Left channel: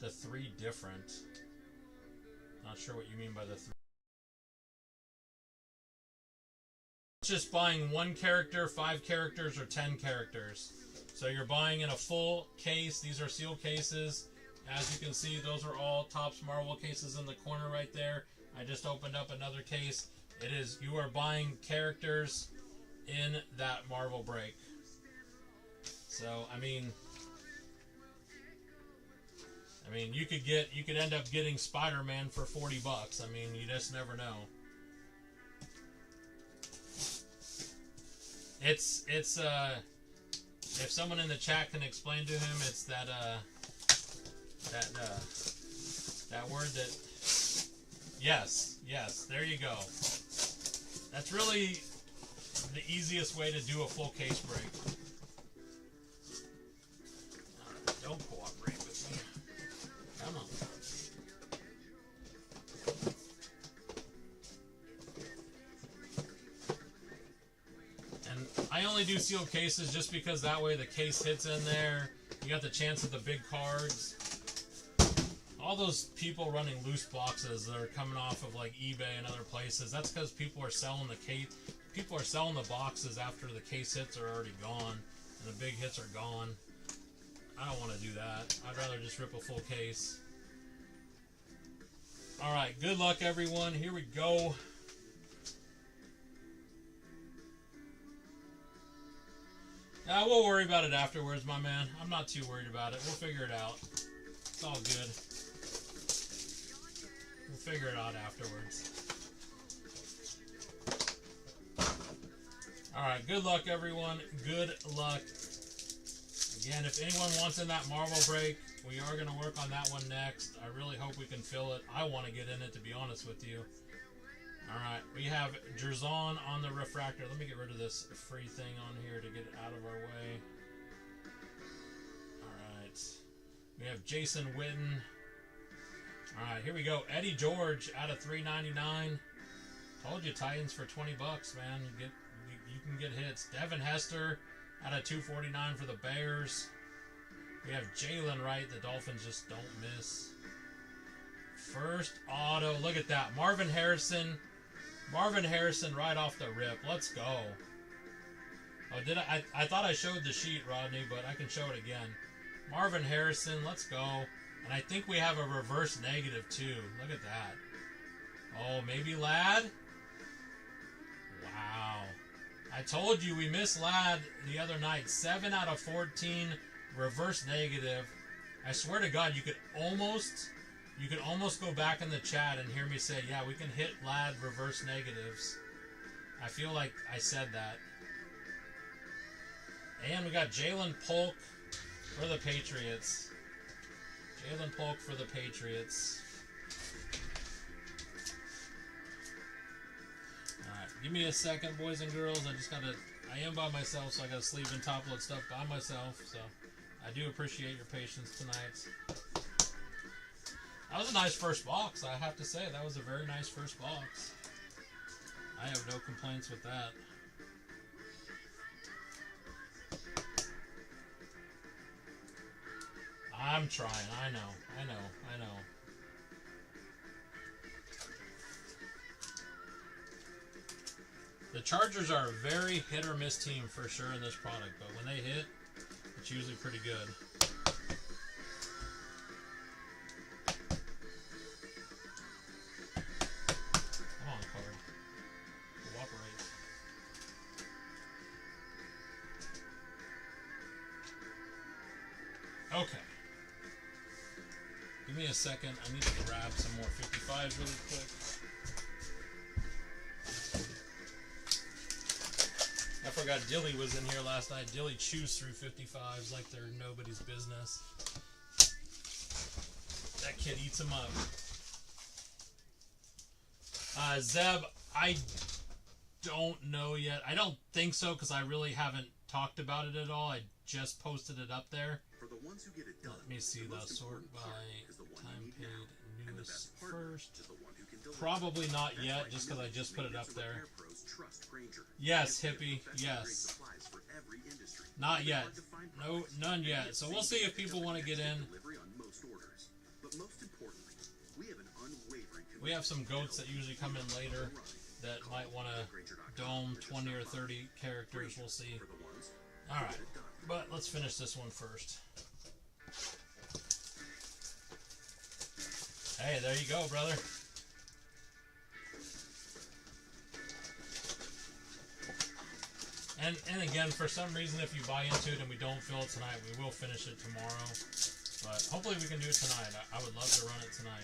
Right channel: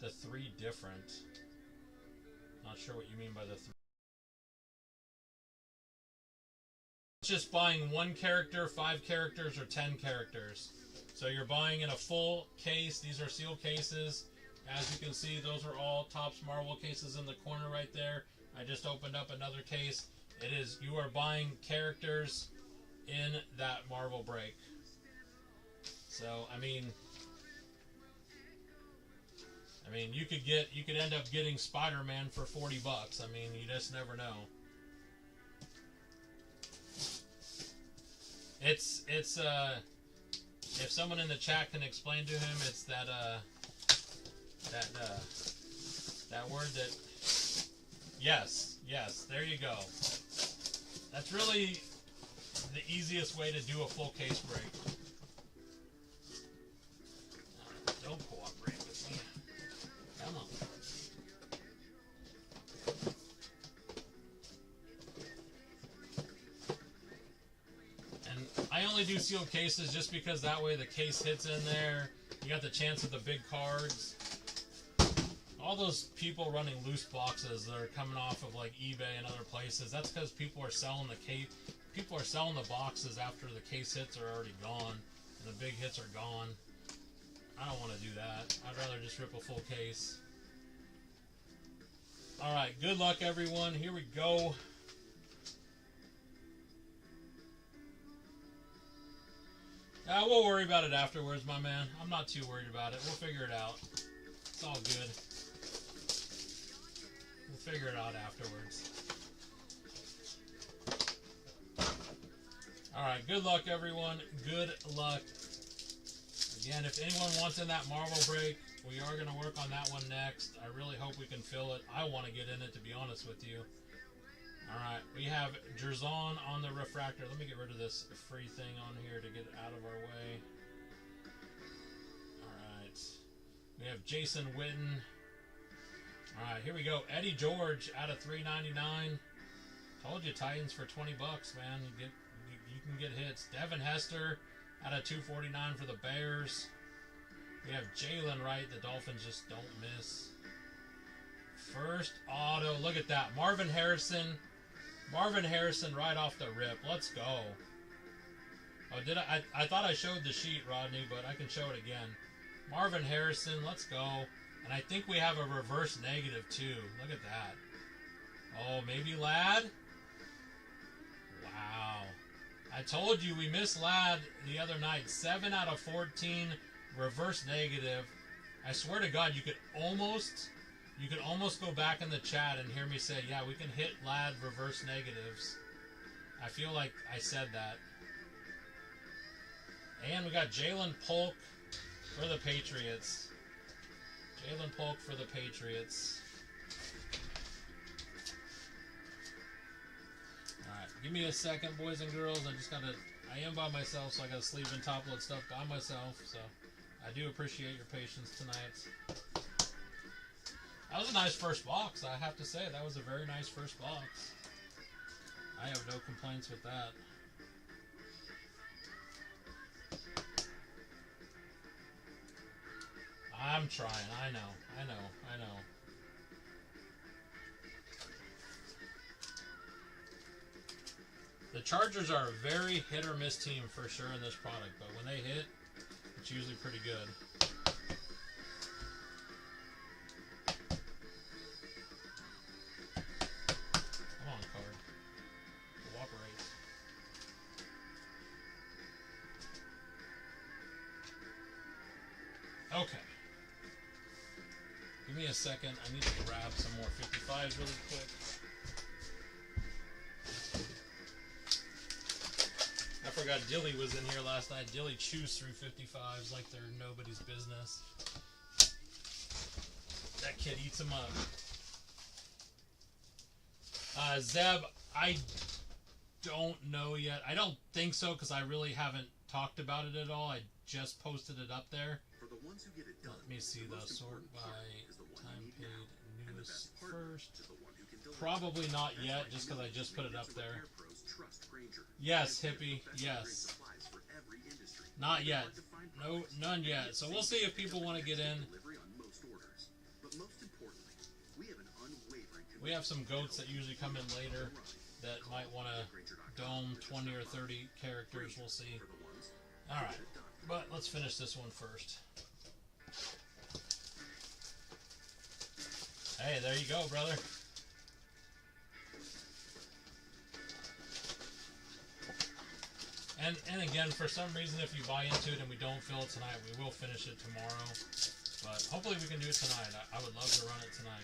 the 3 different. Not sure what you mean by the 3. Just buying 1 character, 5 characters, or 10 characters. So you're buying in a full case. These are sealed cases. As you can see, those are all Topps Marvel cases in the corner right there. I just opened up another case. It is, you are buying characters in that Marvel break. So I mean you could end up getting Spider-Man for $40. I mean, you just never know. It's if someone in the chat can explain to him, it's that word that, yes, there you go. That's really the easiest way to do a full case break. Don't cooperate with me. Come on. And I only do sealed cases just because that way the case hits in there. You got the chance of the big cards. All those people running loose boxes that are coming off of like eBay and other places, that's because people are selling the case. People are selling the boxes after the case hits are already gone and the big hits are gone. I don't want to do that. I'd rather just rip a full case. Alright, good luck everyone. Here we go. We'll worry about it afterwards, my man. I'm not too worried about it. We'll figure it out. It's all good. We'll figure it out afterwards. Alright, good luck everyone. Good luck. Again, if anyone wants in that Marvel break, we are going to work on that one next. I really hope we can fill it. I want to get in it, to be honest with you. Alright, we have Jerzon on the refractor. Let me get rid of this free thing on here to get it out of our way. Alright. We have Jason Witten. Alright, here we go. Eddie George out of $3.99. Told you, Titans for $20, man. You can get hits. Devin Hester out of $2.49 for the Bears. We have Jalen Wright. The Dolphins just don't miss. First auto. Look at that. Marvin Harrison. Marvin Harrison right off the rip. Let's go. Oh, did I thought I showed the sheet, Rodney, but I can show it again. Marvin Harrison. Let's go. And I think we have a reverse negative, too. Look at that. Oh, maybe Ladd? Wow. I told you we missed Ladd the other night. 7 out of 14 reverse negative. I swear to God, you could almost go back in the chat and hear me say, yeah, we can hit Ladd reverse negatives. I feel like I said that. And we got Jalen Polk for the Patriots. Jalen Polk for the Patriots. Alright, give me a second, boys and girls. I am by myself, so I gotta sleeve and top load stuff by myself, so I do appreciate your patience tonight. That was a nice first box, I have to say. That was a very nice first box. I have no complaints with that. I'm trying. I know. The Chargers are a very hit or miss team for sure in this product, but when they hit, it's usually pretty good. Come on, card. Cooperate. Okay. Give me a second. I need to grab some more 55s really quick. I forgot Dilly was in here last night. Dilly chews through 55s like they're nobody's business. That kid eats them up. Zeb, I don't know yet. I don't think so because I really haven't talked about it at all. I just posted it up there. For the ones who get it done, let me see the sort by time paid newest first. Probably not yet, just because I just put it up there. Yes, hippie. Yes. Not yet. No, none yet. So we'll see if people want to get in. But most importantly, we have an unwavering We have some goats that usually come in later that might want to dome 20 or 30 characters. We'll see. Alright, but let's finish this one first. Hey, there you go, brother. And again, for some reason, if you buy into it and we don't fill it tonight, we will finish it tomorrow. But hopefully we can do it tonight. I would love to run it tonight.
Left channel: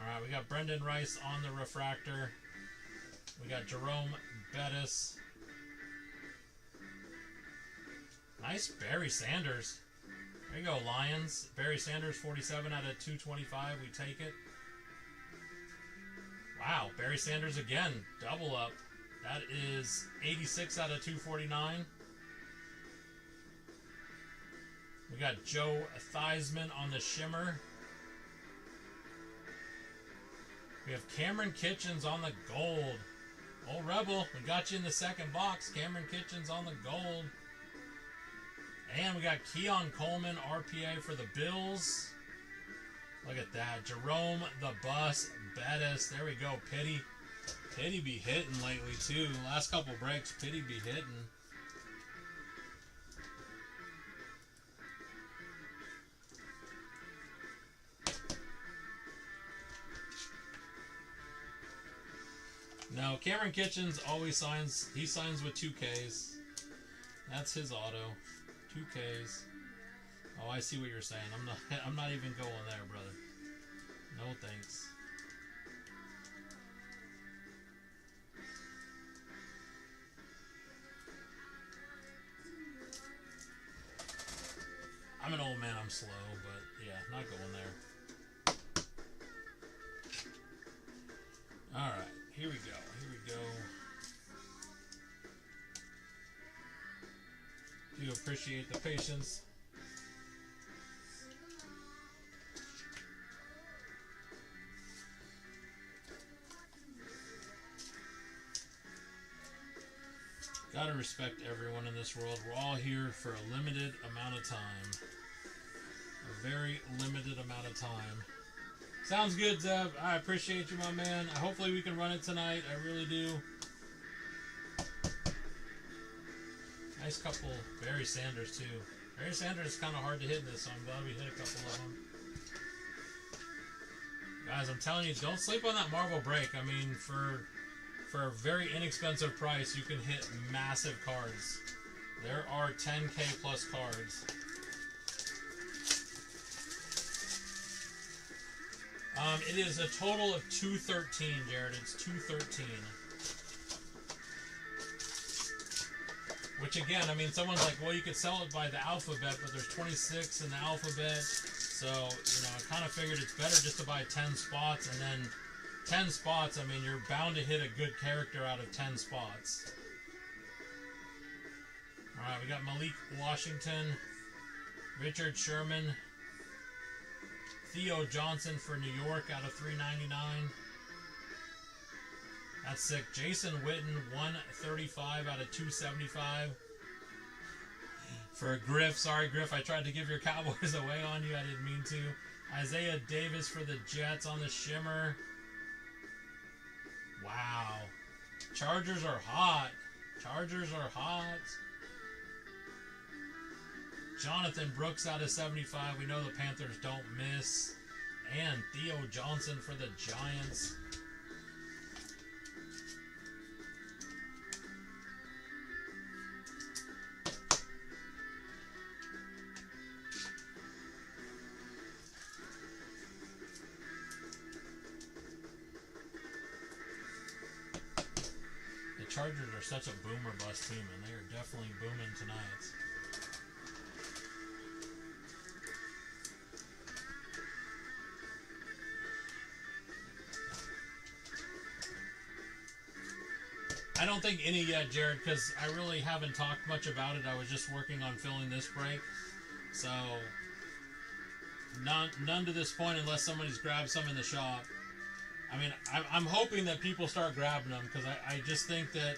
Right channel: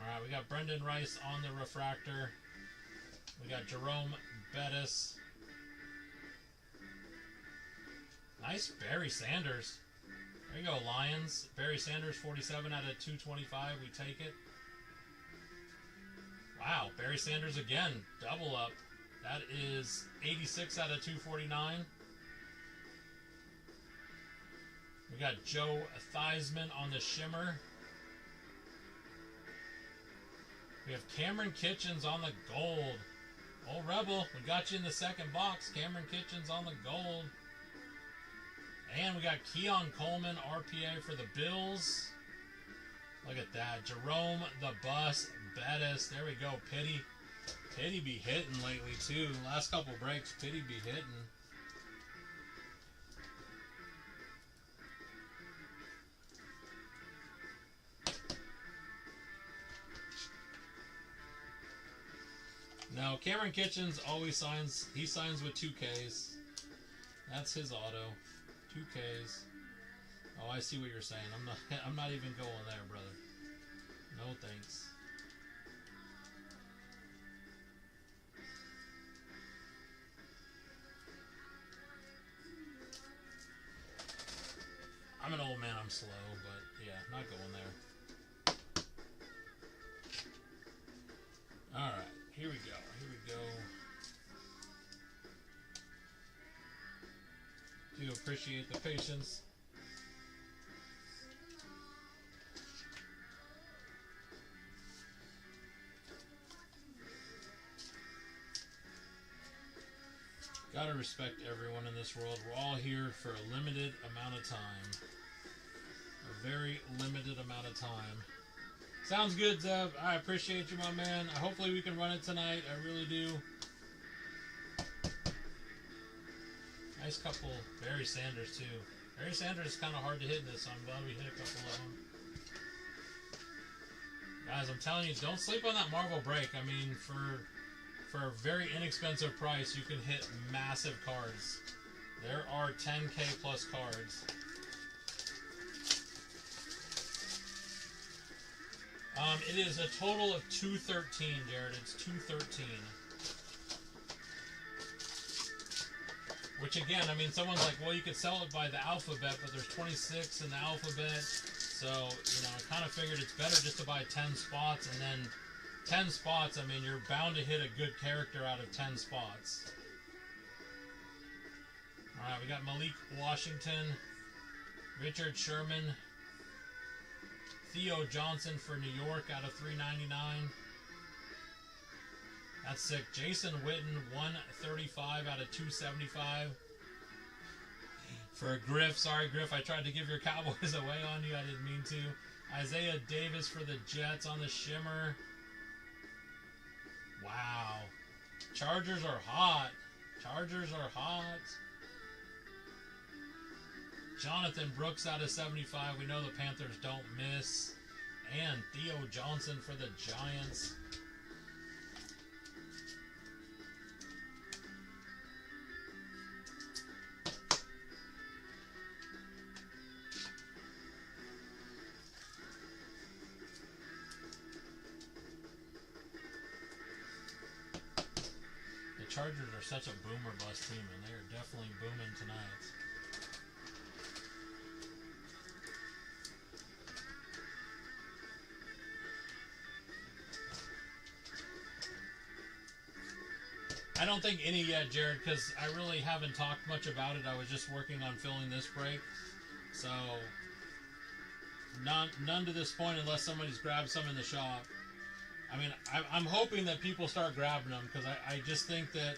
Alright, we got Brendan Rice on the refractor. We got Jerome Bettis. Nice Barry Sanders. There you go, Lions. Barry Sanders, 47 out of 225. We take it. Wow, Barry Sanders again. Double up. That is 86 out of 249. We got Joe Theismann on the shimmer. We have Cameron Kitchens on the gold. Old Rebel, we got you in the second box. Cameron Kitchens on the gold. And we got Keon Coleman, RPA for the Bills. Look at that. Jerome the Bus Bettis. There we go. Pity. Pity be hitting lately, too. Last couple breaks, Pity be hitting. No, Cameron Kitchens always signs. He signs with 2Ks. That's his auto. 2Ks. Oh, I see what you're saying. I'm not even going there, brother. No thanks. I'm an old man, I'm slow, but yeah, not going there. Alright, here we go. Here we go. Do appreciate the patience. Gotta respect everyone in this world. We're all here for a limited amount of time. A very limited amount of time. Sounds good, Zeb. I appreciate you, my man. Hopefully we can run it tonight. I really do. Nice couple. Barry Sanders, too. Barry Sanders is kind of hard to hit in this, so I'm glad we hit a couple of them. Guys, I'm telling you, don't sleep on that Marvel break. I mean, for a very inexpensive price, you can hit massive cards. There are 10K plus cards. It is a total of 213, Jared. It's 213. Which again, I mean, someone's like, well, you could sell it by the alphabet, but there's 26 in the alphabet. So, you know, I kind of figured it's better just to buy 10 spots, and then 10 spots, I mean, you're bound to hit a good character out of 10 spots. Alright, we got Malik Washington, Richard Sherman, Theo Johnson for New York out of 399. That's sick. Jason Witten, 135 out of 275. For Griff, sorry Griff, I tried to give your Cowboys away on you, I didn't mean to. Isaiah Davis for the Jets on the shimmer. Wow. Chargers are hot. Chargers are hot. Jonathan Brooks out of 75. We know the Panthers don't miss. And Theo Johnson for the Giants. Chargers are such a boomer bust team, and they are definitely booming tonight. I don't think any yet, Jared, because I really haven't talked much about it. I was just working on filling this break. So, none to this point unless somebody's grabbed some in the shop. I mean, I'm hoping that people start grabbing them, because I just think that,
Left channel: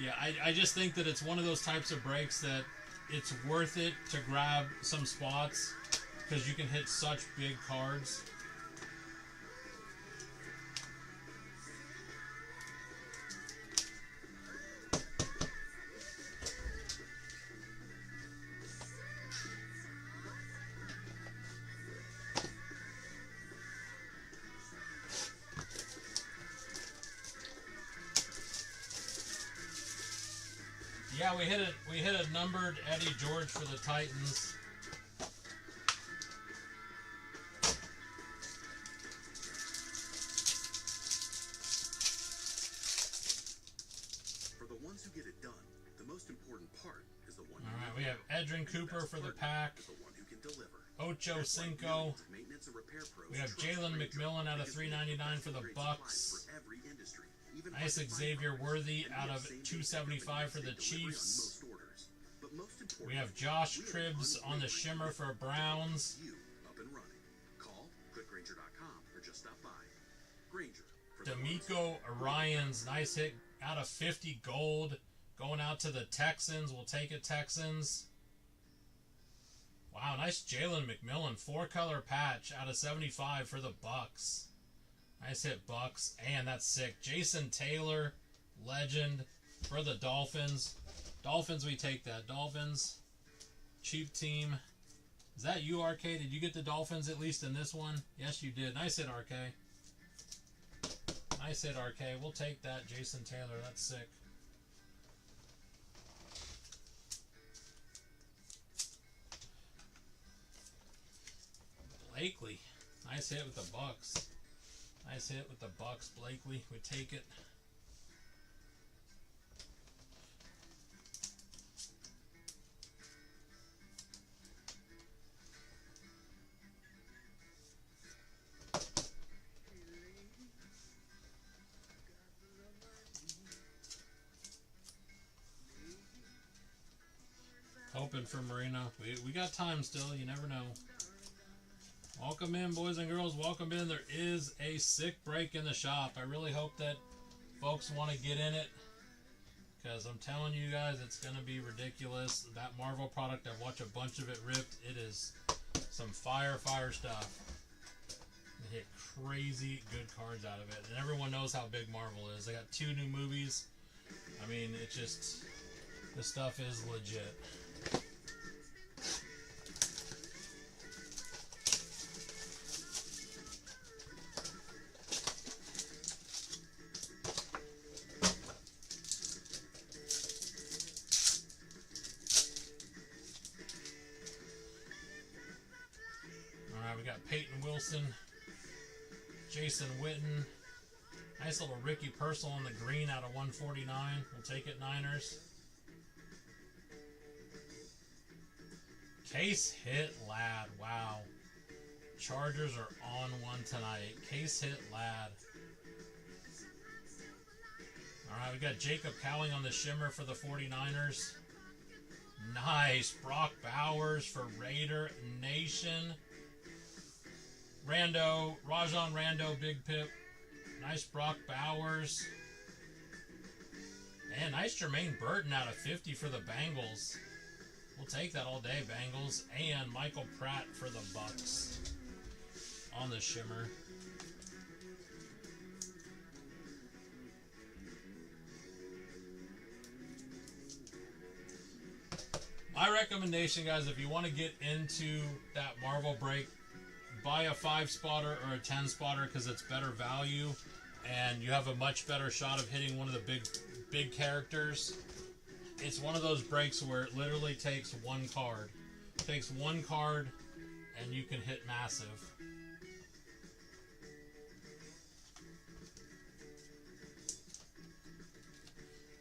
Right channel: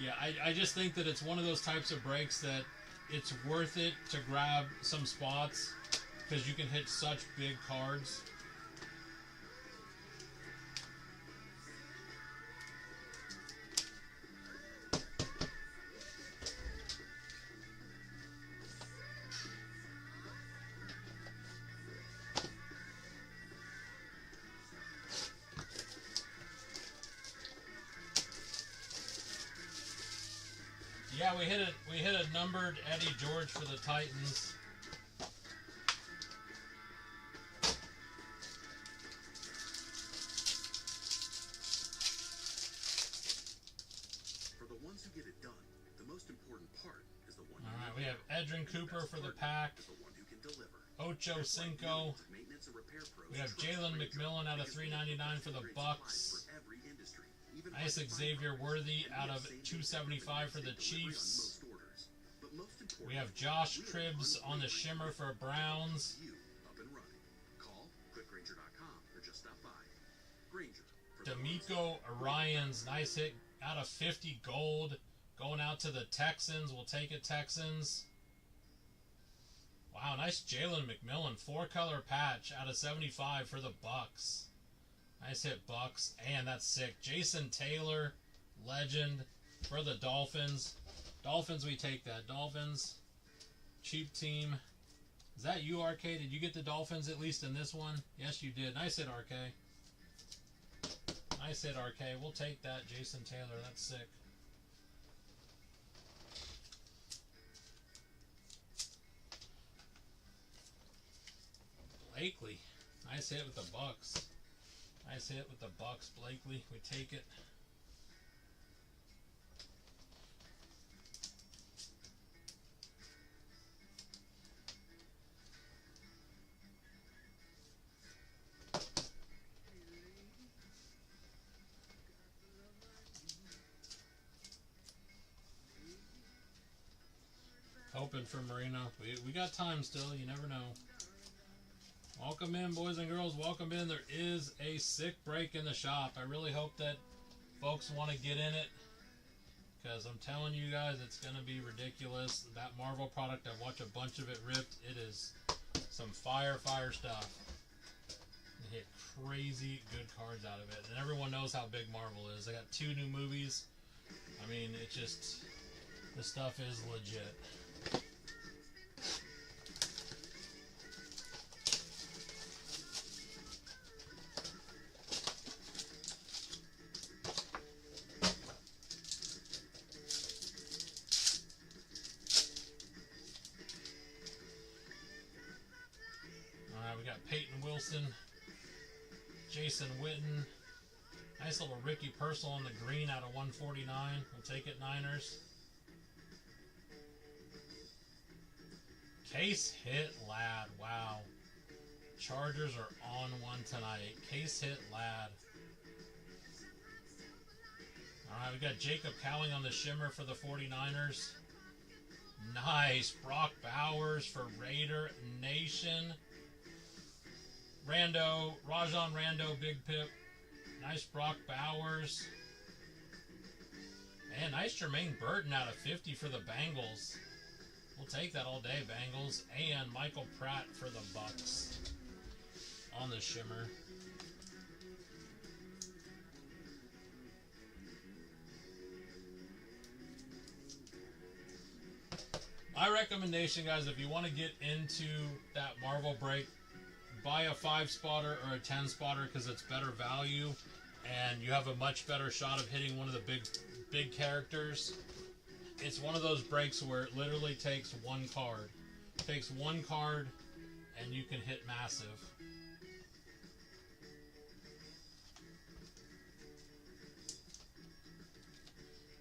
yeah, I just think that it's one of those types of breaks that it's worth it to grab some spots because you can hit such big cards. Yeah, we hit a numbered Eddie George for the Titans. For the ones who get it done, the most important part is the one. All right, we have Edrin Cooper for the Pack. The one who can deliver. Ocho Cinco. We have Jalen McMillan out of $3.99 for the Bucks. Nice Xavier Worthy out of $2.75 for the Chiefs. We have Josh Cribbs on the shimmer for Browns. D'Amico Ryans, nice hit out of 50 gold. Going out to the Texans. We'll take it, Texans. Wow, nice Jalen McMillan. 4-color patch out of 75 for the Bucks. Nice hit, Bucks. And that's sick. Jason Taylor, legend for the Dolphins. Dolphins, we take that. Dolphins, cheap team. Is that you, RK? Did you get the Dolphins at least in this one? Yes, you did. Nice hit, RK. Nice hit, RK. We'll take that, Jason Taylor. That's sick. Blakely. Nice hit with the Bucks. Nice hit with the Bucks, Blakely. We take it. Hoping for Marino. We got time still. You never know. Welcome in, boys and girls. Welcome in. There is a sick break in the shop. I really hope that folks want to get in it, because I'm telling you guys, it's going to be ridiculous. That Marvel product, I've watched a bunch of it ripped. It is some fire stuff. They hit crazy good cards out of it. And everyone knows how big Marvel is. They got 2 new movies. I mean, it's just, this stuff is legit. Peyton Wilson, Jason Witten, nice little Ricky Purcell on the green out of 149. We'll take it, Niners. Case hit Ladd. Wow. Chargers are on one tonight. Case hit Ladd. Alright, we got Jacob Cowling on the shimmer for the 49ers. Nice. Brock Bowers for Raider Nation. Rajon Rando, Big Pip. Nice Brock Bowers. And nice Jermaine Burton out of 50 for the Bengals. We'll take that all day, Bengals. And Michael Pratt for the Bucks on the shimmer. My recommendation, guys, if you want to get into that Marvel break, buy a 5-spotter or a 10-spotter because it's better value and you have a much better shot of hitting one of the big characters. It's one of those breaks where it literally takes one card. It takes one card and you can hit massive.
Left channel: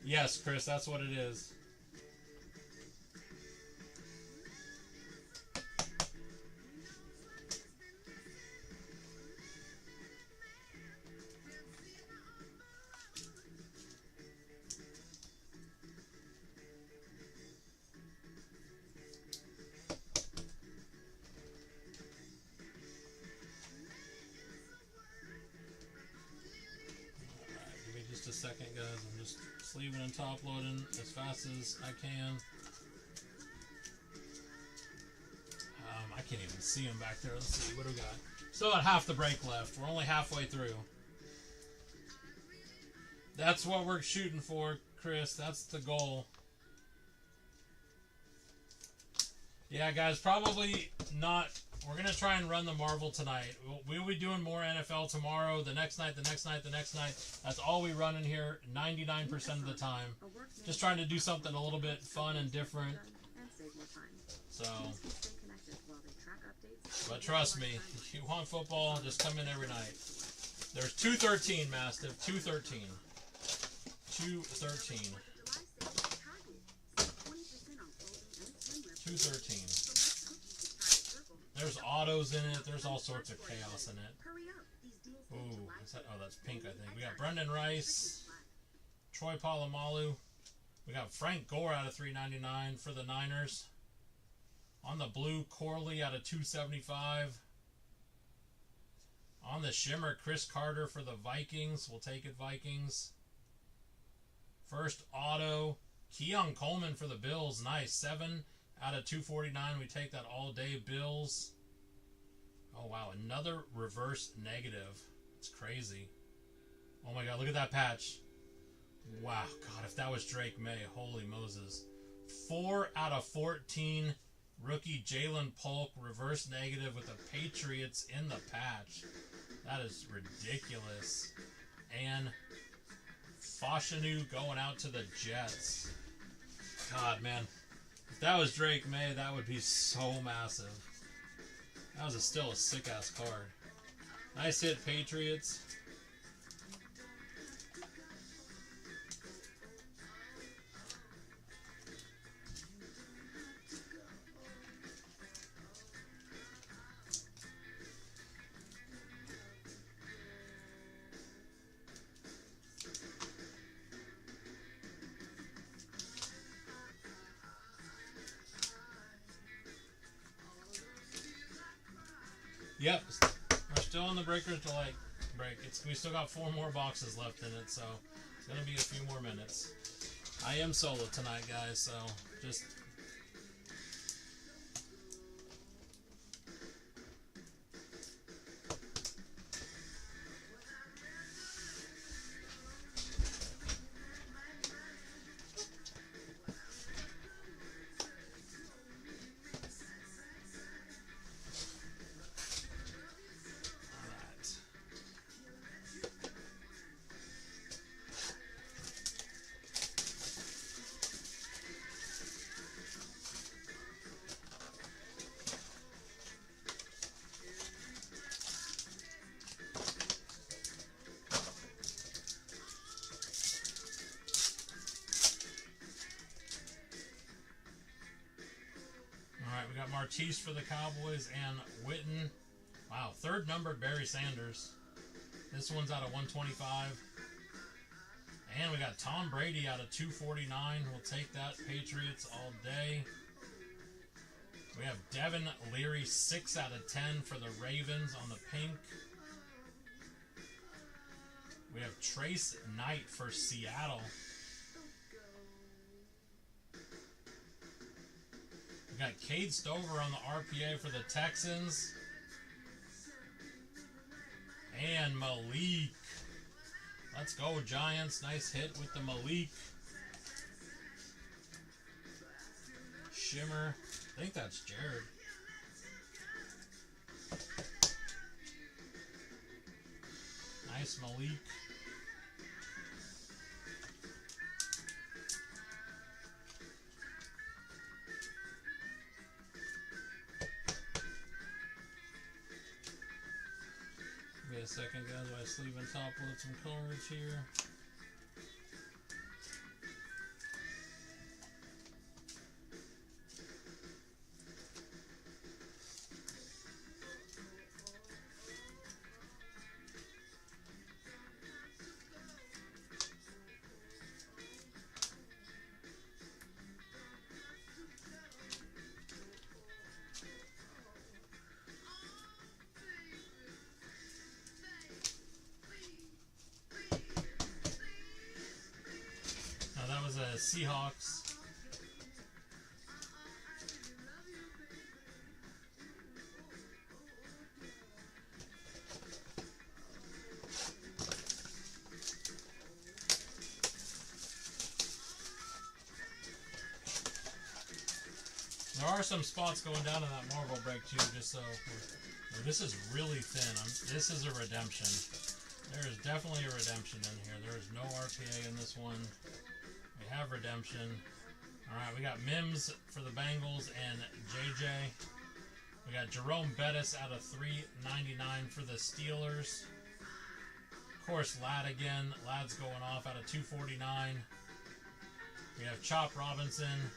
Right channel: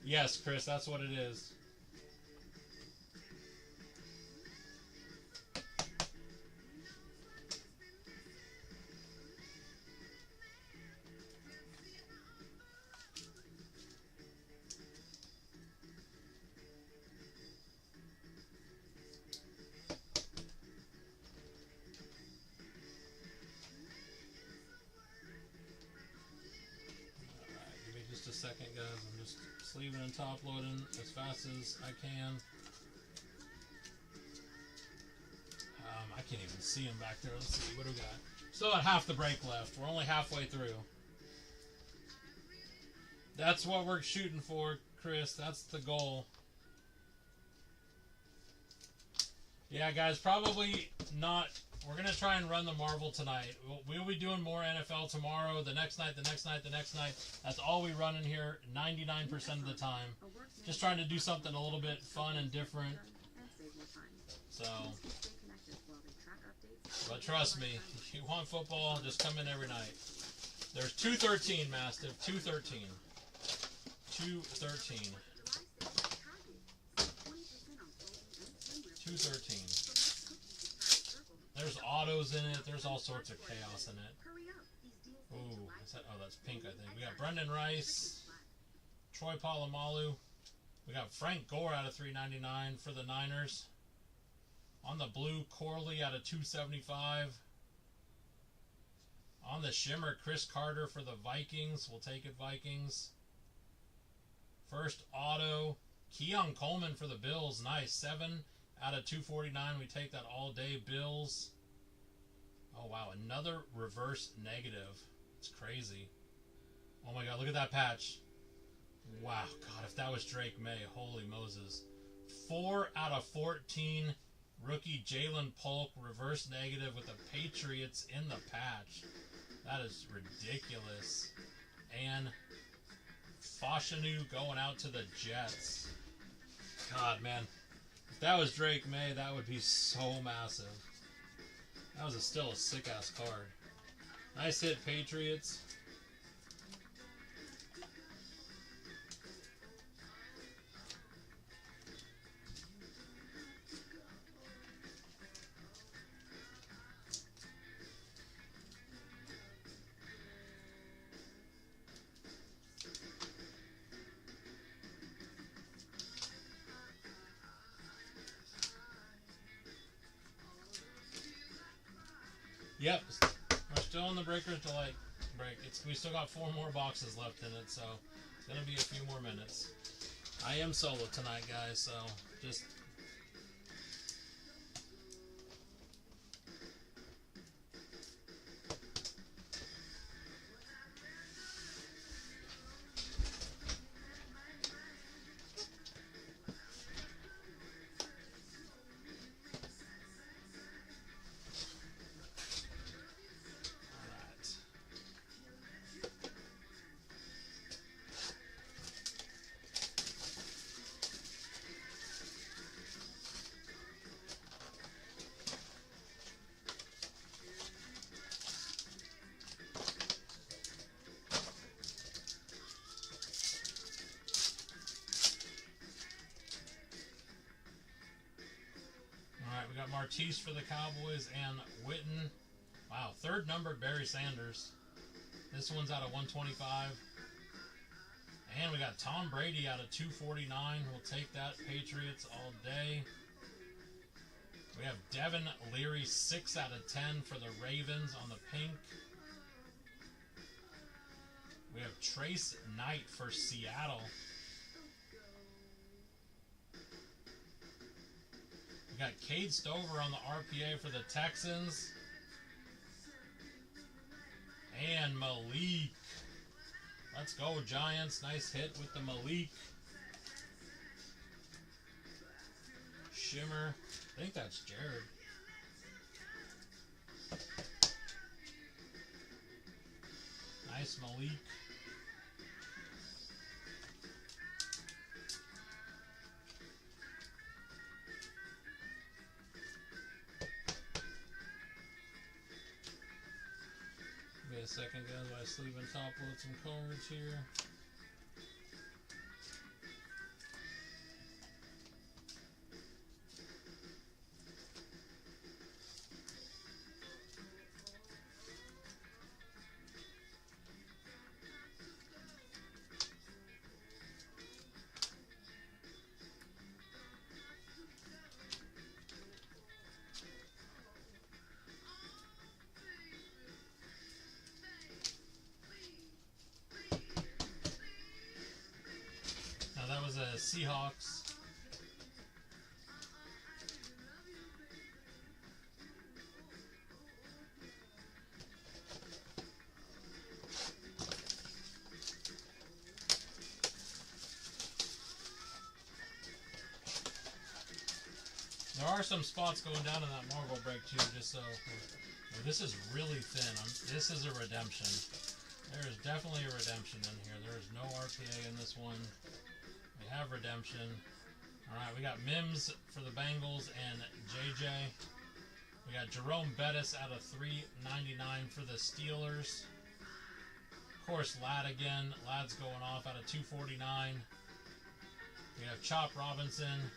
Yes, Chris, that's what it is. A second, guys. I'm just sleeving and top loading as fast as I can. can't even see him back there. Let's see. What do we got? Still got half the break left. We're only halfway through. That's what we're shooting for, Chris. That's the goal. Yeah, guys, probably not. We're going to try and run the Marvel tonight. We'll be doing more NFL tomorrow, the next night, the next night, the next night. That's all we run in here 99% of the time. Just trying to do something a little bit fun and different. So, but trust me, if you want football, just come in every night. There's 213, Mastiff. 213. 213. 213. There's autos in it. There's all sorts of chaos in it. Ooh, that's pink, I think. We got Brendan Rice, Troy Polamalu. We got Frank Gore out of 399 for the Niners. On the blue, Corley out of 275. On the shimmer, Chris Carter for the Vikings. We'll take it, Vikings. First auto, Keon Coleman for the Bills. Nice. 7 out of 249. We take that all day, Bills. Oh, wow. Another reverse negative. It's crazy. Oh, my God. Look at that patch. Wow. God, if that was Drake May, holy Moses. 4 out of 14. Rookie Jalen Polk, reverse negative with the Patriots in the patch. That is ridiculous. And Fashanu going out to the Jets. God, man. If that was Drake May, that would be so massive. That was still a sick-ass card. Nice hit, Patriots. Yep, we're still on the Breakers Delight break. We still got 4 more boxes left in it, so it's going to be a few more minutes. I am solo tonight, guys, so just... We got Martise for the Cowboys and Witten. Wow, 3rd numbered Barry Sanders. This one's out of 125. And we got Tom Brady out of 249. We'll take that. Patriots all day. We have Devin Leary, 6 out of 10 for the Ravens on the pink. We have Trace Knight for Seattle. We got Cade Stover on the RPA for the Texans. And Malik. Let's go, Giants. Nice hit with the Malik. Shimmer. I think that's Jared. Nice Malik. Give me a second, guys, while I sleeve and top load some cards here. Seahawks. There are some spots going down in that Marvel break too, just so. This is really thin. This is a redemption. There is definitely a redemption in here. There is no RPA in this one. We have redemption. Alright, we got Mims for the Bengals and JJ. We got Jerome Bettis out of $3.99 for the Steelers. Of course, Ladd again. Ladd's going off out of $2.49. We have Chop Robinson.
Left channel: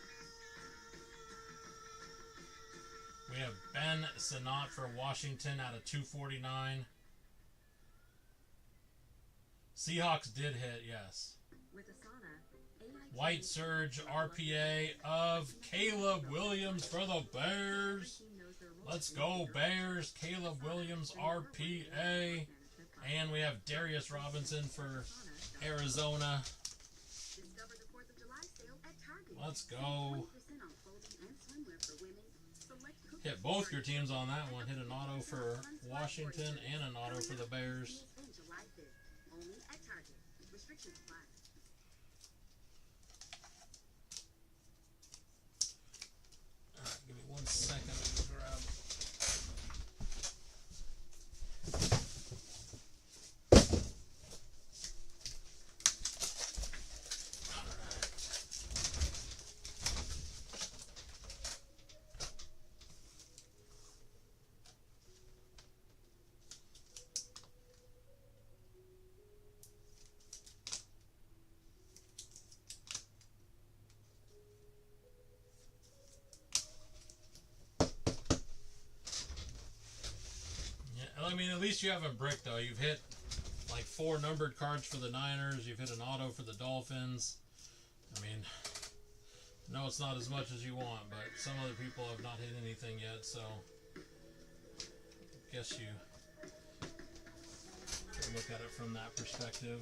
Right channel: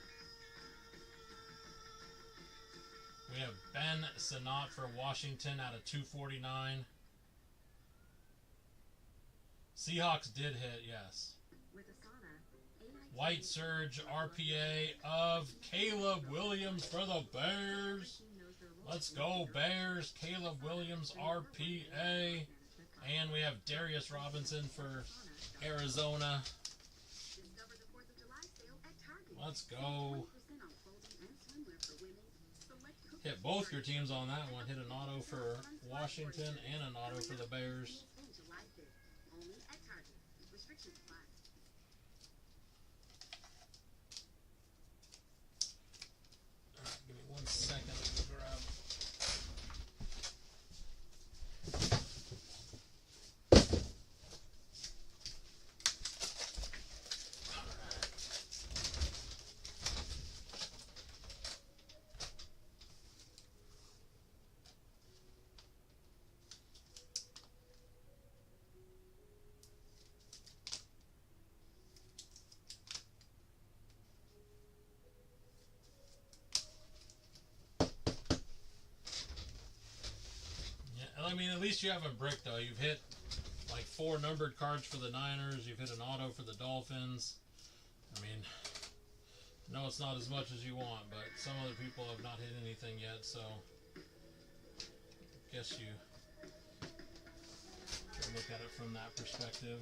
We have Ben Sinnott for Washington out of $2.49. Seahawks did hit, yes. White Surge RPA of Caleb Williams for the Bears. Let's go, Bears. Caleb Williams RPA. And we have Darius Robinson for Arizona. Let's go. Hit both your teams on that one. Hit an auto for Washington and an auto for the Bears. Alright, give me 1 second to grab. I mean, at least you haven't bricked, though. You've hit like 4 numbered cards for the Niners. You've hit an auto for the Dolphins. I mean, no, it's not as much as you want, but some other people have not hit anything yet, so I guess you can look at it from that perspective.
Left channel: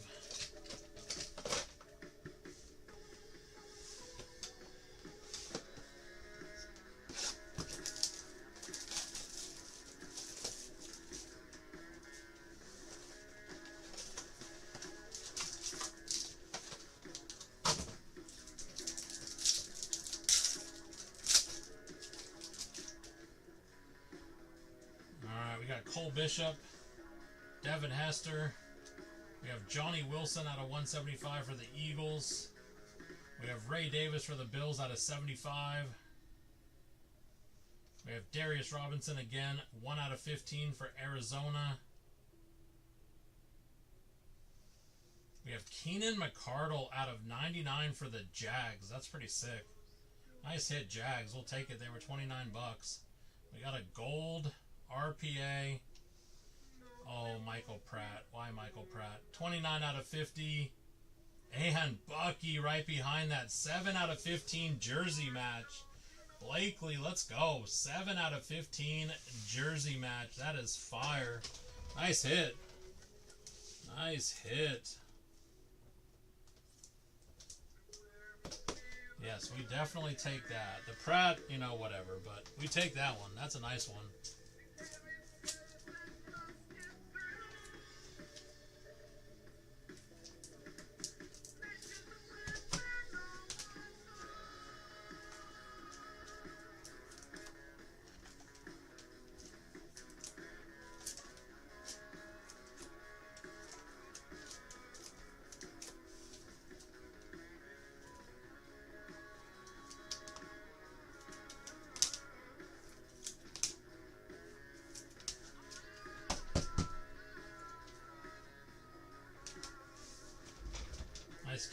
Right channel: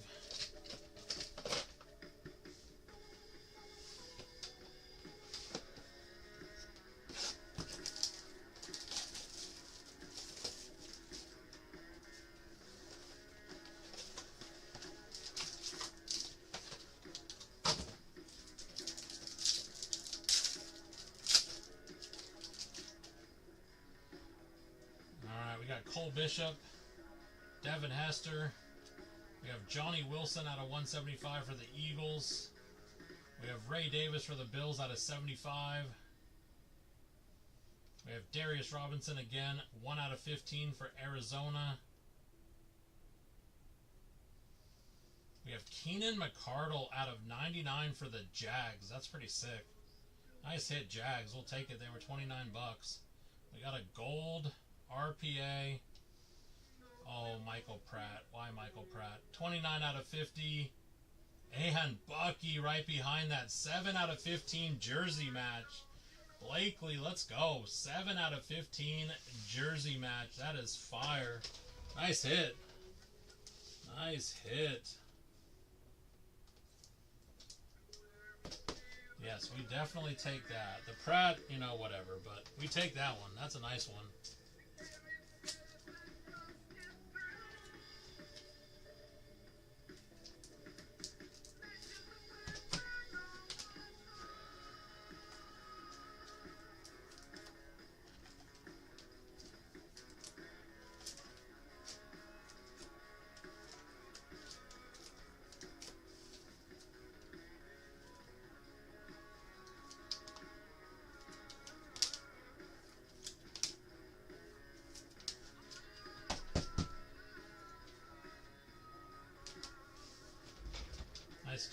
Cole Bishop, Devin Hester. We have Johnny Wilson out of 175 for the Eagles. We have Ray Davis for the Bills out of 75. We have Darius Robinson again, 1 out of 15 for Arizona. We have Keenan McCardle out of 99 for the Jags. That's pretty sick. Nice hit, Jags. We'll take it. They were 29 bucks. We got a gold RPA. Oh, Michael Pratt. Why Michael Pratt? 29 out of 50. And Bucky right behind that. 7 out of 15 jersey match. Blakely, let's go. 7 out of 15 jersey match. That is fire. Nice hit. Nice hit. Yes, we definitely take that. The Pratt, you know, whatever, but we take that one. That's a nice one.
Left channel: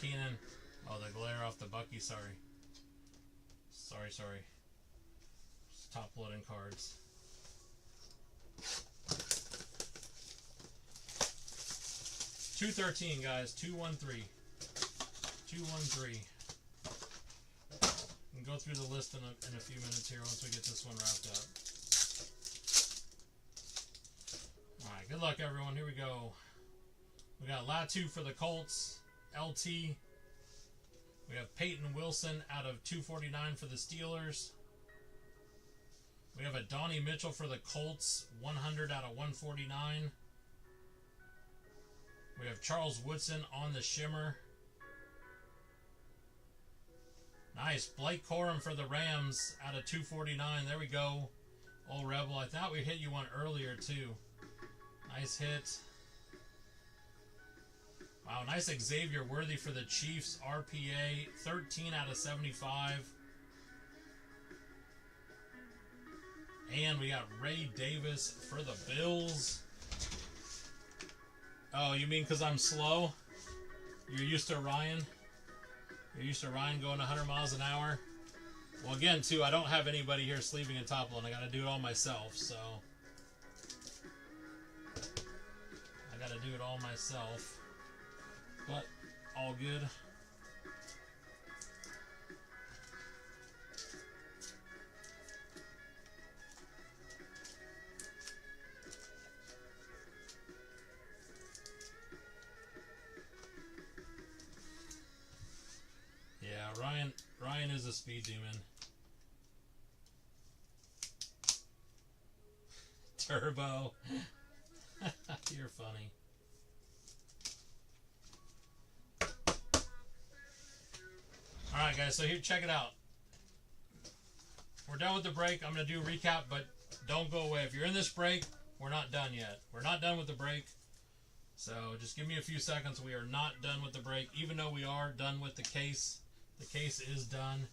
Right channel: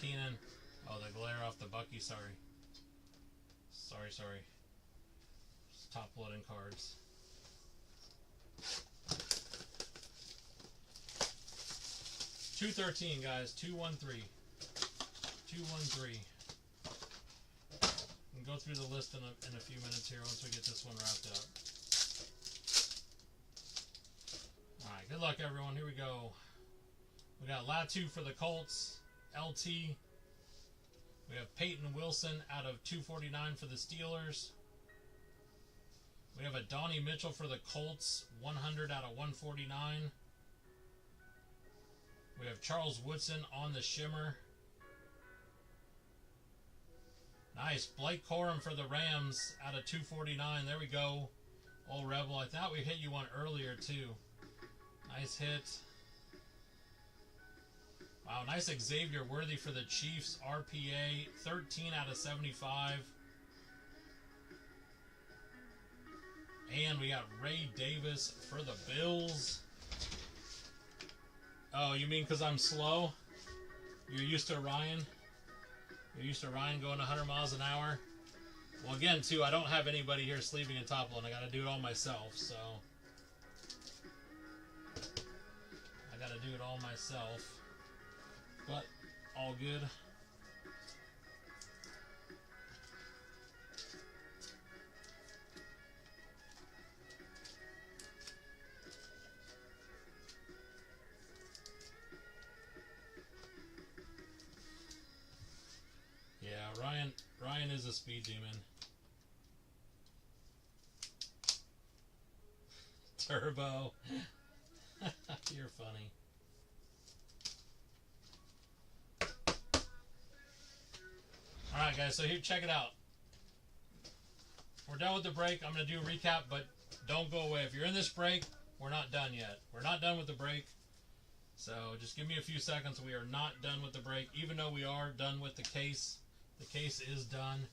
Keenan. Oh, the glare off the Bucky. Sorry. Sorry. Top loading cards. $213, guys. 213. 213. We can go through the list in a few minutes here once we get this one wrapped up. Alright, good luck, everyone. Here we go. We got Latu for the Colts. LT. We have Peyton Wilson out of 249 for the Steelers. We have a Donnie Mitchell for the Colts, 100 out of 149. We have Charles Woodson on the shimmer. Nice. Blake Corum for the Rams out of 249. There we go. Old Rebel. I thought we hit you one earlier, too. Nice hit. Wow, nice Xavier Worthy for the Chiefs. RPA, 13 out of 75. And we got Ray Davis for the Bills. Oh, you mean because I'm slow? You're used to Ryan? You're used to Ryan going 100 miles an hour? Well, again, too, I don't have anybody here sleeping in top load. I got to do it all myself, so... I got to do it all myself. But, all good. Yeah, Ryan is a speed demon. Turbo. You're funny. Alright guys, so here, check it out. We're done with the break. I'm going to do a recap, but don't go away. If you're in this break, we're not done yet. We're not done with the break. So just give me a few seconds. We are not done with the break, even though we are done with the case. The case is done,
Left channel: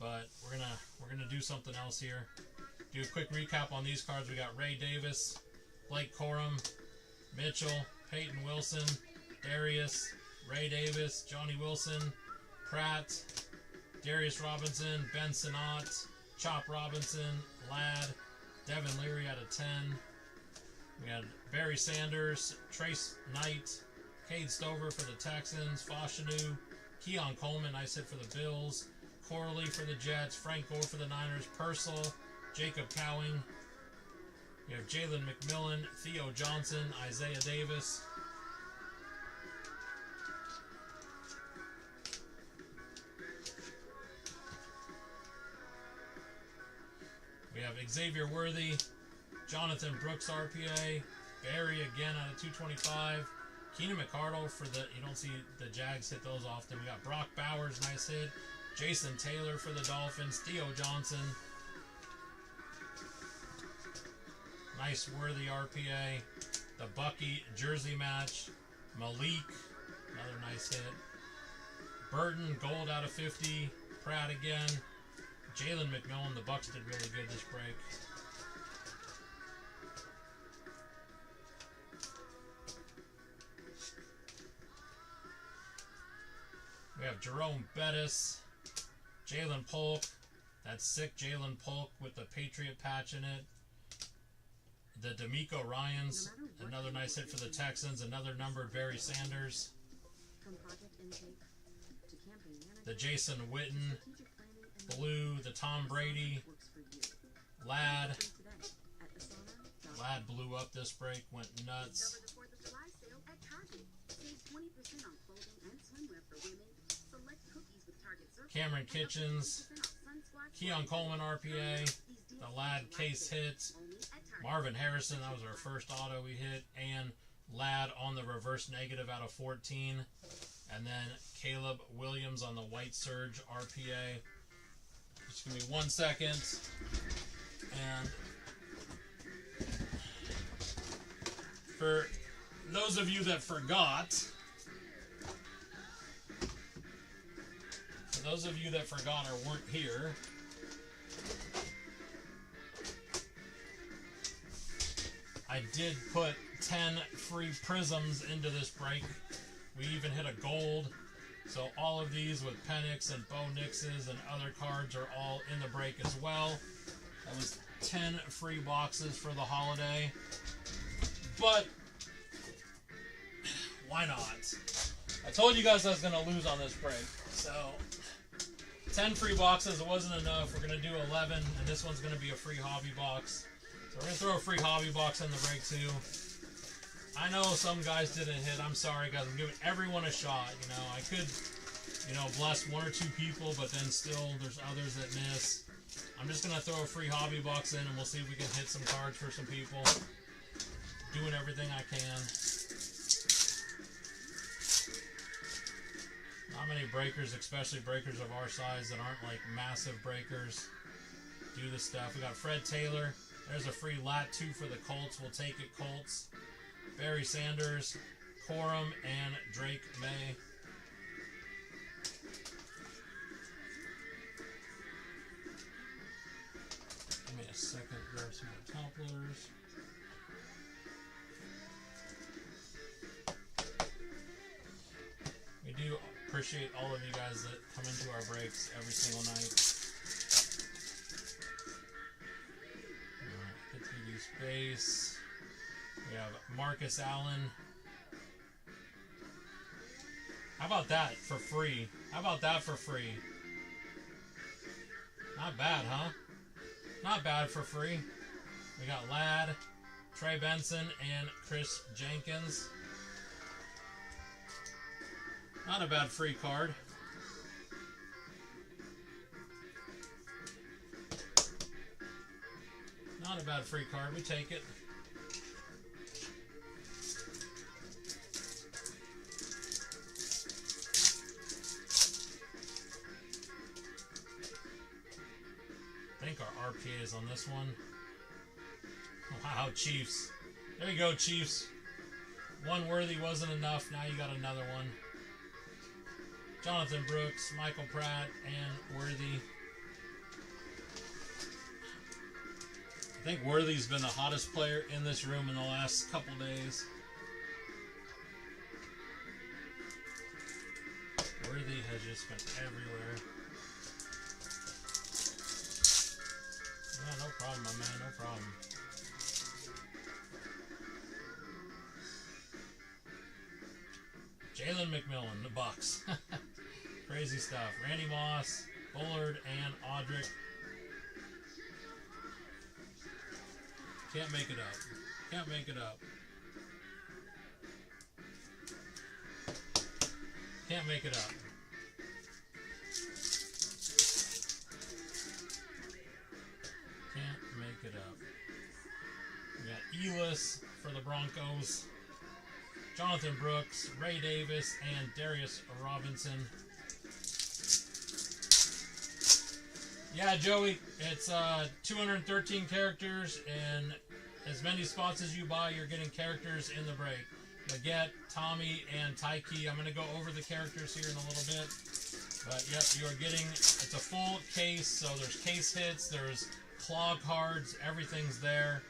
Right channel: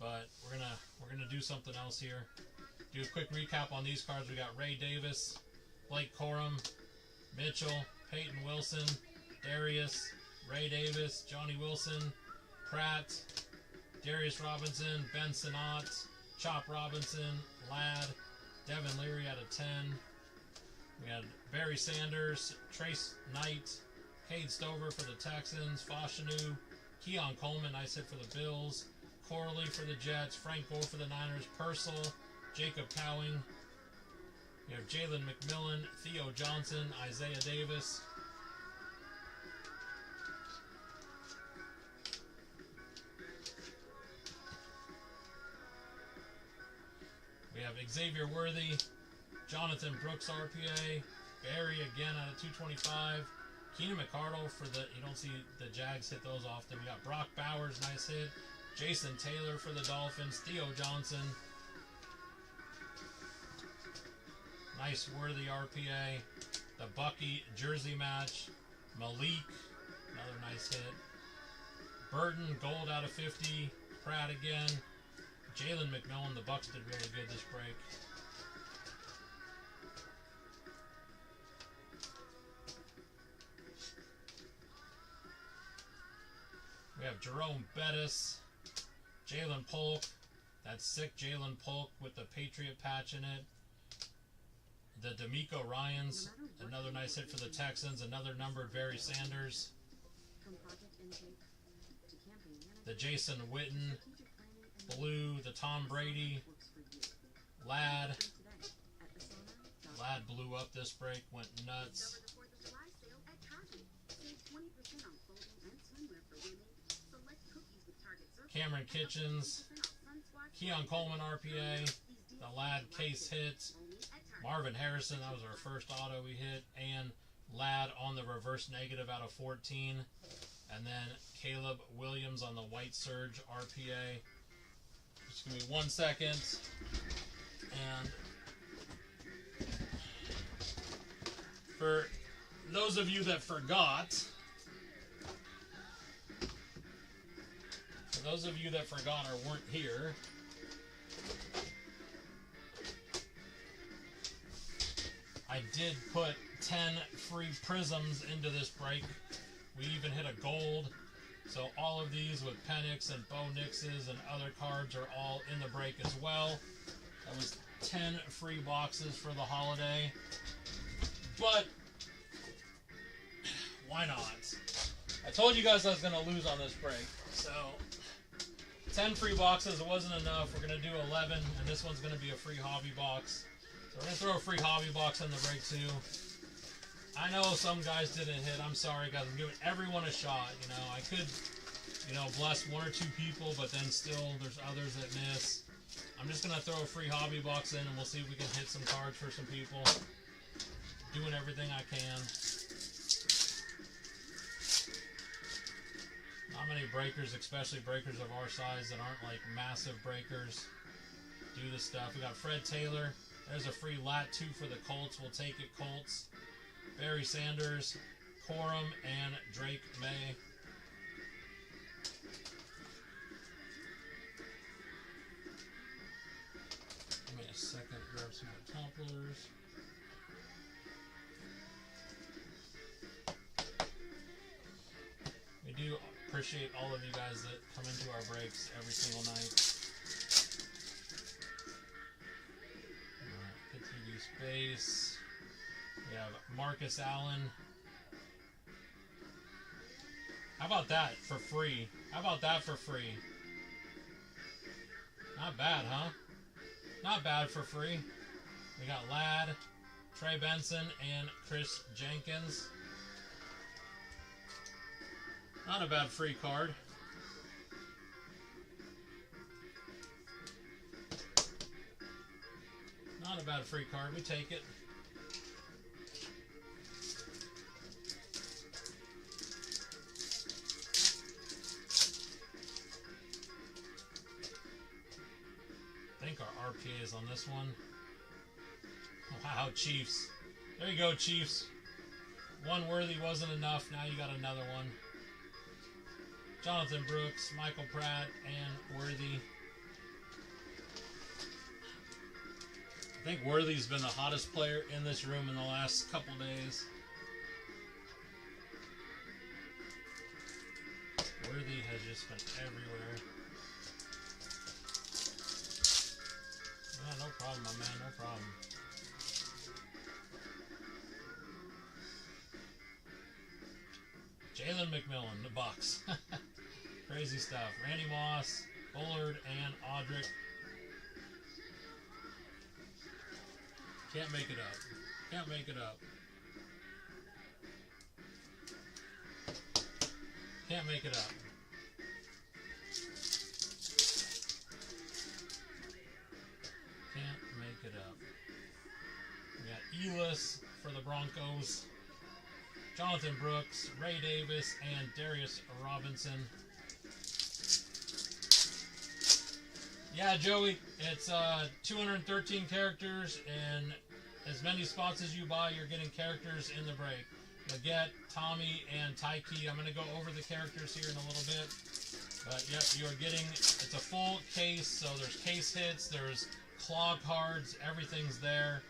but we're gonna do something else here. Do a quick recap on these cards. We got Ray Davis, Blake Corum, Mitchell, Peyton Wilson, Darius, Ray Davis, Johnny Wilson, Pratt, Darius Robinson, Ben Sinnott, Chop Robinson, Ladd, Devin Leary out of 10. We got Barry Sanders, Trace Knight, Cade Stover for the Texans, Fashanu, Keon Coleman, nice hit for the Bills, Corley for the Jets, Frank Gore for the Niners, Purcell, Jacob Cowing. We have Jalen McMillan, Theo Johnson, Isaiah Davis. We have Xavier Worthy, Jonathan Brooks RPA, Barry again out of 225. Keenan McCardle for the, you don't see the Jags hit those often. We got Brock Bowers, nice hit. Jason Taylor for the Dolphins. Theo Johnson. Nice Worthy RPA. The Bucky jersey match. Malik, another nice hit. Burton, gold out of 50. Pratt again. Jalen McMillan, the Bucks did really good this break. We have Jerome Bettis, Jalen Polk. That's sick Jalen Polk with the Patriot patch in it. The D'Amico Ryans, another nice hit for the Texans. Another numbered Barry Sanders. The Jason Witten, blue. The Tom Brady, Ladd. Ladd blew up this break, went nuts. Cameron Kitchens, Keon Coleman RPA, the Ladd case hit, Marvin Harrison, that was our first auto we hit, and Ladd on the reverse negative out of 14, and then Caleb Williams on the White Surge RPA. Just give me 1 second, and for those of you that forgot, those of you that forgot or weren't here, I did put 10 free prisms into this break. We even hit a gold. So all of these with Penix and Bo Nixes and other cards are all in the break as well. That was 10 free boxes for the holiday. But why not? I told you guys I was going to lose on this break. So 10 free boxes, it wasn't enough. We're going to do 11, and this one's going to be a free hobby box. So we're going to throw a free hobby box in the break too. I know some guys didn't hit. I'm sorry, guys. I'm giving everyone a shot. You know, I could, you know, bless 1 or 2 people, but then still there's others that miss. I'm just going to throw a free hobby box in, and we'll see if we can hit some cards for some people. Doing everything I can. Not many breakers, especially breakers of our size that aren't like massive breakers, do this stuff. We got Fred Taylor. There's a free lat 2 for the Colts. We'll take it, Colts. Barry Sanders, Corum, and Drake May. Give me a second, grab some more topplers. We do appreciate all of you guys that come into our breaks every single night. Alright, get through these base. We have Marcus Allen. How about that for free? How about that for free? Not bad, huh? Not bad for free. We got Ladd, Trey Benson, and Chris Jenkins. Not a bad free card. Not a bad free card. We take it. I think our RPA is on this one. Wow, Chiefs. There you go, Chiefs. One worthy wasn't enough. Now you got another one. Jonathan Brooks, Michael Pratt, and Worthy. I think Worthy's been the hottest player in this room in the last couple days. Worthy has just been everywhere. Yeah, no problem, my man, no problem. Jalen McMillan, the Bucks. Crazy stuff. Randy Moss, Bullard, and Audric. Can't make it up. Can't make it up. Can't make it up. Can't make it up. We got Elis for the Broncos. Jonathan Brooks, Ray Davis, and Darius Robinson. Yeah, Joey, it's 213 characters, and as many spots as you buy, you're getting characters in the break. Leggett, Tommy, and Tyke. I'm going to go over the characters here in a little bit. But, yep, you are getting, it's a full case, so there's case hits, there's claw cards, everything's there.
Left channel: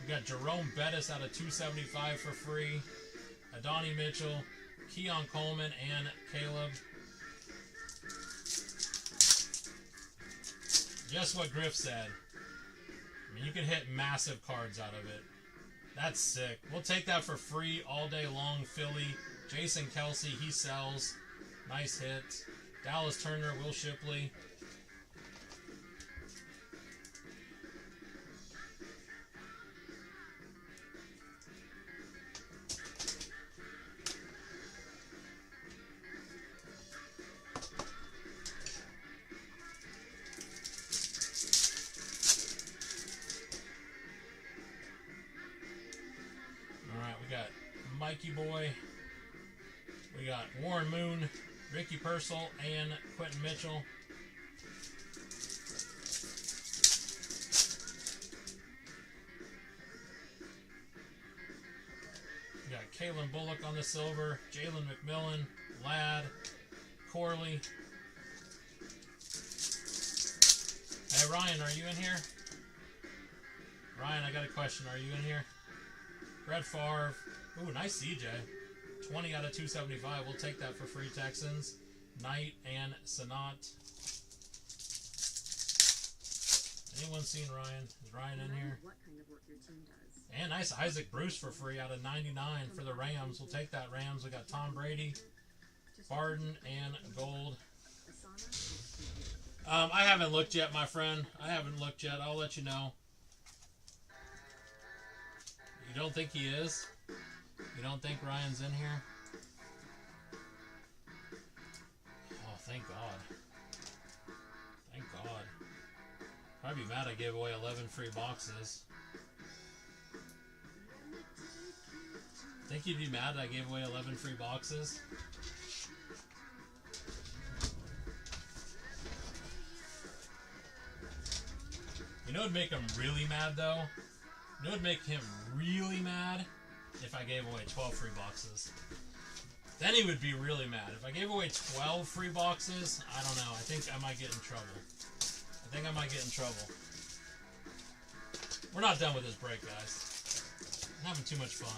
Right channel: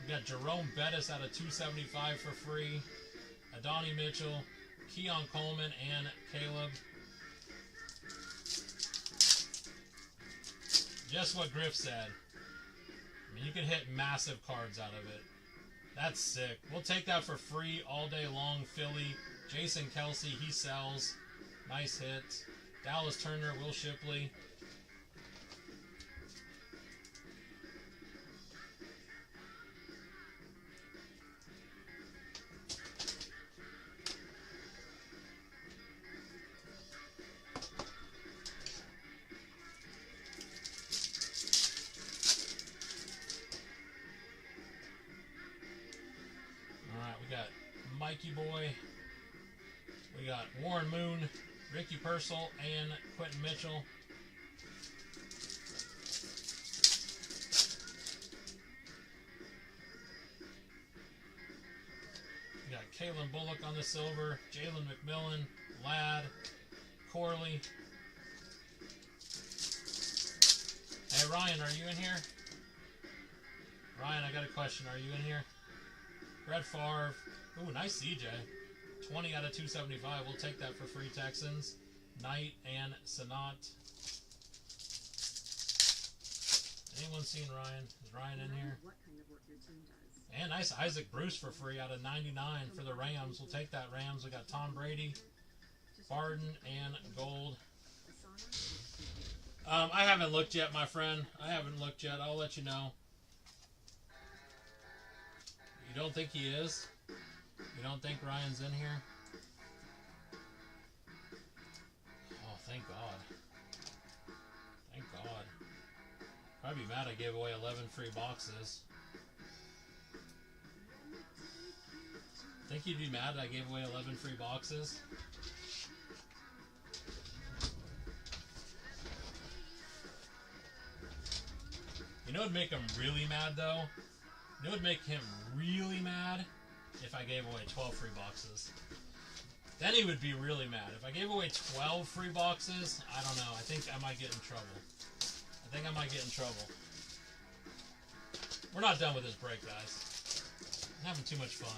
We got Jerome Bettis out of 275 for free. Adonai Mitchell, Keon Coleman, and Caleb. Just what Griff said. I mean, you can hit massive cards out of it. That's sick. We'll take that for free all day long. Philly, Jason Kelsey, he sells. Nice hit. Dallas Turner, Will Shipley. Mikey Boy. We got Warren Moon, Ricky Purcell, and Quentin Mitchell. We got Kalen Bullock on the silver, Jalen McMillan, Ladd, Corley. Hey Ryan, are you in here? Ryan, I got a question. Are you in here? Brett Favre. Ooh, nice CJ. 20 out of 275. We'll take that for free, Texans. Knight and Sanat. Anyone seen Ryan? Is Ryan in here? What kind of work your team does. And nice Isaac Bruce for free out of 99 for the Rams. We'll take that, Rams. We got Tom Brady, Barden, and Gold. I haven't looked yet, my friend. I haven't looked yet. I'll let you know. You don't think he is? You don't think Ryan's in here? Oh, thank God. Thank God. I'd be mad I gave away 11 free boxes. Think you'd be mad I gave away 11 free boxes? You know what would make him really mad, though? You know what would make him really mad? If I gave away 12 free boxes. Then he would be really mad. If I gave away 12 free boxes, I don't know. I think I might get in trouble. We're not done with this break, guys. I'm having too much fun.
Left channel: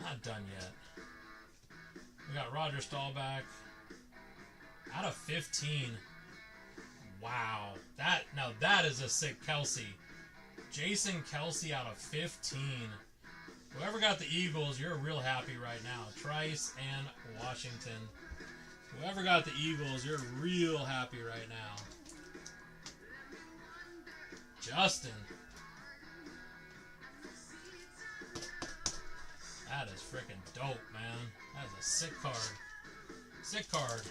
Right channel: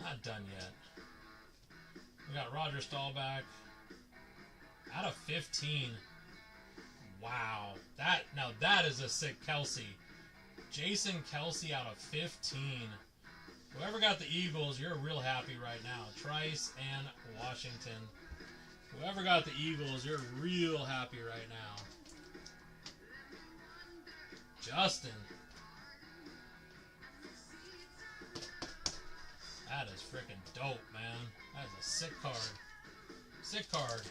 Not done yet. We got Roger Staubach out of 15. Wow, that is a sick Kelsey. Jason Kelsey out of 15. Whoever got the Eagles, you're real happy right now. Trice and Washington. Whoever got the Eagles, you're real happy right now. Justin. That is freaking dope, man. That is a sick card. Sick card.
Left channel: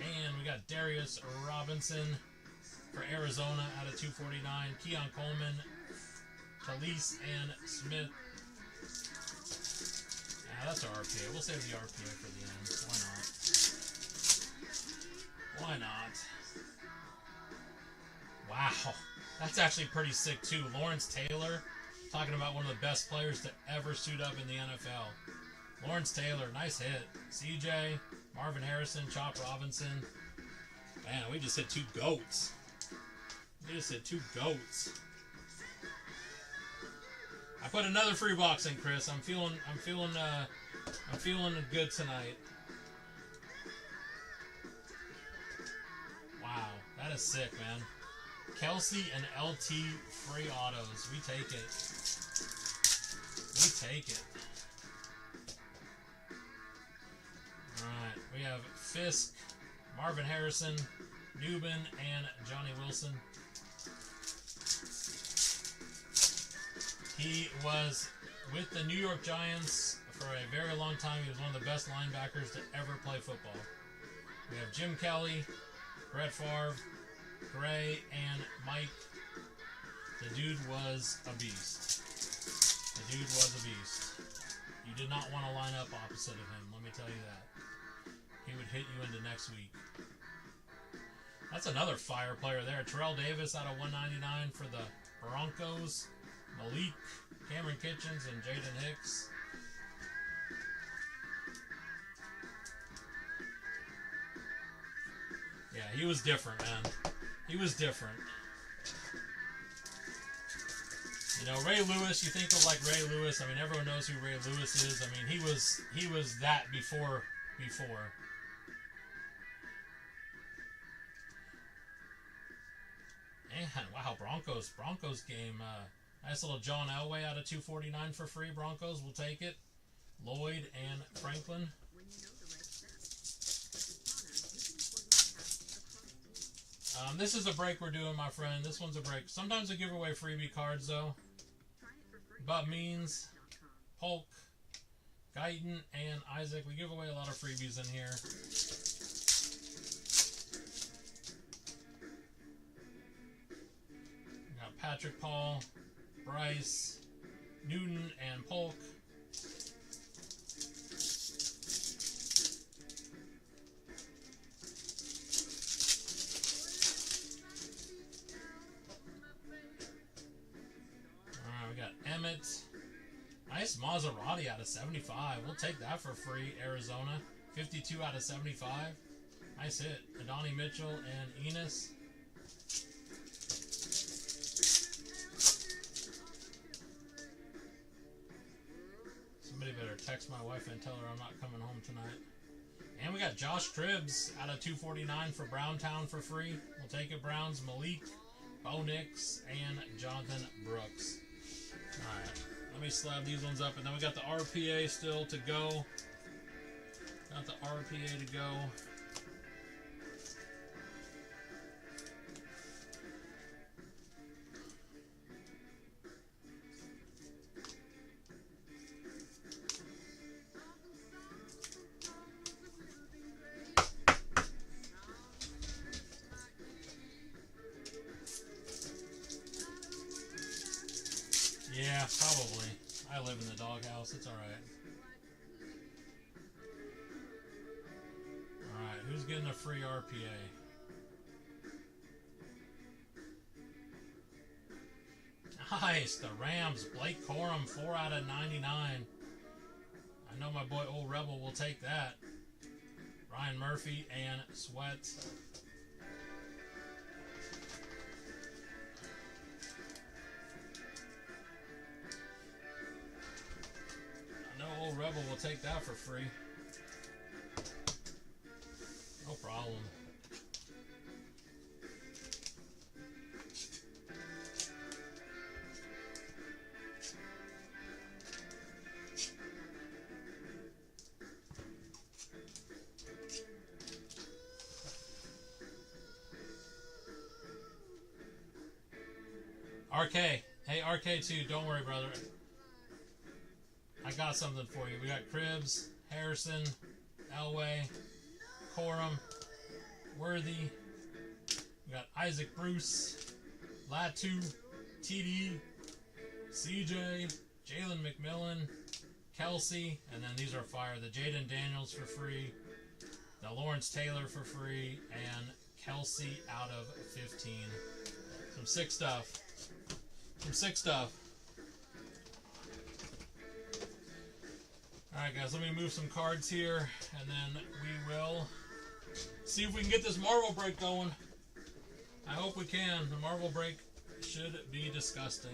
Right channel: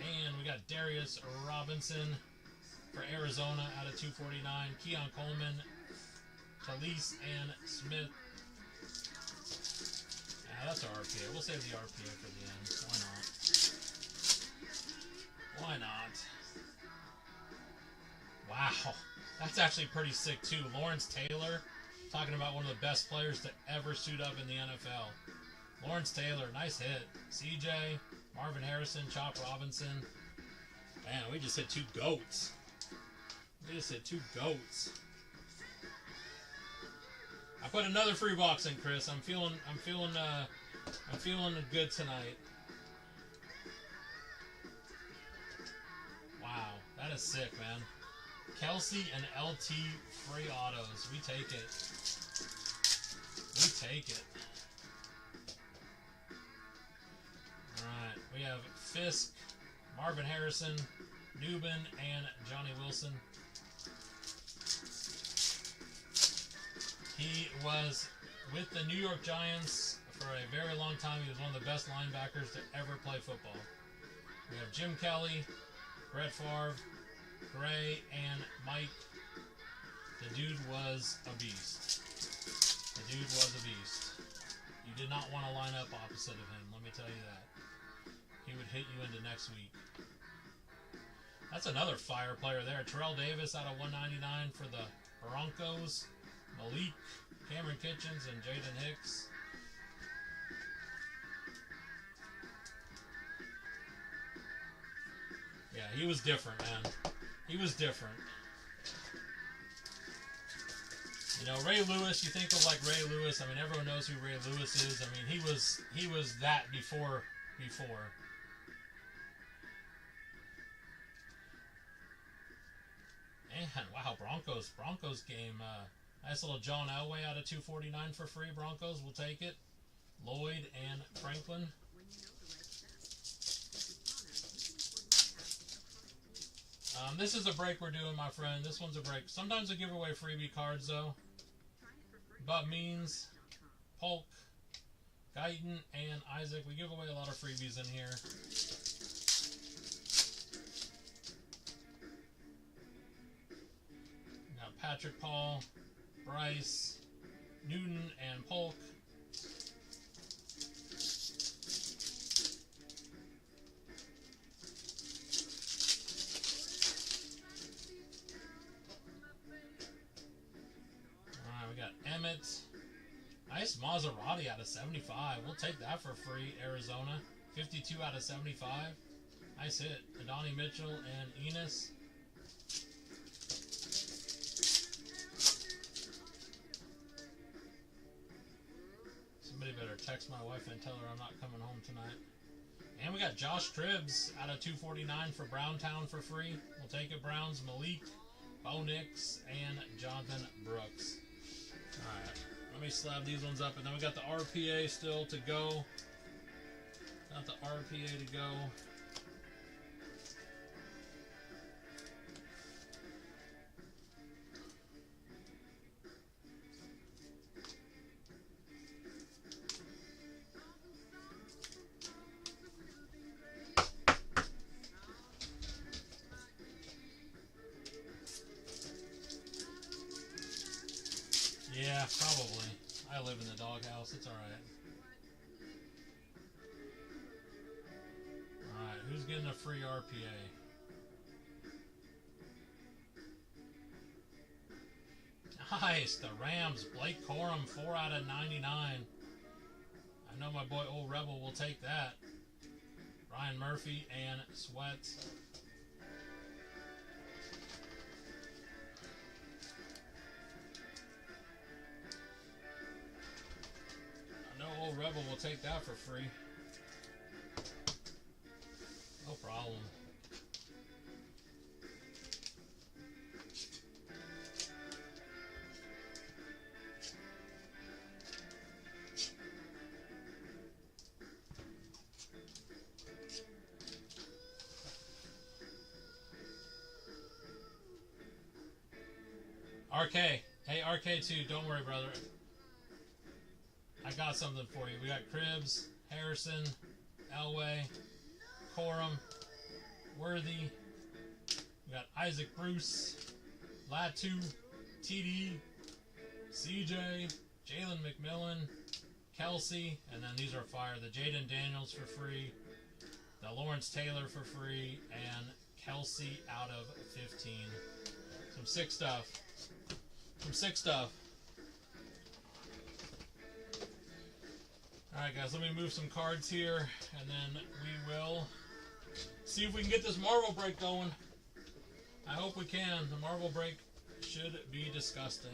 And we got Darius Robinson for Arizona out of 249. Keon Coleman, Talise, and Smith. Yeah, that's our RPA. We'll save the RPA for the end. Why not? Why not? Wow. That's actually pretty sick, too. Lawrence Taylor, talking about one of the best players to ever suit up in the NFL. Lawrence Taylor, nice hit. CJ, Marvin Harrison, Chop Robinson. Man, we just hit two goats. I put another free box in, Chris. I'm feeling good tonight. Wow, that is sick, man. Kelsey and LT free autos. We take it. Alright, we have Fisk, Marvin Harrison, Newman, and Johnny Wilson. He was with the New York Giants for a very long time. He was one of the best linebackers to ever play football. We have Jim Kelly, Brett Favre, Gray, and Mike. The dude was a beast. You did not want to line up opposite of him, let me tell you that. He would hit you into next week. That's another fire player there. Terrell Davis out of 199 for the Broncos. Malik, Cameron Kitchens, and Jaden Hicks. Yeah, he was different, man. He was different. You know, Ray Lewis, you think of like Ray Lewis. I mean, everyone knows who Ray Lewis is. I mean, he was that before. And wow, Broncos game. Nice little John Elway out of 249 for free. Broncos, we'll take it. Lloyd and Franklin. This is a break we're doing, my friend. This one's a break. Sometimes I give away freebie cards, though. But Means, Polk, Guyton, and Isaac. We give away a lot of freebies in here. We got Patrick Paul, Bryce, Newton, and Polk. Emmett. Nice Maserati out of 75. We'll take that for free. Arizona. 52 out of 75. Nice hit. Adonai Mitchell and Enos. Somebody better text my wife and tell her I'm not coming home tonight. And we got Josh Cribbs out of 249 for Browntown for free. We'll take it. Browns, Malik, Bo Nix, and Jonathan Brooks. Alright, let me slab these ones up, and then we got the RPA still to go. Got the RPA to go. Probably. I live in the doghouse. It's alright. Alright, who's getting a free RPA? Nice! The Rams. Blake Corum, 4 out of 99. I know my boy Old Rebel will take that. Ryan Murphy and Sweat. I know Old Rebel will take that for free. No problem. RK. Hey, RK2, don't worry, brother. I got something for you. We got Cribbs, Harrison, Elway, Corum, Worthy. We got Isaac Bruce, Latu, TD, CJ, Jalen McMillan, Kelsey, and then these are fire. The Jaden Daniels for free, the Lawrence Taylor for free, and Kelsey out of 15. Some sick stuff. Some sick stuff. Alright guys, let me move some cards here, and then we will see if we can get this Marvel break going. I hope we can. The Marvel break should be disgusting.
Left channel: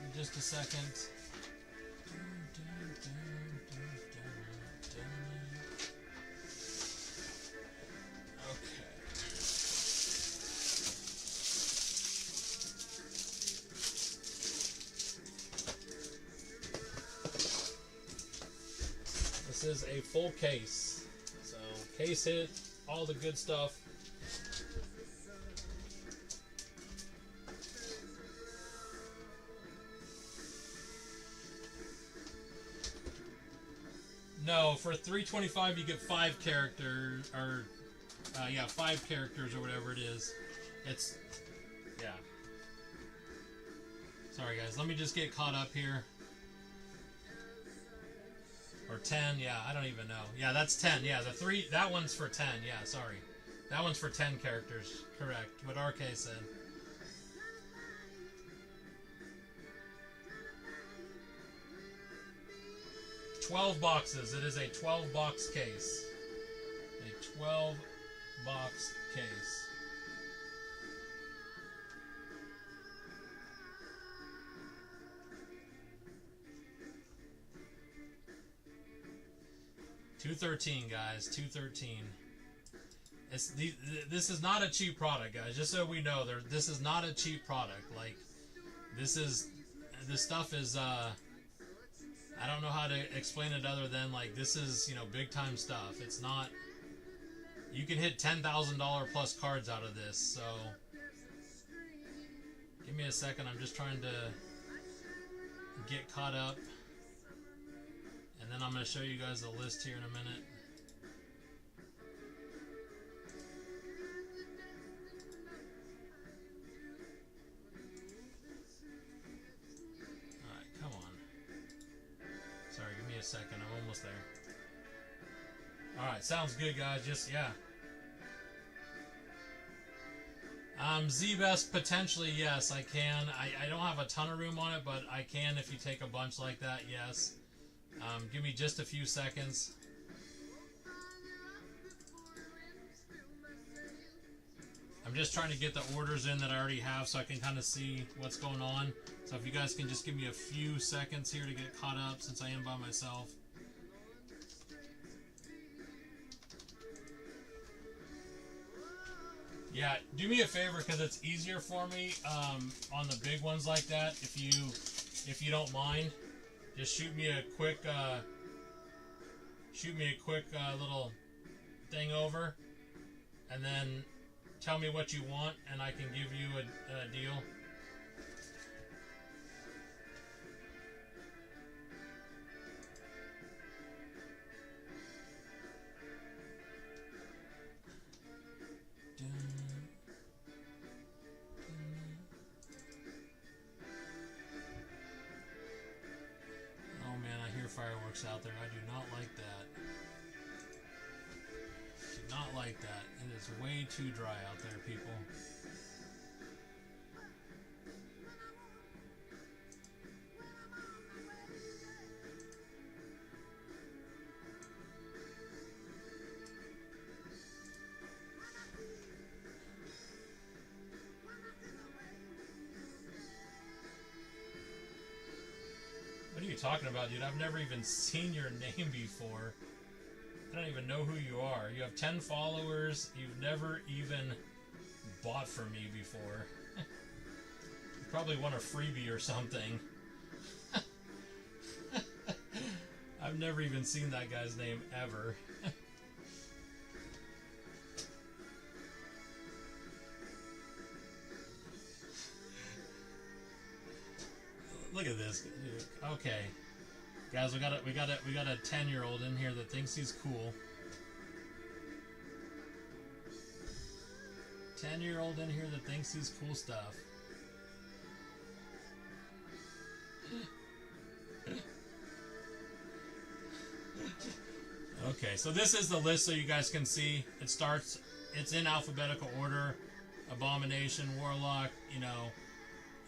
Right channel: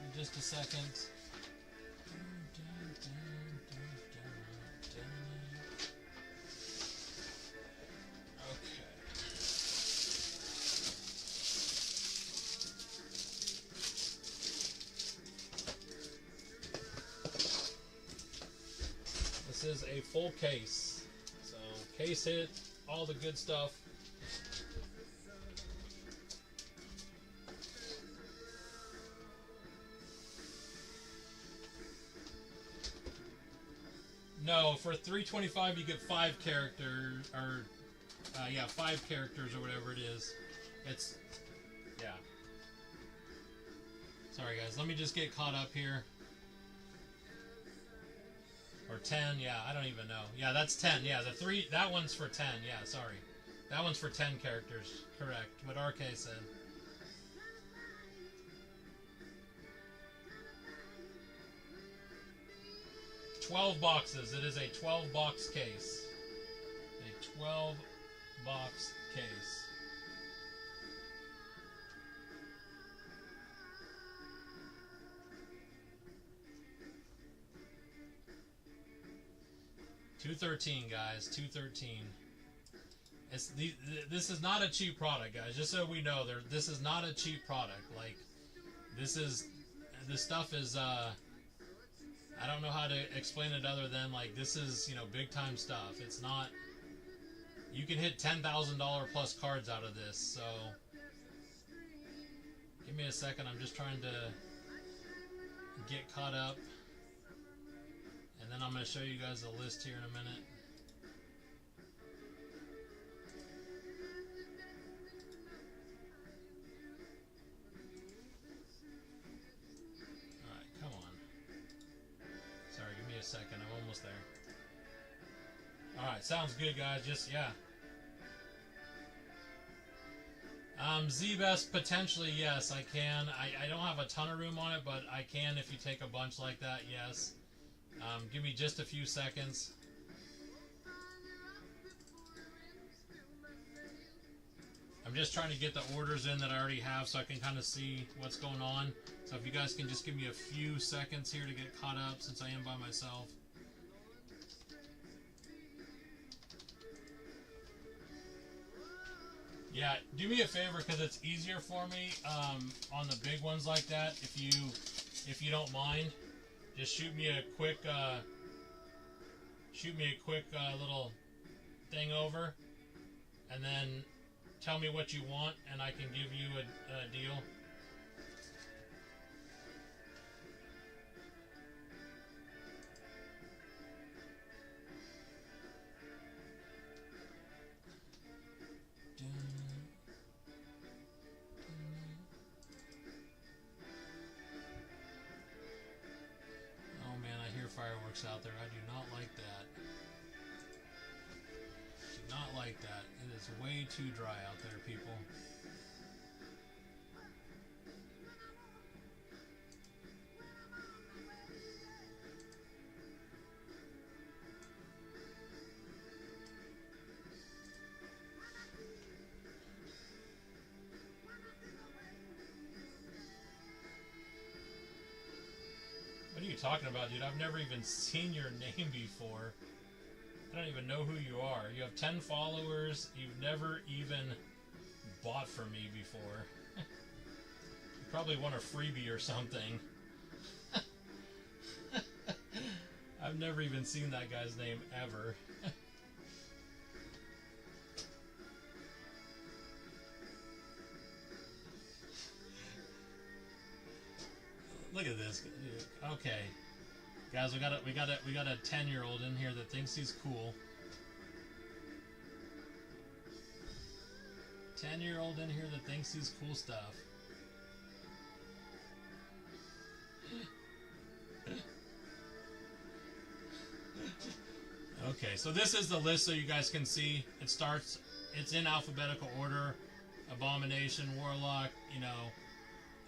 In just a second. This is a full case, so case hit, all the good stuff. No, for $325 you get 5 characters, or yeah, 5 characters or whatever it is. It's, yeah. Sorry guys, let me just get caught up here. Or 10, yeah, I don't even know. Yeah, that's 10. Yeah, the 3, that one's for 10. Yeah, sorry. That one's for 10 characters. Correct. What RK said. $12 boxes. It is a 12-box case. A 12-box case. $213, guys. $213. This is not a cheap product, guys. Just so we know, this is not a cheap product. Like, this stuff is. I don't know how to explain it other than like this is, you know, big time stuff. It's not. You can hit $10,000 plus cards out of this. So, give me a second. I'm just trying to get caught up. And then I'm going to show you guys the list here in a minute. Alright, come on. Sorry, give me a second. I'm almost there. Alright, sounds good, guys. Just, yeah. Z-Best, potentially, yes, I can. I don't have a ton of room on it, but I can if you take a bunch like that, yes. Give me just a few seconds. I'm just trying to get the orders in that I already have so I can kind of see what's going on. So if you guys can just give me a few seconds here to get caught up since I am by myself. Yeah, do me a favor because it's easier for me on the big ones like that. If you don't mind. Just shoot me a quick little thing over, and then tell me what you want, and I can give you a deal. fireworks out there. I do not like that. Do not like that. It is way too dry out there, people. What are you talking about, dude? I've never even seen your name before. I don't even know who you are. You have 10 followers. You've never even bought from me before. You probably want a freebie or something. I've never even seen that guy's name ever. Look at this. Okay, guys, we got a 10-year-old in here that thinks he's cool. 10-year-old in here that thinks he's cool stuff. Okay, so this is the list so you guys can see. It's in alphabetical order. Abomination, Warlock, you know.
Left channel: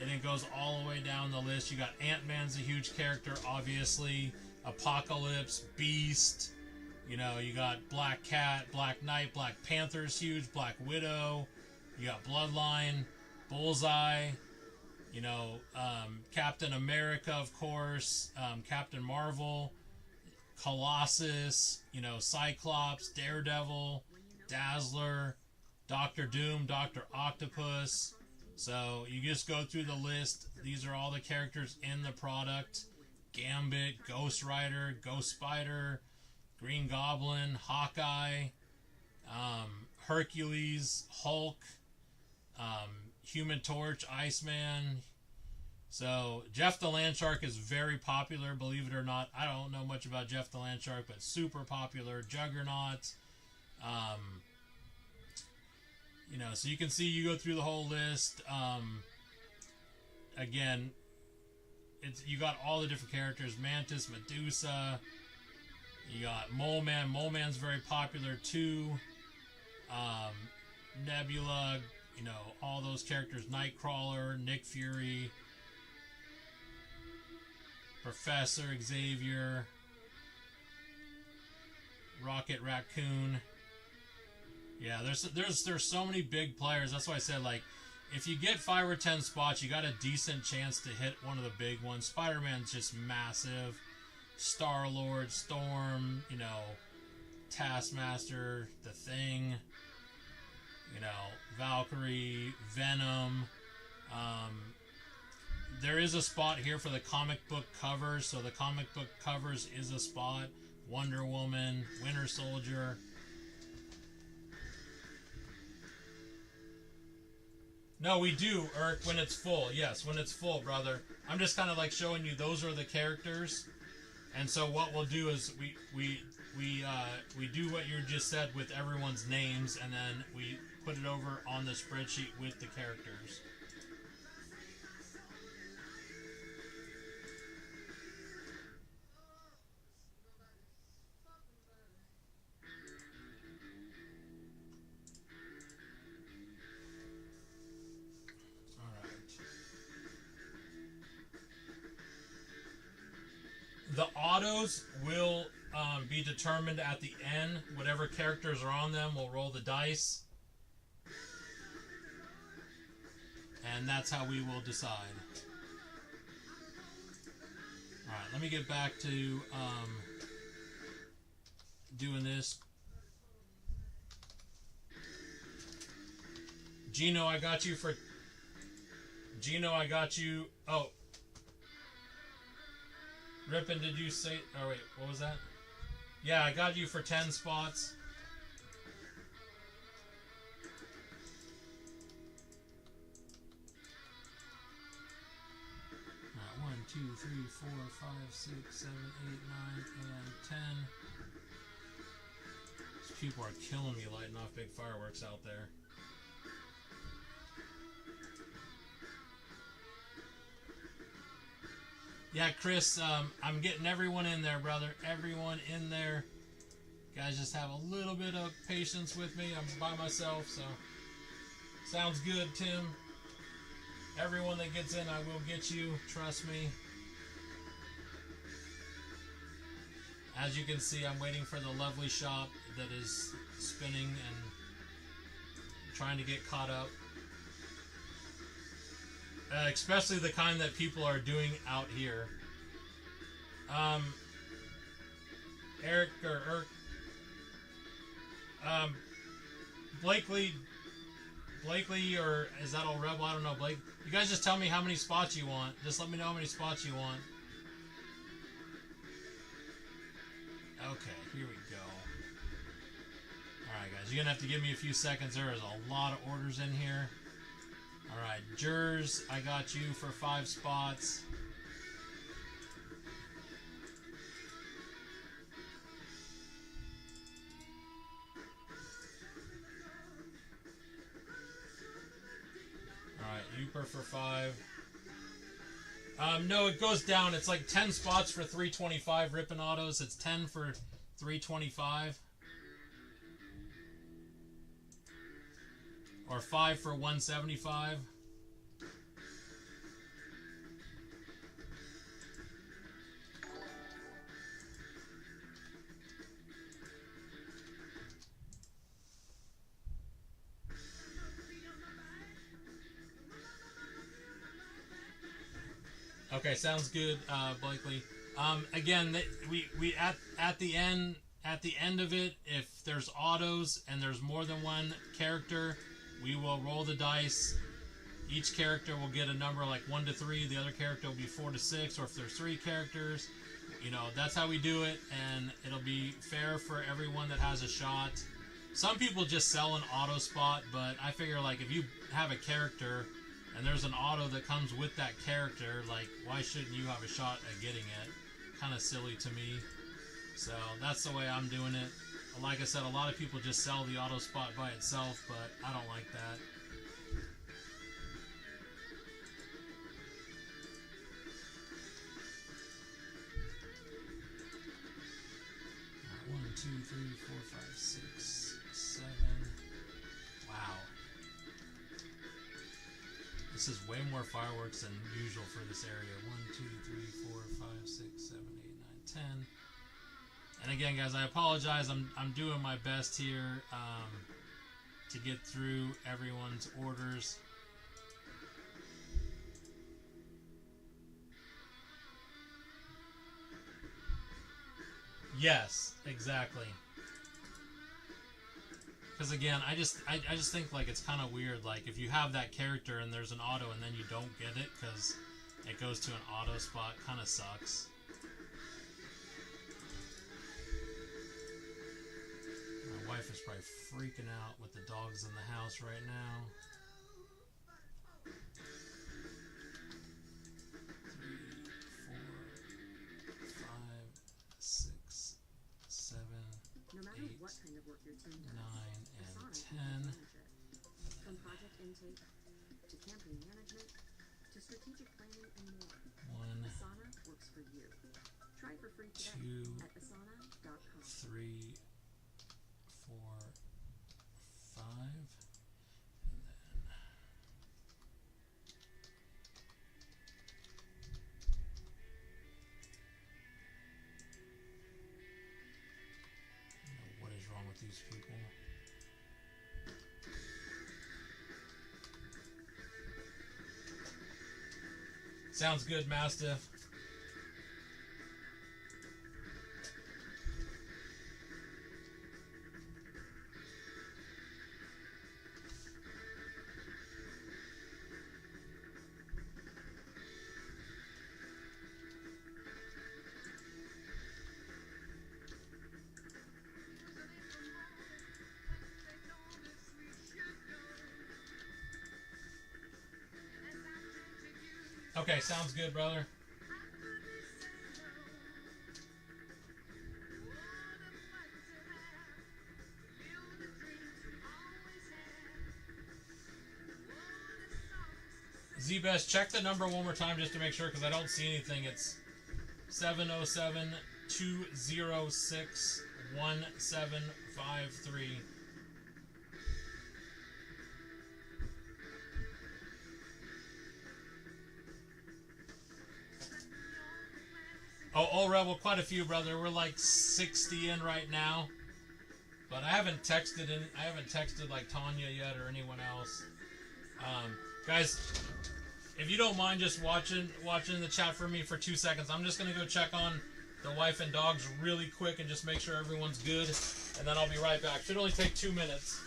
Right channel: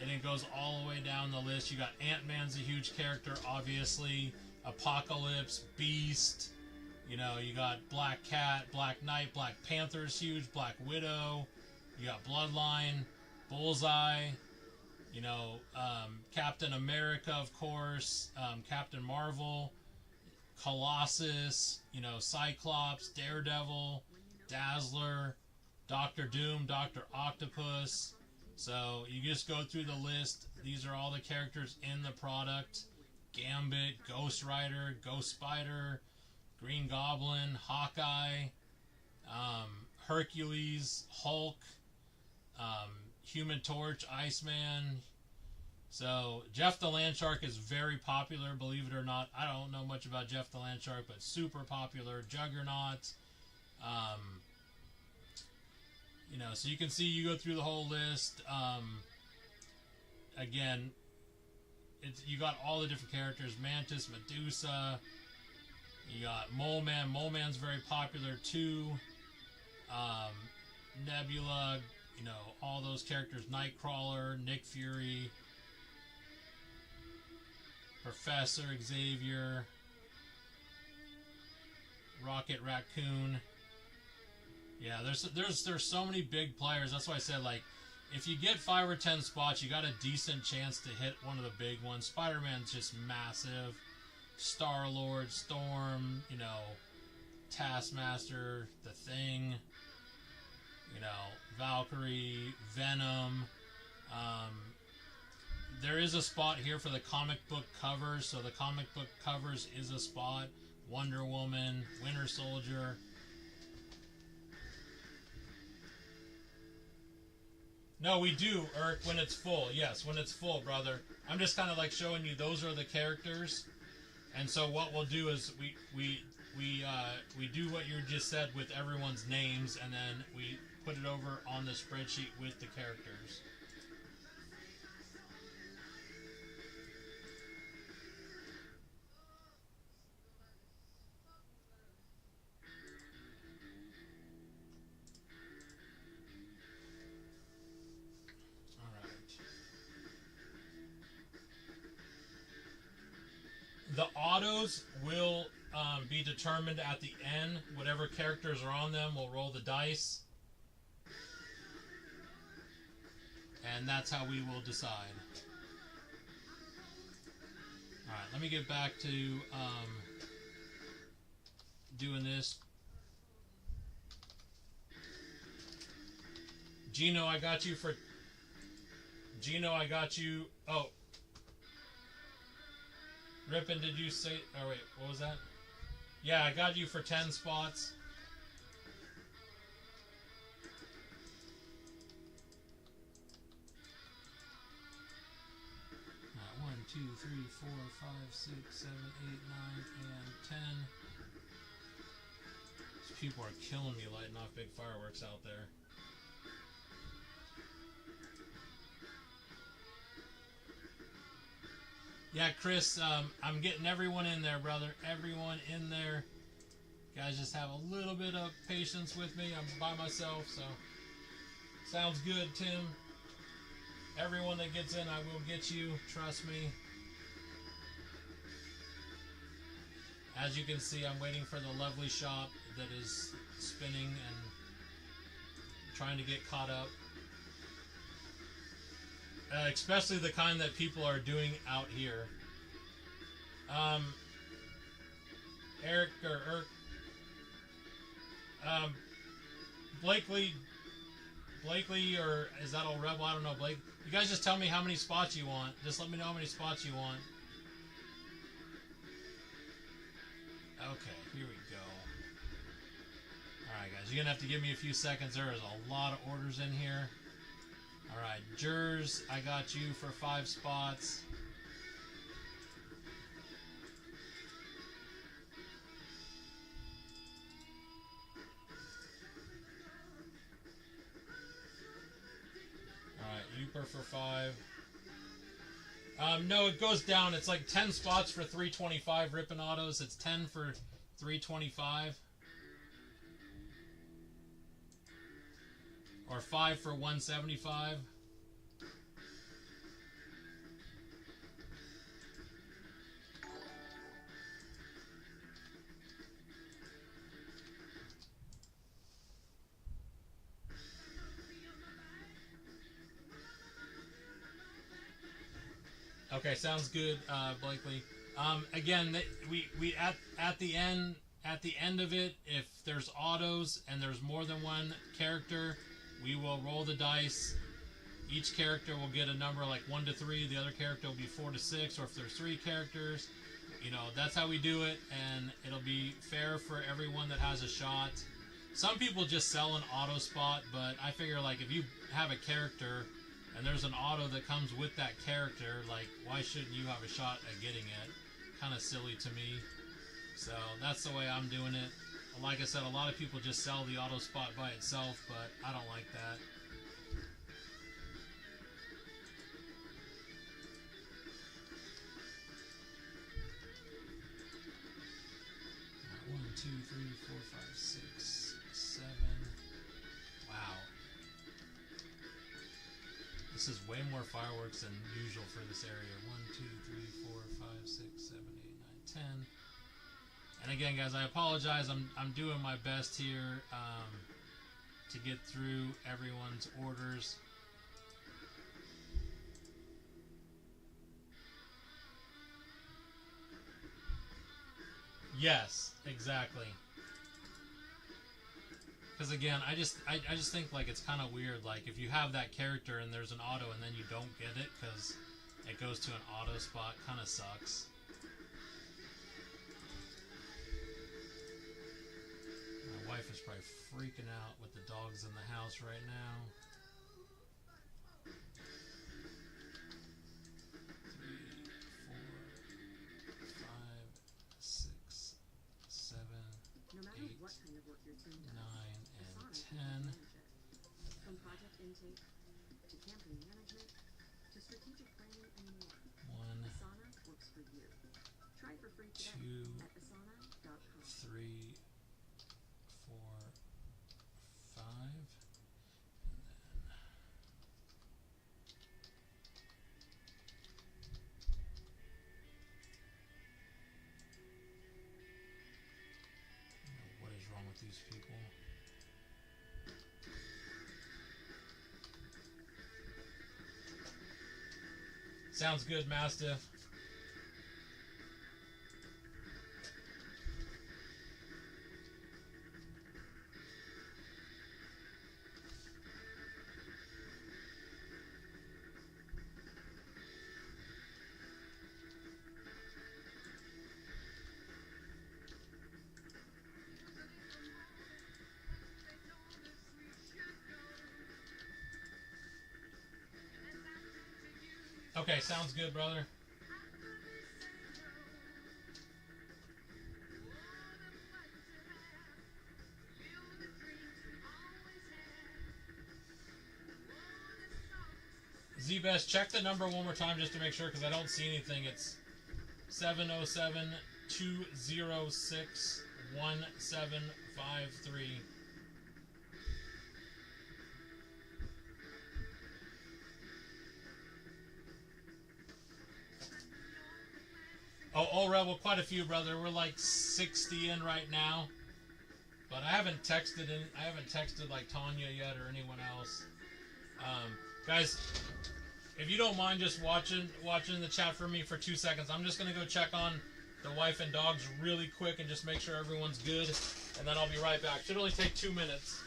And it goes all the way down the list. You got Ant-Man's a huge character, obviously. Apocalypse, Beast. You know, you got Black Cat, Black Knight, Black Panther's huge, Black Widow. You got Bloodline, Bullseye. You know, Captain America, of course. Captain Marvel, Colossus. You know, Cyclops, Daredevil, Dazzler, Doctor Doom, Dr. Octopus. So you just go through the list. These are all the characters in the product. Gambit, Ghost Rider, Ghost Spider, Green Goblin, Hawkeye, Hercules, Hulk, Human Torch, Iceman. So Jeff the Landshark is very popular, believe it or not. I don't know much about Jeff the Landshark, but super popular. Juggernaut. You know, so you can see, you go through the whole list. Again, you got all the different characters. Mantis, Medusa. You got Mole Man. Mole Man's very popular too. Nebula. You know, all those characters. Nightcrawler, Nick Fury, Professor Xavier, Rocket Raccoon. Yeah, there's so many big players. That's why I said, like, if you get 5 or 10 spots, you got a decent chance to hit one of the big ones. Spider-Man's just massive. Star-Lord, Storm, you know, Taskmaster, The Thing, you know, Valkyrie, Venom. There is a spot here for the comic book covers, so the comic book covers is a spot. Wonder Woman, Winter Soldier. No, we do, Irk, when it's full. Yes, when it's full, brother. I'm just kind of like showing you those are the characters. And so what we'll do is we do what you just said with everyone's names, and then we put it over on the spreadsheet with the characters. The autos will be determined at the end. Whatever characters are on them, we'll roll the dice. And that's how we will decide. Alright, let me get back to doing this. Gino, I got you. Oh. Rippin, did you say... Oh, wait. What was that? Yeah, I got you for 10 spots. Alright, 1, 2, 3, 4, 5, 6, 7, 8, 9, and 10. These people are killing me lighting off big fireworks out there. Yeah, Chris, I'm getting everyone in there, brother. Everyone in there. Guys, just have a little bit of patience with me. I'm by myself, so sounds good, Tim. Everyone that gets in, I will get you. Trust me. As you can see, I'm waiting for the lovely shop that is spinning and trying to get caught up. Especially the kind that people are doing out here. Eric or Blakely, or is that old Rebel? I don't know, Blake. You guys just tell me how many spots you want. Just let me know how many spots you want. Okay, here we go. Alright, guys, you're going to have to give me a few seconds. There is a lot of orders in here. Alright, Jers, I got you for 5 spots. Alright, Uper for 5. No, it goes down. It's like 10 spots for 325 Rippin Autos. It's 10 for 325. Or 5 for 175. Okay, sounds good, Blakely. Again, we at the end of it, if there's autos and there's more than one character, we will roll the dice. Each character will get a number like 1 to 3. The other character will be 4 to 6. Or if there's 3 characters, you know, that's how we do it, and it'll be fair for everyone that has a shot. Some people just sell an auto spot, but I figure like if you have a character and there's an auto that comes with that character, like, why shouldn't you have a shot at getting it? Kind of silly to me. So that's the way I'm doing it. Like I said, a lot of people just sell the auto spot by itself, but I don't like that. All right, 1, 2, 3, 4, 5, 6, 7. Wow. This is way more fireworks than usual for this area. 1, 2, 3, 4, 5, 6, 7, 8, 9, 10. And again, guys, I apologize. I'm doing my best here to get through everyone's orders. Yes, exactly. Because again, I just think like it's kind of weird. Like if you have that character and there's an auto and then you don't get it because it goes to an auto spot, kind of sucks. My wife is probably freaking out with the dogs in the house right now. 3, 4, 5, 6, 7, 8, 9, and 10. From project intake to campaign management to strategic planning and more. 1, Asana works for you. Try for free today 2, at asana.com. 3, 4, 5, and then what is wrong with these people? Sounds good, Mastiff. Okay, sounds good, brother. Z-Best, check the number one more time just to make sure, because I don't see anything. It's 707-206-1753. Oh, Rebel, quite a few, brother. We're like 60 in right now. But I haven't texted like Tanya yet or anyone else. Guys, if you don't mind just watching the chat for me for 2 seconds, I'm just gonna go check on the wife and dogs really quick and just make sure everyone's good, and then I'll be right back. Should only take 2 minutes.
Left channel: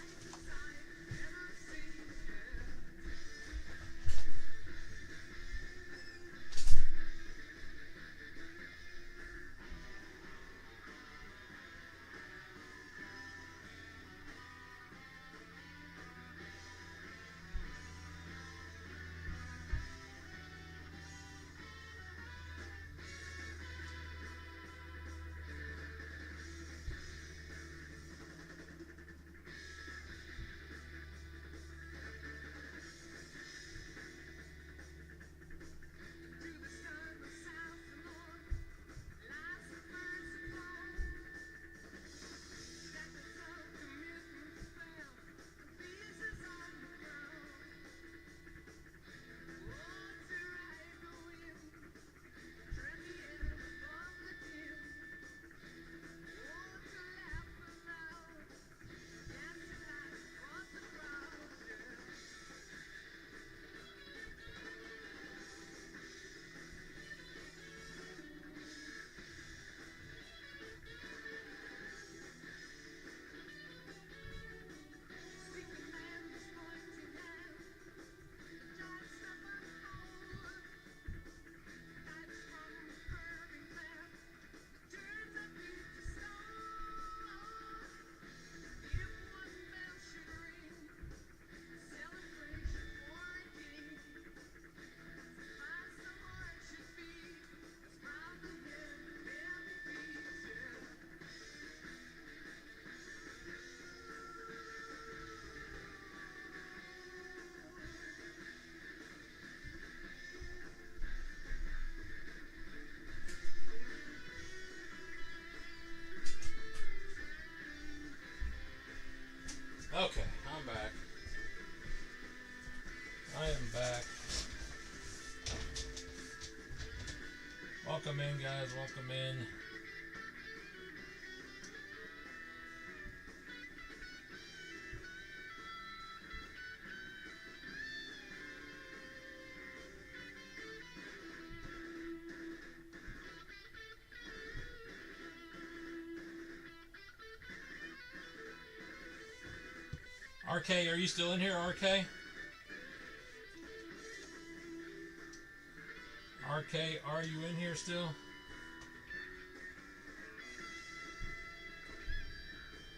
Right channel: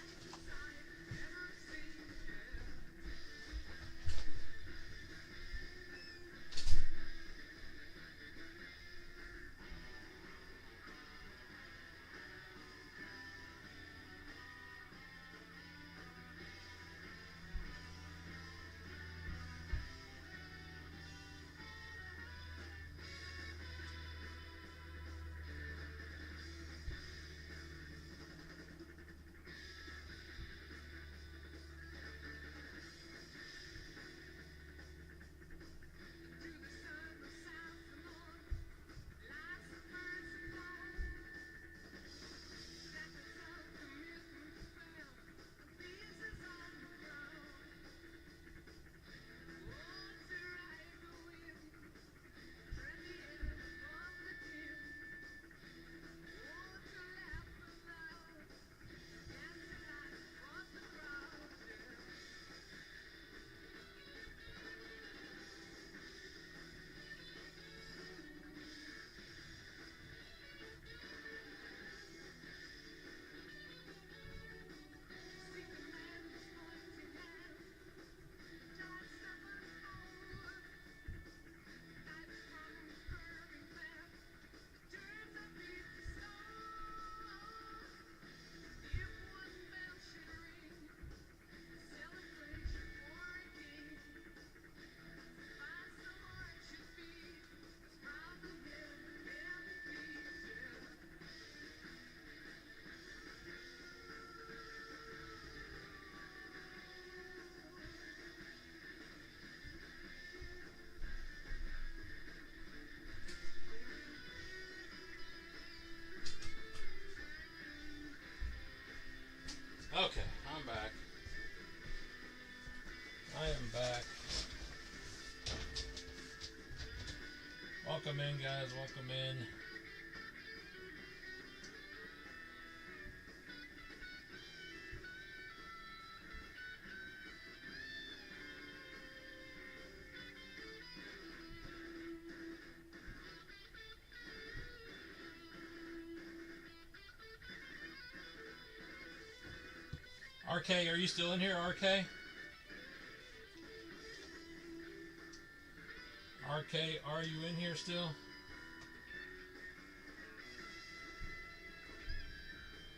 Okay, I'm back. I am back. Welcome in, guys. Welcome in. RK, are you still in here, RK? RK, are you in here still?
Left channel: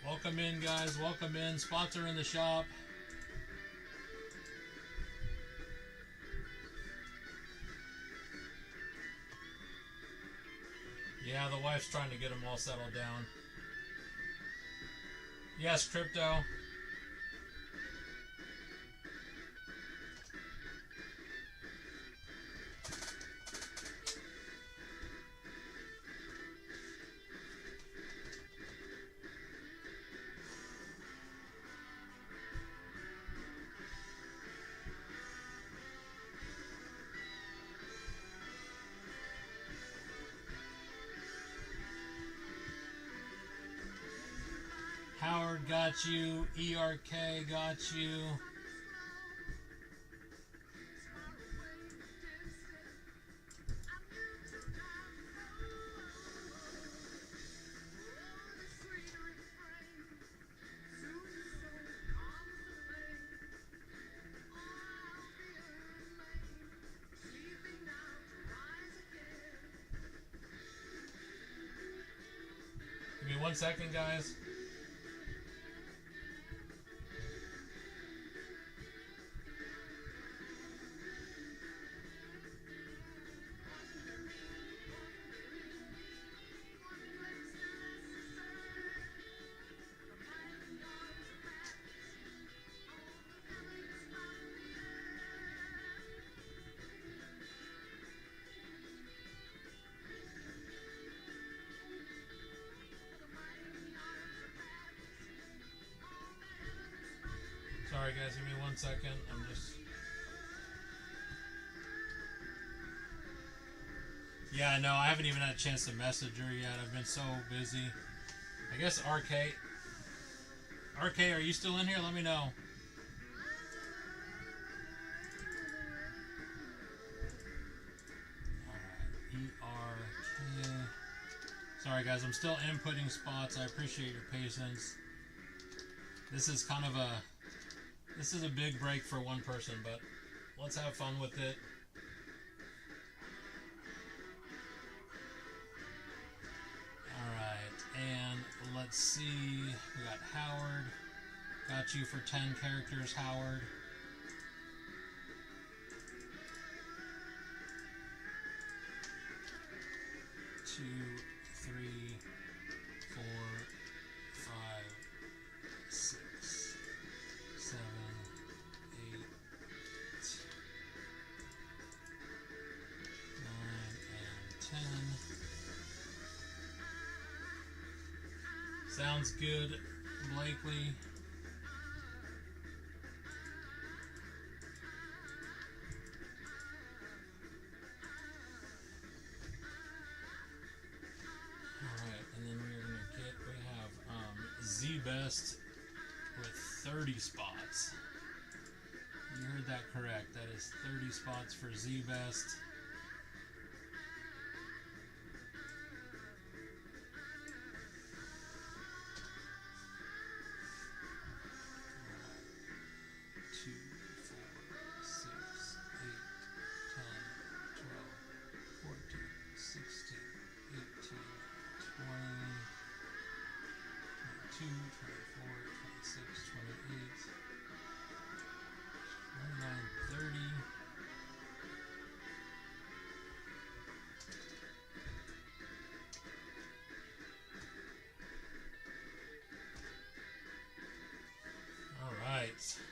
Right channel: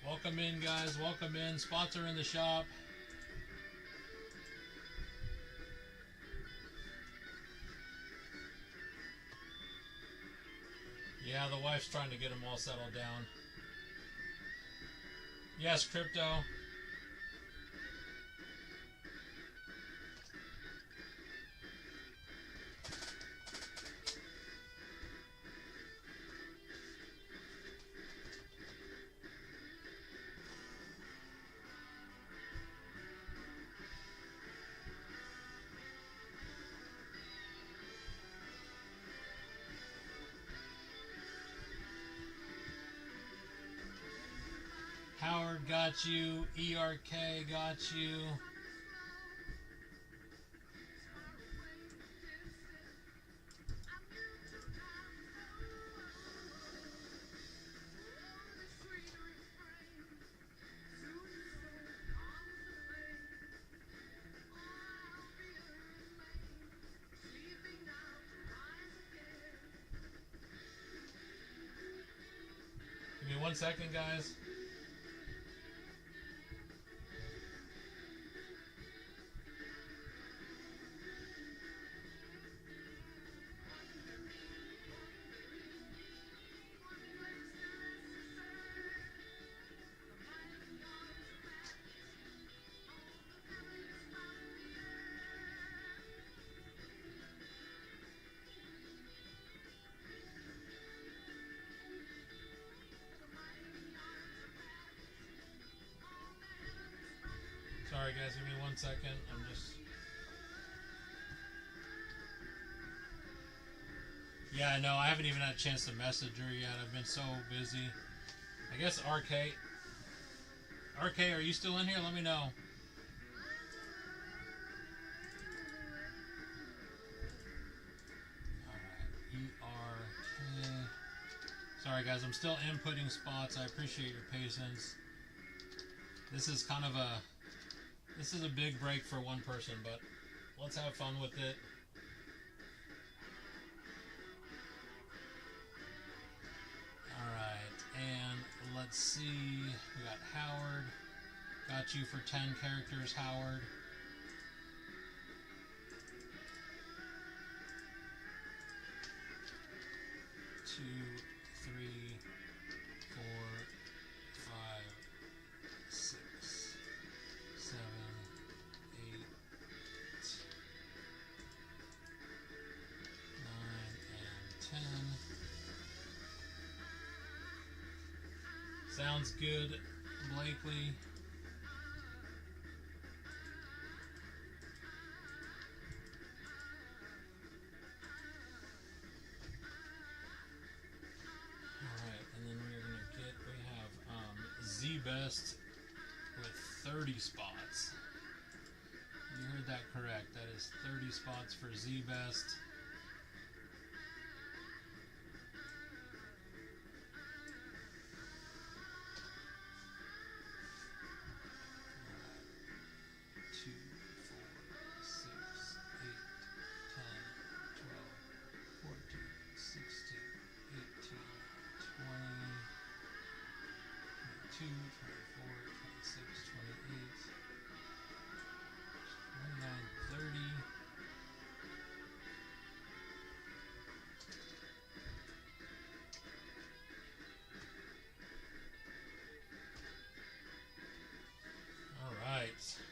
Welcome in, guys. Welcome in. Spots are in the shop. Yeah, the wife's trying to get them all settled down. Yes, Crypto. Howard got you. ERK got you. Give me 1 second, guys. Sorry guys, give me 1 second. I'm just... Yeah, no, I haven't even had a chance to message her yet. I've been so busy. I guess RK, are you still in here? Let me know. Alright, ERK. Sorry guys, I'm still inputting spots. I appreciate your patience. This is kind of a... This is a big break for one person, but let's have fun with it. Alright, and let's see. We got Howard. Got you for 10 characters, Howard. Two, 3, 4, 5, 6, 7, 8, 9, and 10. Sounds good, Blakely. Alright, and then we have Z-Best with 30 spots. You heard that correct. That is 30 spots for Z-Best.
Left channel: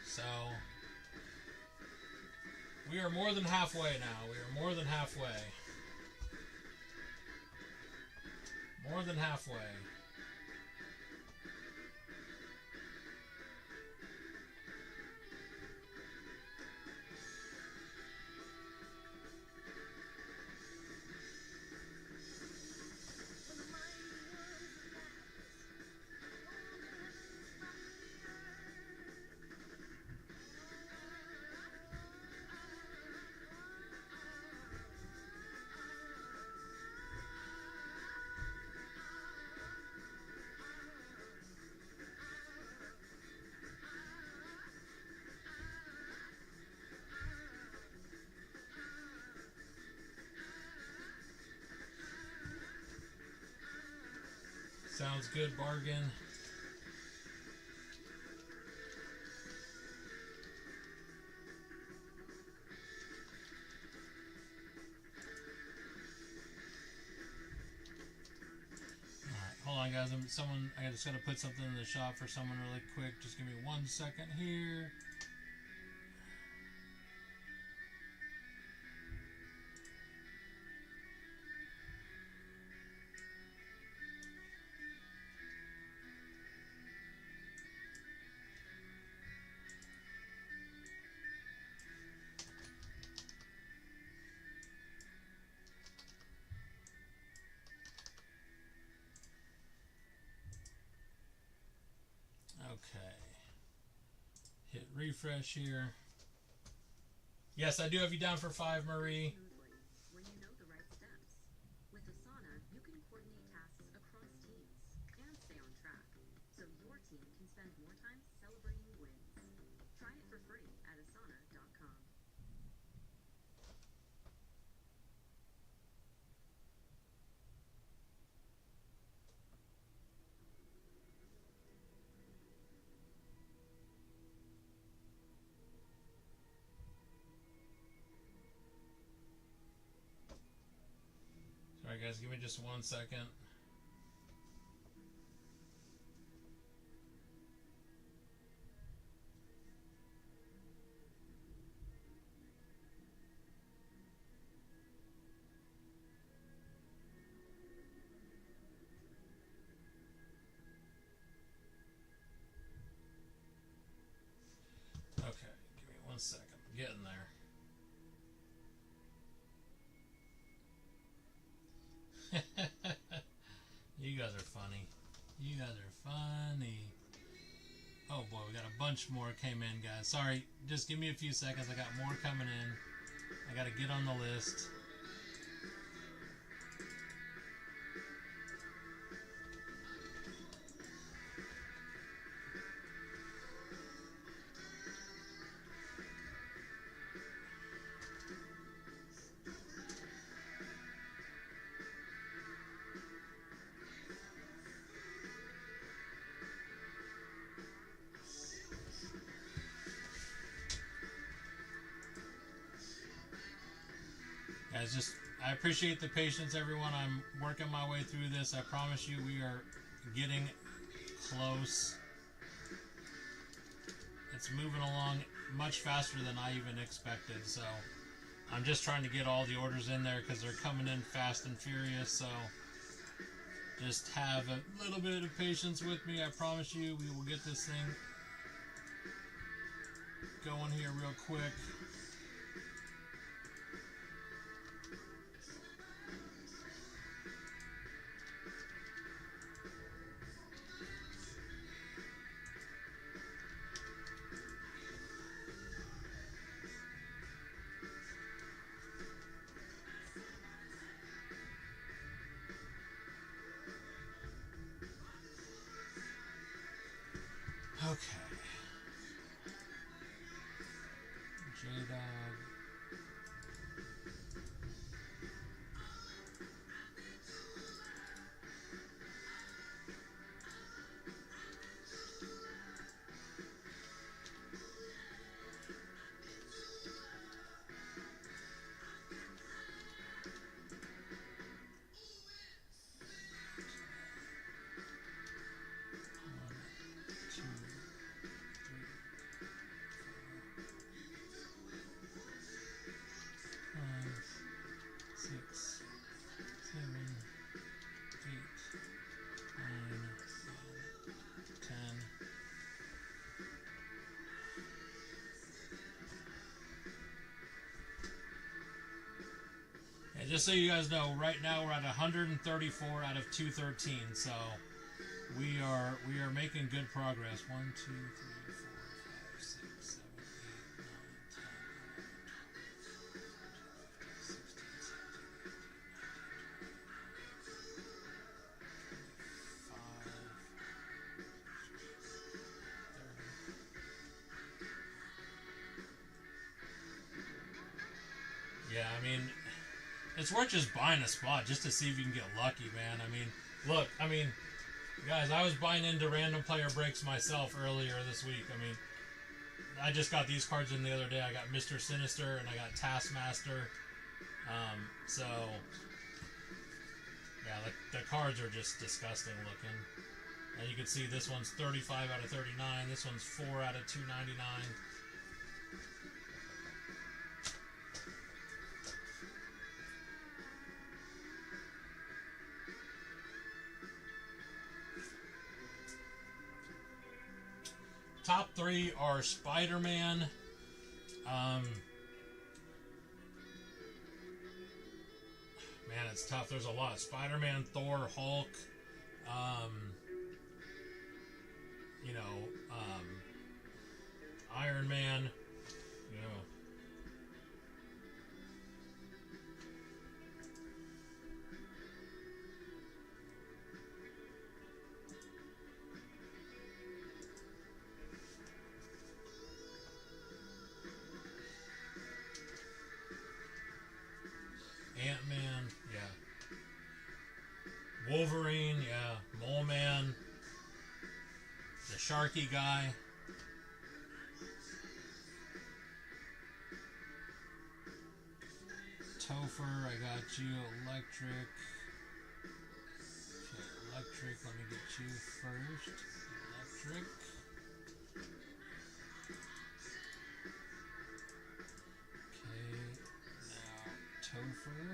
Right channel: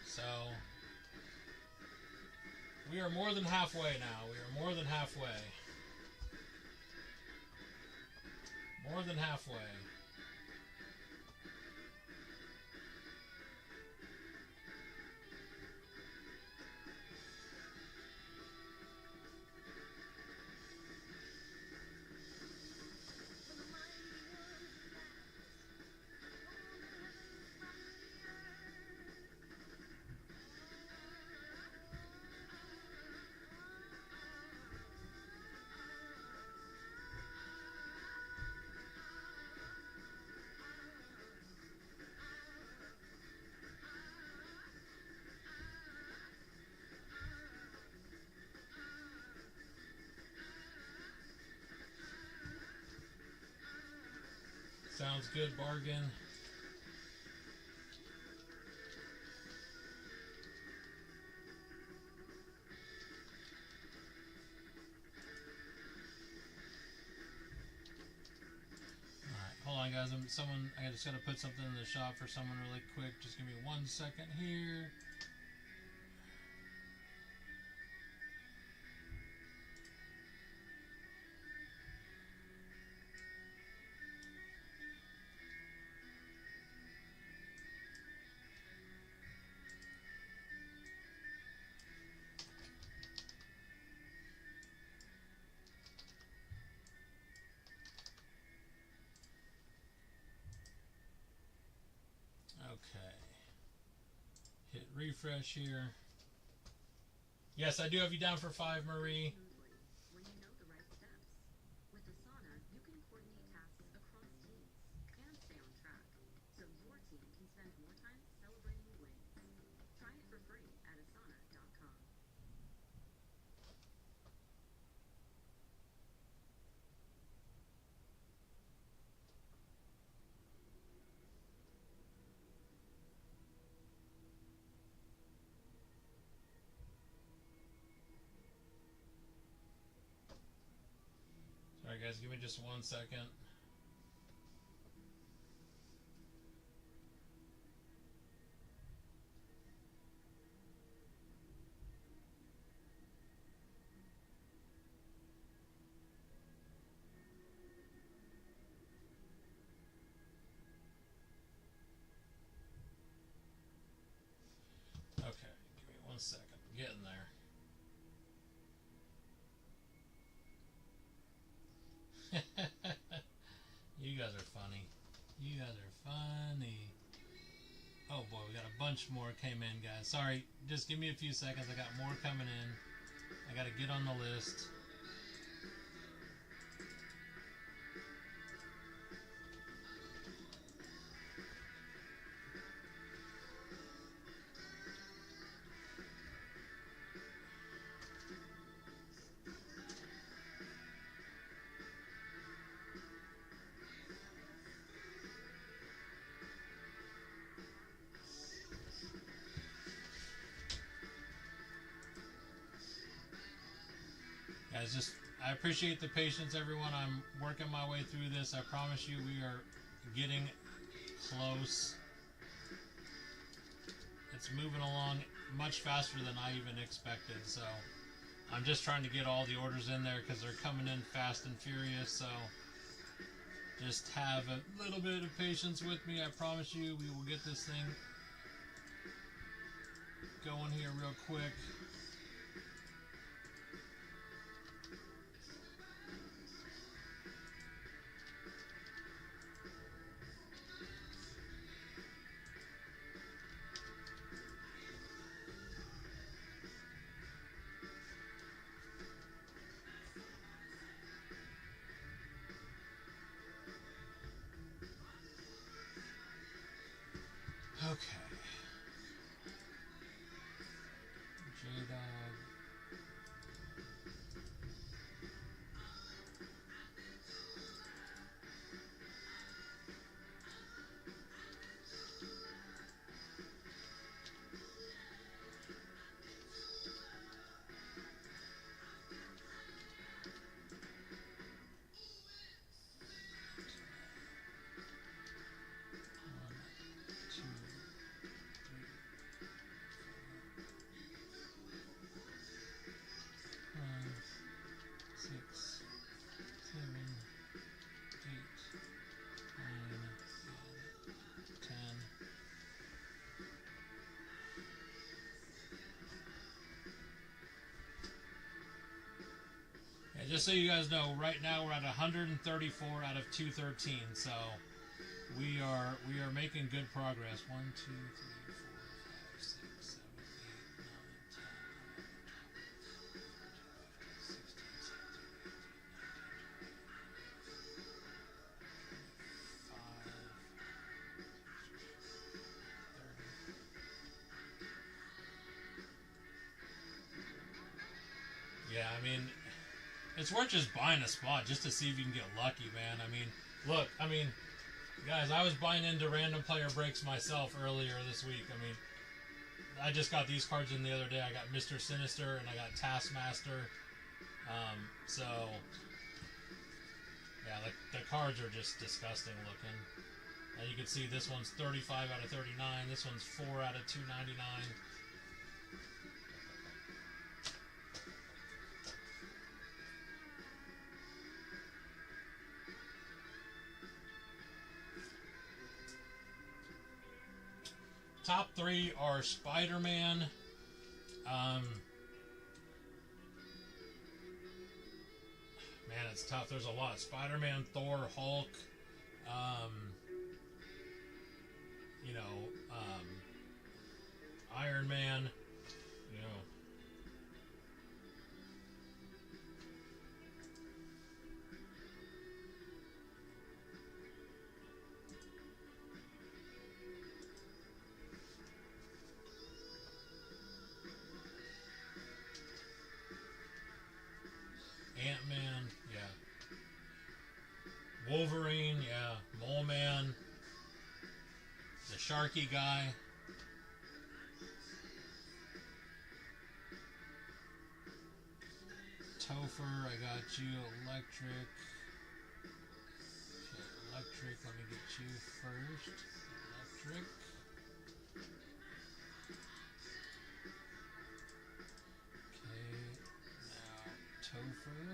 So we are more than halfway now. We are more than halfway. More than halfway. Sounds good, bargain. Alright, hold on guys, I just gotta put something in the shop for someone really quick. Just give me 1 second here. Okay. Hit refresh here. Yes, I do have you down for 5, Marie. When you know the right steps. With Asana, you can coordinate tasks across teams and stay on track, so your team can spend more time celebrating wins. Try it for free at asana.com. Sorry guys, give me just 1 second. getting there. You guys are funny. You guys are funny. Oh boy, we got a bunch more came in, guys. Sorry, just give me a few seconds. I got more coming in. I gotta get on the list. Guys, I appreciate the patience, everyone. I'm working my way through this. I promise you we are getting close. It's moving along much faster than I even expected, so I'm just trying to get all the orders in there because they're coming in fast and furious, so just have a little bit of patience with me. I promise you we will get this thing going here real quick. Okay. J-Dog. Just so you guys know, right now we're at 134 out of 213, so we are making good progress. 1, 2, 3, 4, 5, 6, 7, 8, 9, 10, 11, 12, 13, 14, 15, 16, 17, 18, 19, 20. Yeah, I mean, it's worth just buying a spot just to see if you can get lucky, man. I mean, look, guys, I was buying into random player breaks myself earlier this week. I mean, I just got these cards in the other day. I got Mr. Sinister and I got Taskmaster. So, yeah, the cards are just disgusting looking. And you can see this one's 35 out of 39. This one's 4 out of 299. Top 3 are Spider-Man, man, it's tough. There's a lot. Spider-Man, Thor, Hulk, Iron Man, Ant-Man, yeah. Wolverine, yeah. Mole Man. The Sharky guy. Topher, I got you. Electric. Okay, Electric, let me get you first. Electric. Okay, now Topher.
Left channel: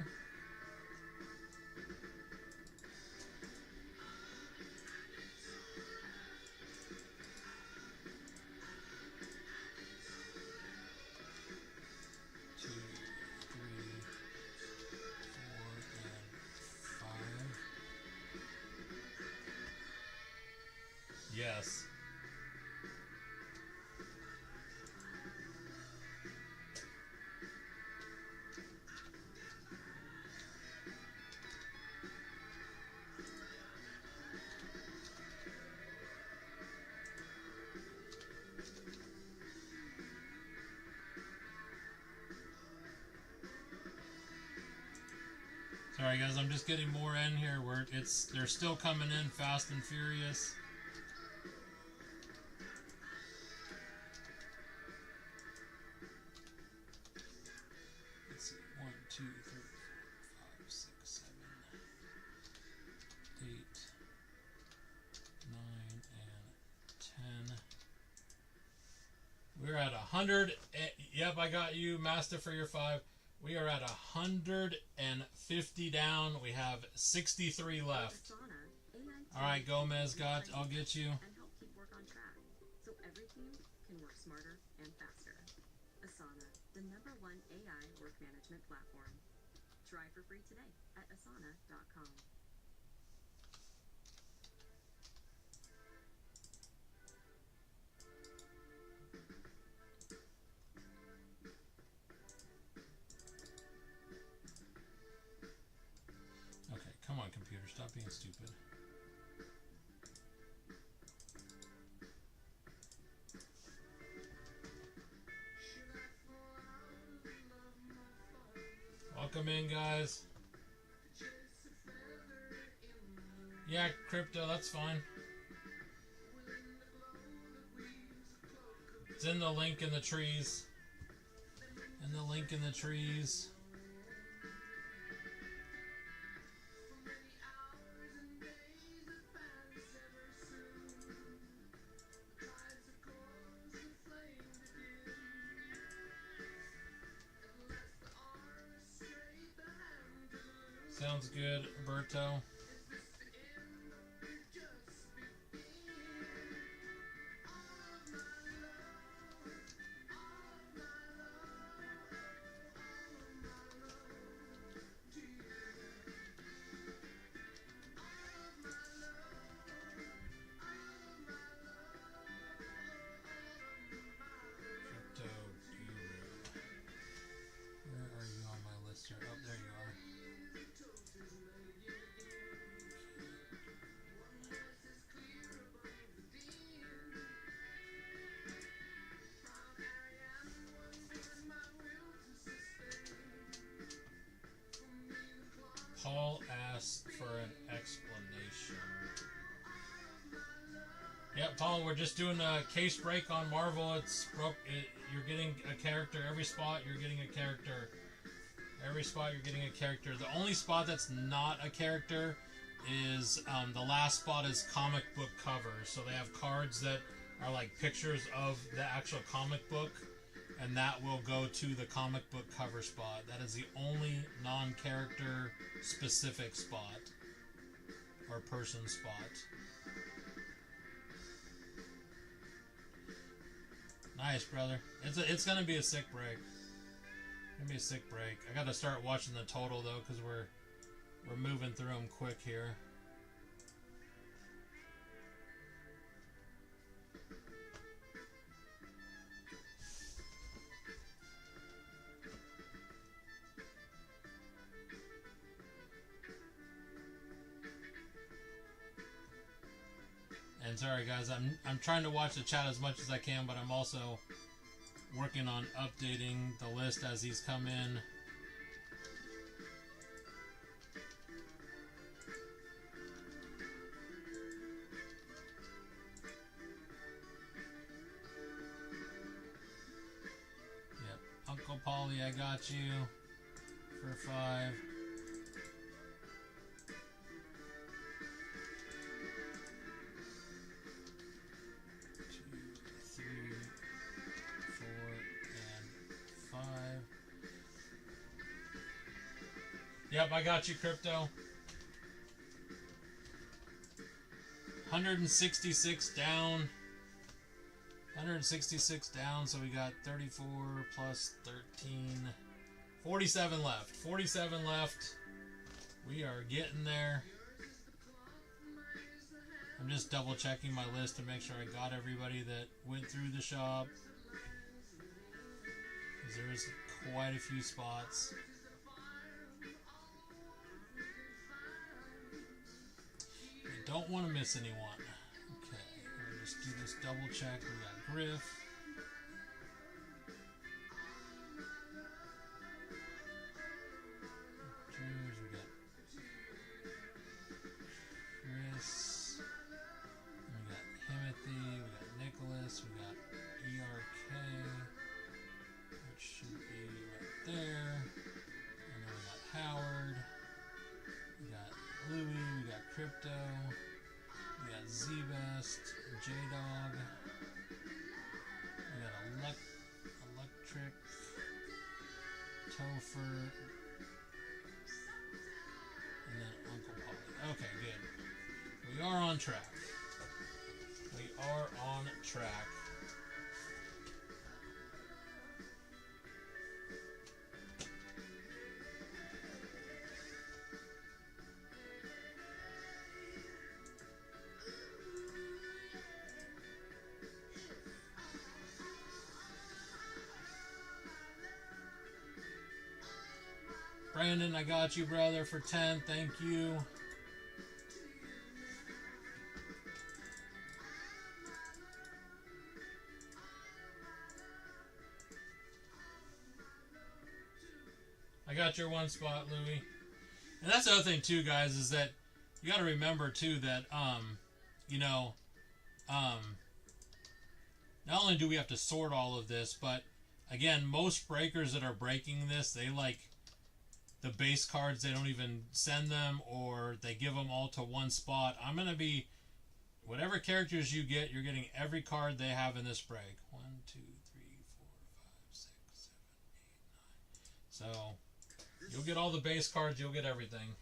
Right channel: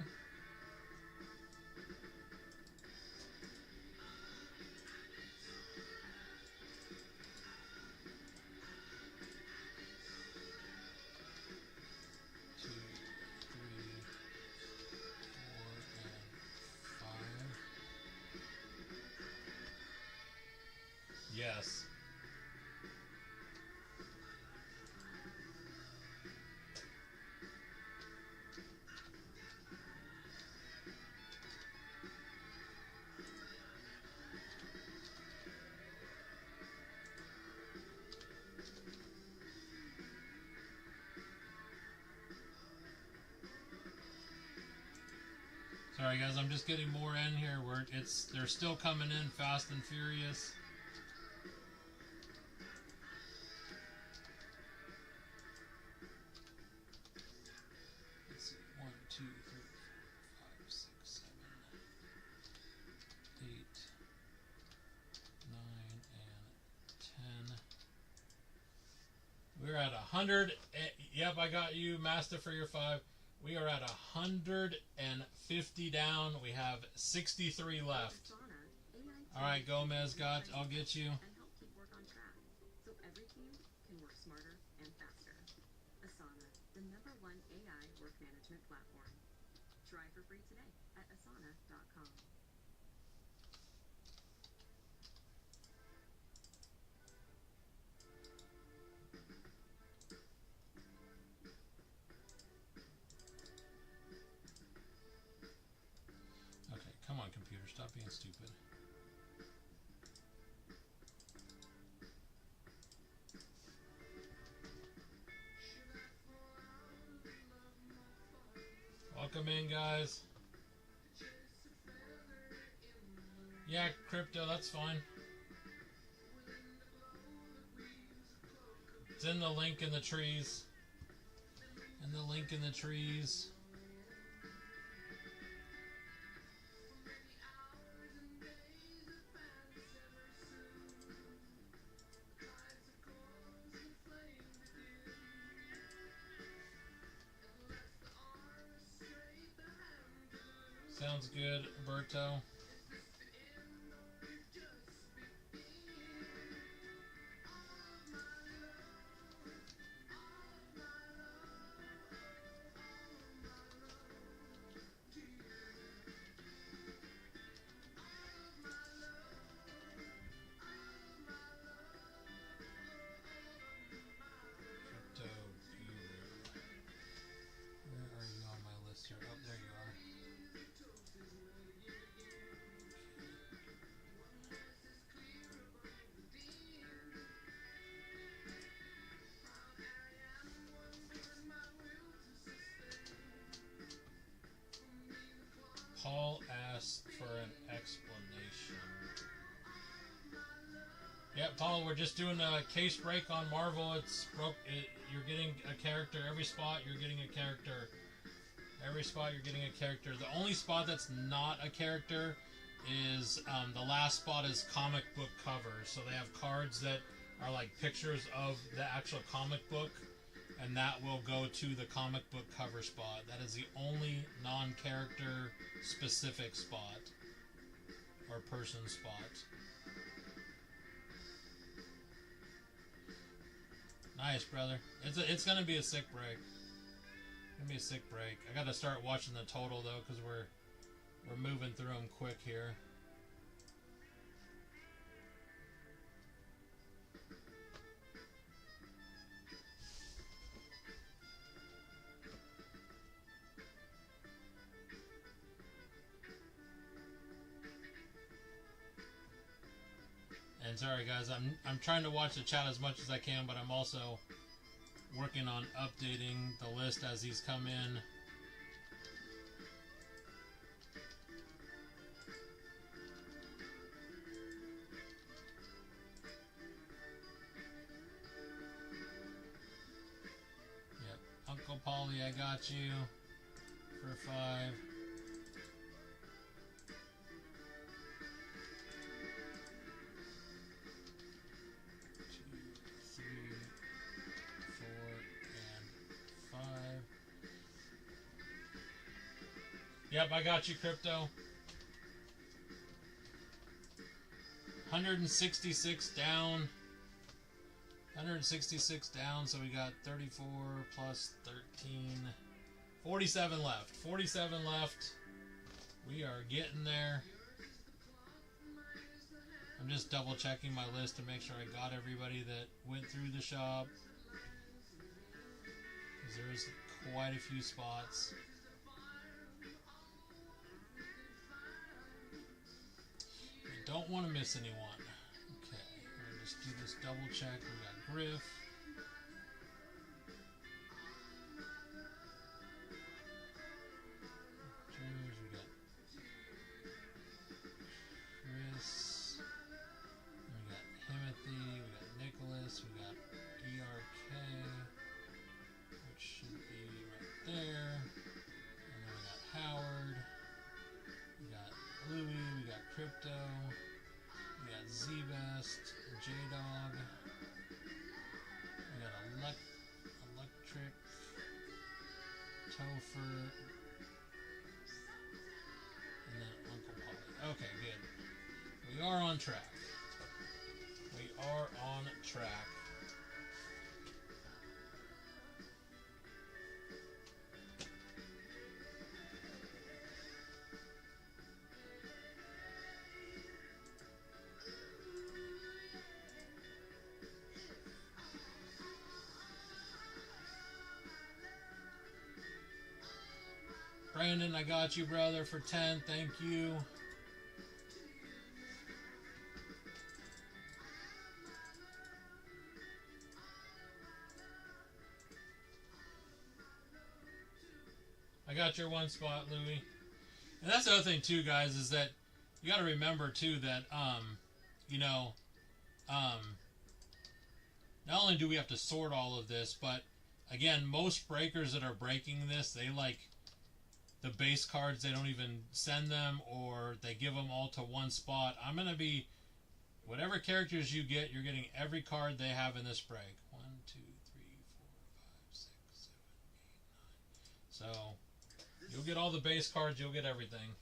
Sorry guys, I'm just getting more in here. They're still coming in fast and furious. Let's see, 1, 2, 3, 4, 5, 6, 7, 8, 9, and 10. We're at 100. Yep, I got you, Master, for your 5. We are at 150 down. We have 63 left. All right, Gomez, I'll get you. And help keep work on track, so every team can work smarter and faster. Asana, the #1 AI work management platform. Try for free today at asana.com. Okay, come on, computer, stop being stupid. Welcome in, guys. Yeah, crypto, that's fine. It's in the link in the trees. In the link in the trees. Sounds good, Berto. Crypto Guru. Where are you on my list here? Oh, there you are. Paul asked for an explanation. Yep, Paul, we're just doing a case break on Marvel. You're getting a character every spot. You're getting a character every spot. You're getting a character. The only spot that's not a character is the last spot is comic book covers. So they have cards that are like pictures of the actual comic book, and that will go to the comic book cover spot. That is the only non-character specific spot or person spot. Nice, brother. It's gonna be a sick break. It's gonna be a sick break. I gotta start watching the total though, because we're moving through them quick here. And sorry guys, I'm trying to watch the chat as much as I can, but I'm also working on updating the list as these come in. Yep, Uncle Polly, I got you for 5. 5. Yep, I got you, Crypto. 166 down. 166 down, so we got 34 plus 13. 47 left. 47 left. We are getting there. I'm just double checking my list to make sure I got everybody that went through the shop. Because there is quite a few spots. I don't want to miss anyone. Okay, we're going to just do this double check. We got Griff. We got Topher, and then Uncle Polly. Okay, good. We are on track. We are on track. Brandon, I got you, brother, for 10. Thank you. I got your one spot, Louie. And that's the other thing, too, guys, is that you got to remember, too, that, you know, not only do we have to sort all of this, but, again, most breakers that are breaking this, they, like, the base cards, they don't even send them, or they give them all to one spot. I'm going to be, whatever characters you get, you're getting every card they have in this break. 1, 2, 3, 4, 5, 6, 7, 8, 9. So, you'll get all the base cards, you'll get everything.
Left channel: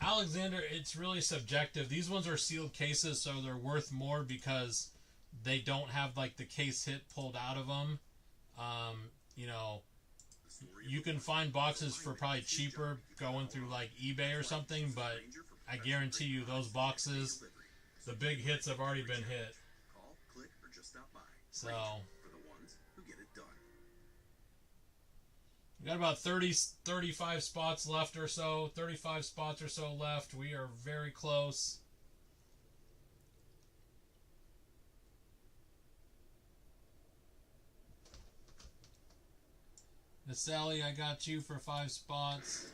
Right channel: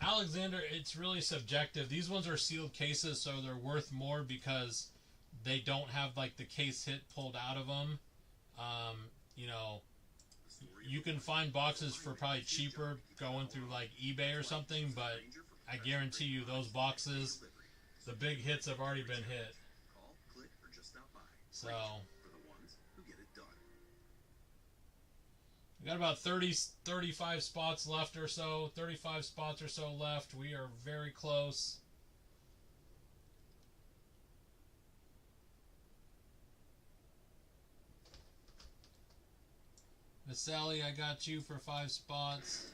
Alexander, it's really subjective. These ones are sealed cases, so they're worth more because they don't have like the case hit pulled out of them. You know, you can find boxes for probably cheaper going through like eBay or something, but I guarantee you those boxes, the big hits have already been hit. So we got about 35 spots left or so. 35 spots or so left. We are very close. Miss Sally, I got you for 5 spots.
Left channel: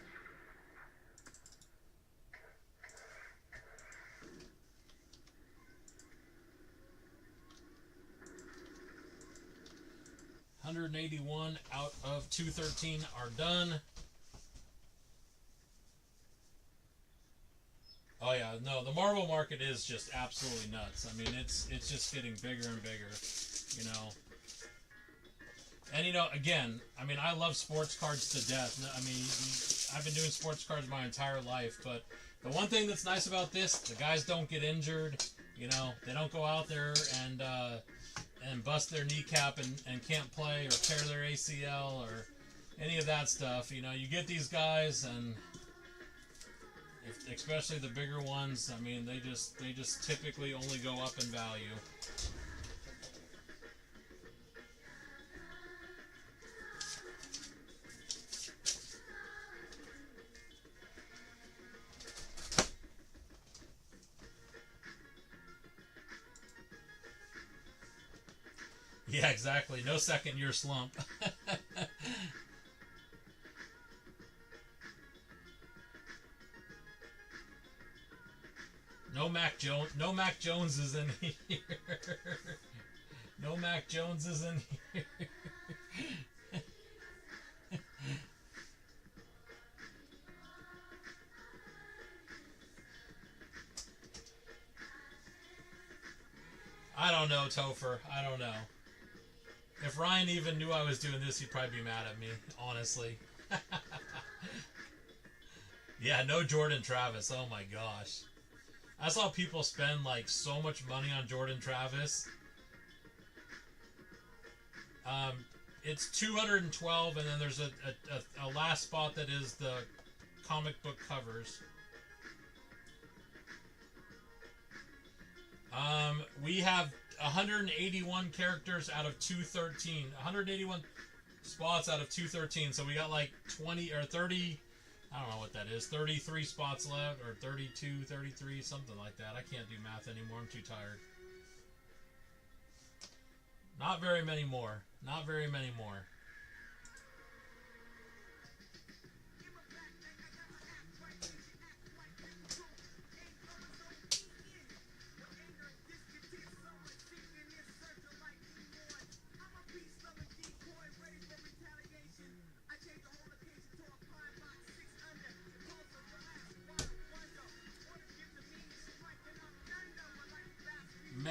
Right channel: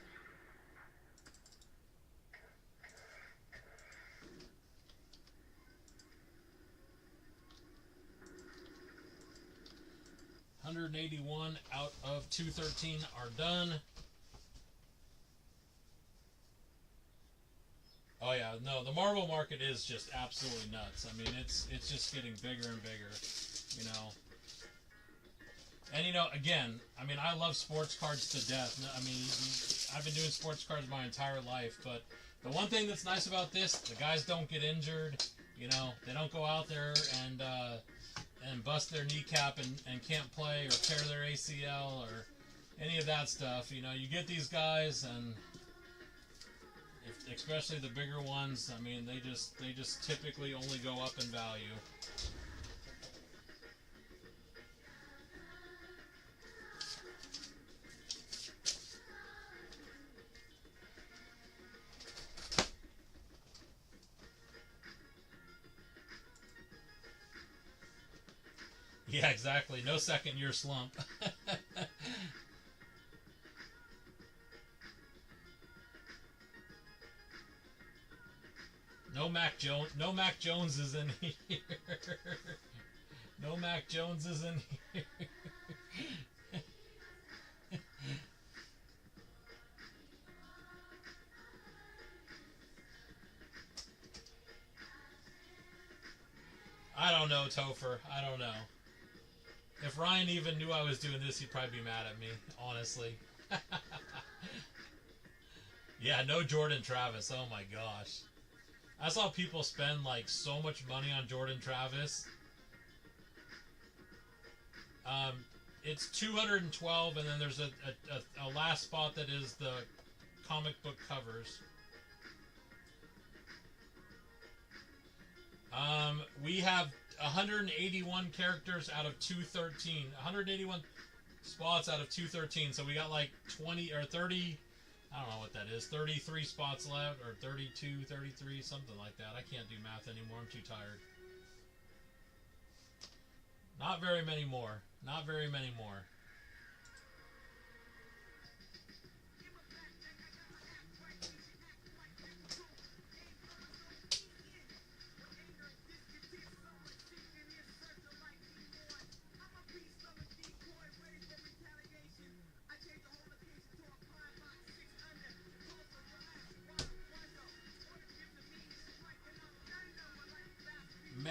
$181 out of 213 are done. Oh yeah, no, the Marvel market is just absolutely nuts. I mean, it's just getting bigger and bigger, you know. And you know, again, I mean, I love sports cards to death. I mean, I've been doing sports cards my entire life, but the one thing that's nice about this, the guys don't get injured. You know, they don't go out there and bust their kneecap and can't play or tear their ACL or any of that stuff. You know, you get these guys, and especially the bigger ones, I mean, they just typically only go up in value. Yeah, exactly. No second year slump. No Mac Jones. No Mac Jones is in here. No Mac Jones is in here. I don't know, Topher. I don't know. If Ryan even knew I was doing this, he'd probably be mad at me, honestly. Yeah, no Jordan Travis. Oh my gosh. I saw people spend like so much money on Jordan Travis. It's 212, and then there's a last spot that is the comic book covers. We have 181 characters out of 213. 181 spots out of 213. So we got like 20 or 30, I don't know what that is, 33 spots left, or 32, 33, something like that. I can't do math anymore. I'm too tired. Not very many more. Not very many more.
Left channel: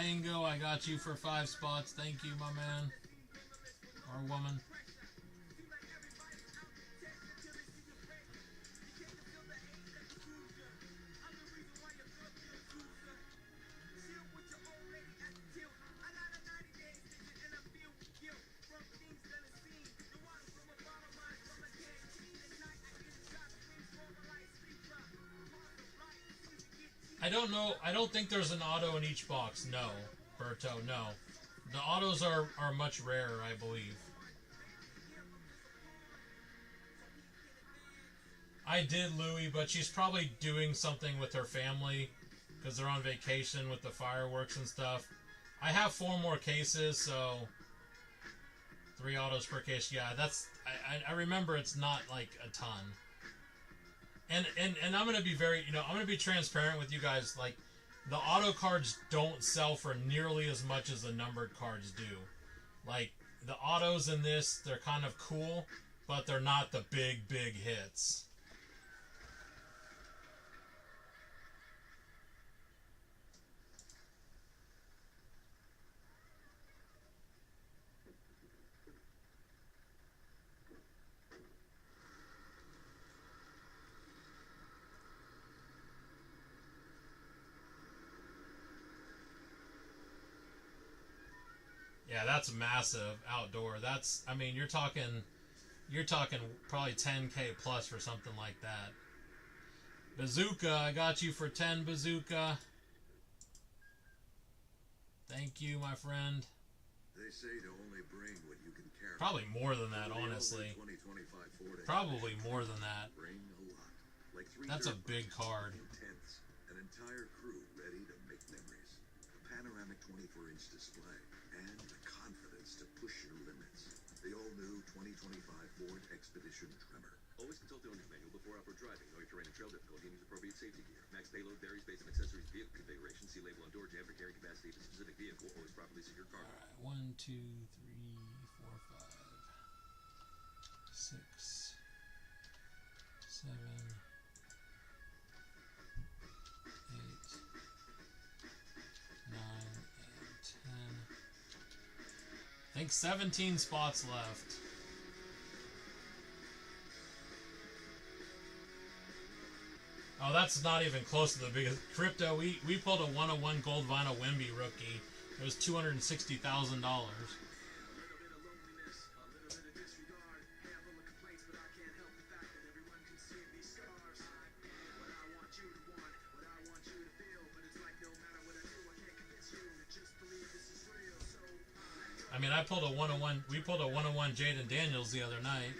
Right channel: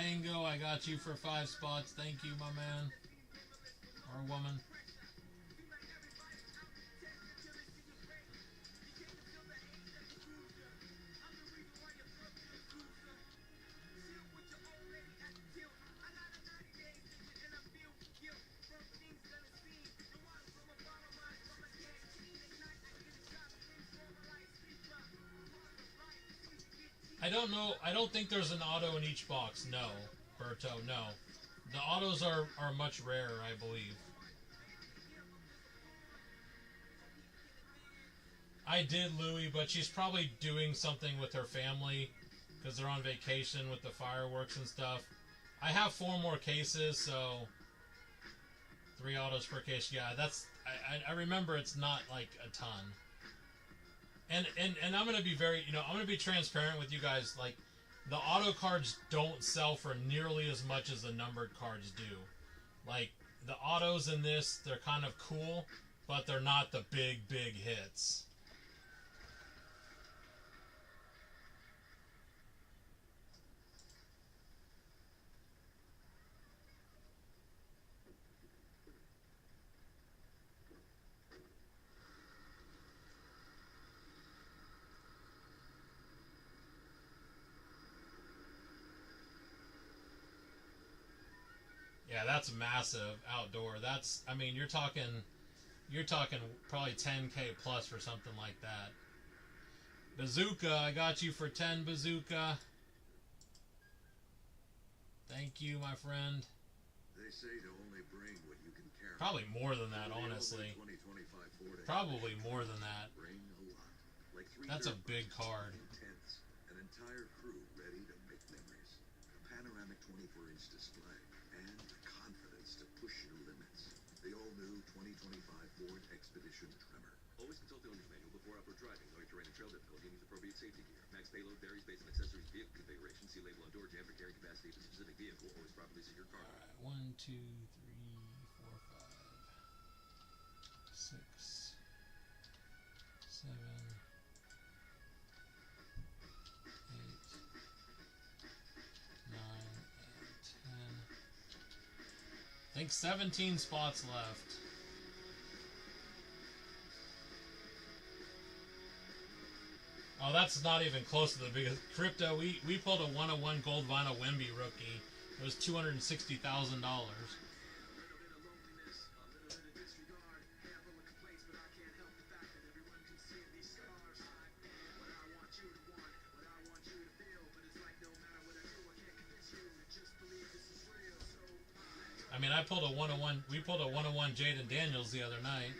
Mango, I got you for 5 spots. Thank you, my man. Or woman. I don't know. I don't think there's an auto in each box. No, Berto, no. The autos are much rarer, I believe. I did, Louie, but she's probably doing something with her family because they're on vacation with the fireworks and stuff. I have 4 more cases, so 3 autos per case. Yeah, that's. I remember it's not like a ton. And I'm gonna be very, I'm gonna be transparent with you guys. Like, the auto cards don't sell for nearly as much as the numbered cards do. Like, the autos in this, they're kind of cool, but they're not the big hits. Yeah, that's massive outdoor. That's, I mean, you're talking probably 10K plus for something like that. Bazooka, I got you for 10, Bazooka. Thank you, my friend. They say to only bring what you can carry. Probably more than that, honestly. Probably more than that. Bring a lot. Like 3 That's a big card. Tents, an entire crew ready to make memories. A panoramic 24-inch display and the confidence to push your limits. The all-new 2025 Ford Expedition Tremor. Always consult the owner's manual before off-road driving. Know your terrain and trail difficulty and use appropriate safety gear. Max payload varies based on accessories, vehicle configuration. See label on door jam for carrying capacity of a specific vehicle. Always properly secure cargo. All right, 1, 2, 3, 4, 5, 6, 7, 8, 9, and 10. I think 17 spots left. Oh, that's not even close to the biggest. Crypto, we pulled a 101 gold vinyl Wemby rookie. It was $260,000. I mean, I pulled a 101. We pulled a 101 Jaden Daniels the other night.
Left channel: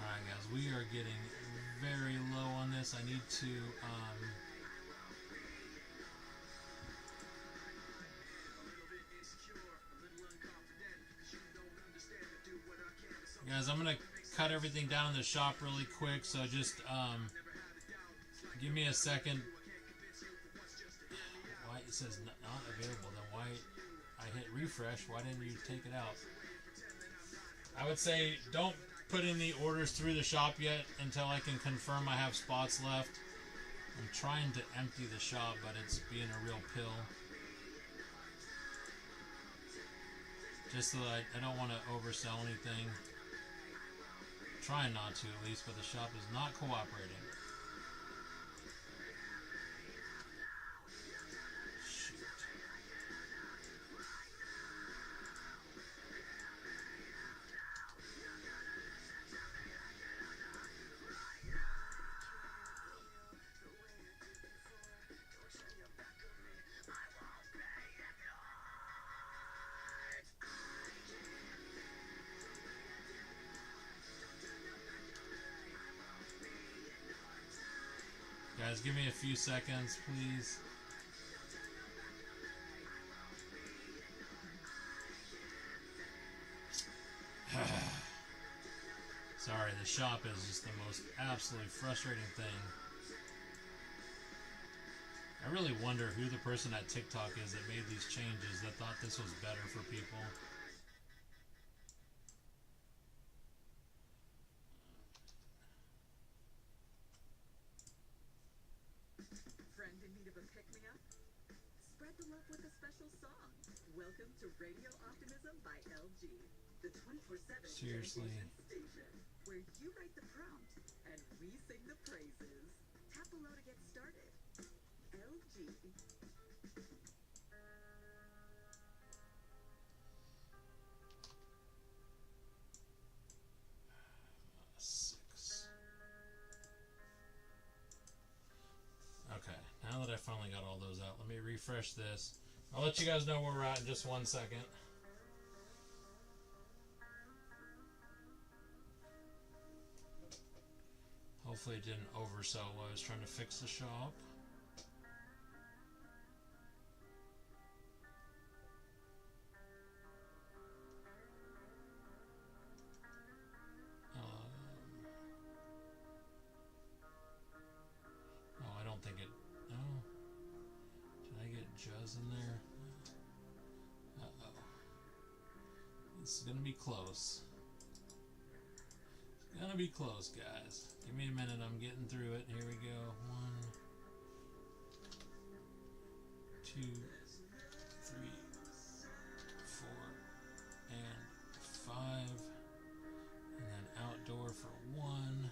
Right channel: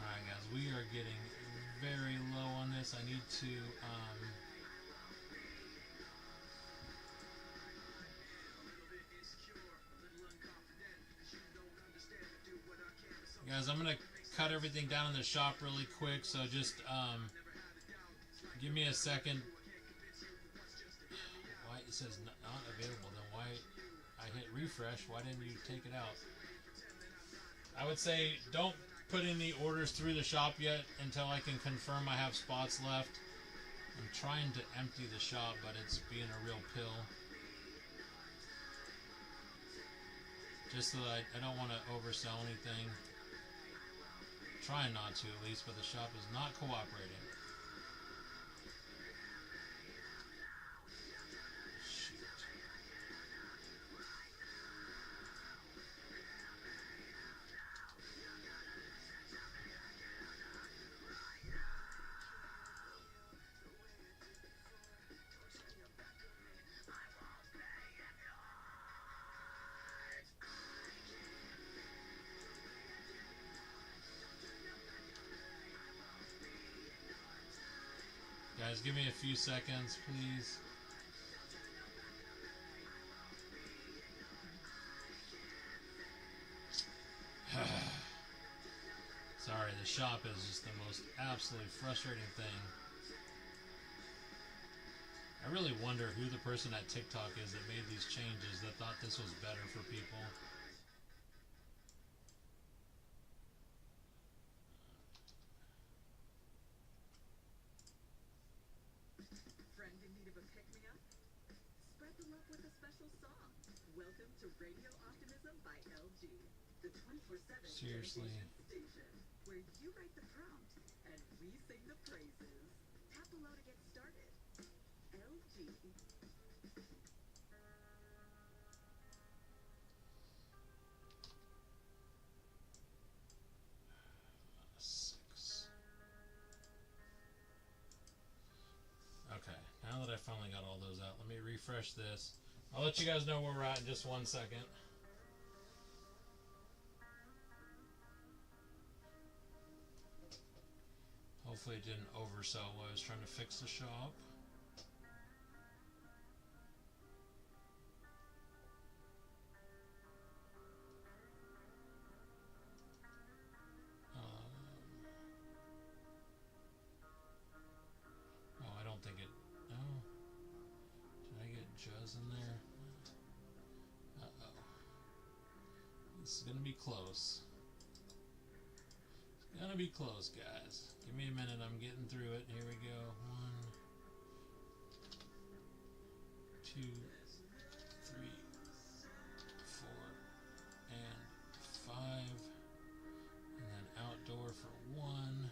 Alright, guys, we are getting very low on this. I need to, guys, I'm going to cut everything down in the shop really quick, so just, give me a second. Why it says not available, then why, I hit refresh, why didn't you take it out? I would say don't put any orders through the shop yet until I can confirm I have spots left. I'm trying to empty the shop, but it's being a real pill. Just so that I don't want to oversell anything. Trying not to, at least, but the shop is not cooperating. Shoot. Guys, give me a few seconds, please. Sorry, the shop is just the most absolutely frustrating thing. I really wonder who the person at TikTok is that made these changes that thought this was better for people. with a special song. Welcome to Radio Optimism by LG, the 24/7 Seriously. station where you write the prompt and we sing the praises. Tap below to get started. LG. 6. Okay, now that I finally got all those out, let me refresh this. I'll let you guys know where we're at in just 1 second. Hopefully it didn't oversell while I was trying to fix the shop. Oh, I don't think it... No. Did I get Juzz in there? Uh-oh. This is going to be close. It's going to be close, guys. Give me a minute. I'm getting through it. Here we go. 1, 2, 3, 4, and 5. And then outdoor for 1.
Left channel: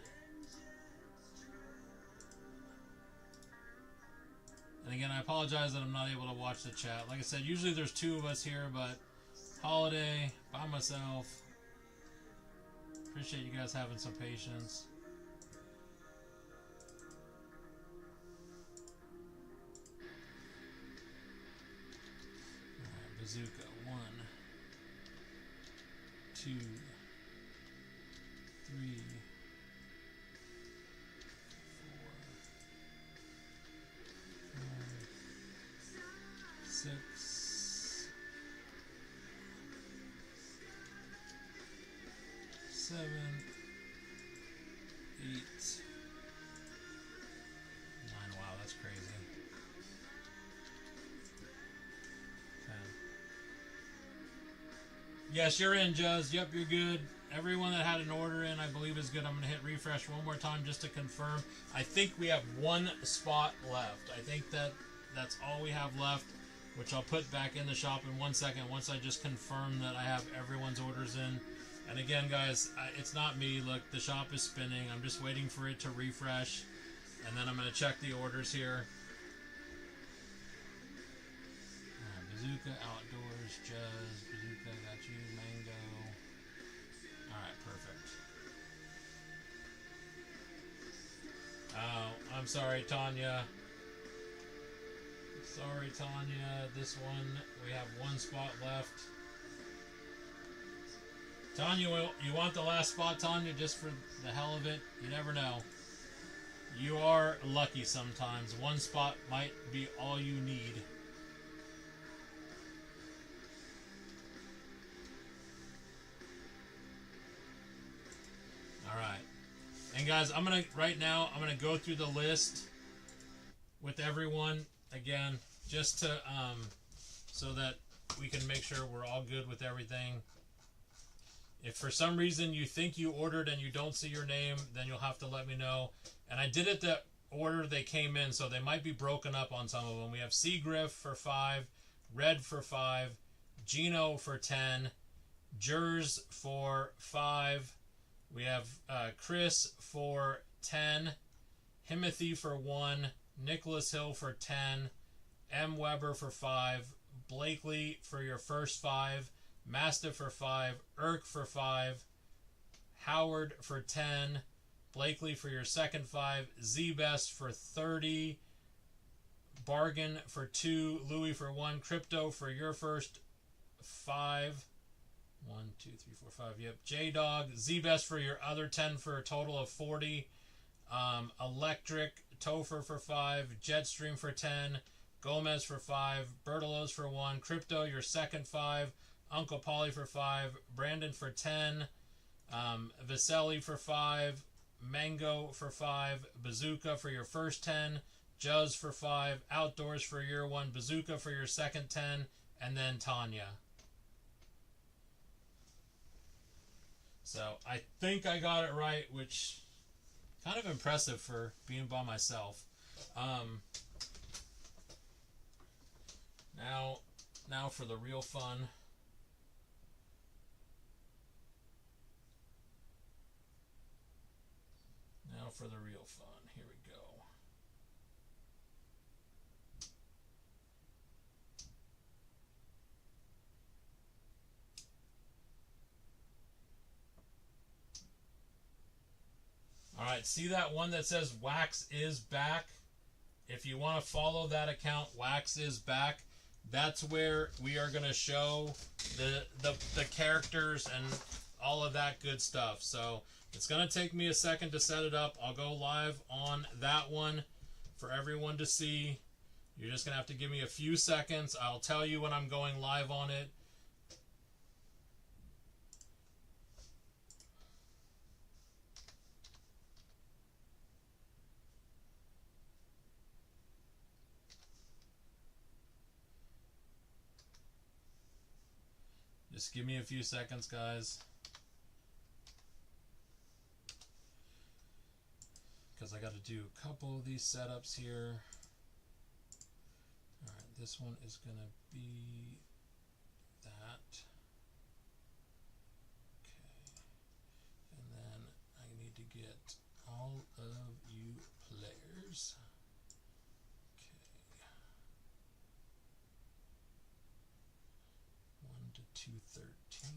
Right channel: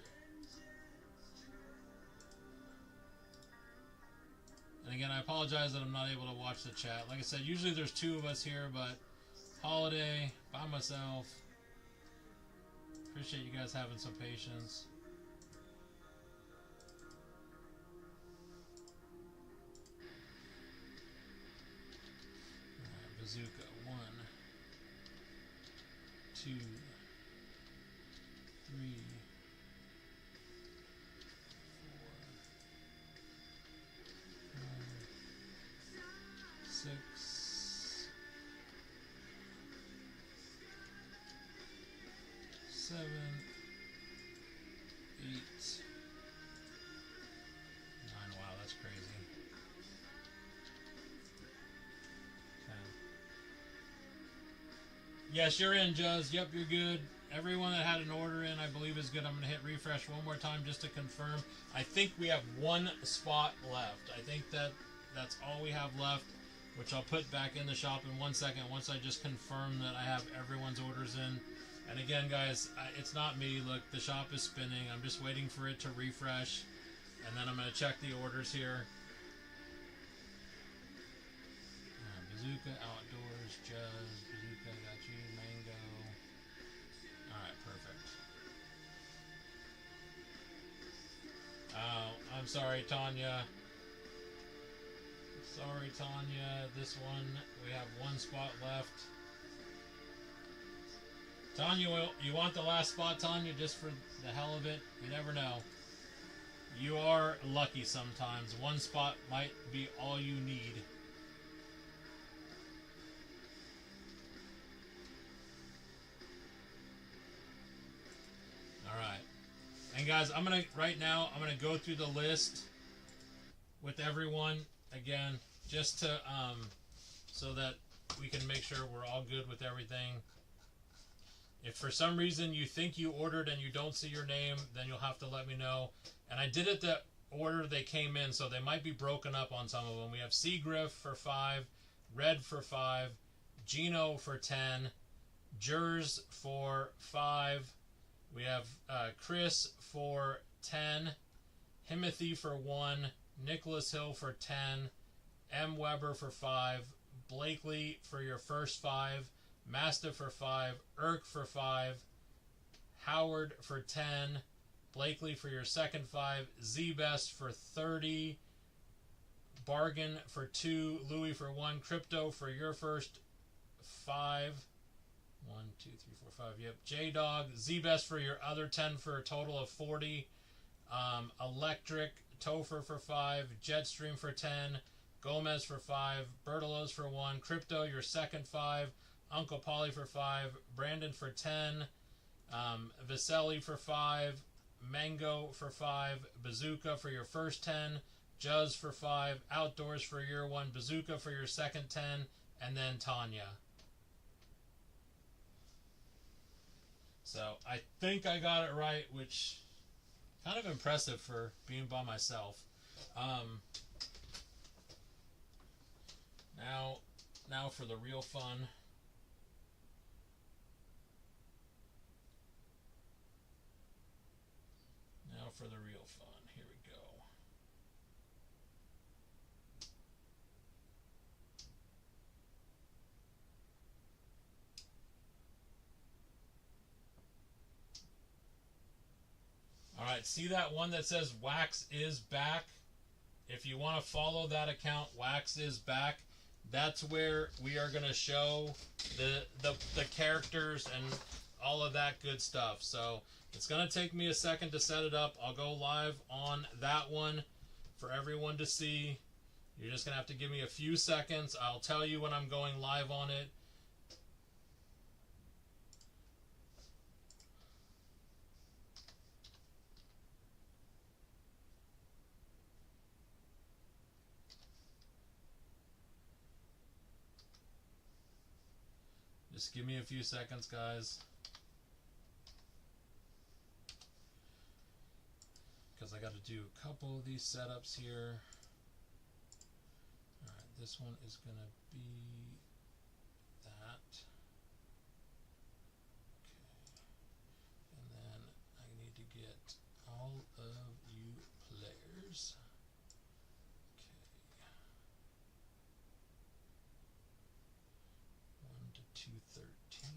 And again, I apologize that I'm not able to watch the chat. Like I said, usually there's 2 of us here, but holiday, by myself. Appreciate you guys having some patience. Alright, bazooka. 1, 2, 3, 6, 7, 8, 9. Wow, that's crazy. 10. Yes, you're in, Juzz. Yep, you're good. Everyone that had an order in, I believe, is good. I'm going to hit refresh one more time just to confirm. I think we have 1 spot left. I think that's all we have left, which I'll put back in the shop in 1 second once I just confirm that I have everyone's orders in. And again, guys, it's not me. Look, the shop is spinning. I'm just waiting for it to refresh, and then I'm going to check the orders here. Bazooka, outdoors, Juzz, bazooka, got you, mango. Alright, perfect. Oh, I'm sorry, Tanya. Sorry, Tanya. This one, we have 1 spot left. Tanya, you want the last spot, Tanya, just for the hell of it? You never know. You are lucky sometimes. 1 spot might be all you need. Alright. And guys, right now, I'm gonna go through the list with everyone again, just to so that we can make sure we're all good with everything. If for some reason you think you ordered and you don't see your name, then you'll have to let me know. And I did it the order they came in, so they might be broken up on some of them. We have Seagriff for 5, Red for 5, Gino for 10, Jers for 5. We have Chris for 10, Himothy for 1, Nicholas Hill for 10, M. Weber for 5, Blakely for your first 5, Mastiff for 5, Irk for 5, Howard for 10, Blakely for your second 5, Z-Best for 30, Bargain for 2, Louis for 1, Crypto for your first 5, 1, 2, 3, 4, 5, yep, J-Dog, Z-Best for your other 10 for a total of 40, Electric, Topher for 5, Jetstream for 10, Gomez for 5, Bertolos for 1, Crypto your second 5, Uncle Polly for 5, Brandon for 10, Viselli for 5, Mango for 5, Bazooka for your first 10, Juzz for 5, Outdoors for your 1, Bazooka for your second 10, and then Tanya. So I think I got it right, which kind of impressive for being by myself. Now for the real fun. Now for the real fun. Here we go. Alright, see that one that says Wax is back? If you want to follow that account, Wax is back, that's where we are going to show the characters and all of that good stuff. So it's going to take me a second to set it up. I'll go live on that one for everyone to see. You're just going to have to give me a few seconds. I'll tell you when I'm going live on it. Just give me a few seconds, guys. Because I got to do a couple of these setups here. Alright, this one is going to be that. Okay. And then I need to get all of you players. Okay. 1 to 213.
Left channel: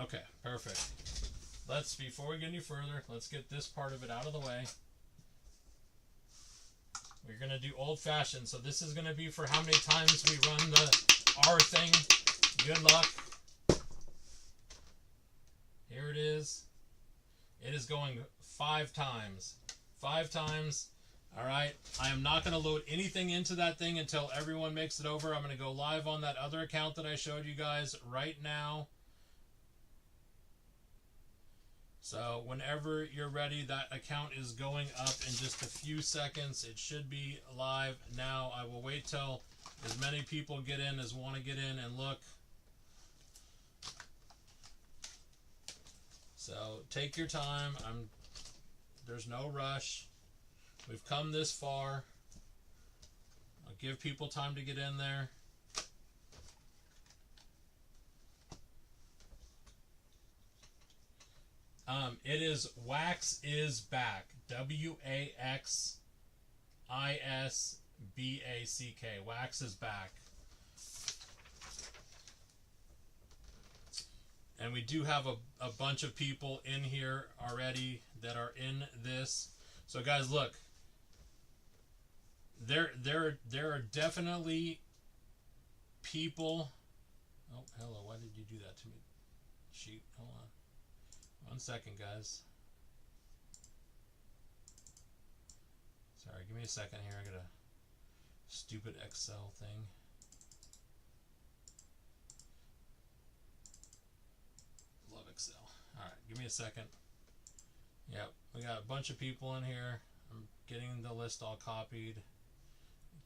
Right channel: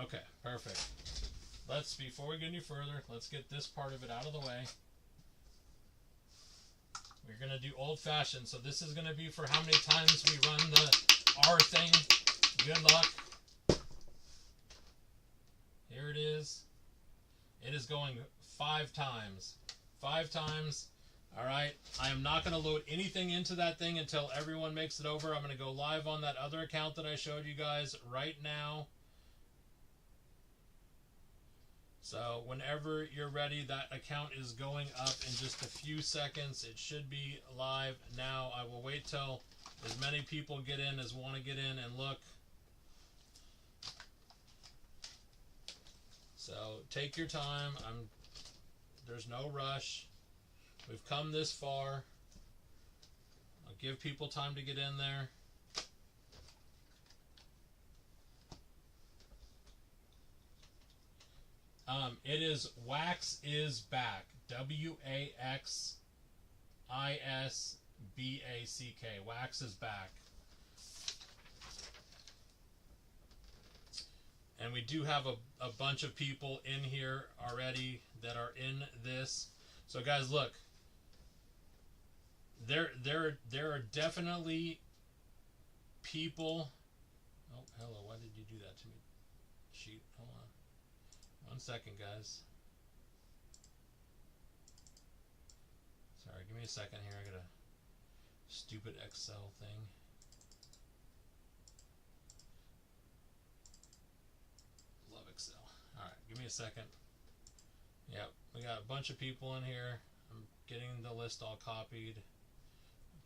Okay, perfect. Before we get any further, let's get this part of it out of the way. We're going to do old-fashioned, so this is going to be for how many times we run the R thing. Good luck. Here it is. It is going 5 times. 5 times. Alright, I am not going to load anything into that thing until everyone makes it over. I'm going to go live on that other account that I showed you guys right now. So whenever you're ready, that account is going up in just a few seconds. It should be live now. I will wait till as many people get in as want to get in and look. So take your time. There's no rush. We've come this far. I'll give people time to get in there. It is Wax is back. W-A-X-I-S-B-A-C-K. Wax is back. And we do have a bunch of people in here already that are in this. So guys, look. There are definitely people. Oh, hello. Why did you do that to me? Shoot, hold on. 1 second, guys. Sorry, give me a second here. I got a stupid Excel thing. Love Excel. Alright, give me a second. Yep, we got a bunch of people in here. I'm getting the list all copied.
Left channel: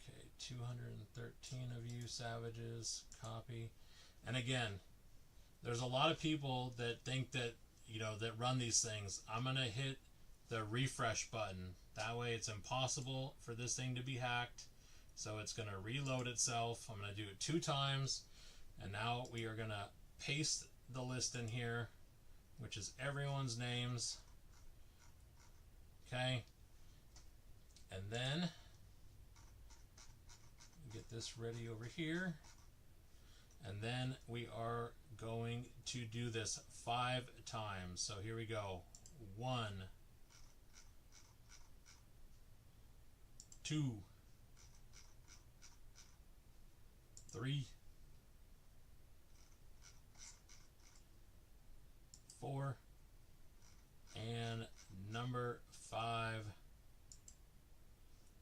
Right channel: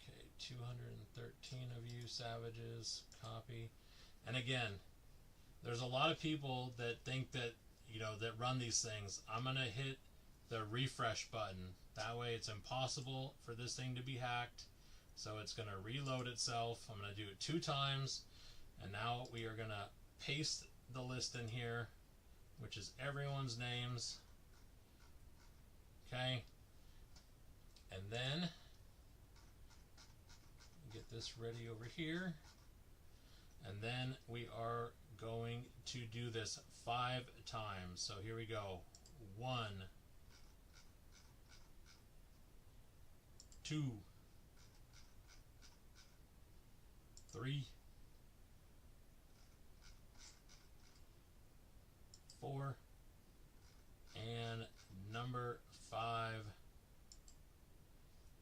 Okay, 213 of you savages. Copy. And again, there's a lot of people that think that that run these things. I'm going to hit the refresh button. That way it's impossible for this thing to be hacked. So it's going to reload itself. I'm going to do it 2 times. And now we are going to paste the list in here, which is everyone's names. Okay. And then get this ready over here. And then we are going to do this 5 times. So here we go. 1, 2, 3, 4, and number 5.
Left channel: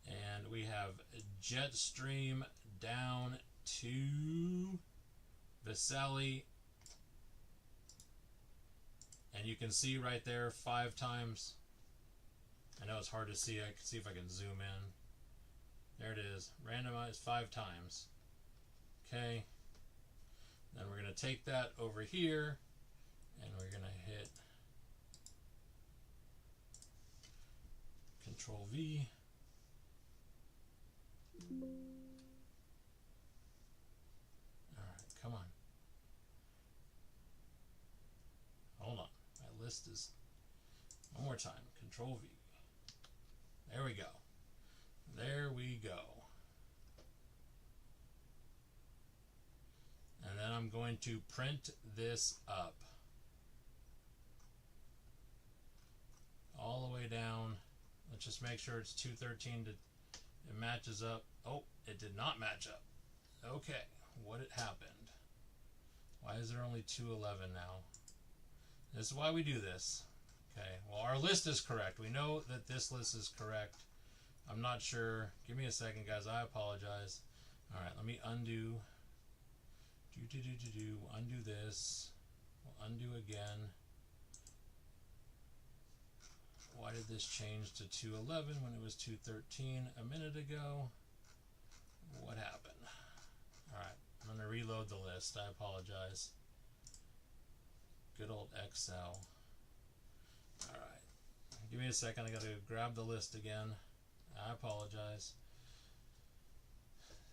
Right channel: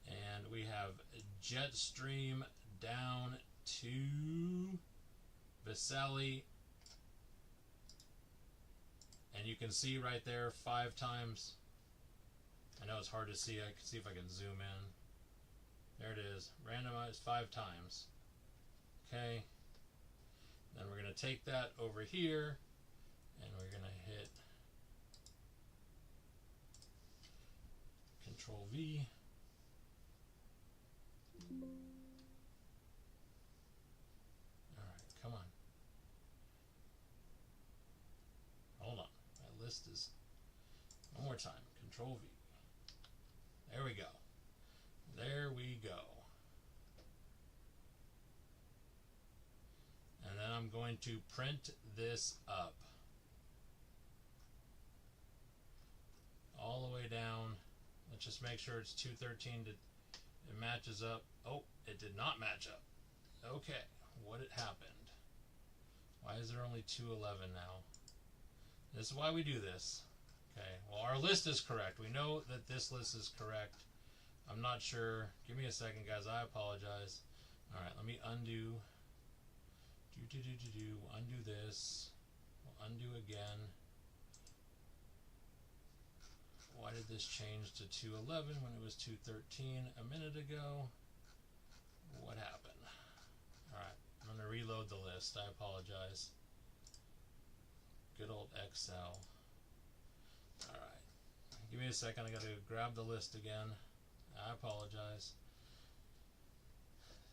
And we have Jetstream down to Viselli. And you can see right there 5 times. I know it's hard to see. I can see if I can zoom in. There it is. Randomized 5 times. Okay. Then we're going to take that over here. And we're going to hit Control V. Alright, come on. Hold on. My list is... One more time. Control V. There we go. There we go. And then I'm going to print this up. All the way down. Let's just make sure it's 213 to it matches up. Oh, it did not match up. Okay, what had happened? Why is there only 211 now? This is why we do this. Okay, well, our list is correct. We know that this list is correct. I'm not sure. Give me a second, guys. I apologize. All right, let me undo. Undo this. We'll undo again. Why did this change to 211 when it was 213 a minute ago? What happened? Alright, I'm going to reload the list. I apologize. Good old Excel. Alright, give me a second. I got to grab the list again. I apologize.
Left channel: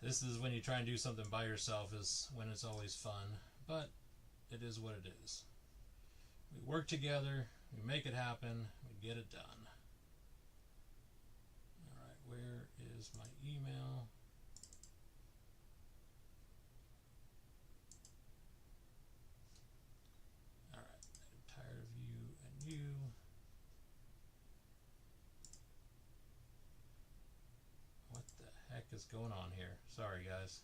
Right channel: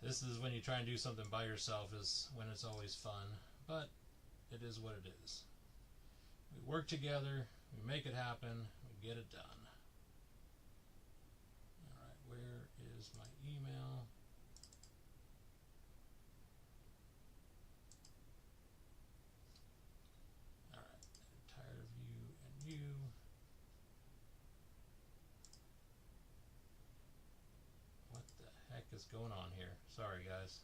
This is when you try and do something by yourself, is when it's always fun. But it is what it is. We work together. We make it happen. We get it done. Alright, where is my email? Alright, I'm tired of you and you. What the heck is going on here? Sorry, guys.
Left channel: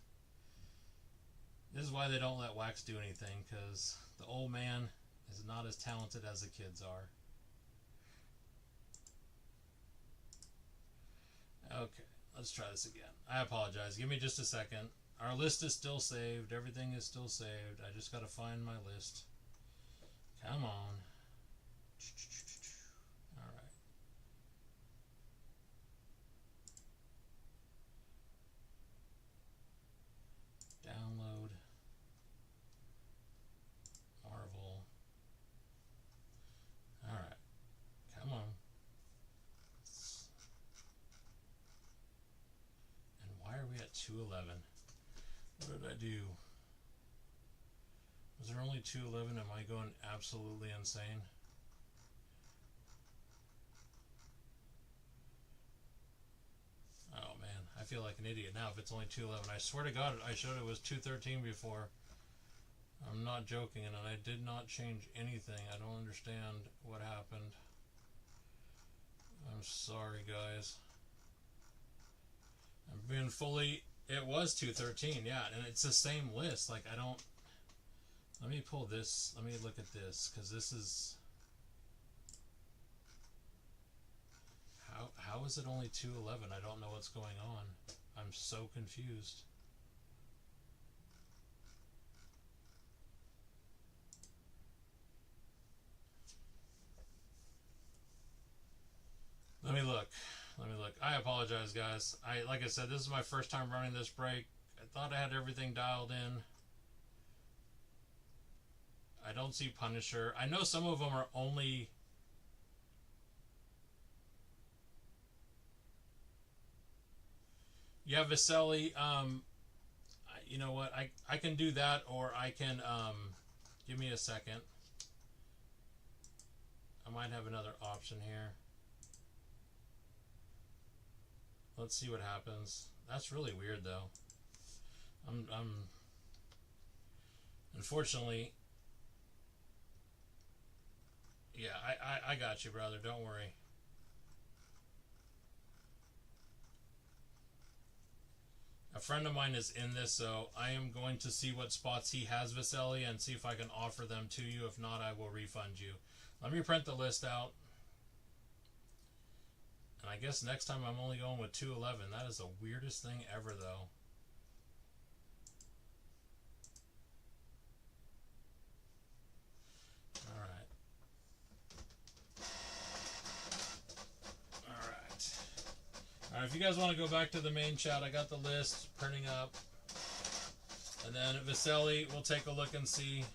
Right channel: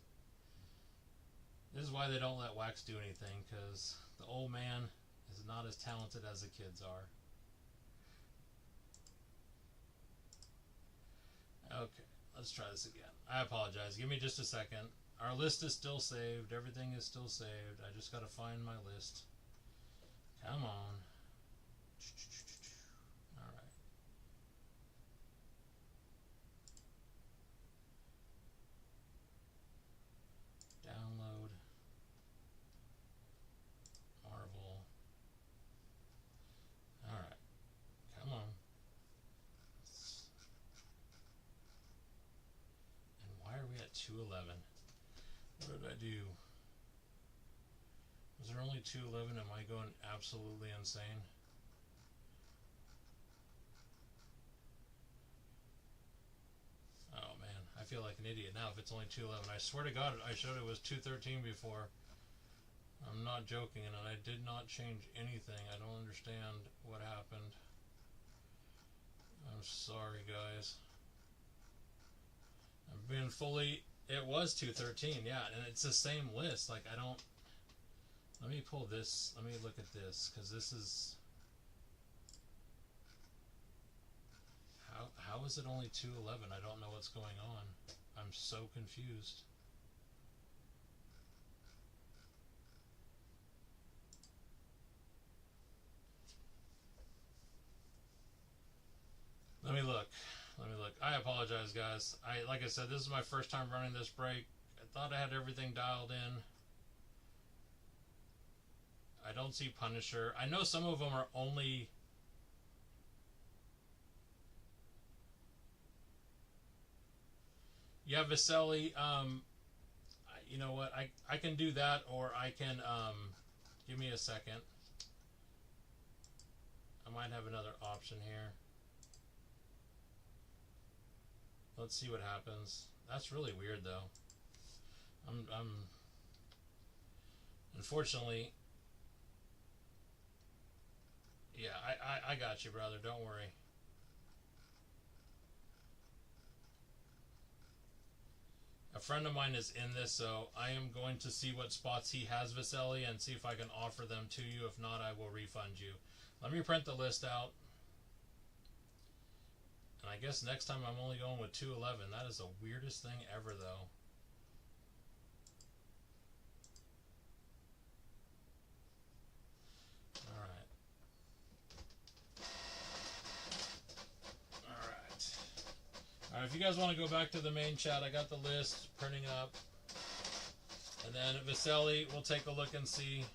This is why they don't let Wax do anything, because the old man is not as talented as the kids are. Okay, let's try this again. I apologize. Give me just a second. Our list is still saved. Everything is still saved. I just got to find my list. Come on. All right. Download. Marvel. All right. Come on. And why are we at 211? What did I do? Was there only 211? Am I going absolutely insane? Oh man, I feel like an idiot now if it's only 211. I swear to God, I showed it was 213 before. I'm not joking, and I did not change anything. I don't understand what happened. I'm sorry, guys. I'm being fully... It was 213, yeah, and it's the same list. Like, I don't... Let me pull this. Let me look at this, because this is... How is it only 211? I don't know what's going on. I'm so confused. Let me look. Let me look. I apologize, guys. Like I said, this is my first time running this break. I thought I had everything dialed in. I don't see Punisher. I know some of them are only... Yeah, Viselli. You know what? I can do that, or I can... give me a second. I might have another option here. Let's see what happens. That's really weird, though. Unfortunately... Yeah, I got you, brother. Don't worry. A friend of mine is in this, so I am going to see what spots he has Viselli and see if I can offer them to you. If not, I will refund you. Let me print the list out. And I guess next time I'm only going with 211. That is the weirdest thing ever, though. Alright. Alright, if you guys want to go back to the main chat, I got the list printing up. And then Viselli, we'll take a look and see.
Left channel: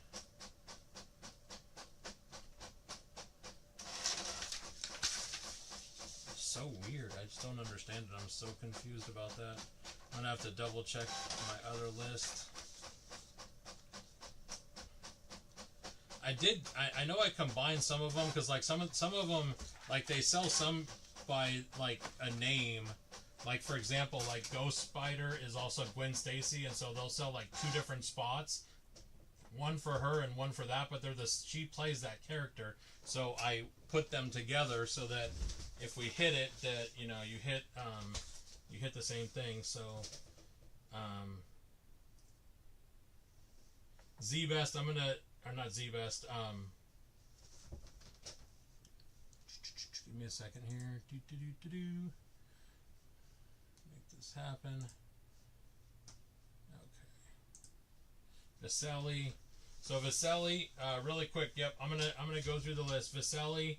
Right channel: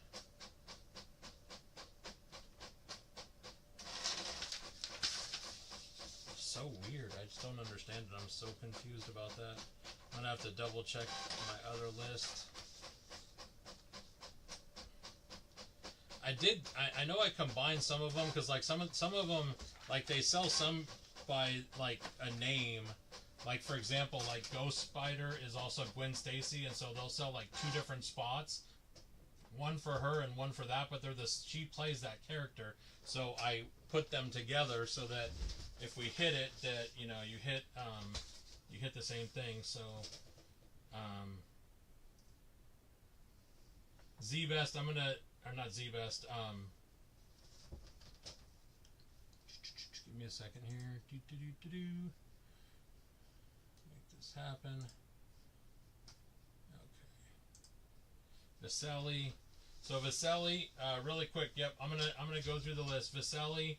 So weird. I just don't understand it. I'm so confused about that. I'm gonna have to double check my other list. I know I combined some of them because like some of them, like they sell some by like a name. Like for example, like Ghost Spider is also Gwen Stacy, and so they'll sell like 2 different spots, one for her and one for that. But she plays that character, so I put them together so that if we hit it, that you hit the same thing. So Z-Best, I'm gonna. Or not Z-Best. Give me a second here. Make this happen. Okay. Viselli. So Viselli, really quick. Yep, I'm gonna go through the list. Viselli.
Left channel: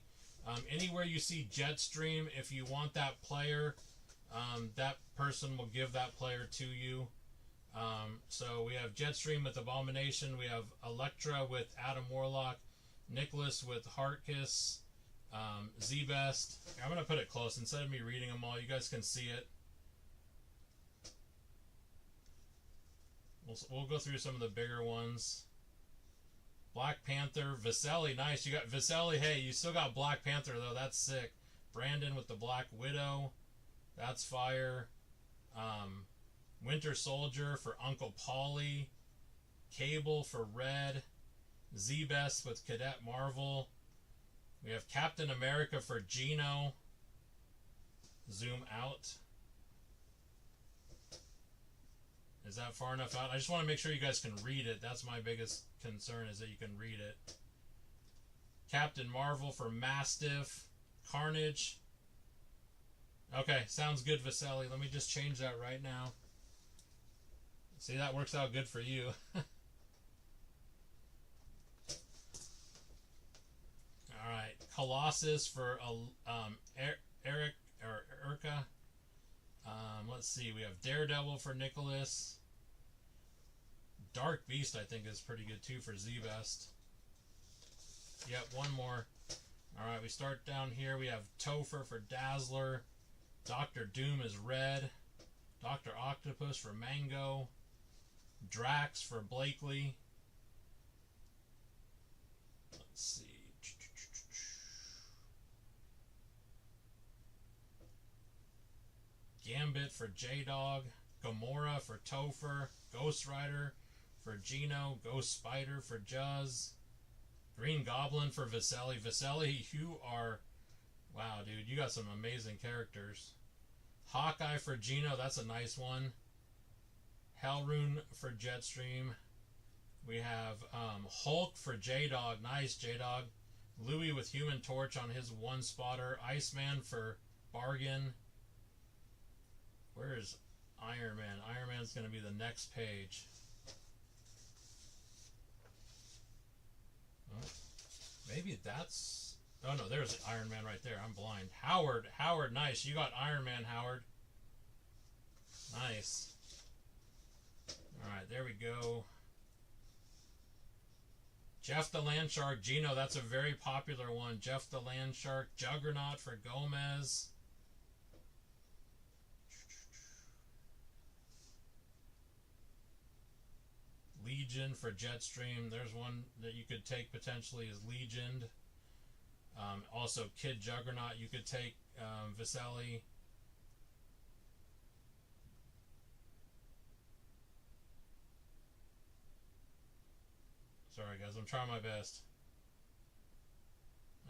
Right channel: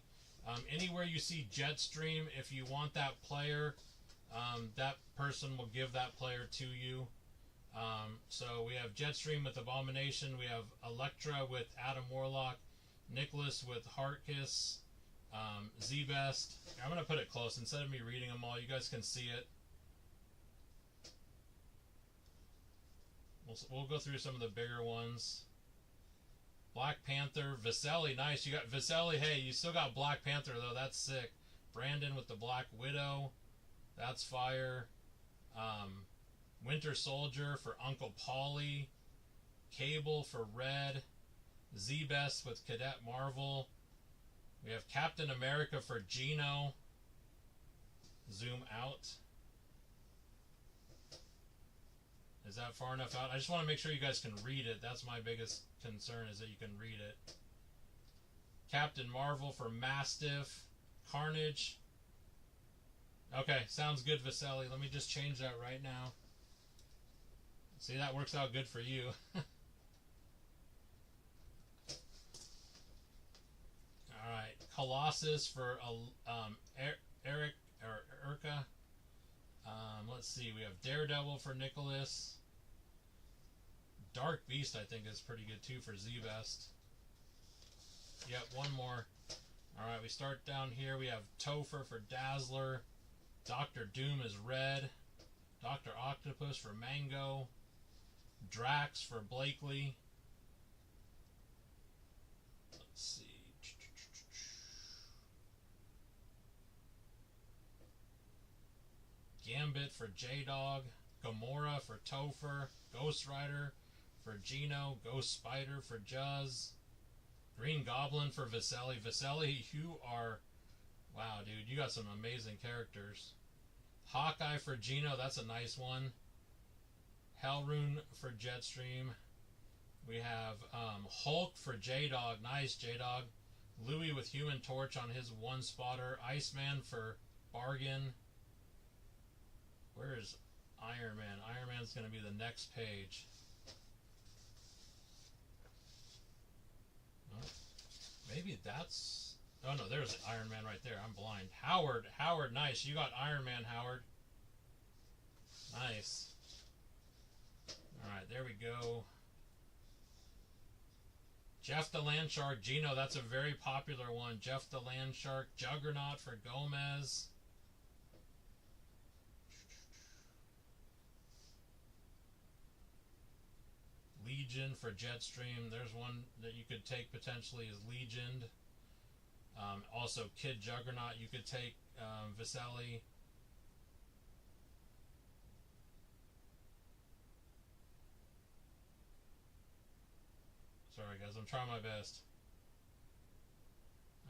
Anywhere you see Jetstream, if you want that player, that person will give that player to you. So we have Jetstream with Abomination, we have Elektra with Adam Warlock, Nicholas with Heartkiss, Z-Best. I'm going to put it close. Instead of me reading them all, you guys can see it. We'll go through some of the bigger ones. Black Panther, Viselli, nice. You got Viselli. Hey, you still got Black Panther, though. That's sick. Brandon with the Black Widow. That's fire. Winter Soldier for Uncle Paulie, Cable for Red, Z-Best with Cadet Marvel. We have Captain America for Gino. Zoom out. Is that far enough out? I just want to make sure you guys can read it. That's my biggest concern, is that you can read it. Captain Marvel for Mastiff, Carnage. Okay, sounds good, Viselli. Let me just change that right now. See, that works out good for you. Alright, Colossus for Eric or Urka. Let's see, we have Daredevil for Nicholas. Dark Beast, I think, is pretty good too for Z-Best. Yep, one more. Alright, we start down here. We have Topher for Dazzler. Doctor Doom is Red. Dr. Octopus for Mango. Drax for Blakely. Let's see. Gambit for J-Dog. Gamora for Topher. Ghost Rider for Gino. Ghost Spider for Juzz. Green Goblin for Viselli. Viselli, you are... Wow, dude, you got some amazing characters. Hawkeye for Gino, that's a nice one. Hellrune for Jetstream. We have Hulk for J-Dog. Nice, J-Dog. Louis with Human Torch on his one spotter. Iceman for Bargain. Where is Iron Man? Iron Man's going to be the next page. Oh, maybe that's... Oh, no, there's Iron Man right there. I'm blind. Howard, nice. You got Iron Man, Howard. Nice. Alright, there we go. Jeff the Landshark. Gino, that's a very popular one. Jeff the Landshark. Juggernaut for Gomez. Legion for Jetstream. There's one that you could take potentially as Legion. Also, Kid Juggernaut, you could take Viselli. Sorry, guys. I'm trying my best.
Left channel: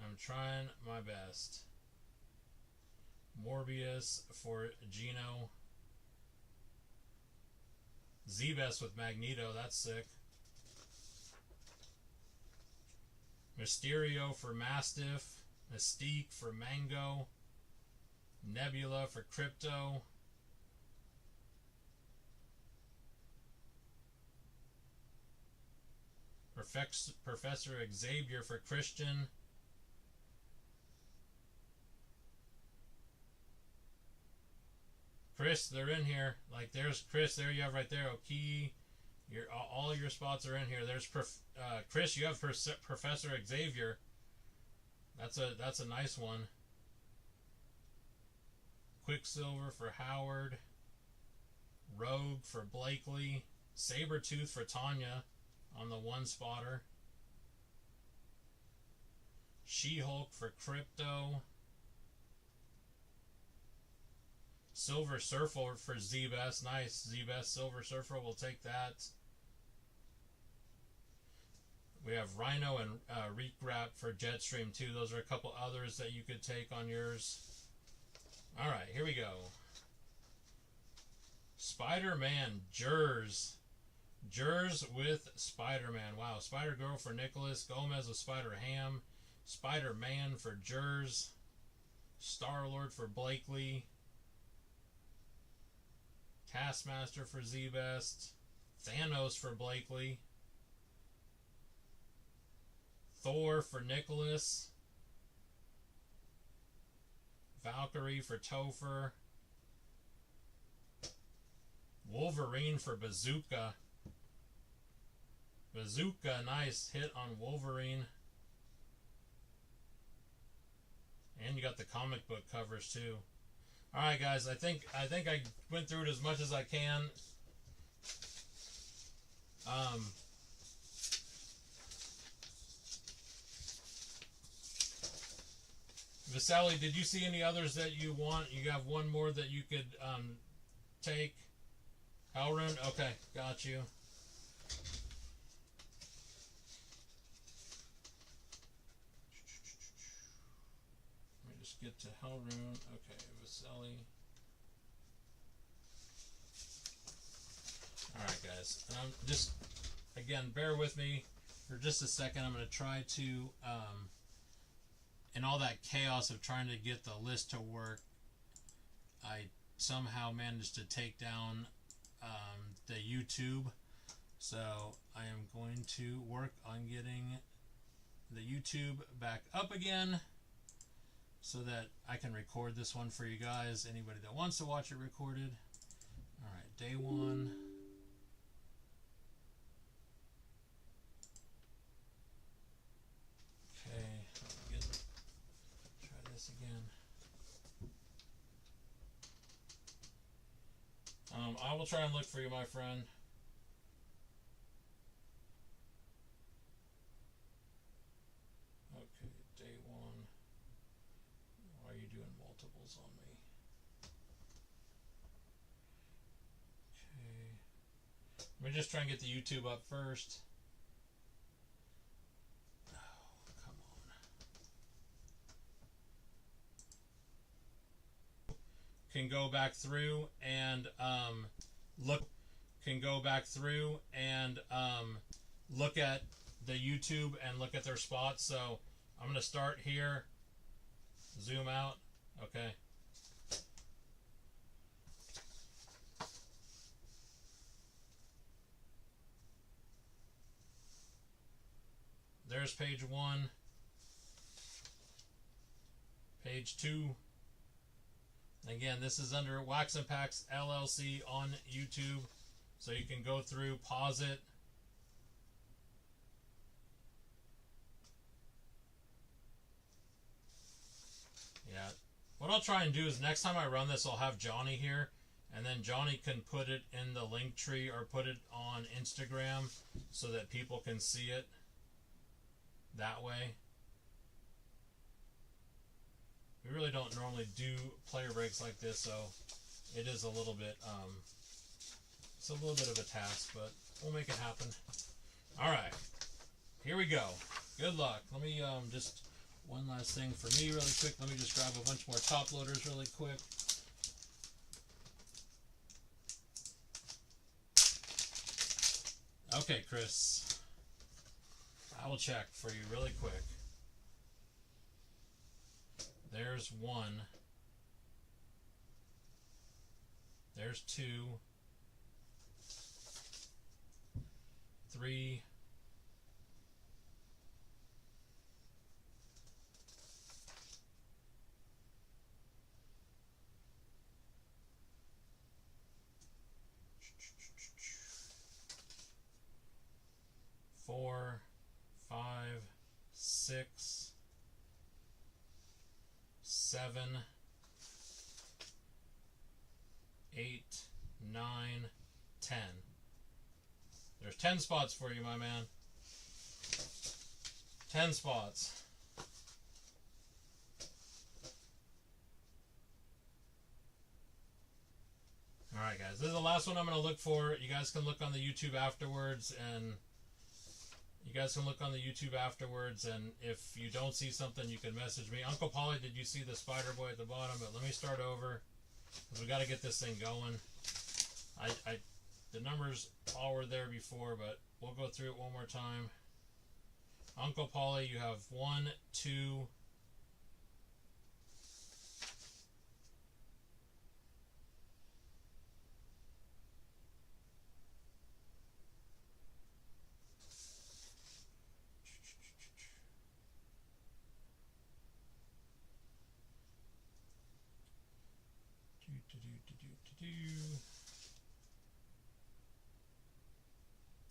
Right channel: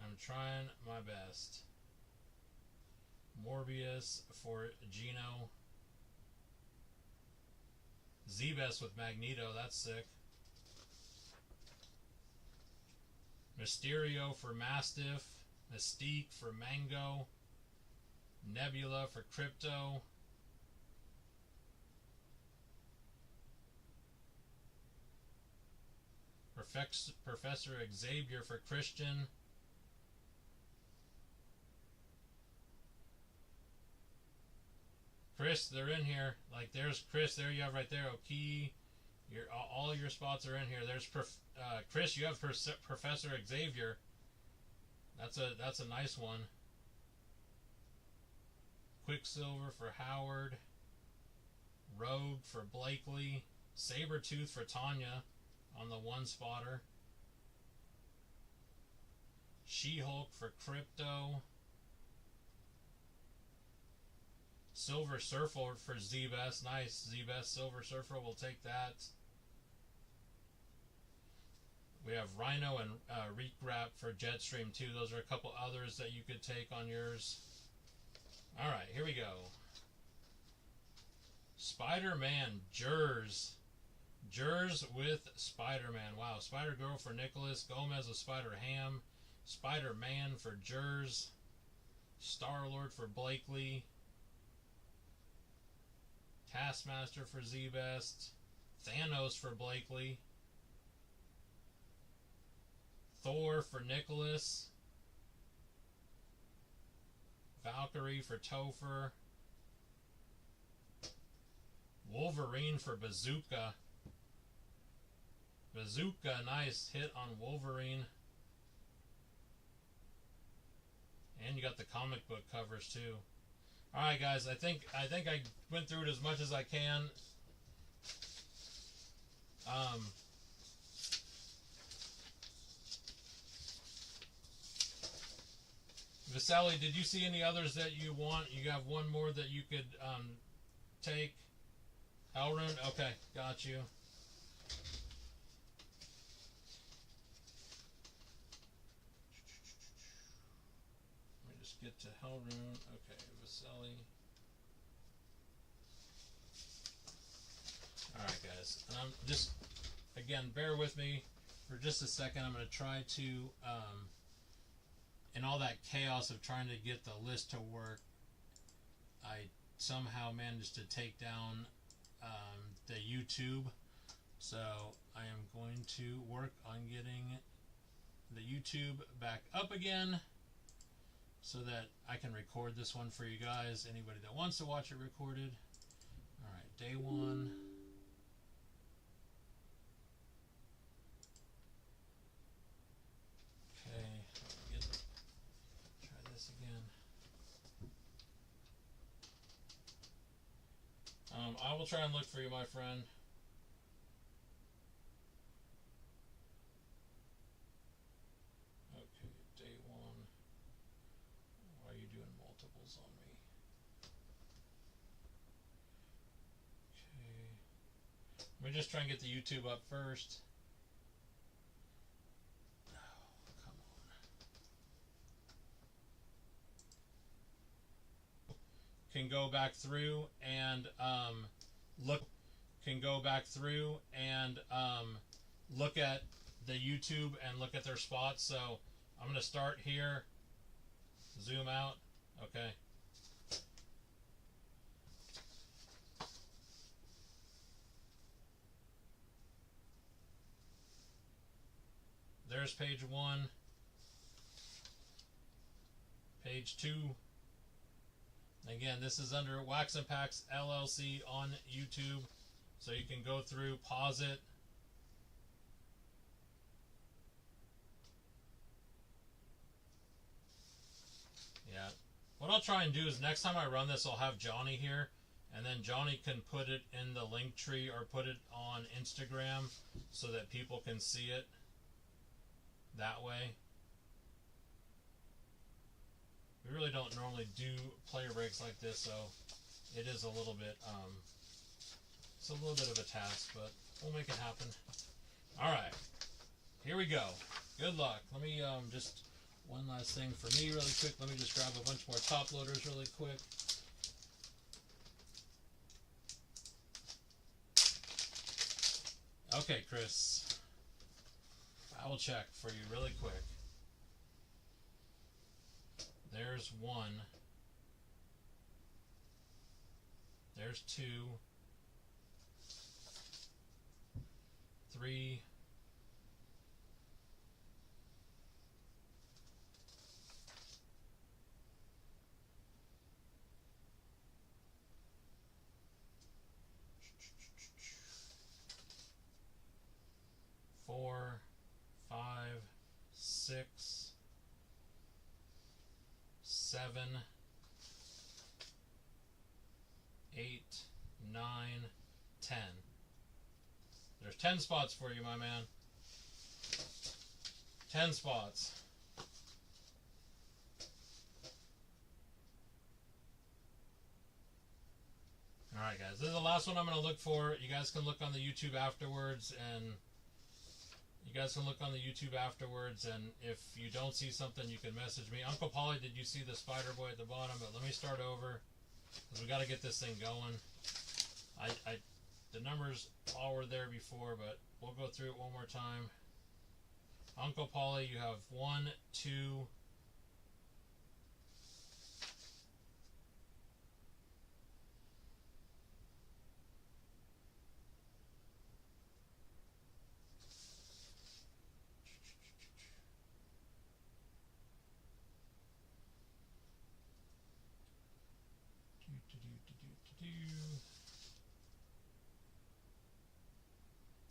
I'm trying my best. Morbius for Gino. Z-Best with Magneto. That's sick. Mysterio for Mastiff. Mystique for Mango. Nebula for Crypto. Professor Xavier for Christian. Chris, they're in here. Like, there's Chris. There you have right there. Oki. All your spots are in here. There's Chris. You have Professor Xavier. That's a nice one. Quicksilver for Howard. Rogue for Blakely. Sabretooth for Tanya on the 1-spotter. She-Hulk for Crypto. Silver Surfer for Z-Best. Nice. Z-Best Silver Surfer. We'll take that. We have Rhino and Reek Wrap for Jetstream too. Those are a couple others that you could take on yours. Alright, here we go. Spider-Man Jers. Jers with Spider-Man. Wow. Spider-Girl for Nicholas. Gomez with Spider-Ham. Spider-Man for Jers. Star-Lord for Blakely. Taskmaster for Z-Best. Thanos for Blakely. Thor for Nicholas. Valkyrie for Topher. Wolverine for Bazooka. Bazooka, nice hit on Wolverine. And you got the comic book covers too. Alright guys, I think I went through it as much as I can. Vasali, did you see any others that you want? You have one more that you could take. Hellrune? Okay, got you. Let me just get to Hellrune. Okay, Vasali. Alright guys, and I'm just, again, bear with me for just a second. I'm going to try to, in all that chaos of trying to get the list to work, I somehow managed to take down the YouTube. So I am going to work on getting the YouTube back up again so that I can record this one for you guys. Anybody that wants to watch it recorded. Alright, day one. Okay, try this again. I will try and look for you, my friend. Okay, day one. Why are you doing multiples on me? Okay. Let me just try and get the YouTube up first. Oh, come on. Can go back through and look at the YouTube and look at their spots. So I'm going to start here, zoom out. Okay. There's page 1, page 2. Again, this is under Waxnpacks LLC on YouTube, so you can go through, pause it. Yeah. What I'll try and do is next time I run this, I'll have Johnny here, and then Johnny can put it in the link tree or put it on Instagram so that people can see it that way. We really don't normally do player breaks like this, so it is a little bit, it's a little bit of a task, but we'll make it happen. Alright, here we go. Good luck. Let me, just one last thing for me really quick. Let me just grab a bunch more top loaders really quick. Okay, Chris. I will check for you really quick. There's 1. There's 2. 3. 4, 5, 6, 7, 8, 9, 10. There's 10 spots for you, my man. 10 spots. Alright, guys. This is the last one I'm going to look for. You guys can look on the YouTube afterwards, and if you don't see something, you can message me. Uncle Polly, did you see the spider boy at the bottom? But let me start over, because we got to get this thing going. The numbers all were there before, but we'll go through it one more time. Uncle Polly, you have 1, 2,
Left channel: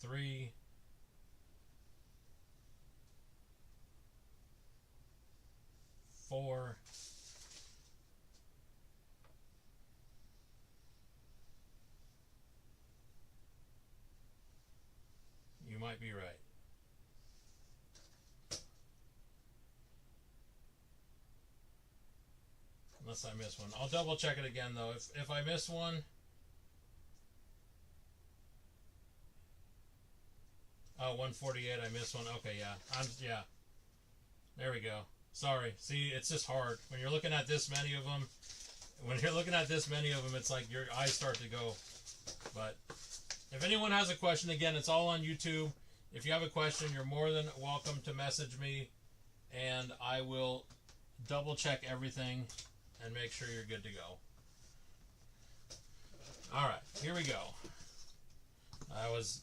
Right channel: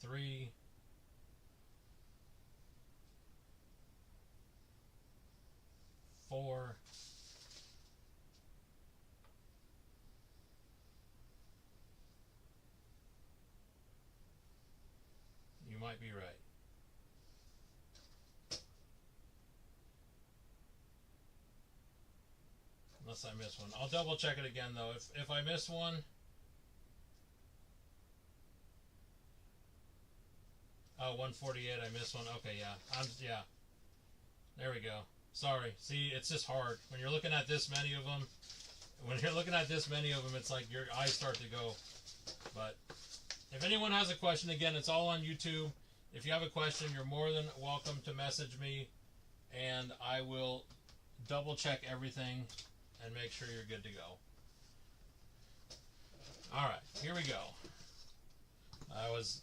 3, 4, 5. You might be right. Unless I miss one. I'll double check it again though. If I miss one, oh, 148, I missed one. Okay, yeah. Yeah. There we go. Sorry. See, it's just hard. When you're looking at this many of them, it's like your eyes start to go. But if anyone has a question, again, it's all on YouTube. If you have a question, you're more than welcome to message me, and I will double check everything and make sure you're good to go. All right, here we go. I was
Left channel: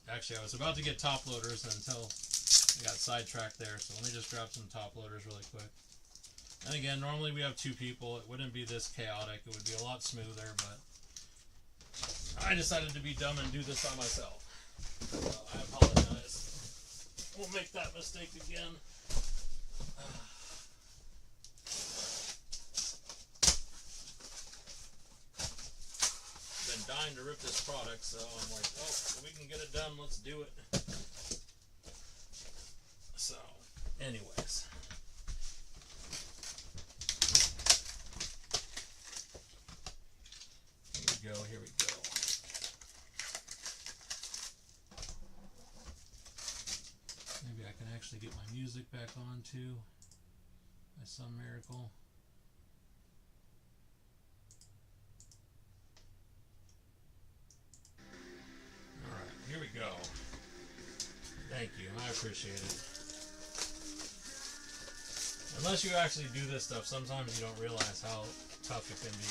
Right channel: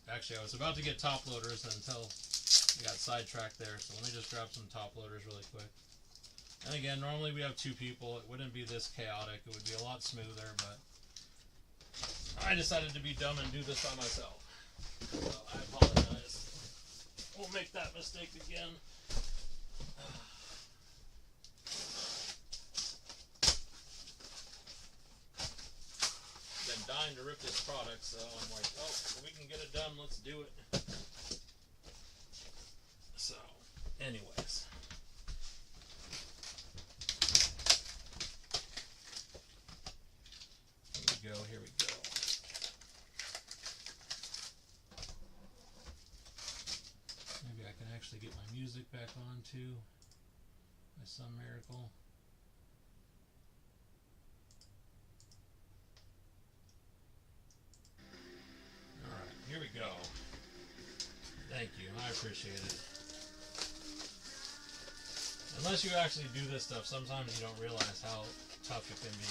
about to get top loaders until I got sidetracked there, so let me just grab some top loaders really quick. And again, normally we have 2 people. It wouldn't be this chaotic. It would be a lot smoother, but I decided to be dumb and do this by myself. So I apologize. Won't make that mistake again. Been dying to rip this product, so I'm like, oh, we can get it done, let's do it. So, anyways. Here we go. Maybe I can actually get my music back on too, by some miracle. Alright, here we go. Thank you, I appreciate it. Unless you actually do this stuff, sometimes you don't realize how tough it can be.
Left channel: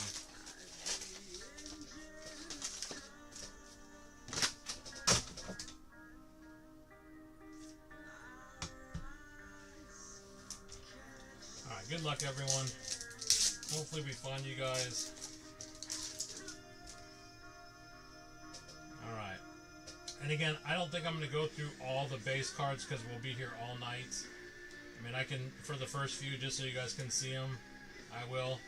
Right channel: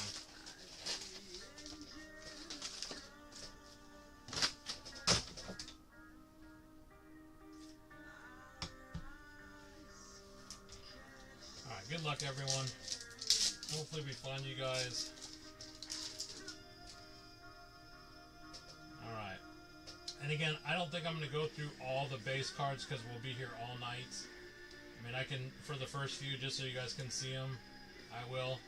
Good luck, everyone. Hopefully we find you guys. Alright. And again, I don't think I'm going to go through all the base cards because we'll be here all night. I mean, I can, for the first few, just so you guys can see them, I will.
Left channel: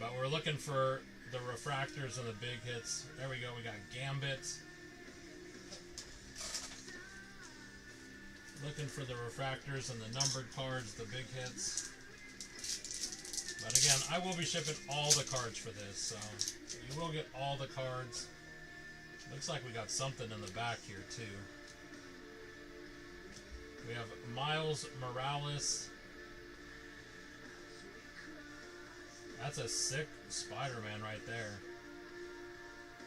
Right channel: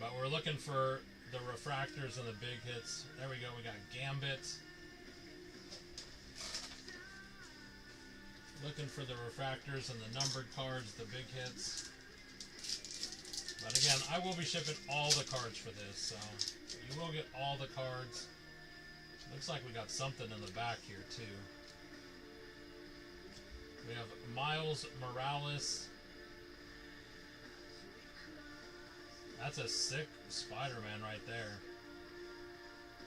But we're looking for the refractors and the big hits. There we go. We got Gambit. Looking for the refractors and the numbered cards, the big hits. But again, I will be shipping all the cards for this, so you will get all the cards. Looks like we got something in the back here too. We have Miles Morales. That's a sick Spider-Man right there.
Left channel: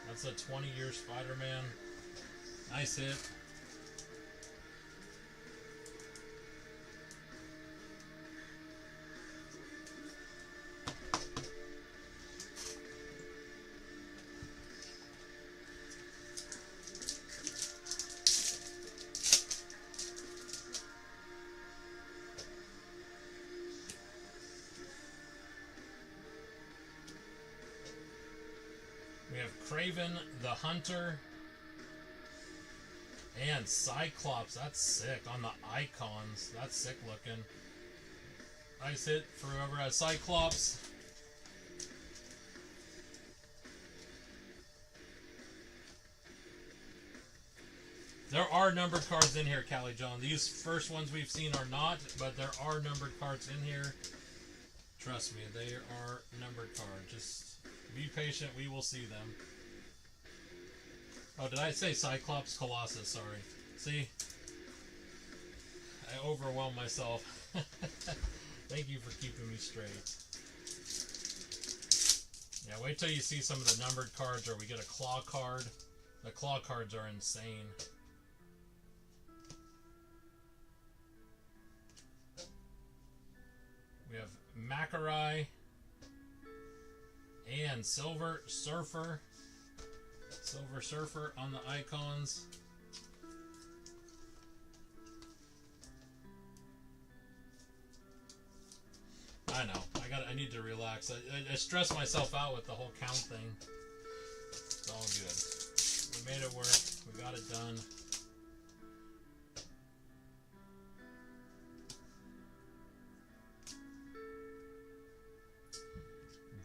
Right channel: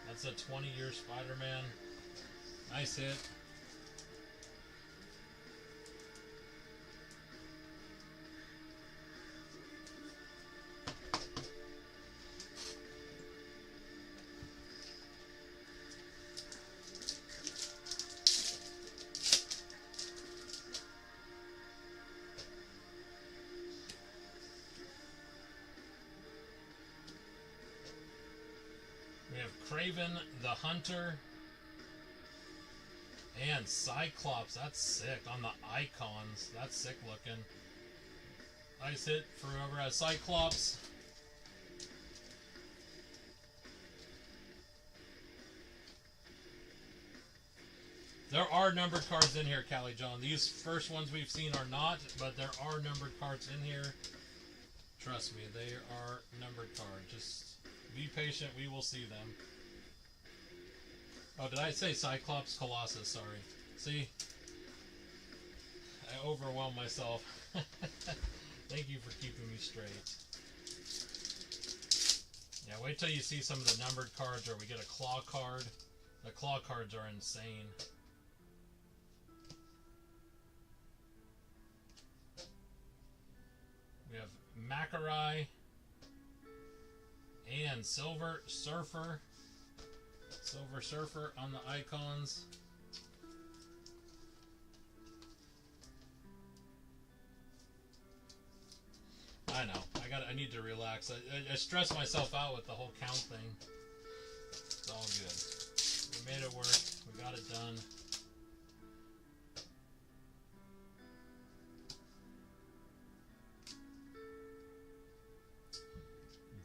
That's a 20-year Spider-Man. Nice hit. Craven the Hunter and Cyclops. That's sick on the icons. That's sick looking. Nice hit for whoever has Cyclops. There are numbered cards in here, Callie John. These first ones we've seen are not, but there are numbered cards in here. Trust me, they are numbered cards. Just be patient, we will see them. Oh, did I say Cyclops Colossus? Sorry. See? I overwhelmed myself. Thank you for keeping me straight. Yeah, wait till you see some of the numbered cards or we get a claw card. The claw cards are insane. We have Macarai and Silver Surfer. Silver Surfer on the icons. I know. I need to relax. I stress myself out with the whole count thing. It's all good. We made it work. We got it done.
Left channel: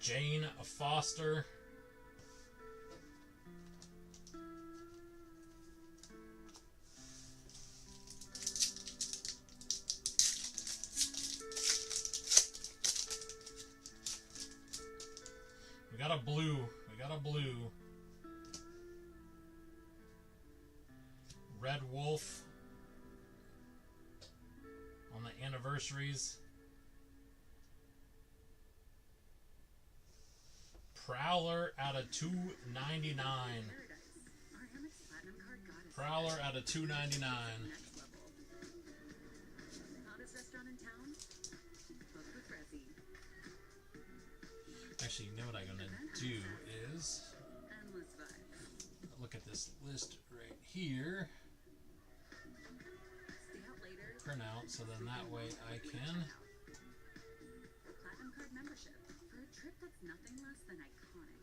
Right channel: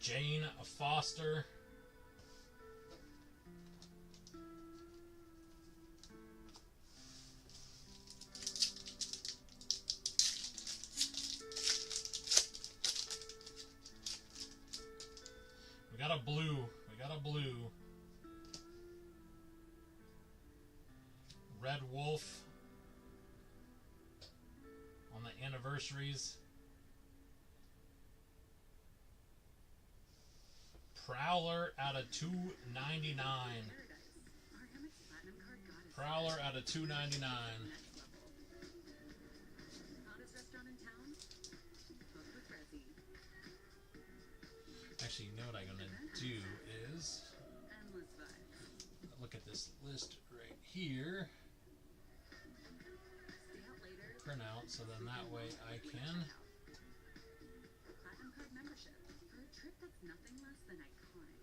Jane Foster. We got a blue. We got a blue. Red Wolf on the anniversaries. Prowler out of $2.99. Prowler out of $2.99. Hottest restaurant in town? Book with Resi. Actually, you know what I'm gonna do is Endless vibes. look at this list right here. Stay out later. Print out so then that way I can. Platinum card membership for a trip that's nothing less than iconic.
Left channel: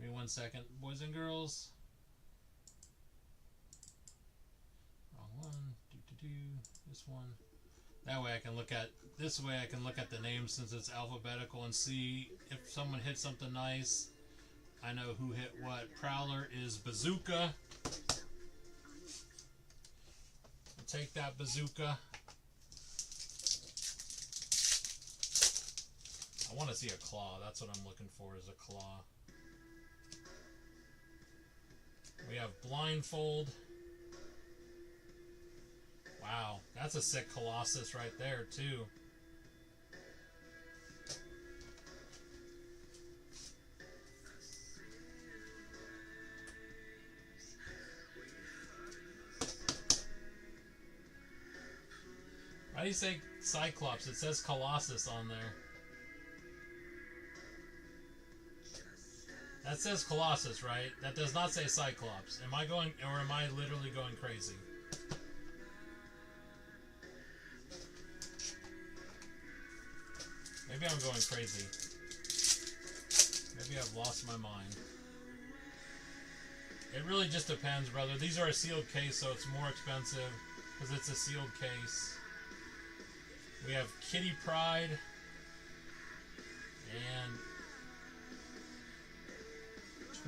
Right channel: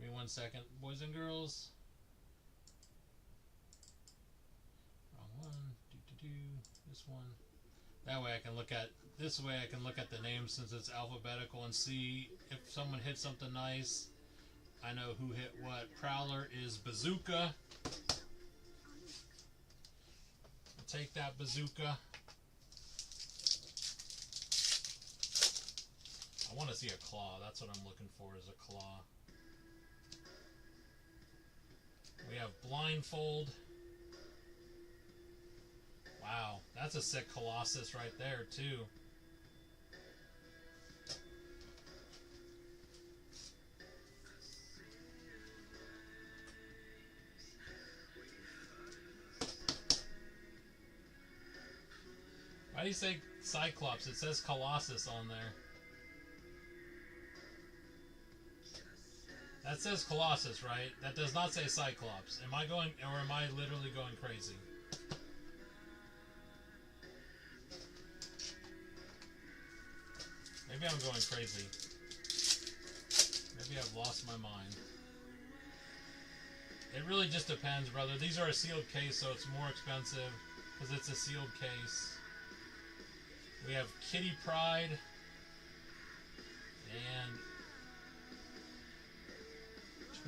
Give me 1 second, boys and girls. Wrong one. This one. That way I can look at this way I can look at the names since it's alphabetical and see if someone hit something nice. I know who hit what. Prowler is Bazooka. I'll take that Bazooka. I want to see a claw. That's what I'm looking for, is a claw. We have Blindfold. Wow, that's a sick Colossus right there, too. Why do you say Cyclops? It says Colossus on there. That says Colossus, right? That does not say Cyclops. Am I going, or am I literally going crazy? Maybe I'm going crazy. Maybe I've lost my mind. It really just depends, brother. These are a sealed case, so it's more expensive because it's a sealed case. We have Kitty Pryde and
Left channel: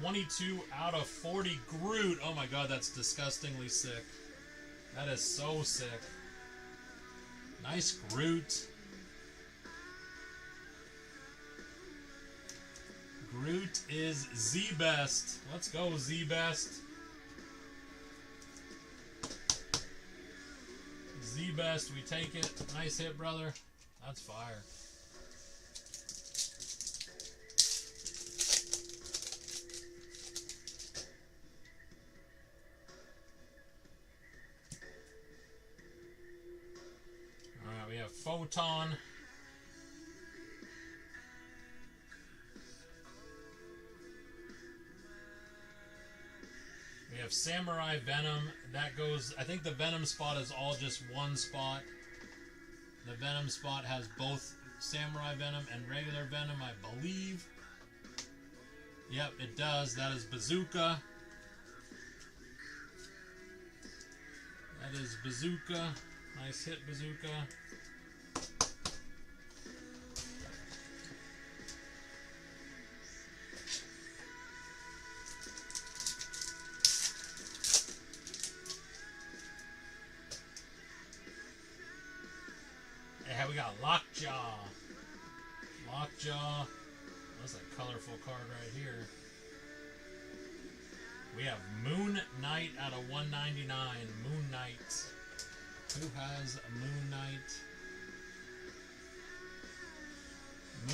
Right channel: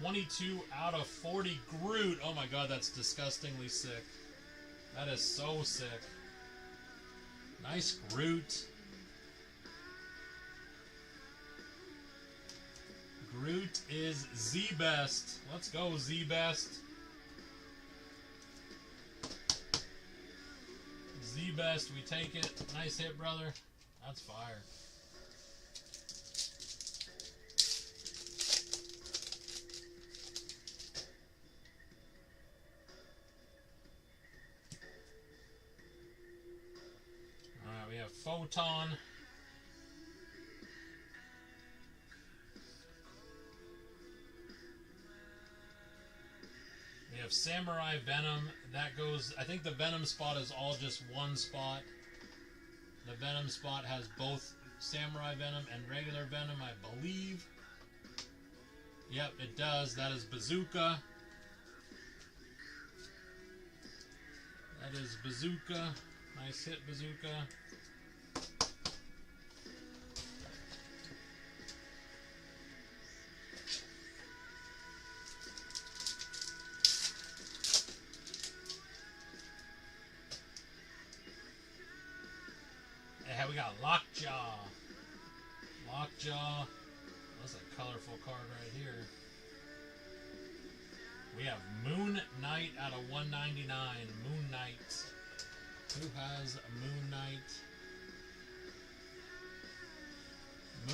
22 out of 40 Groot. Oh my god, that's disgustingly sick. That is so sick. Nice Groot. Groot is Z-Best. Let's go, Z-Best. Z-Best, we take it. Nice hit, brother. That's fire. Alright, we have Photon. We have Samurai Venom. That goes, I think the Venom spot is all just one spot. The Venom spot has both Samurai Venom and regular Venom, I believe. Yep, it does. That is Bazooka. That is Bazooka. Nice hit, Bazooka. we got Lockjaw. Lockjaw. That's a colorful card right here. We have Moon Knight out of 199. Moon Knight. Who has Moon Knight?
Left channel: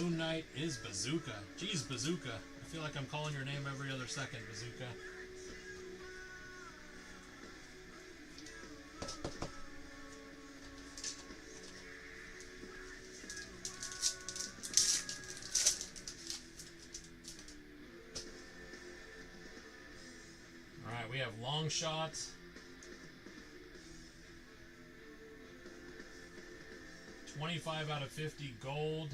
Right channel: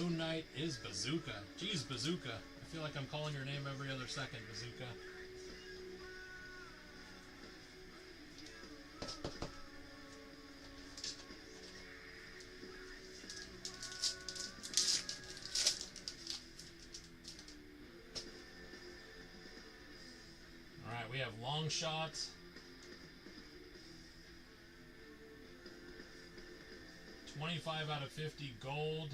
Moon Knight is Bazooka. Jeez, Bazooka. I feel like I'm calling your name every other second, Bazooka. Alright, we have Long Shot. $25 out of 50 gold.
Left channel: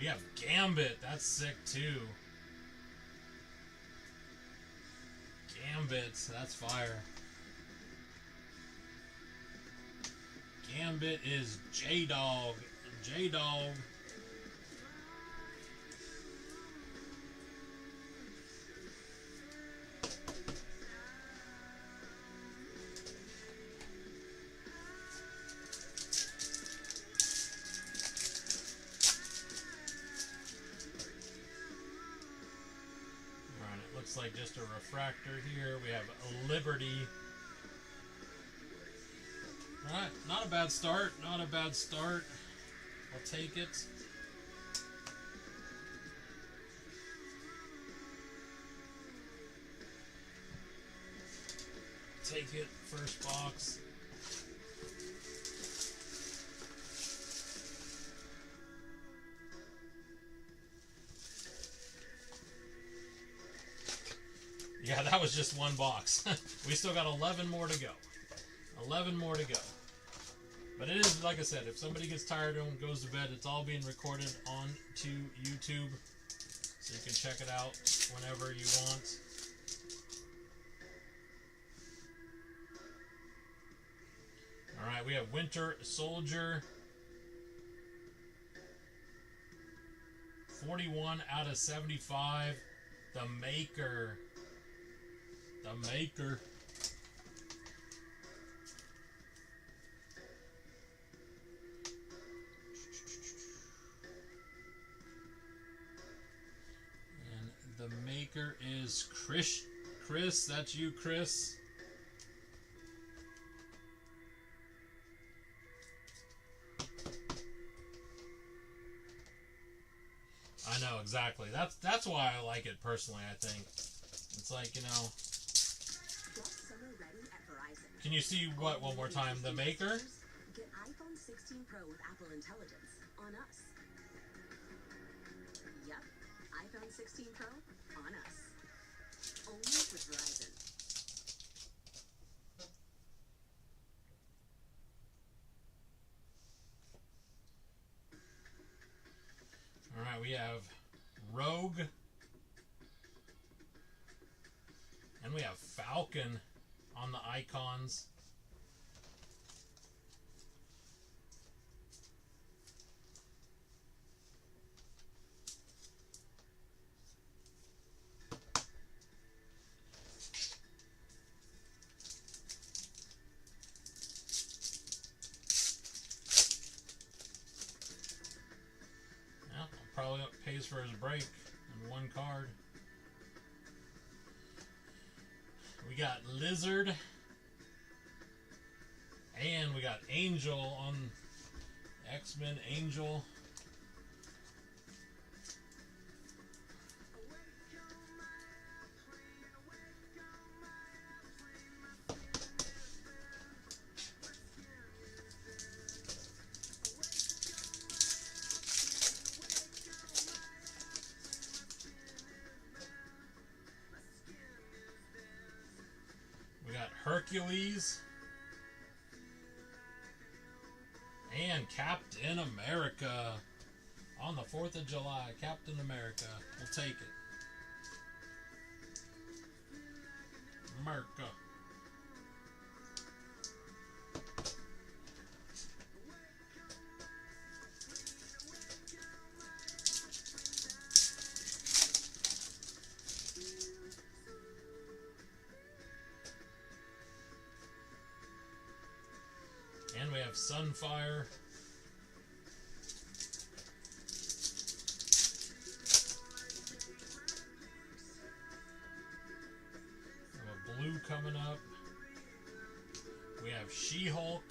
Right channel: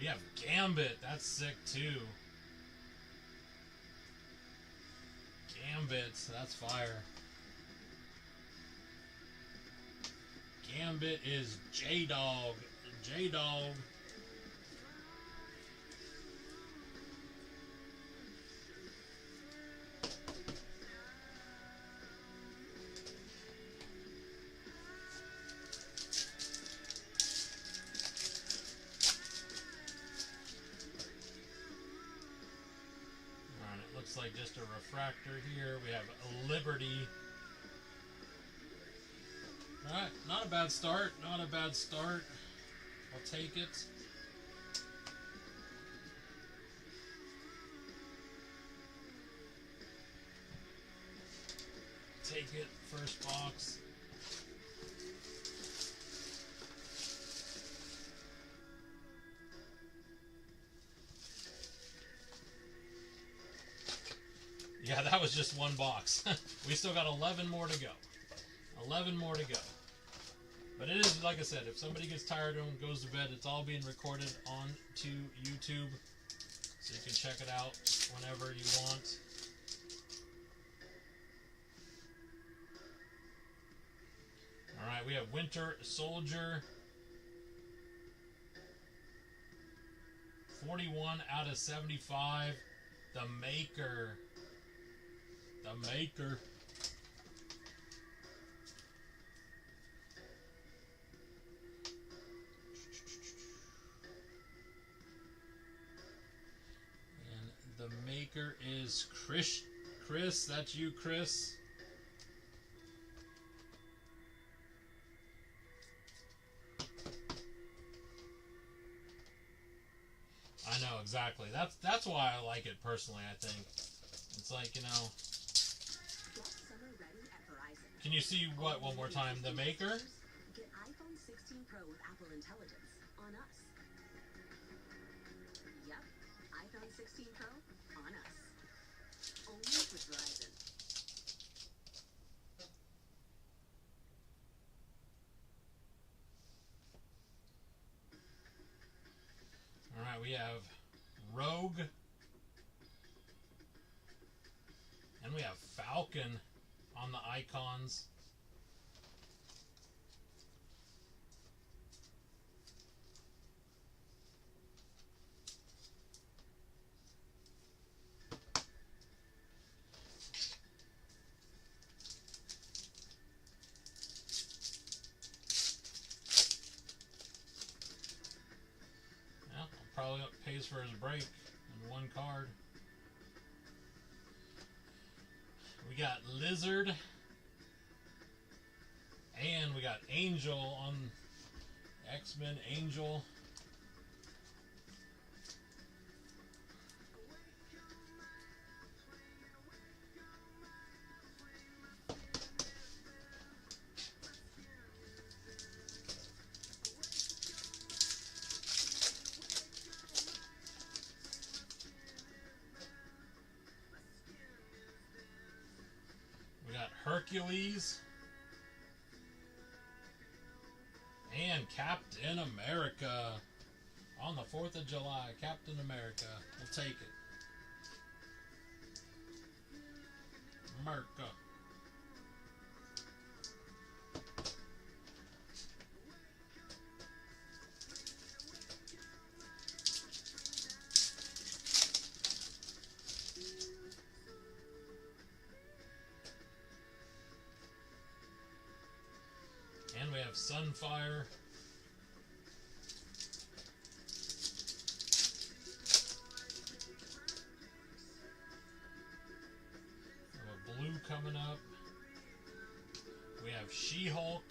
We have Gambit. That's sick too. Gambit. That's fire. Gambit is J-Dog. J-Dog. Looks like just a refractor here. We have Liberty. Alright, not a bad start. Not a bad start. I'll take it. Take it. First box. Yeah, that was just one box. We still got 11 more to go. 11 more to go. But it is, like I said, if somebody gets tired and goes to bed, it's all being recorded onto YouTube. So you can check it out whenever you want. Alright, we have Winter Soldier. 41 out of 75. The Maker. The Maker. And the Maker is Chris. Chris, that's you, Chris. I know, exactly. That's why I like it personally, I think. It's like, you know. Can you see what one more time? The Maker? Get iPhone 16 Pro with Apple Intelligence on us. Yep, iPhone 16 Pro on us. Only with Verizon. Alright, we have Rogue. And we have Falcon on the icons. Yeah, probably pays for his break in one card. We got Lizard. And we got Angel on X-Men Angel. We got Hercules. And Captain America. On the 4th of July, Captain America. We'll take it. America. And we have Sunfire. coming up. We have She-Hulk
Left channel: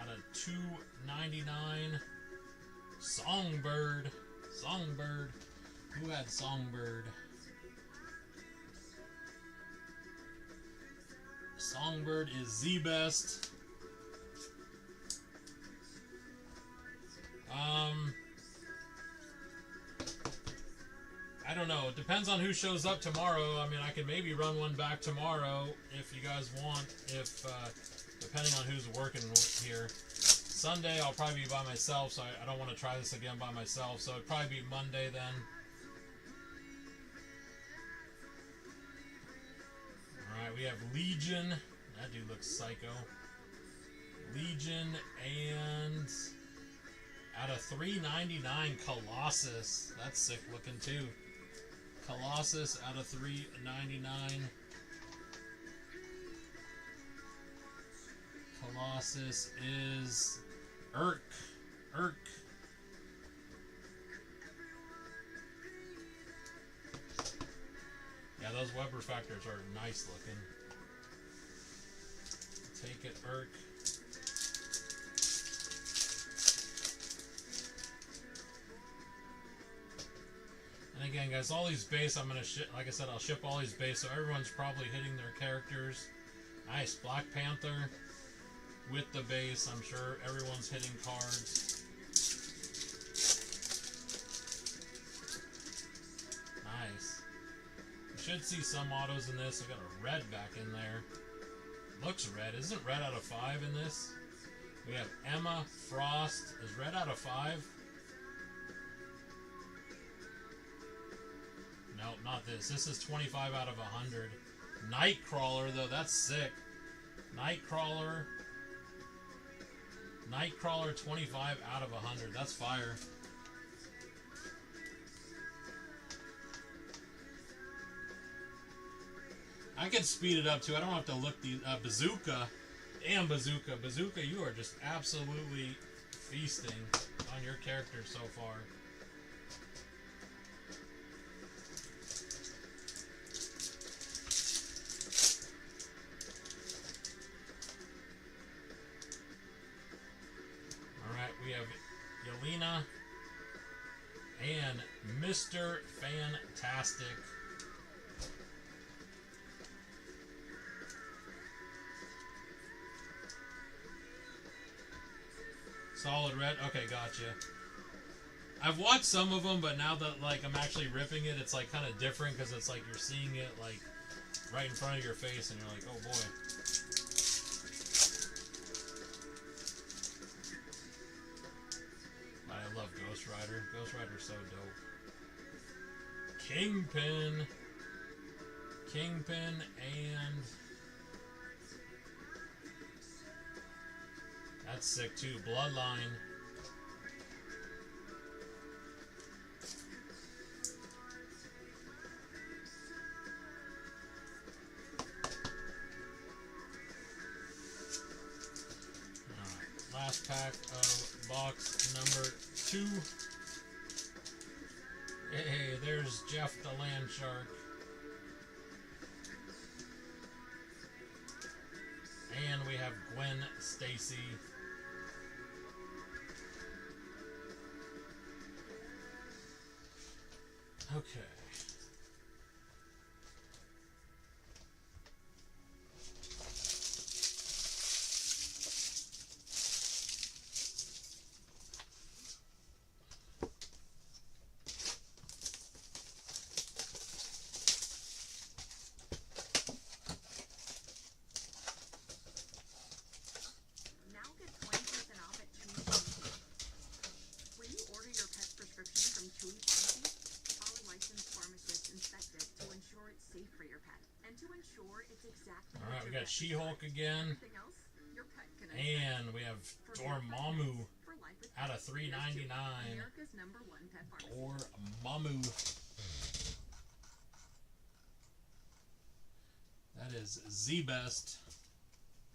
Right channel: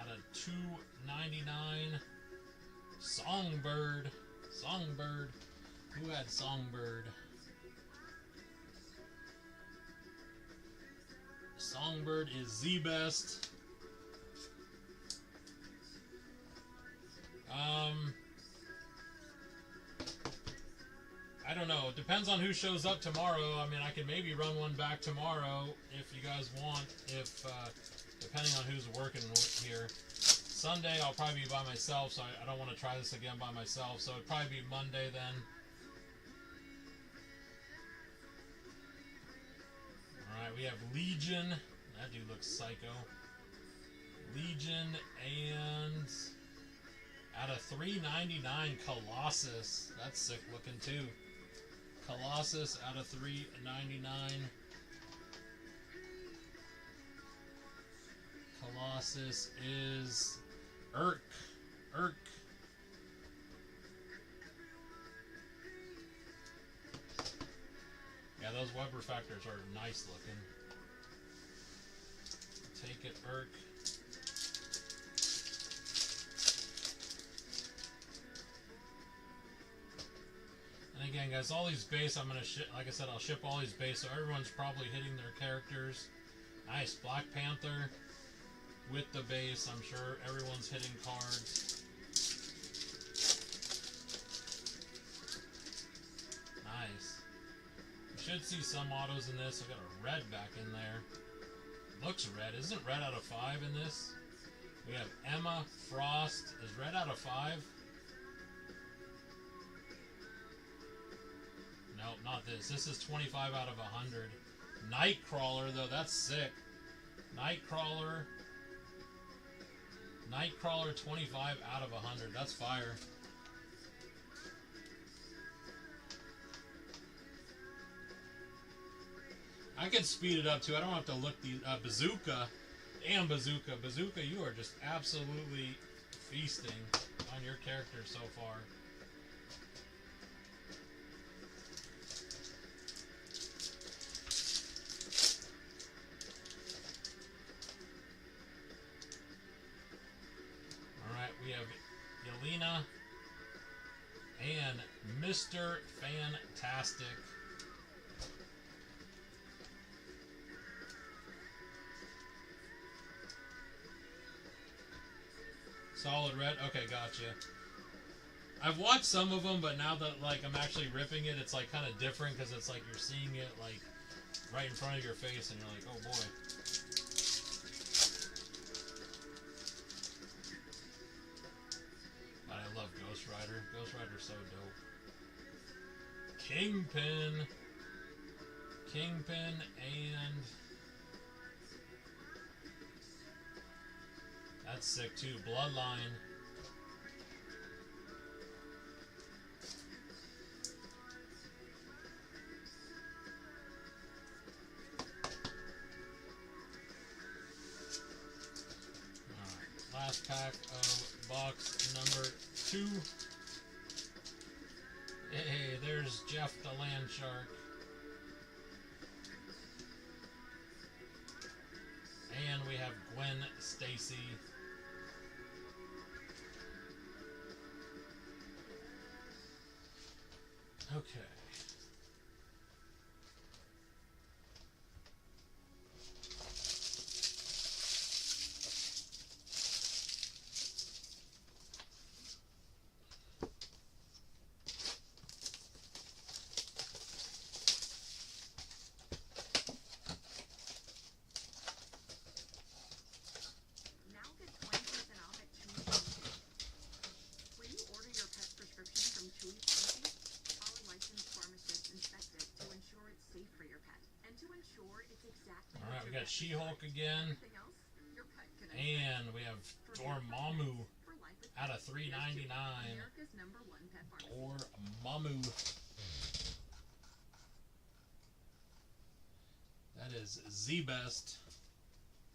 out of $2.99. Songbird. Songbird. Who had Songbird? Songbird is the best. I don't know. It depends on who shows up tomorrow. I mean, I can maybe run one back tomorrow if you guys want. If depending on who's working here. Sunday I'll probably be by myself, so I don't want to try this again by myself. So it'd probably be Monday then. All right, we have Legion. That dude looks psycho. Legion and out of $3.99 Colossus. That's sick looking too. Colossus out of $3.99. Colossus is Urk. Yeah, those web refractors are nice looking. Take it, Urk. And again, guys, all these base I'm gonna ship. Like I said, I'll ship all these base, so everyone's probably hitting their characters. Nice Black Panther with the base. I'm sure everyone's hitting cards. Nice. You should see some autos in this. I got a red back in there. Looks red. Isn't red out of 5 in this? We have Emma Frost. Is red out of 5? No, not this. This is 25 out of 100. Nightcrawler, though. That's sick. Nightcrawler. Nightcrawler 25 out of 100. That's fire. I could speed it up too. I don't have to look the Bazooka. Damn, Bazooka. Bazooka, you are just absolutely feasting on your character so far. Alright, we have Yelena and Mr. Fantastic. Solid red? Okay, gotcha. I've watched some of them, but now that like I'm actually ripping it, it's like kind of different because it's like you're seeing it like right in front of your face and you're like, oh boy. But I love Ghost Rider. Ghost Rider's so dope. Kingpin. Kingpin and... That's sick too. Bloodline. Alright. Last pack of box number 2. Hey, there's Jeff the Land Shark. And we have Gwen Stacy. Okay. Now get 20% off at Chewy Pharmacy. When you order your pet's prescription from Chewy Pharmacy, all licensed pharmacists inspect it to ensure it's safe for your pet and to ensure it's exactly Alright, what we your got pet She-Hulk again. Everything else, your pet can And we have Dormammu for life with out of pets. $3.99. America's #1 pet pharmacy. Dormammu. That is the best.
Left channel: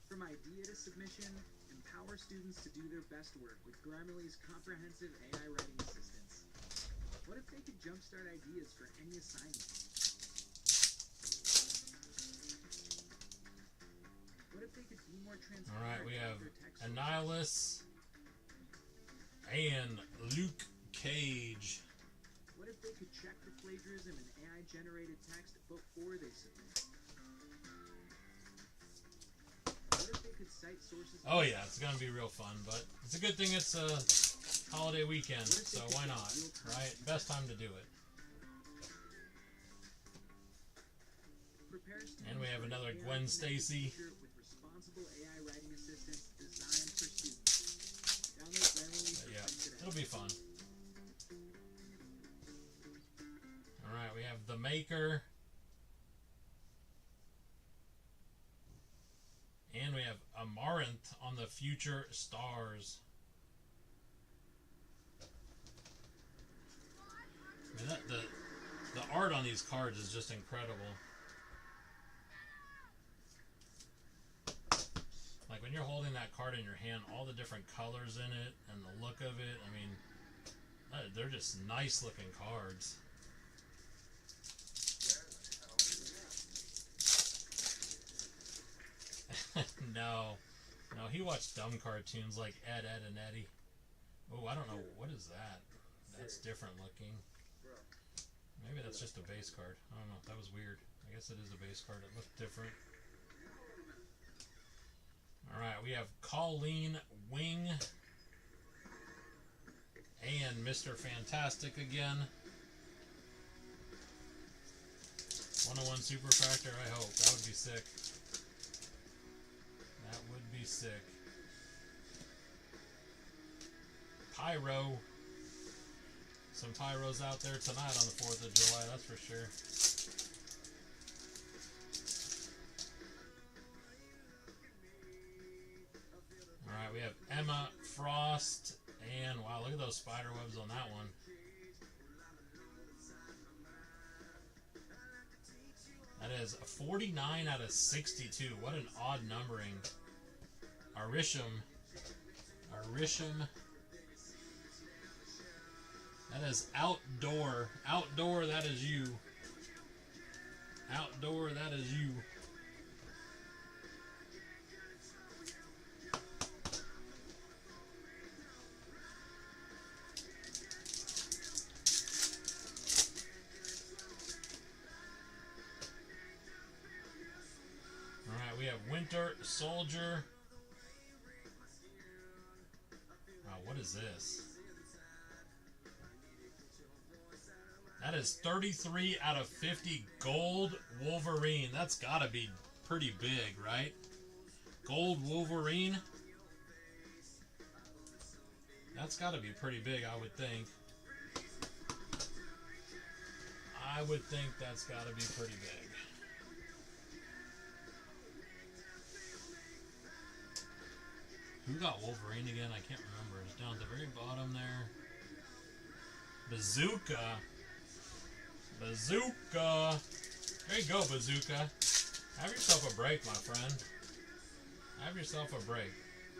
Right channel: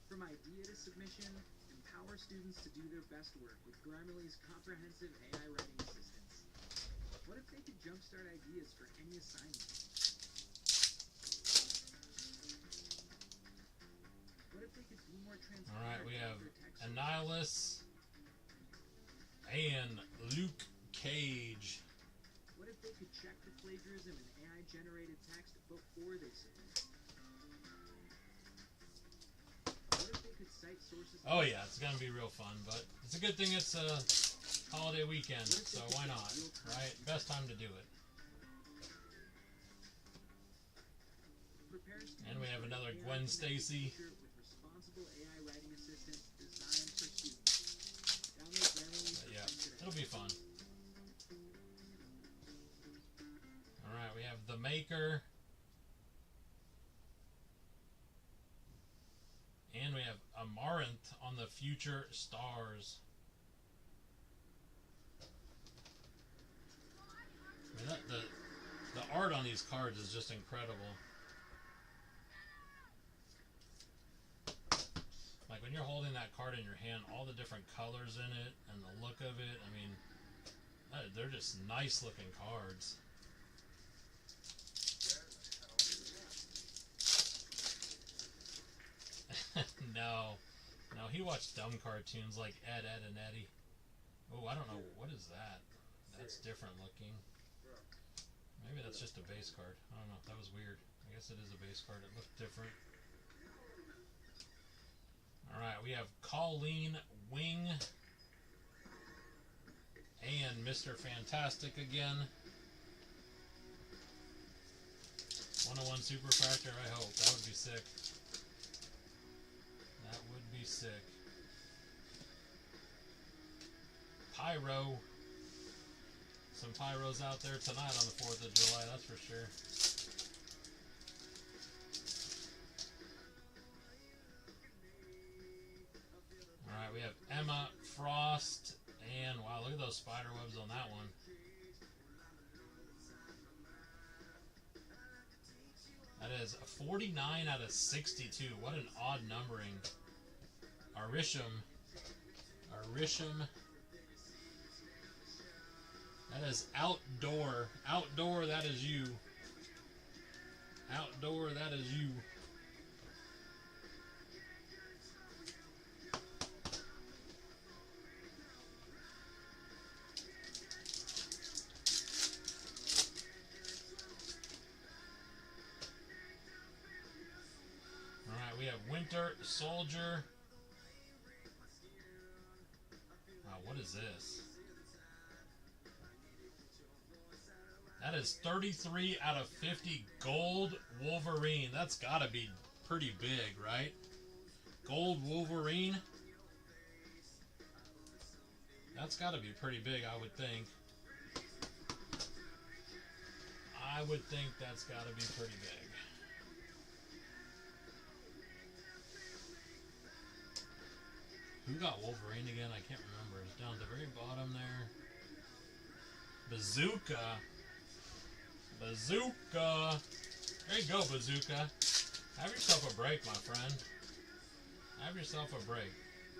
From idea to submission, empower students to do their best work with Grammarly's comprehensive AI writing assistance. What if they could jumpstart ideas for any assignment? What if they could be more transparent? All right, we have about their text sources? Annihilus and Luke Cage. What if they could check for plagiarism in AI-generated text before they submit? What if they could cite sources? Oh yeah, it's gonna be real fun, but it's a good thing it's a holiday weekend, so why not, right? Best time to do it. Prepare students And we have for an another AI Gwen connected Stacy. future with responsible AI writing assistants designed for students. Download Grammarly for Yeah, free today. it'll be fun. All right, we have the Maker, and we have Amaranth on the Future Stars. I mean, the art on these cards is just incredible. Like when you're holding that card in your hand, all the different colors in it and the look of it, I mean, they're just nice looking cards. No, he watched dumb cartoons like Ed, Edd and Eddy. Oh, I don't know, what is that? That's different looking. Maybe that's just a base card. I don't know, that was weird. I guess it is a base card, it looked different. Alright, we have Colleen Wing and Mr. Fantastic again. 101 Superfractor, I hope. That would be sick. That would be sick. Pyro. Some pyros out there tonight on the 4th of July, that's for sure. Alright, we have Emma Frost, and wow, look at those spider webs on that one. That is a 49 out of 62. What an odd numbering. Arisham. That is Outdoor. Outdoor, that is you. Outdoor, that is you. Alright, we have Winter Soldier. Wow, what is this? That is 33 out of 50 Gold Wolverine. That's gotta be pretty big, right? Gold Wolverine. That's gotta be pretty big, I would think. I would think that's gotta be pretty big. Who got Wolverine again? I can't remember. It's down at the very bottom there. Bazooka. Bazooka. There you go, Bazooka. Have yourself a break, my friend. Have yourself a break.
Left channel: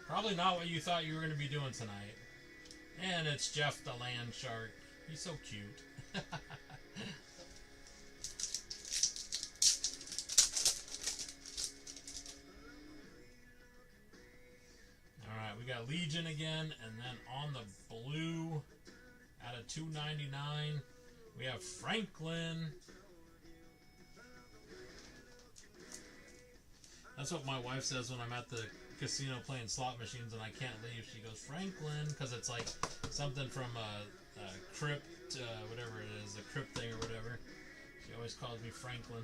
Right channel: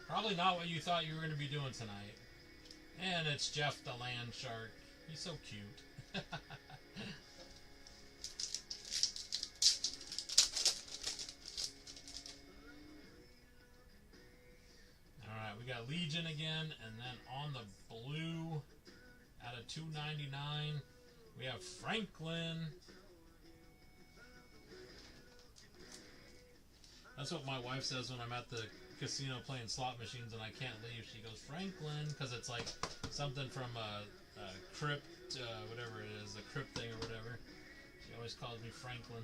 Probably not what you thought you were going to be doing tonight. And it's Jeff the Land Shark. He's so cute. Alright, we got Legion again, and then on the blue, out of 299, we have Franklin. That's what my wife says when I'm at the casino playing slot machines and I can't leave. She goes, Franklin, because it's like something from a crypt, whatever it is, the crypt thing or whatever. She always calls me Franklin.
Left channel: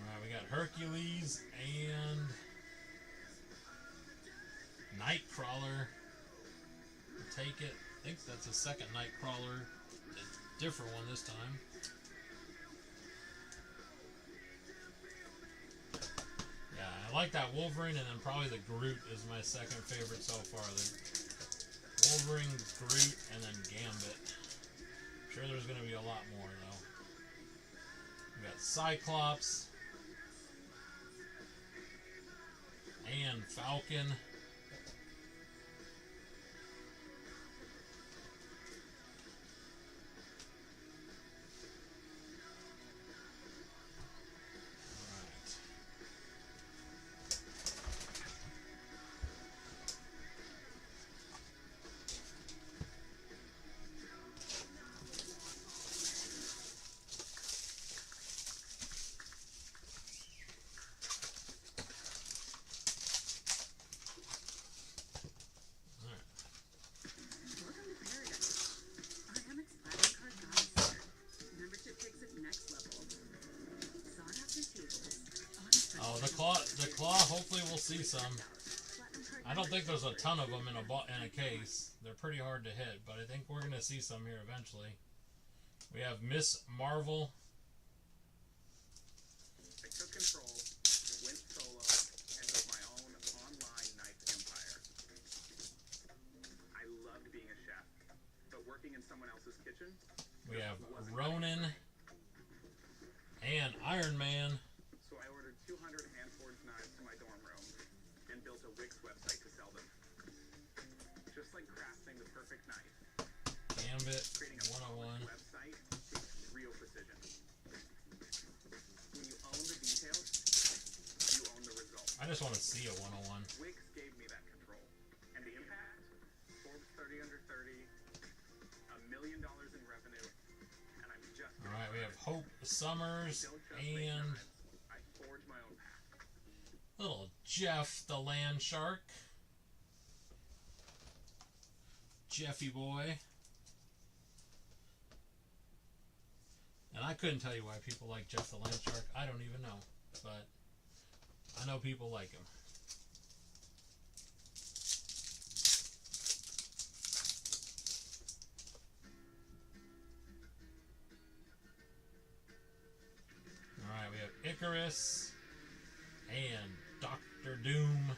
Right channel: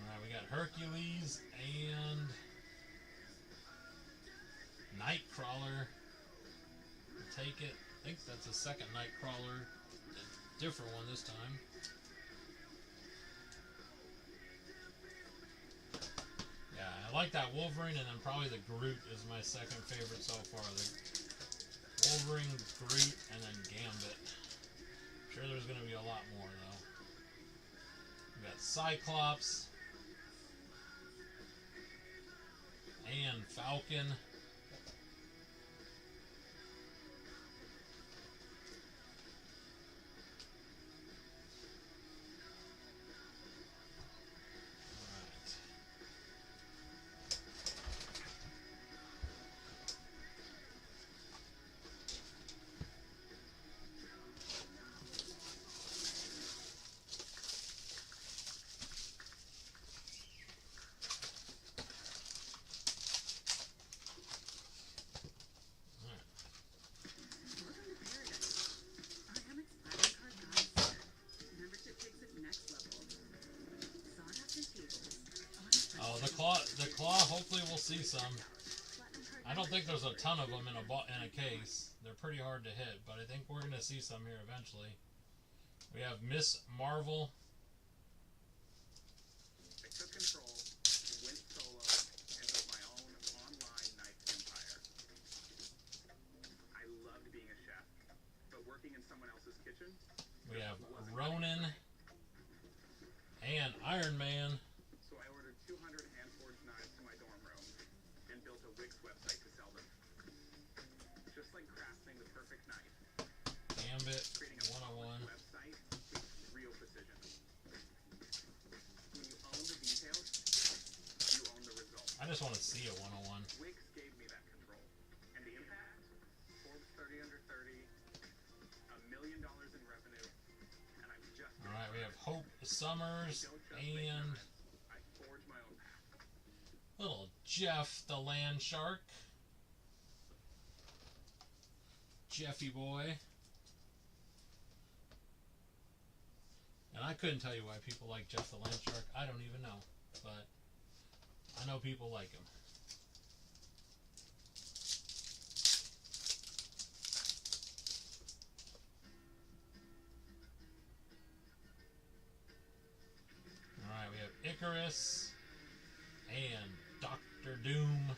Alright, we got Hercules and Nightcrawler. We'll take it. I think that's a second Nightcrawler. A different one this time. Yeah, I like that Wolverine, and then probably the Groot is my second favorite so far. The Wolverine, Groot, and then Gambit. I'm sure there's going to be a lot more, though. We got Cyclops and Falcon. we'll see some. I don't think there's a ton of them in a case. They're pretty hard to hit, but I think we're gonna see some here eventually. We have Miss Marvel. I took control, went solo, and built my own online knife empire. I loved being a chef, but working in someone else's kitchen. We have Ronin and Iron Man. So I ordered 200 hand-forged knives to my dorm room and built a Wix website to sell them. Just like crafting the perfect knife, Gambit creating a 101. website takes real precision. When you own the details, you own the result. I just want to see a 101. Wix gave me that control. And the impact? Forbes 30 under 30, $1 million in revenue, and I'm just... Alright, we have Hope Summers and I forge my own path. little Jeff the Land Shark. Jeffy boy. And I couldn't tell you why people like Jeff the Land Shark. I don't even know. But I know people like him. Alright, we have Icarus and Dr. Doom.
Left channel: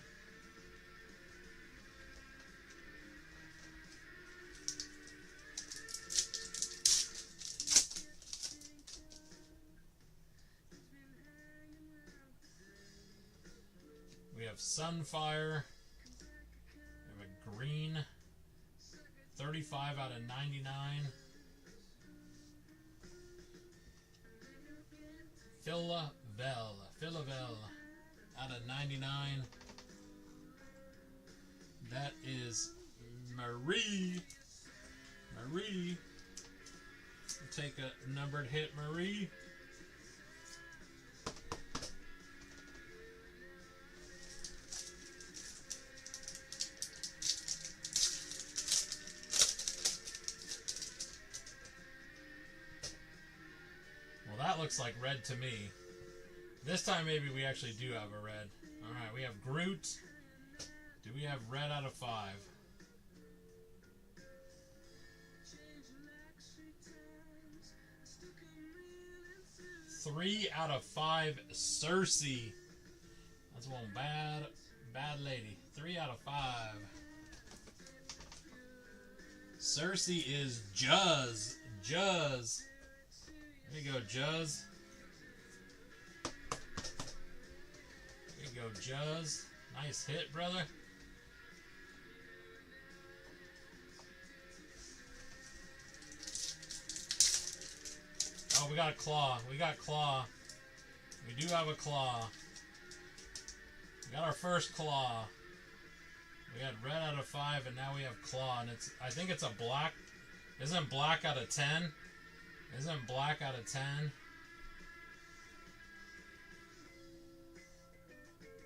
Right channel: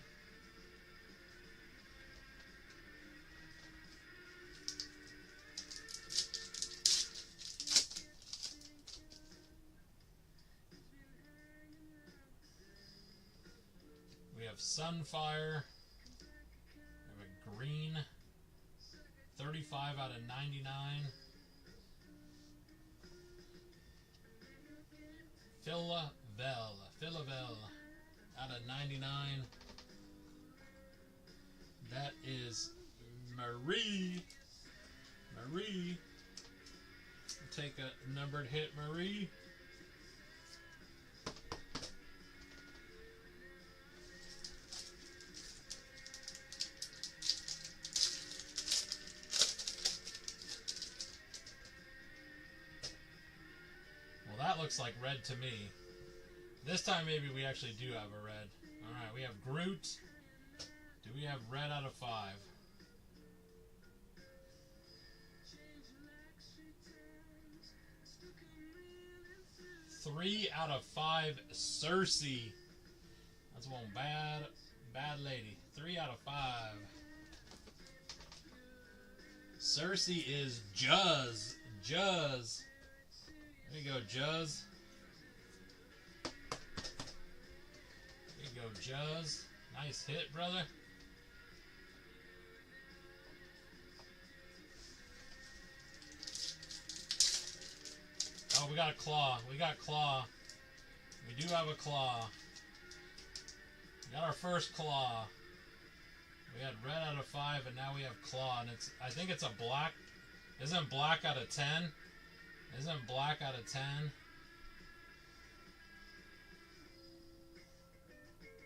We have Sunfire. We have a green. 35 out of 99. Philavel out of 99. That is Marie. Marie. We'll take a numbered hit, Marie. Well, that looks like red to me. This time maybe we actually do have a red. Alright, we have Groot. Do we have red out of 5? 3 out of 5, Cersei. That's one bad lady. 3 out of 5. Cersei is Juzz. Juzz. There you go, Juzz. There you go, Juzz. Nice hit, brother. Oh, we got a claw. We got claw. We do have a claw. We got our first claw. We had red out of 5, and now we have claw. And it's, I think it's a black. Isn't black out of 10? Isn't black out of 10?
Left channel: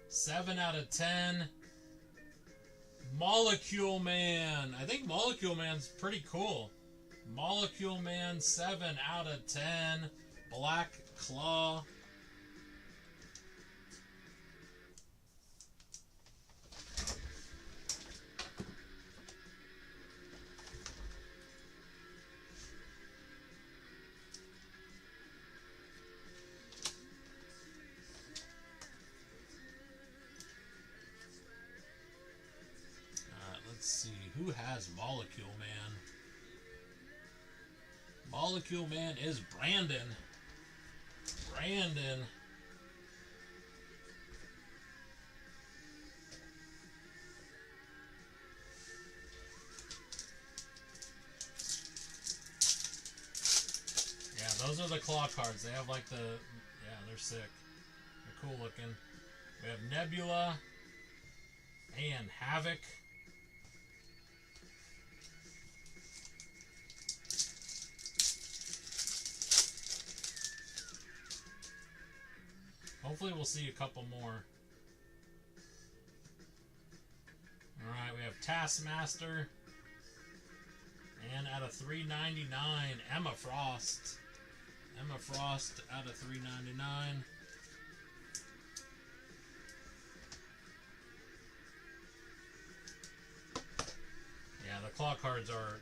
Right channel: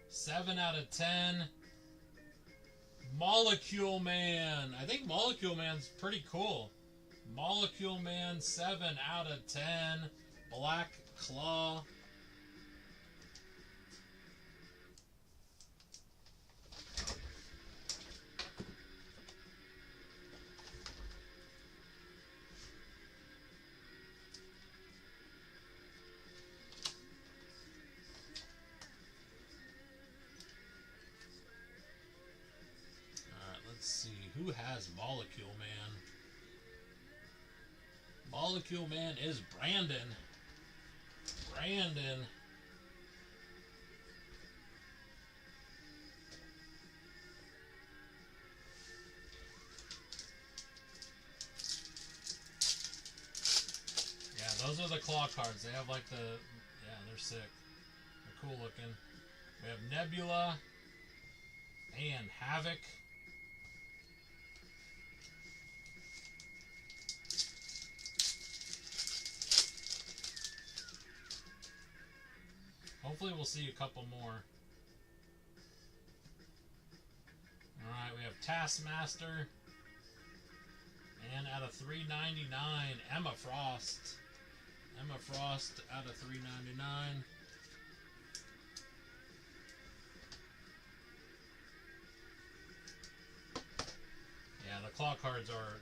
7 out of 10. Molecule Man. I think Molecule Man's pretty cool. Molecule Man, 7 out of 10. Black Claw. Let's see, who has Molecule Man? Molecule Man is Brandon. Brandon. Yeah, those are the claw cards. They have like the, yeah, they're sick. They're cool looking. We have Nebula and Havoc. Hopefully we'll see a couple more. Alright, we have Taskmaster. And out of 399, Emma Frost. Emma Frost out of 399. clock cards are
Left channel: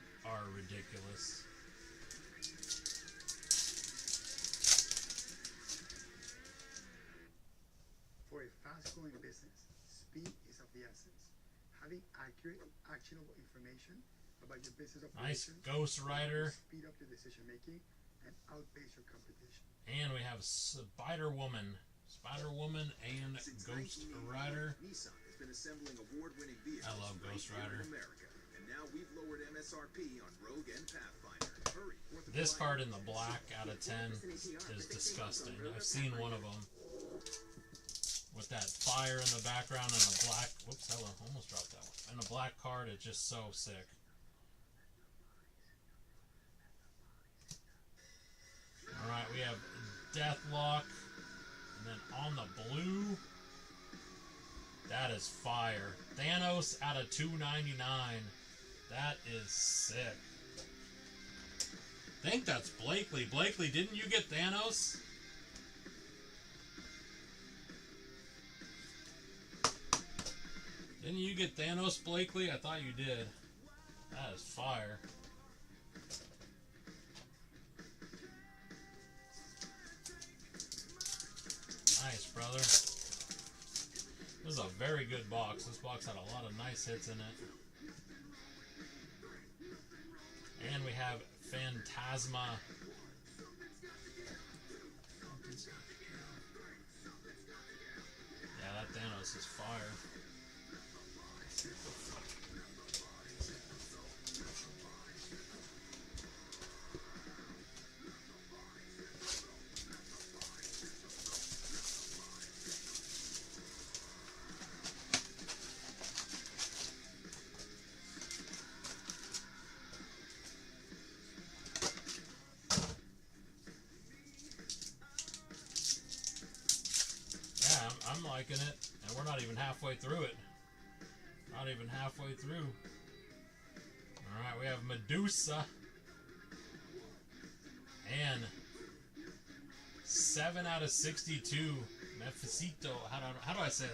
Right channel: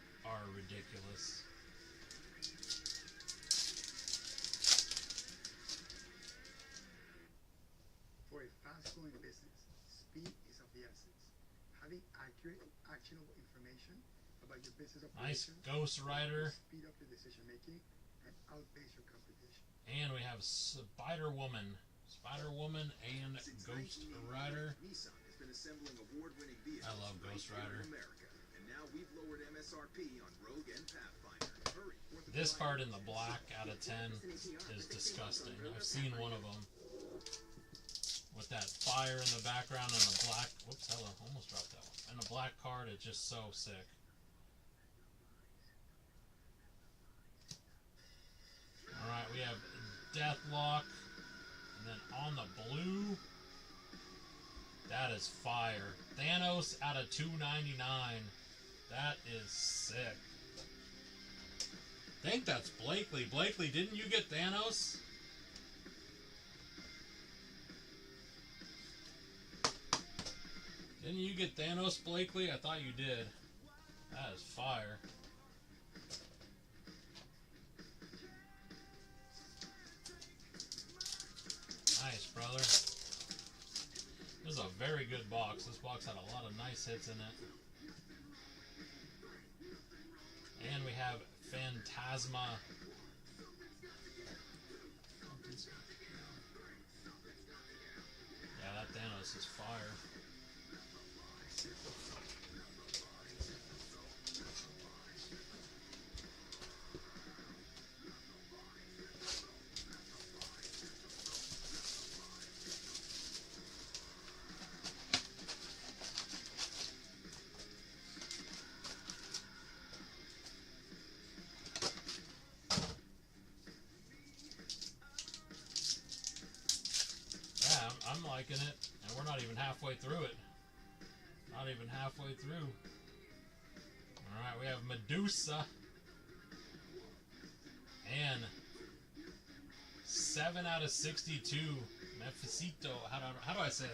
ridiculous. For a fast-growing business, speed is of the essence. Having accurate, actionable information about your business Nice operations Ghost Rider. will speed up your decision-making and outpace your competition. And we have Spider Woman. Spider Woman and Since Ghost 1981, Rider. Nissan has been assembling award-winning vehicles I love right Ghost here Rider. in America. And now we've lowered MSRP on Rogue and Pathfinder. Hurry. This card in the black out of 10 is disgusting. I've seen one of them. With that fire in the background and a black... Whoops, hello. Almost dropped that one. And a black card, it's just so sick. Alright, we have Deathlock. And then on the blue... That is fire. Thanos out of 299. That is sick. I think that's Blakely. Blakely, didn't you get Thanos? Didn't you get Thanos, Blakely? I thought you did. That is fire. Nice, brother. This is a very good box. This box had a lot of nice hits in it. And we have Phantasma. Yeah, that Thanos is fire. I'm liking it, and we're not even halfway through it. Not even halfway through. Alright, we have Medusa. And 7 out of 62. Mephisito. How do I say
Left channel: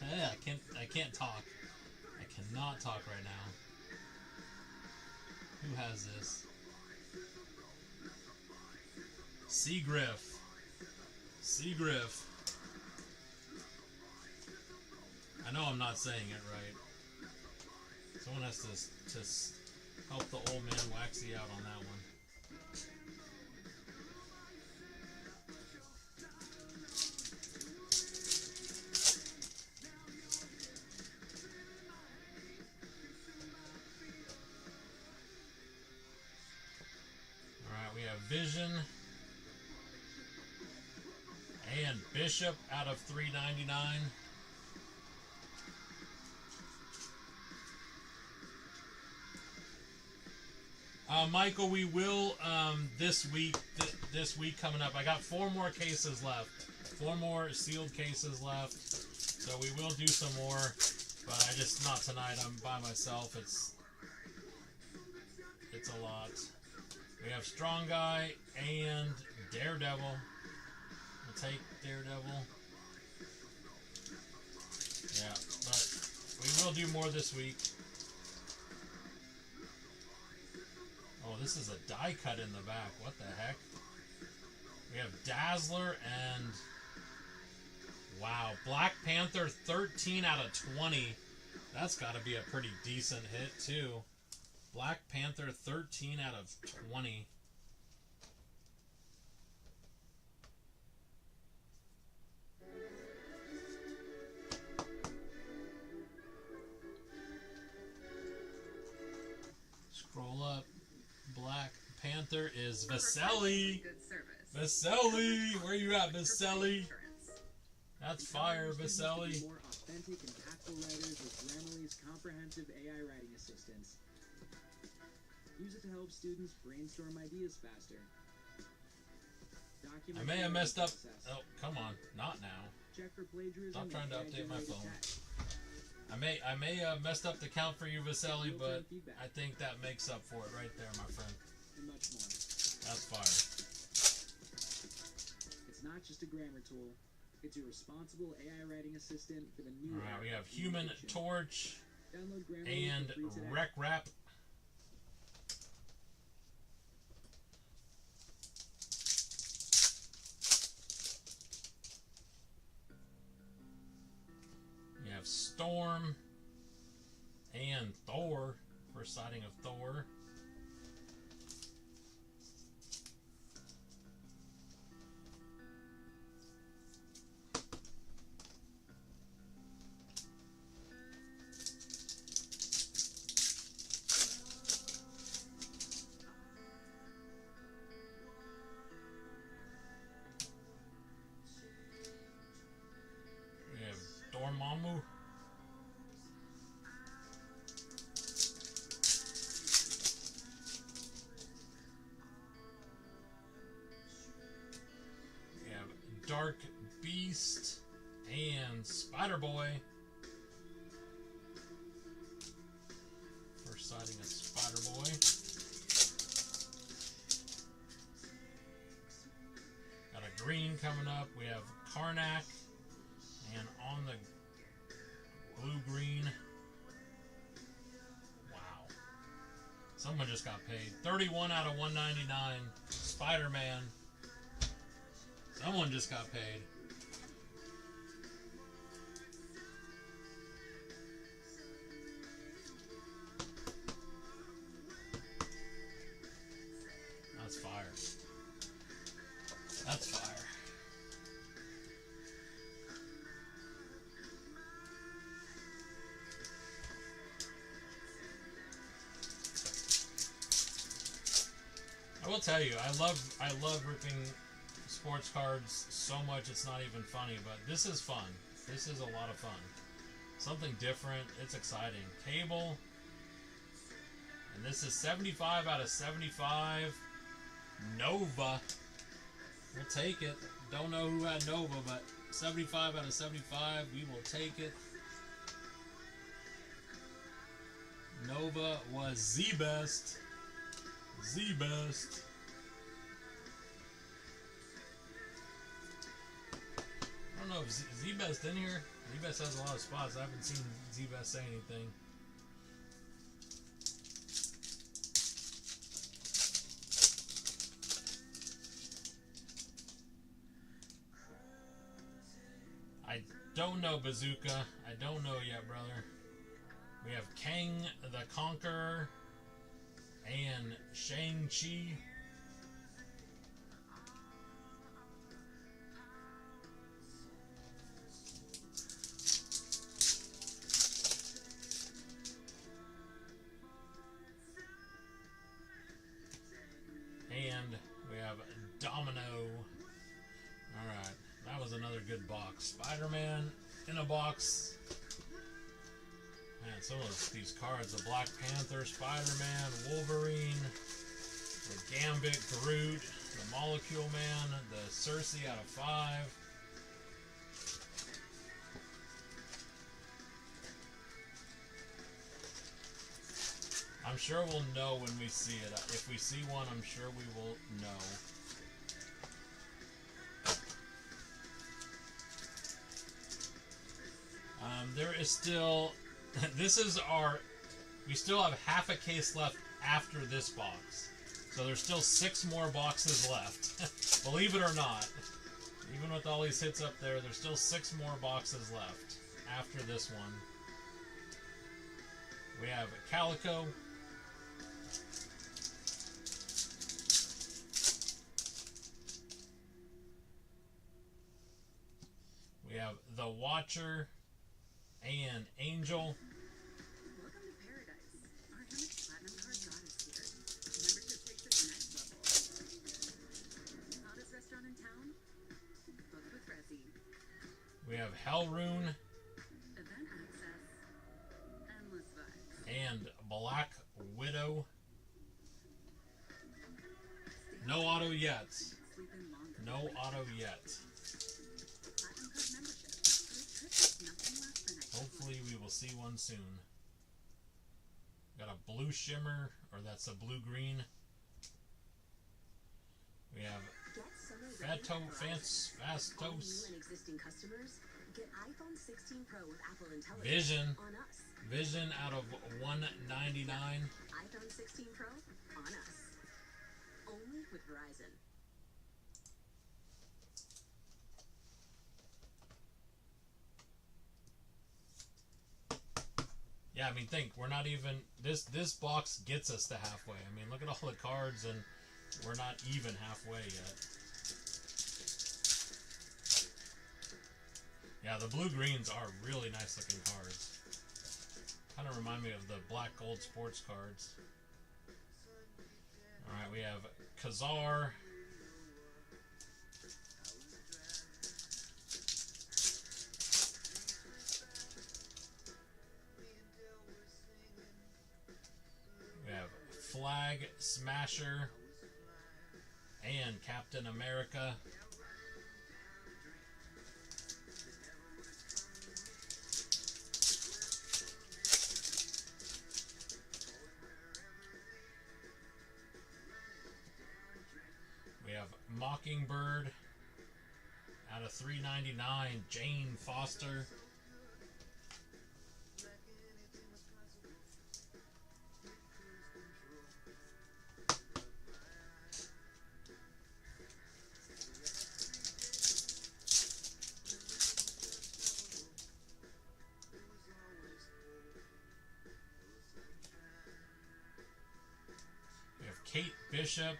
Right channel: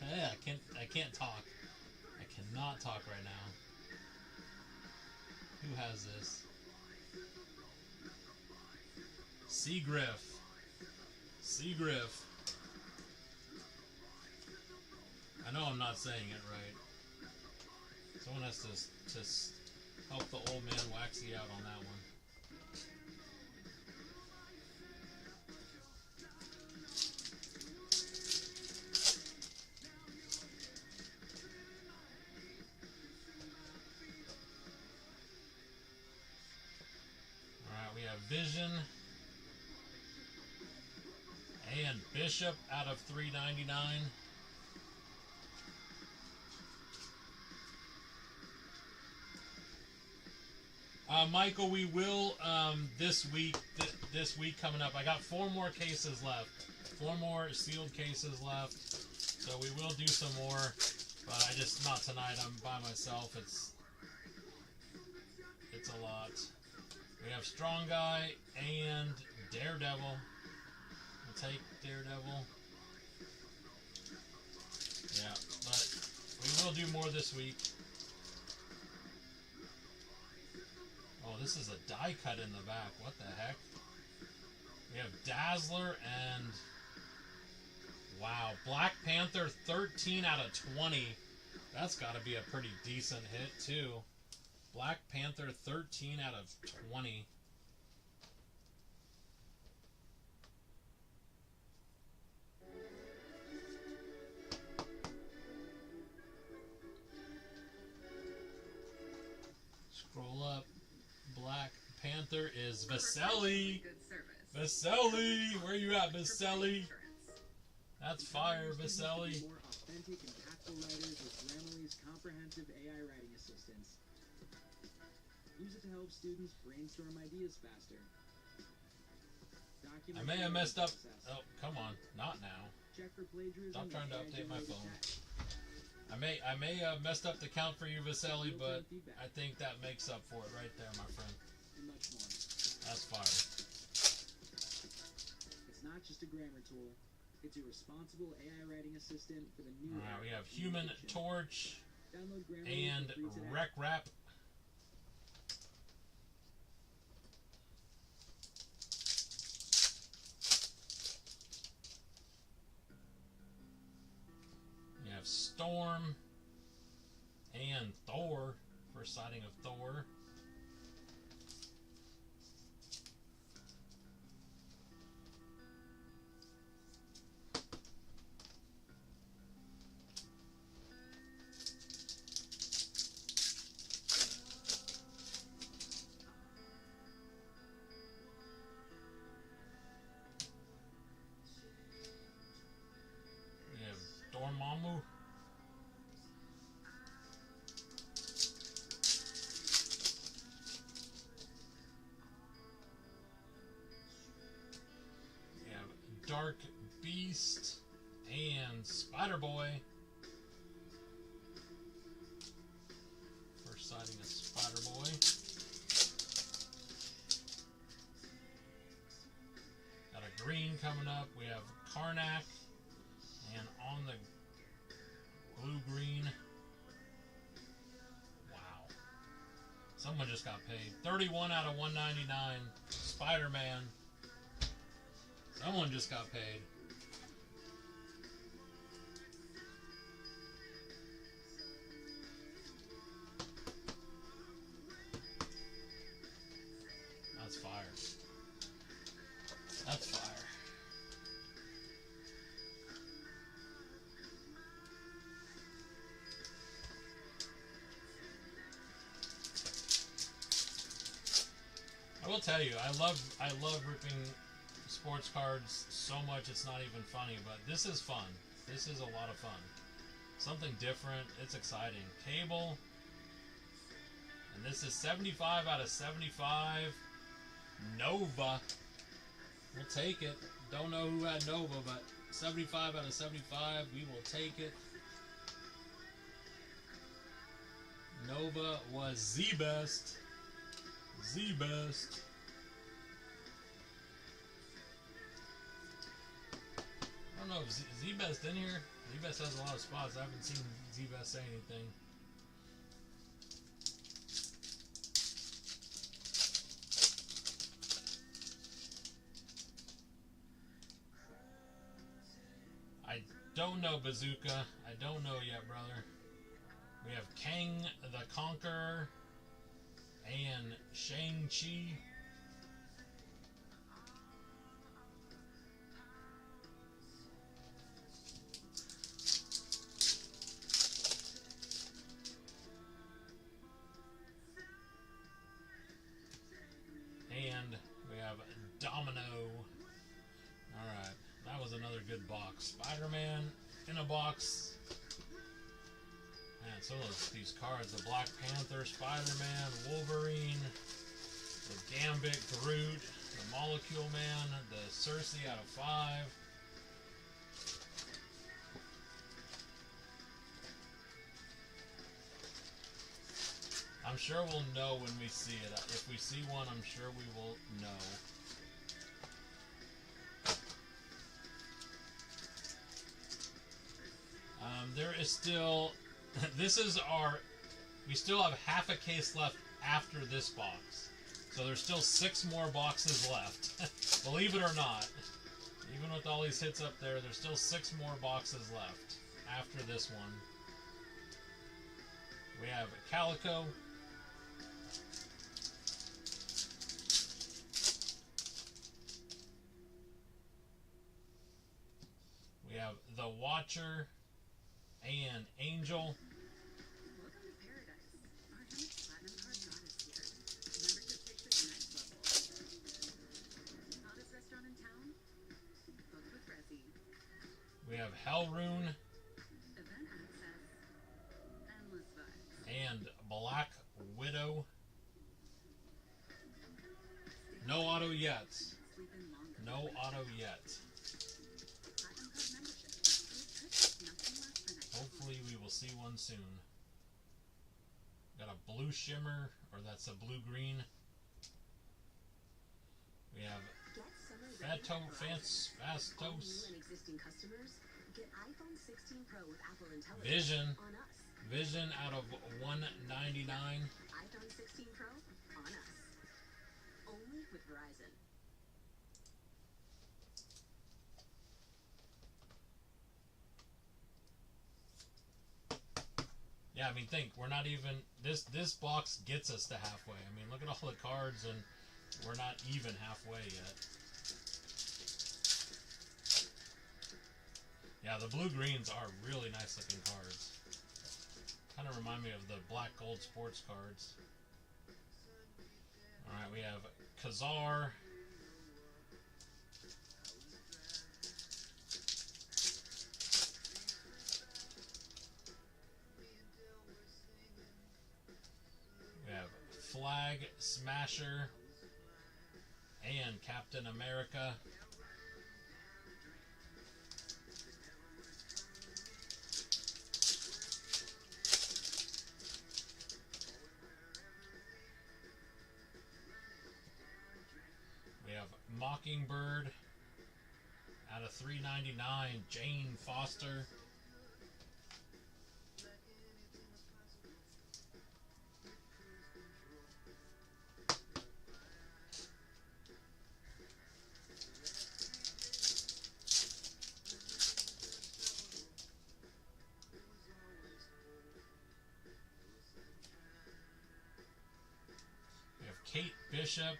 that? I can't talk. I cannot talk right now. Who has this? Seagriff. Seagriff. I know I'm not saying it right. Someone has to help the old man Waxy out on that one. Alright, we have Vision. And Bishop out of 399. Michael, we will this week coming up. I got 4 more cases left. 4 more sealed cases left. So we will do some more, but I just not tonight. I'm by myself. It's a lot. We have Strong Guy and Daredevil. We'll take Daredevil. Yeah, but we will do more this week. Oh, this is a die cut in the back. What the heck? We have Dazzler and... Wow, Black Panther 13 out of 20. That's got to be a pretty decent hit, too. Black Panther 13 out of 20. Scroll up. Black Panther is Vaselli. Vaselli! Where you at, Vaselli? That's fire, Vaselli. More authentic, impactful writers with Grammarly's comprehensive AI writing assistance. Use it to help students brainstorm ideas faster. I may have messed up. Oh, come on. Not now. Check for plagiarism. Stop trying to update my phone. I may have messed up the count for you, Vaselli, but I think that makes up for it right there, my friend. And much more. That's fire. It's not just a grammar tool. It's a responsible AI writing assistant for the new. Alright, we have Human Torch Download Grammarly and for free today. Rec Rap. You have Storm and Thor. First sighting of Thor. We have Dormammu. We have Dark Beast and Spider-Boy. First sighting of Spider-Boy. Got a green coming up. We have Karnak. And on the blue-green. Wow. Someone just got paid. 31 out of 199. Spider-Man. Someone just got paid. That's fire. That's fire. I will tell you, I love ripping sports cards so much it's not even funny, but this is fun. This is a lot of fun. Something different. It's exciting. Cable. And this is 75 out of 75. Nova. We'll take it. Don't know who had Nova, but 75 out of 75. We will take it. Nova was the best. The best. I don't know if Z-Best in here. Z-Best has a lot of spots. I haven't seen Z-Best say anything. I don't know, Bazooka. I don't know yet, brother. We have Kang the Conqueror and Shang-Chi. And we have Domino. Alright, that was another good box. Spider-Man in a box. Man, some of these cards. The Black Panther, Spider-Man, Wolverine, the Gambit, Groot, the Molecule Man, the Cersei out of 5. I'm sure we'll know when we see it. If we see one, I'm sure we will know. There is still... This is our... We still have half a case left after this box. So there's still 6 more boxes left. Believe it or not. Even with all these hits up there, there's still 6 more boxes left after this one. We have Calico. We have the Watcher and Angel. Welcome to paradise. Our Hammock Platinum card got us here. Membership takes it next level. Hottest restaurant in town? Book with Resi. We have Hellrune Event access. Endless vibes. and Black Widow. No auto yet. Sleep in longer. No auto yet. Platinum card membership. Your trip is nothing less than a Hopefully we will see one soon. Got a blue shimmer, or that's a blue-green. We have Get summer ready Fato, at Verizon. All Fastos. new and existing customers, Get iPhone 16 Pro with Apple Intelligence Vision. on us. Vision out of $199. iPhone 16 Pro on us. Only with Verizon. Yeah, I mean, think we're not even this box gets us to halfway. I mean, look at all the cards, and we're not even halfway yet. Yeah, the blue greens are really nice looking cards. Kind of remind me of the black gold sports cards. All right, we have Kazar. We have Flag Smasher and Captain America. We have Mockingbird out of $3.99, Jane Foster. We have Kate Bishop.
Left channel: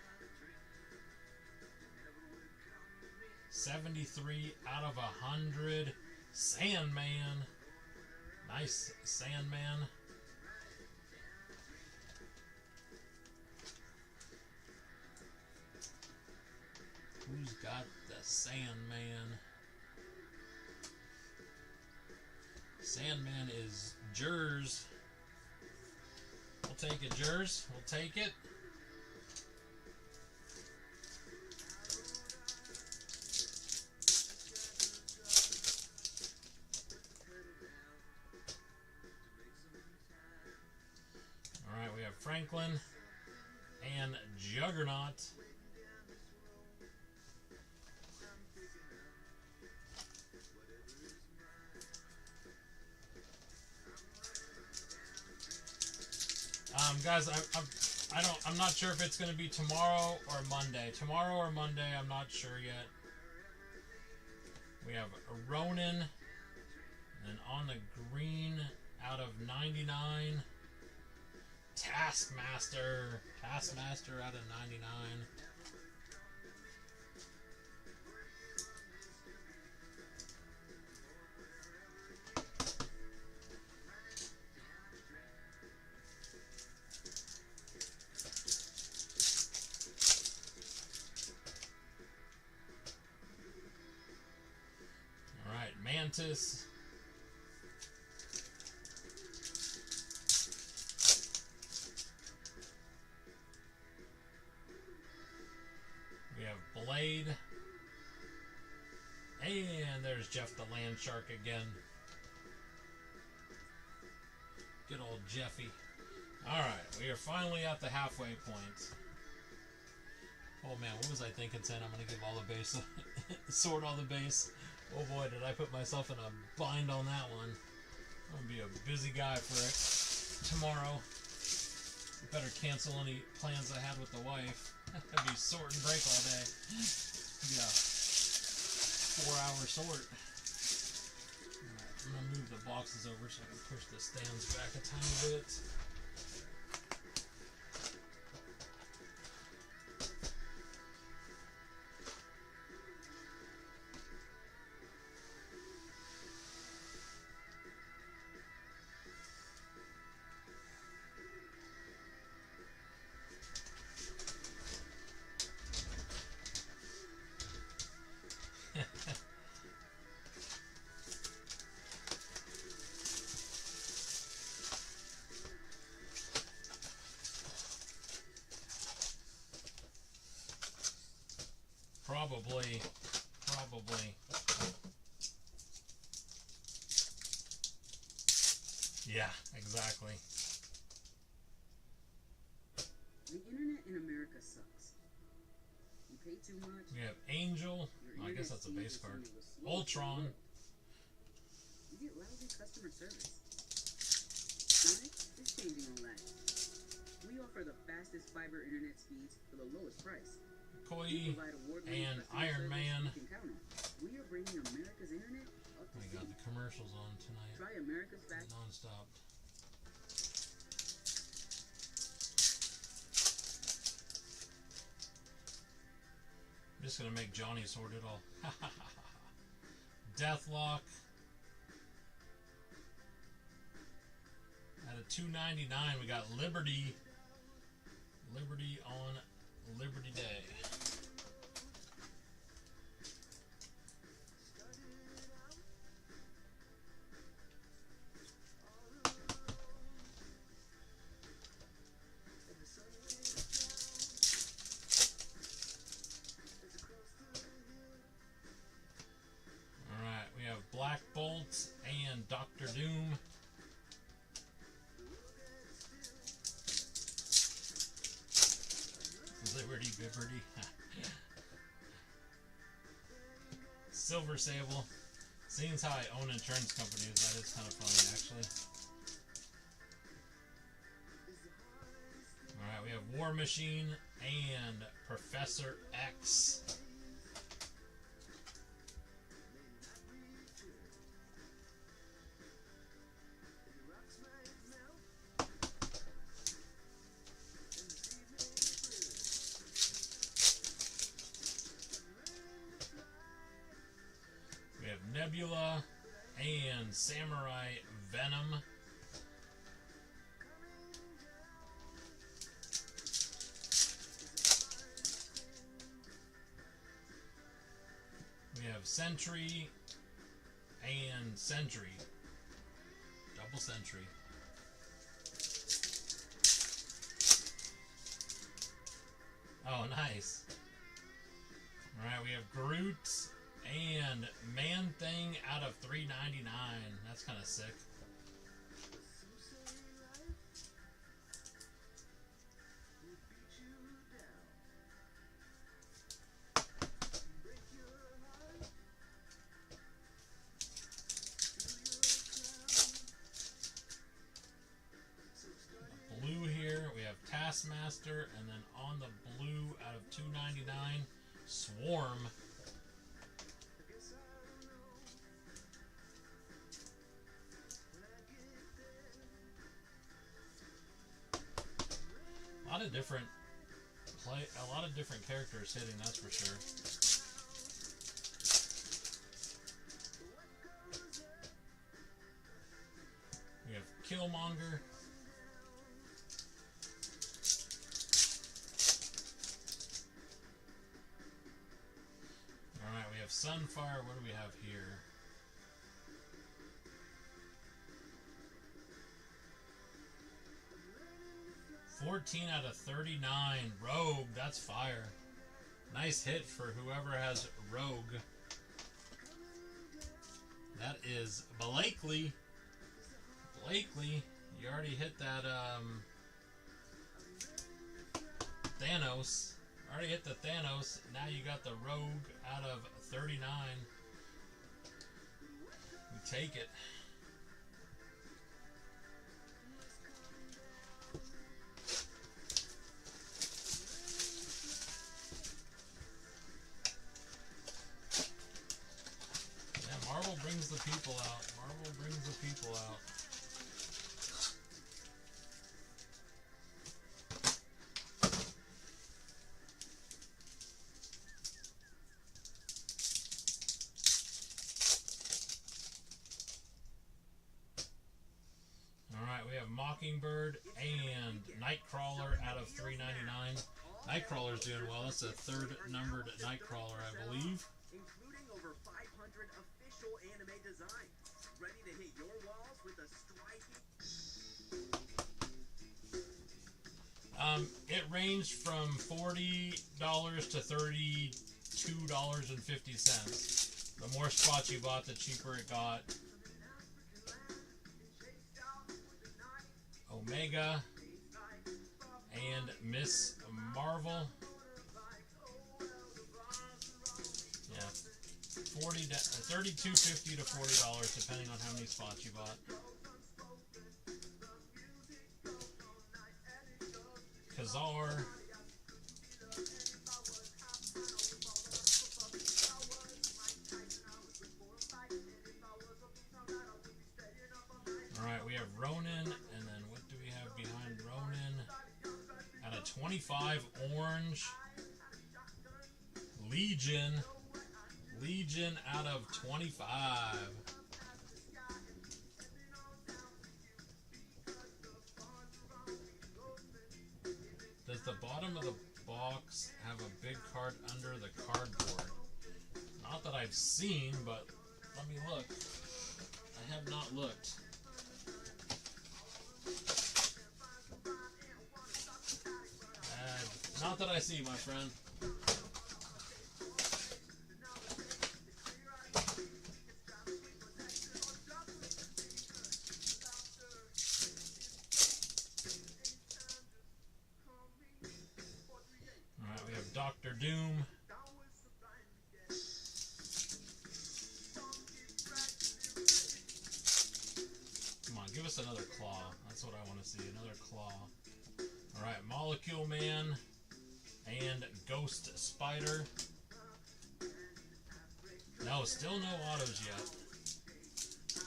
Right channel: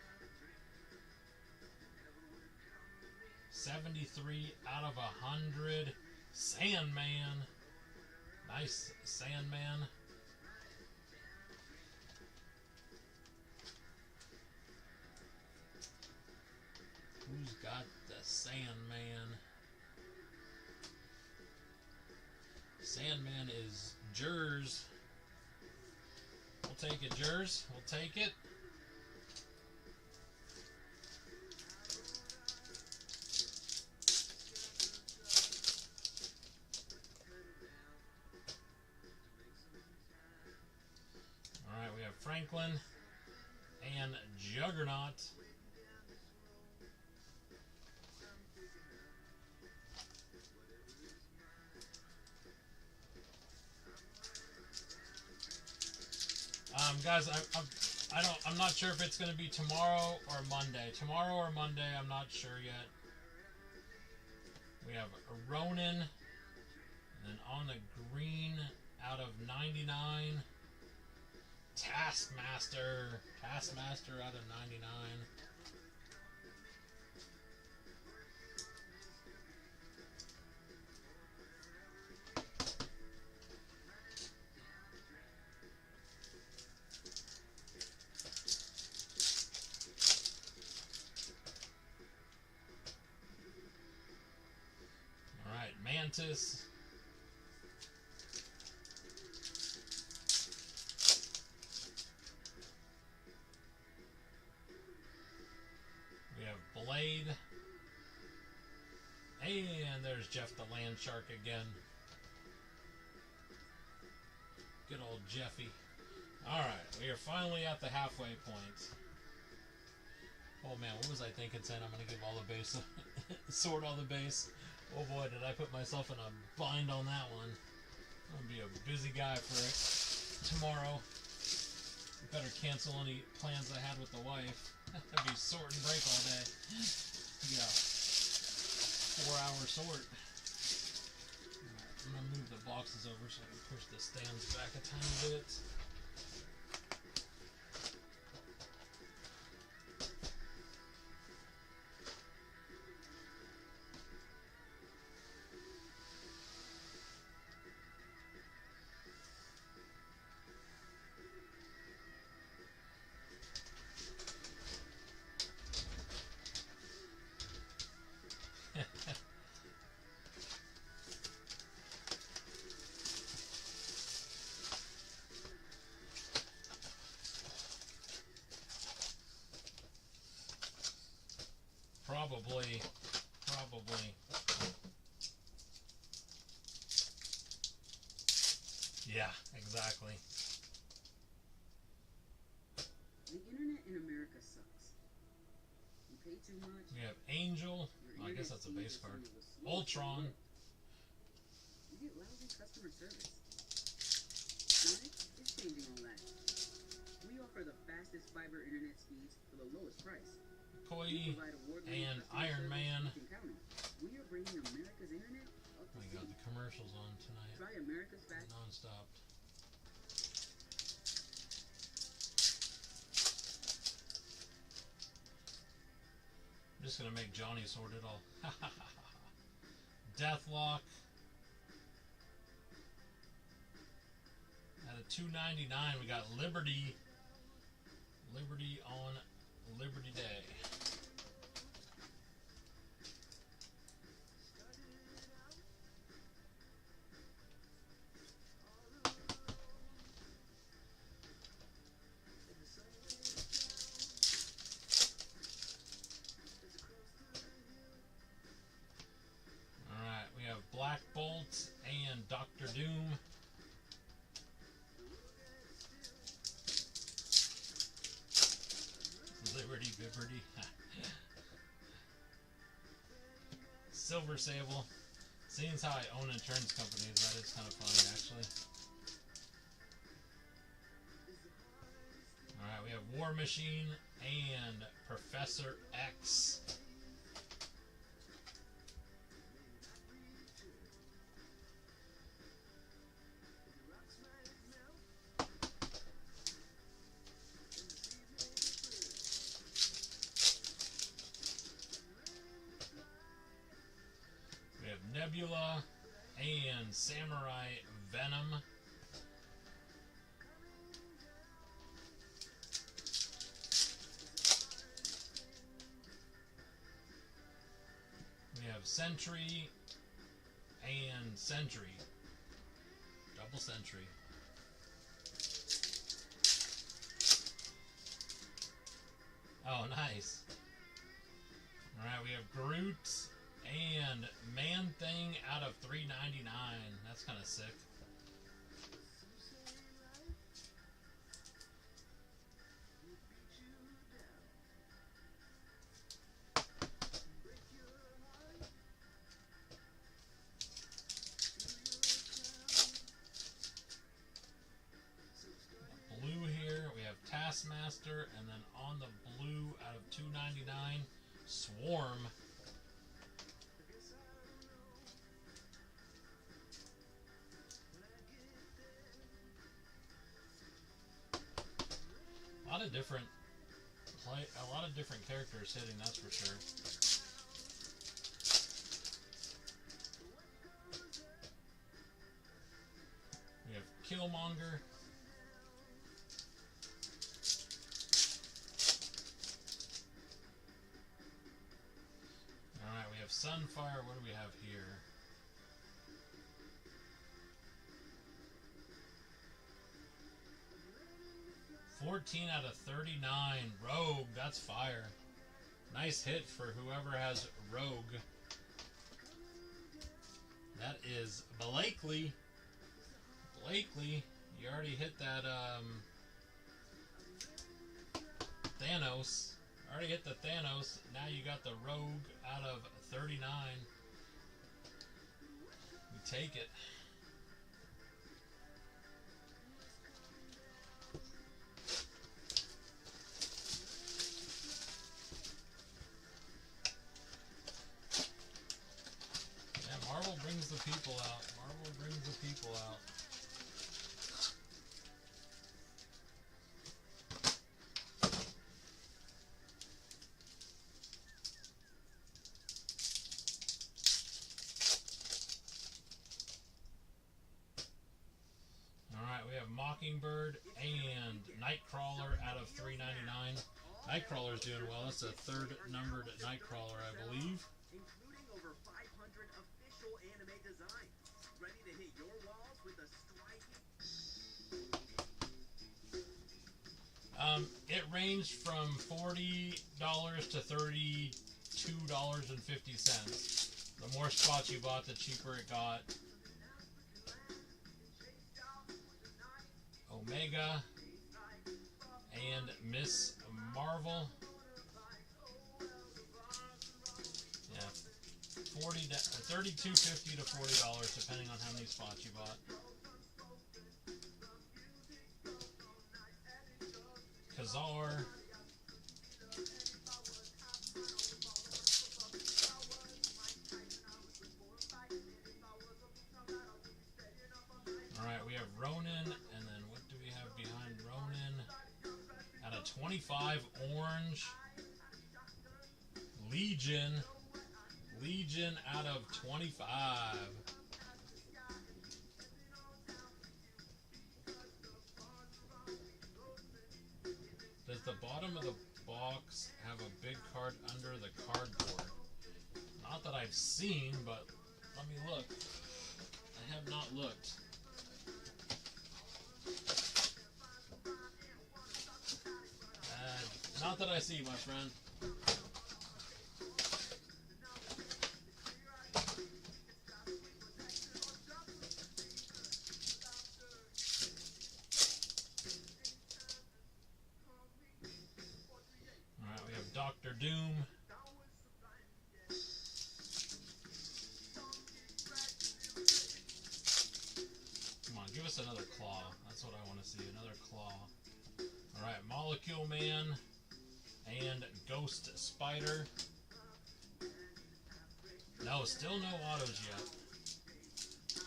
73 out of 100. Sandman. Nice Sandman. Who's got the Sandman? Sandman is Jers. We'll take it, Jers. We'll take it. Alright, we have Franklin and Juggernaut. Guys, I'm not sure if it's going to be tomorrow or Monday. Tomorrow or Monday, I'm not sure yet. We have Ronin, and on the green, out of 99, Taskmaster out of 99. All right, Mantis. We have Blade. And there's Jeff the Land Shark again. Good old Jeffy. Alright, we are finally at the halfway point. Oh man, what was I thinking saying I'm going to give all the base, sort all the base. Oh boy, did I put myself in a bind on that one. I'm going to be a busy guy for it tomorrow. Better cancel any plans I had with the wife. I'd be sort and break all day. Yeah. 4-hour sort. Alright, I'm going to move the boxes over so I can push the stands back a tiny bit. Probably. Yeah, exactly. The internet in America sucks. You pay too much. We have Angel. Your I guess that's a internet base speed card. is some of the slowest in the Ultron. world. you get lousy customer service. Sonic is changing all that. We offer the fastest fiber internet speeds for the lowest price. Koi and Iron Man. You can count on. We are bringing America's internet up to We got the commercials on tonight. Try America's fast Non-stop. I'm just gonna make Johnny sort it all. Deathlock at a $2.99. We got Liberty. Liberty on Liberty Day. Alright, we have Black Bolt and Dr. Doom. Liberty Bibberty. Silver Sable. Seeing as how I own insurance companies, that is kind of funny actually. Alright, we have War Machine and Professor X. We have Nebula and Samurai Venom. We have Sentry and Sentry. Double Sentry. Oh, nice. Alright, we have Groot and Man-Thing out of $3.99. That's kind of sick. Blue here, we have Taskmaster, and then on the blue out of $2.99, Swarm. A lot of different characters hitting, that's for sure. We have Killmonger. Alright, we have Sunfire. What do we have here? $14 out of 39. Rogue, that's fire. Nice hit for whoever has Rogue. That is Blakely. Blakely, you already hit that Thanos. Already hit the Thanos. Now you got the Rogue out of 39. We take it. Marvel brings the people out. Marvel brings the people out. Alright, we have Mockingbird and Nightcrawler out of $3.99. Nightcrawler's doing well. That's the third numbered Nightcrawler, I believe. Including over 500 official anime designs. Ready to hit your walls with a striking... It ranged from $40 to $32.50. The more spots you bought, the cheaper it got. Omega and Miss Marvel. Yeah. $32.50 to $40 depending on how many spots you bought. Kazar. Alright, we have Ronin, and then what do we have behind Ronin? At a 25 orange. Legion. Legion out of 25. Does the bottom of the box have a big card under the cardboard? Not that I've seen, but let me look. I have not looked. Not that I see, my friend. Alright, we have Dr. Doom. Come on, give us another claw. That's what I want to see, another claw. Alright, Molecule Man and Ghost Spider. No, still no autos yet.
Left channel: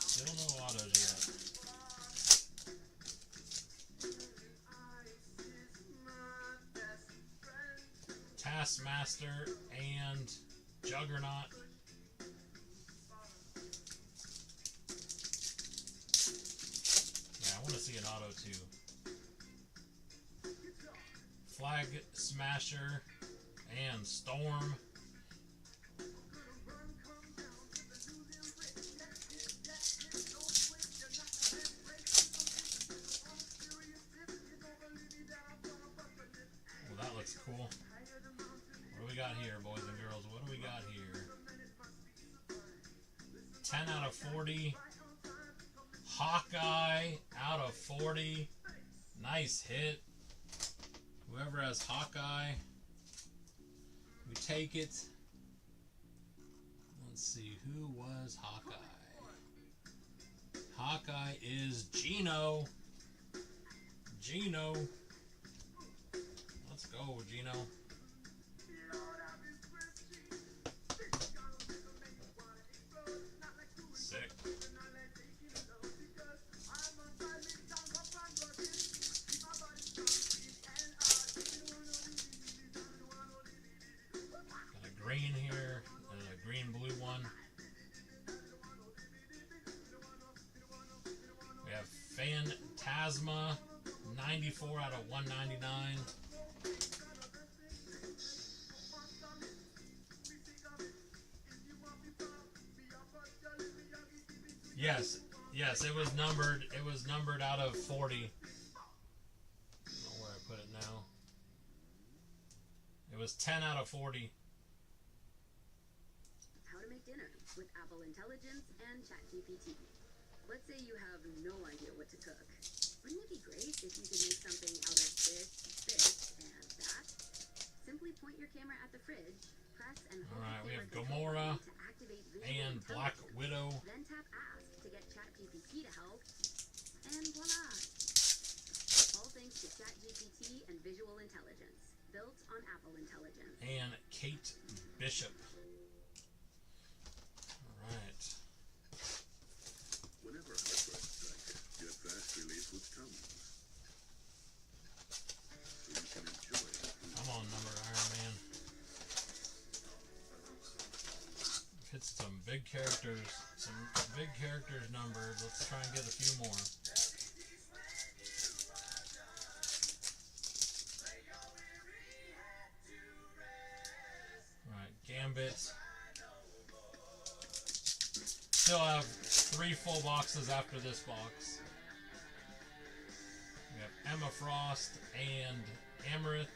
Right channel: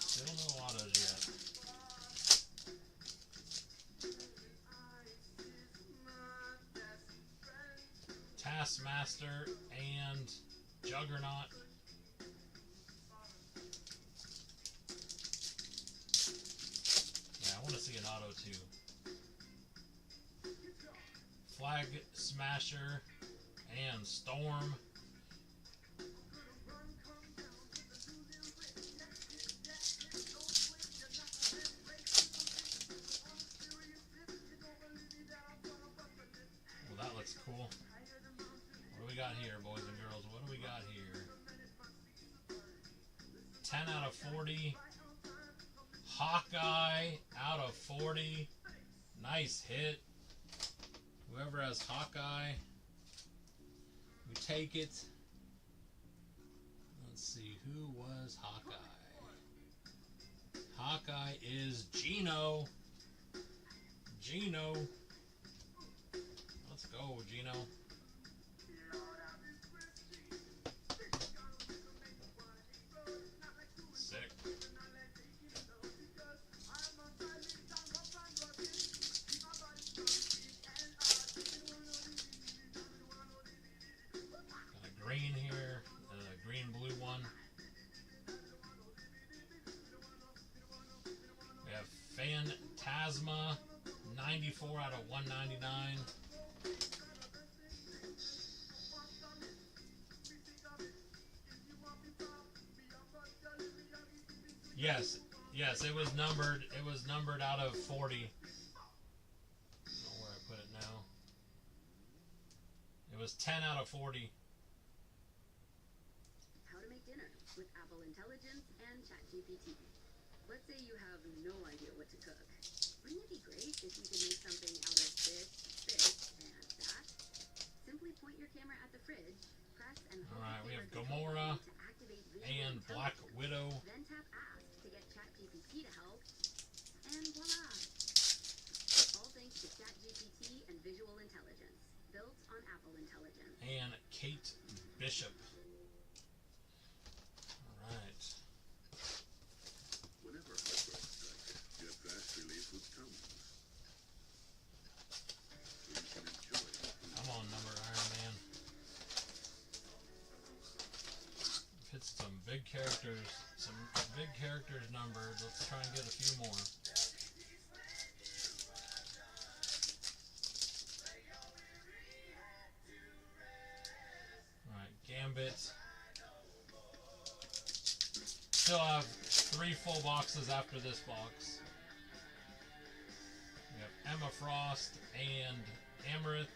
Still no autos yet. Taskmaster and Juggernaut. Yeah, I want to see an auto too. Flag Smasher and Storm. Well, that looks cool. What do we got here, boys and girls? What do we got here? 10 out of 40. Hawkeye out of 40. Nice hit. Whoever has Hawkeye, we take it. Let's see, who was Hawkeye? Hawkeye is Gino. Gino. Let's go, Gino. Sick. Green here, green blue one. We have Phantasma, 94 out of 199. Yes, it was numbered. It was numbered out of 40. I don't know where I put it now. It was 10 out of 40. How to make dinner with Apple Intelligence and ChatGPT. Let's say you have no idea what to cook. Wouldn't it be great if you could make something out of this, and that? Simply point your camera at the fridge, press and hold Alright, the we have camera Gamora to activate visual and Black intelligence. Widow. Then tap Ask to get ChatGPT to help, and voila! All thanks to ChatGPT and visual intelligence, built on Apple Intelligence. And Kate Bishop. Alright. Whenever heartburn strikes, get fast relief with Tums. So you can enjoy it. Come on, number Iron Man. Hit some big characters. Some big characters numbered. Let's try and get a few more. Alright, Gambit. Still have 3 full boxes after this box. We have Emma Frost and Amarith.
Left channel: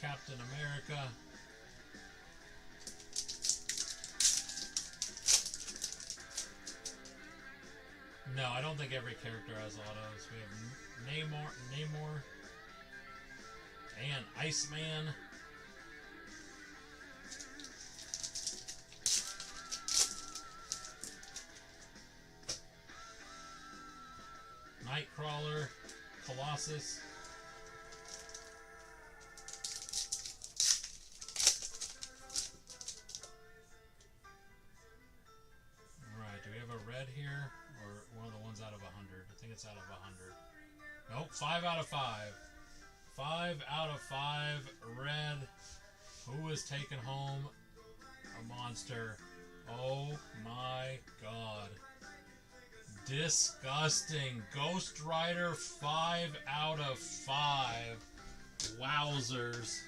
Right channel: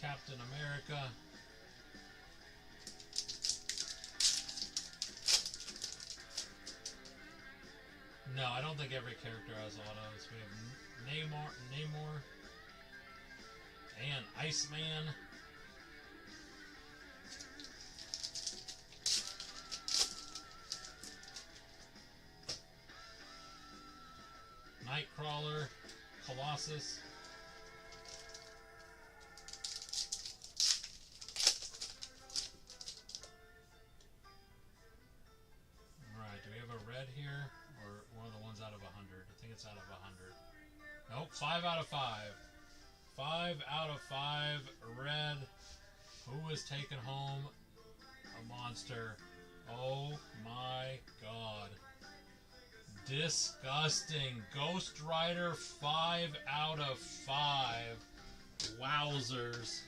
Captain America. No, I don't think every character has autos. We have Namor, and Iceman. Nightcrawler, Colossus. Alright, do we have a red here? Or one of the ones out of 100? I think it's out of 100. Nope, 5 out of 5. 5 out of 5 red. Who is taking home a monster? Oh my god. Disgusting. Ghost Rider, 5 out of 5. Wowzers.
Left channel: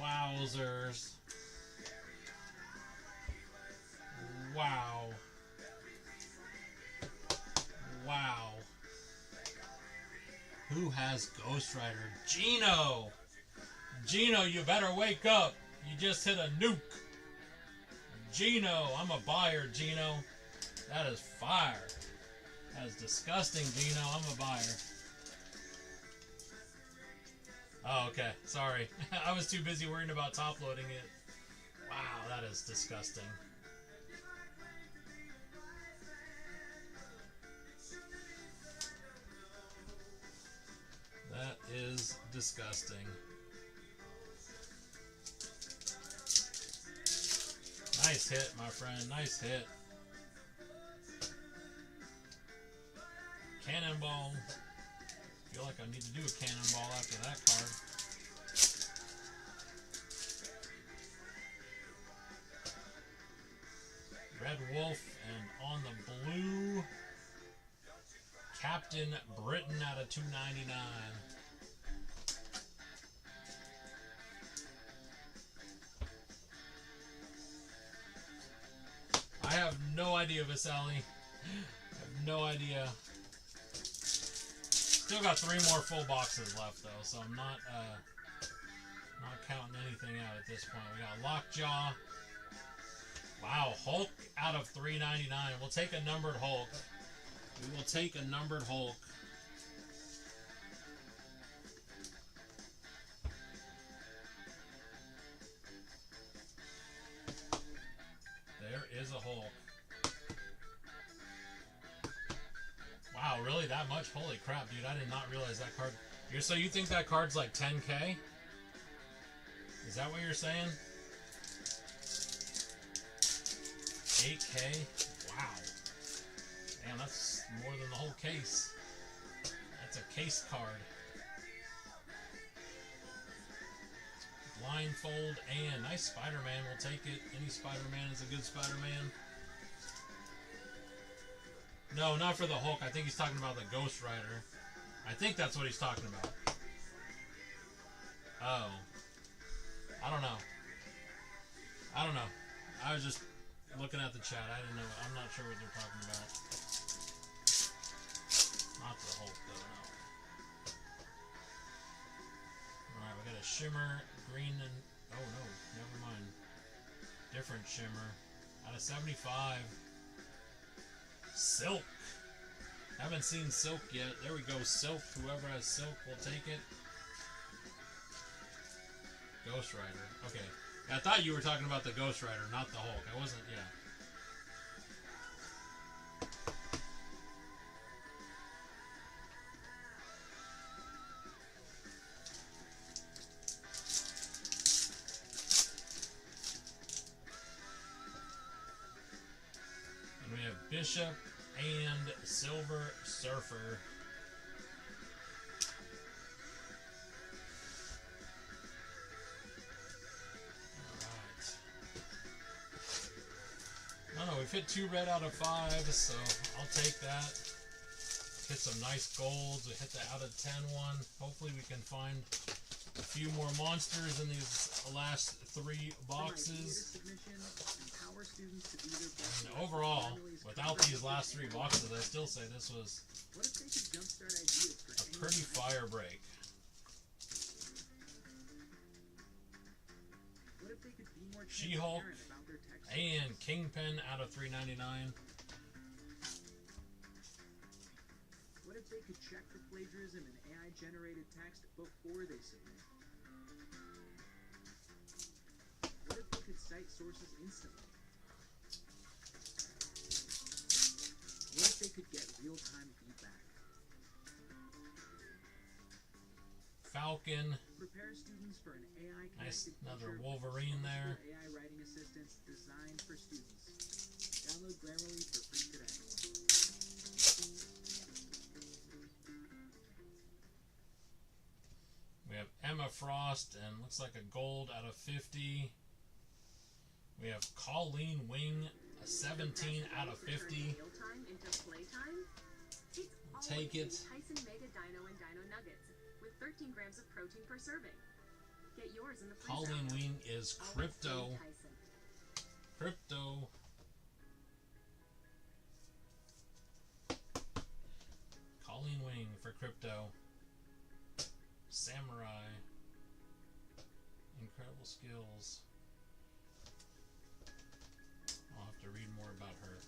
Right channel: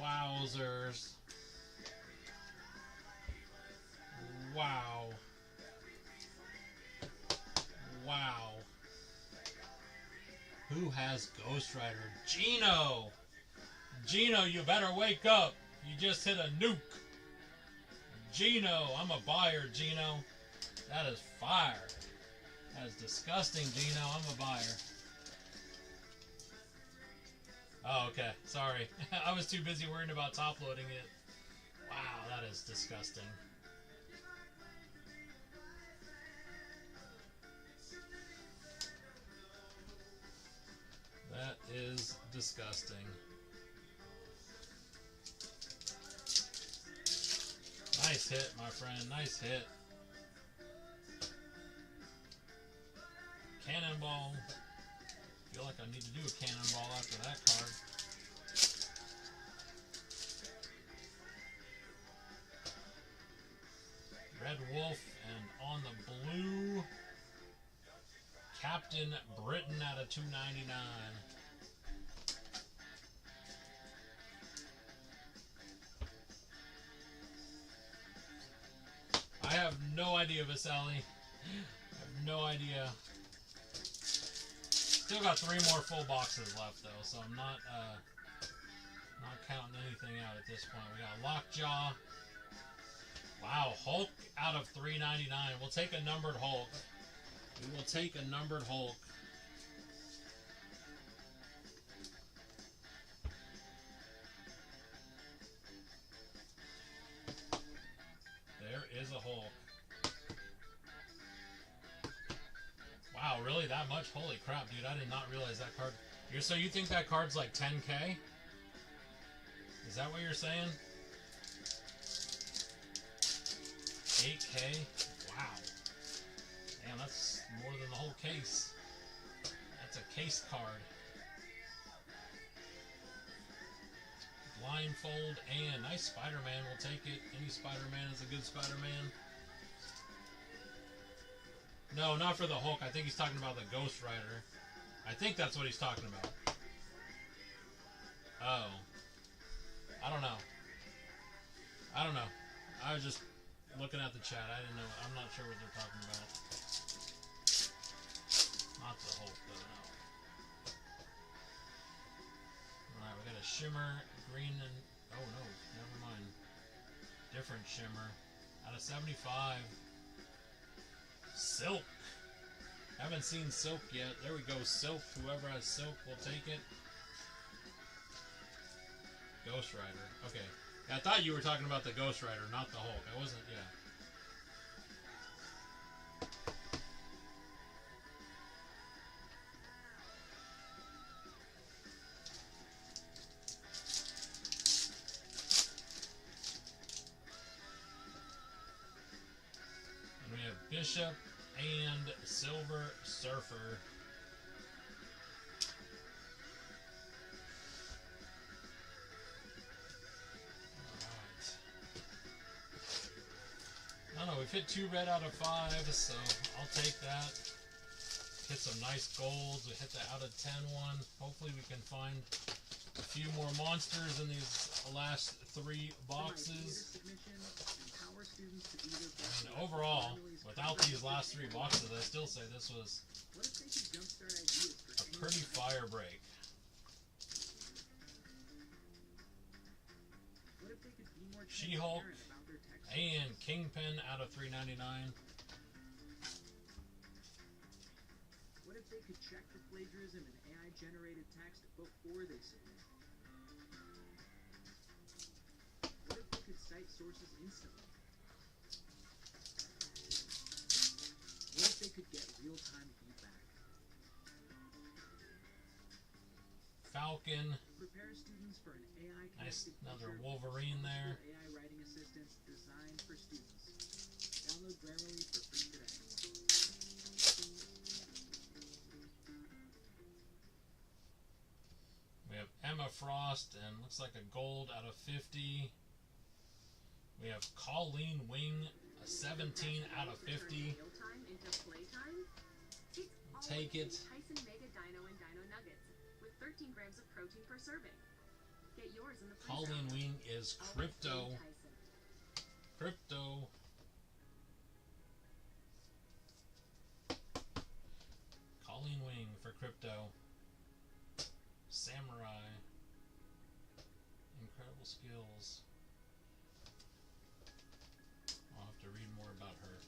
Wowzers. Wow. Wow. Who has Ghost Rider? Gino! Gino, you better wake up. You just hit a nuke. Gino, I'm a buyer, Gino. That is fire. That is disgusting, Gino. I'm a buyer. Oh, okay. Sorry. I was too busy worrying about top loading it. Wow, that is disgusting. That is disgusting. Nice hit, my friend. Nice hit. Cannonball. Feel like I need to do a cannonball after that card. Red Wolf, and on the blue, Captain Britain out of 299. I have no idea, Vasali. I have no idea. Still got 3 more full boxes left though, so I'm not counting anything out at this point. We got Lockjaw. Wow, Hulk out of 399. We'll take a numbered Hulk. We will take a numbered Hulk. There is a Hulk. Wow, really that much? Holy crap, dude. I did not realize that card. So you think that card's like 10K? Is that what you're saying? 8K? Wow. Damn, that's more than the whole case. That's a case card. Blindfold and nice Spider-Man. We'll take it. Any Spider-Man is a good Spider-Man. No, not for the Hulk. I think he's talking about the Ghost Rider. I think that's what he's talking about. Oh. I don't know. I don't know. I was just looking at the chat. I didn't know. I'm not sure what they're talking about. Not the Hulk, though, no. Alright, we got a Shimmer, green, and... Oh, no. Never mind. Different Shimmer. Out of 75. Silk. Haven't seen Silk yet. There we go. Silk. Whoever has Silk will take it. Ghost Rider. Okay. I thought you were talking about the Ghost Rider, not the Hulk. I wasn't, yeah. And we have Bishop and Silver Surfer. We've hit 2 red out of 5, so I'll take that. Hit some nice golds. We hit the out of 10 one. Hopefully we can find a few more monsters in these last 3 boxes. And overall, without these last 3 boxes, I still say this was a pretty fire break. She-Hulk and Kingpin out of 399. if they could check for plagiarism in AI-generated text before they submit? What if they could cite sources instantly? What if they could get real-time feedback? Falcon. Prepare students for an AI-connected Nice, another future with Wolverine there. AI writing assistants designed for students. Download Grammarly for free today. We have Emma Frost, and looks like a gold out of 50. We have Colleen Wing, a 17 out of 50. Mealtime into playtime? It's Take it. Tyson Mega Dino and Dino Nuggets with 13 grams of protein per serving. Get yours in the freezer. Colleen Wing is crypto. Always Tyson. Crypto. Colleen Wing for crypto. Samurai. Incredible skills. I'll have to read more about her.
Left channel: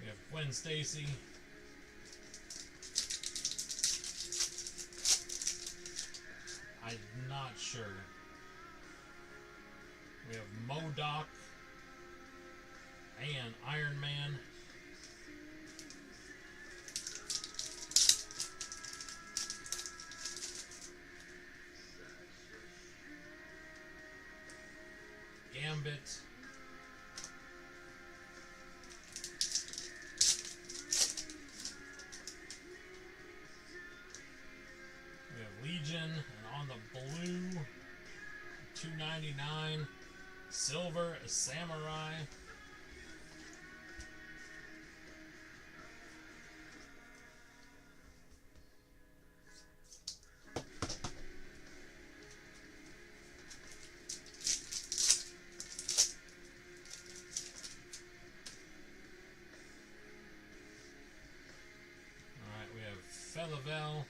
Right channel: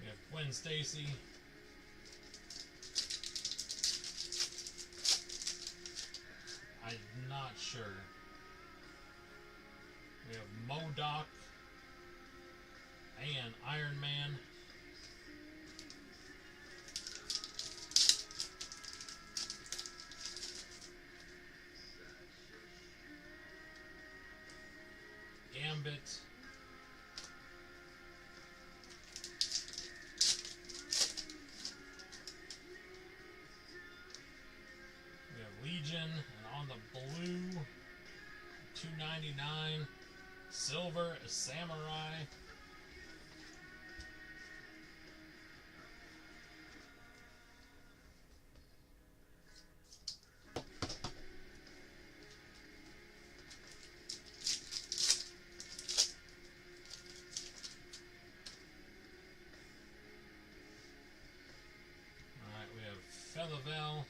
We have Gwen Stacy. I'm not sure. We have MODOK and Iron Man. Gambit. We have Legion, and on the blue, $2.99. Silver, a Samurai. Alright, we have Felivel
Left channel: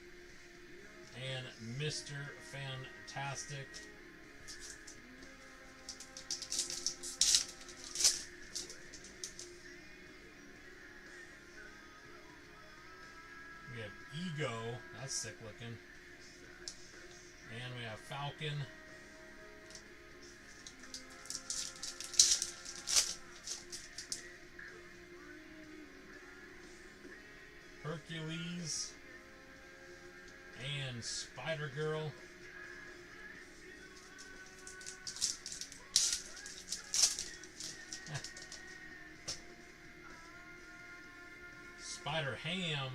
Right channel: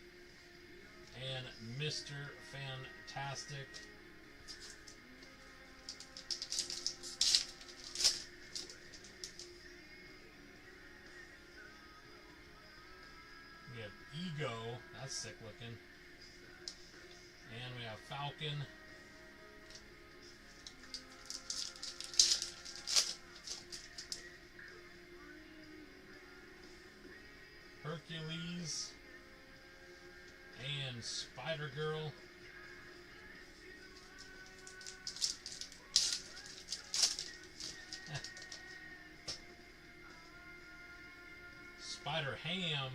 and Mr. Fantastic. We have Ego, that's sick looking. And we have Falcon. Hercules. And Spider-Girl. Spider-Ham.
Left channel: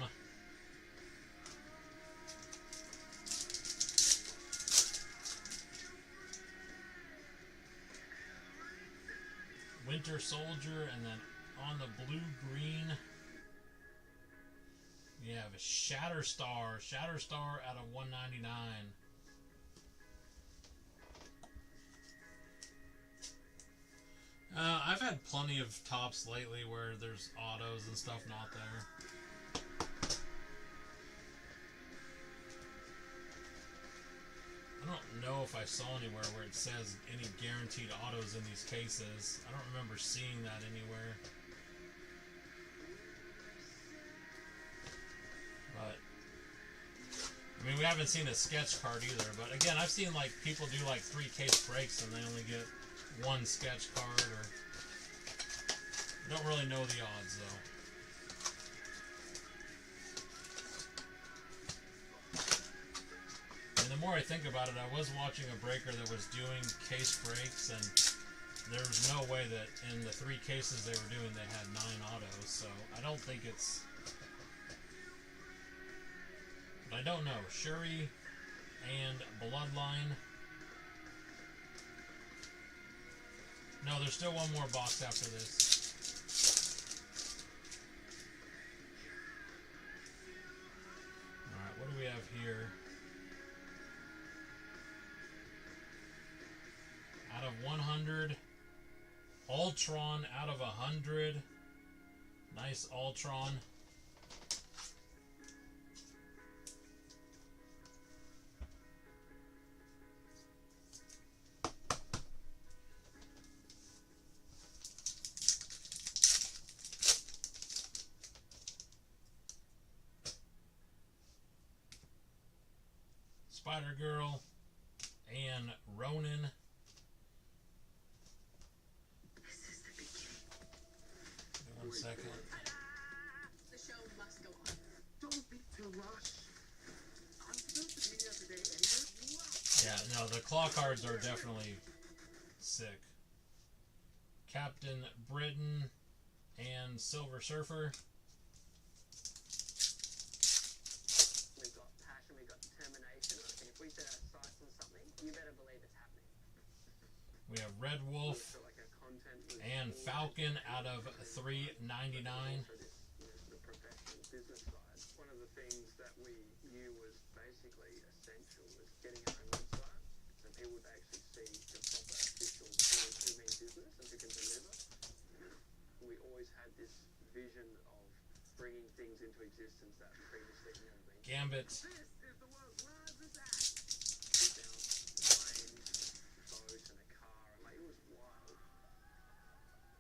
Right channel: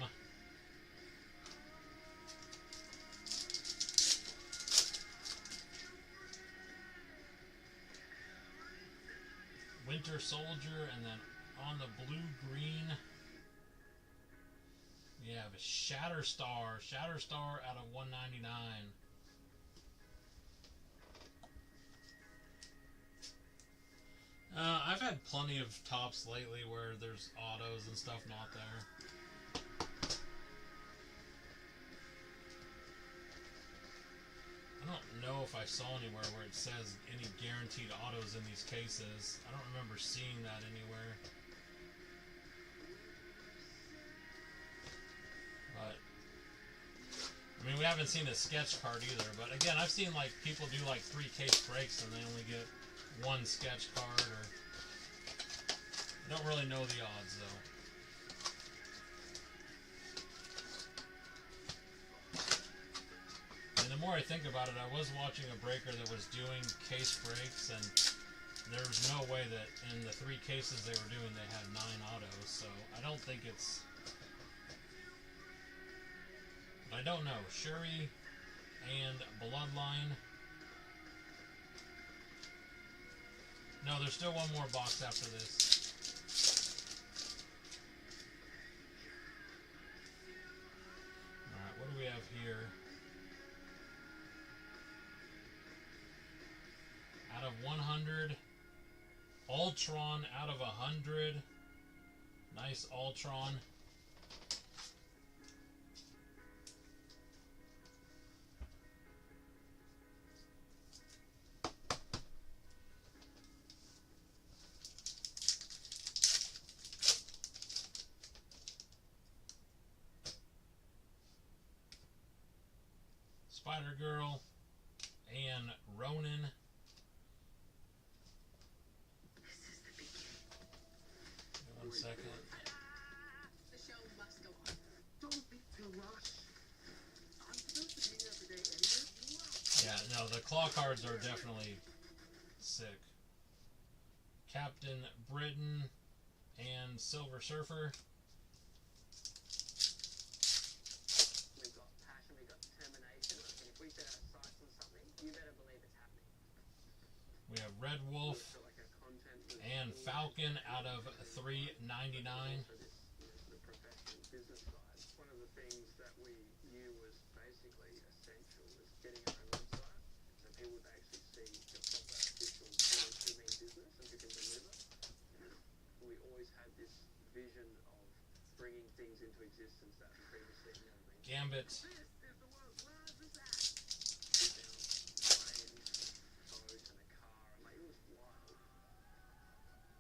Winter Soldier, and then on the blue-green, we have a Shatterstar. Shatterstar out of 199. I've had plenty of tops lately where there's autos and stuff not there. I don't know if I saw anywhere where it says any guaranteed autos in these cases. I don't remember seeing that anywhere. But I mean, we haven't seen a sketch card either. But again, I've seen like people do like 3 case breaks and they only get 1 sketch card, or I don't really know the odds though. And the more I think about it, I was watching a breaker that was doing case breaks, and there was no way that in the 3 cases they were doing they had 9 autos, so I don't think it's... But I don't know. Shuri and Bloodline. No, there's still one more box after this. Alright, what do we have here? Out of 100. Ultron out of 100. Nice Ultron. Spider Girl, and Ronin. This is the beginning. Give me 1 second. The show must go on. Don't be too rushed. I'm supposed to be here today anyway. Yeah, no, the claw cards are definitely sick. Captain Britain and Silver Surfer. We've got passion, we've got determination. I think if we set our sights on something, you better believe it's happening. We have Red Wolf So like our content was and always- Falcon out of $3.99. Also this, the professional business side. One of the things that we knew was basically essential was getting our own website, so people would actually see the proper official brand who mean business and who can deliver. We always had this vision of bringing things into existence that previously had never been. Gambit. This is the world's largest act. We found planes, boats, and a car, and like it was wild.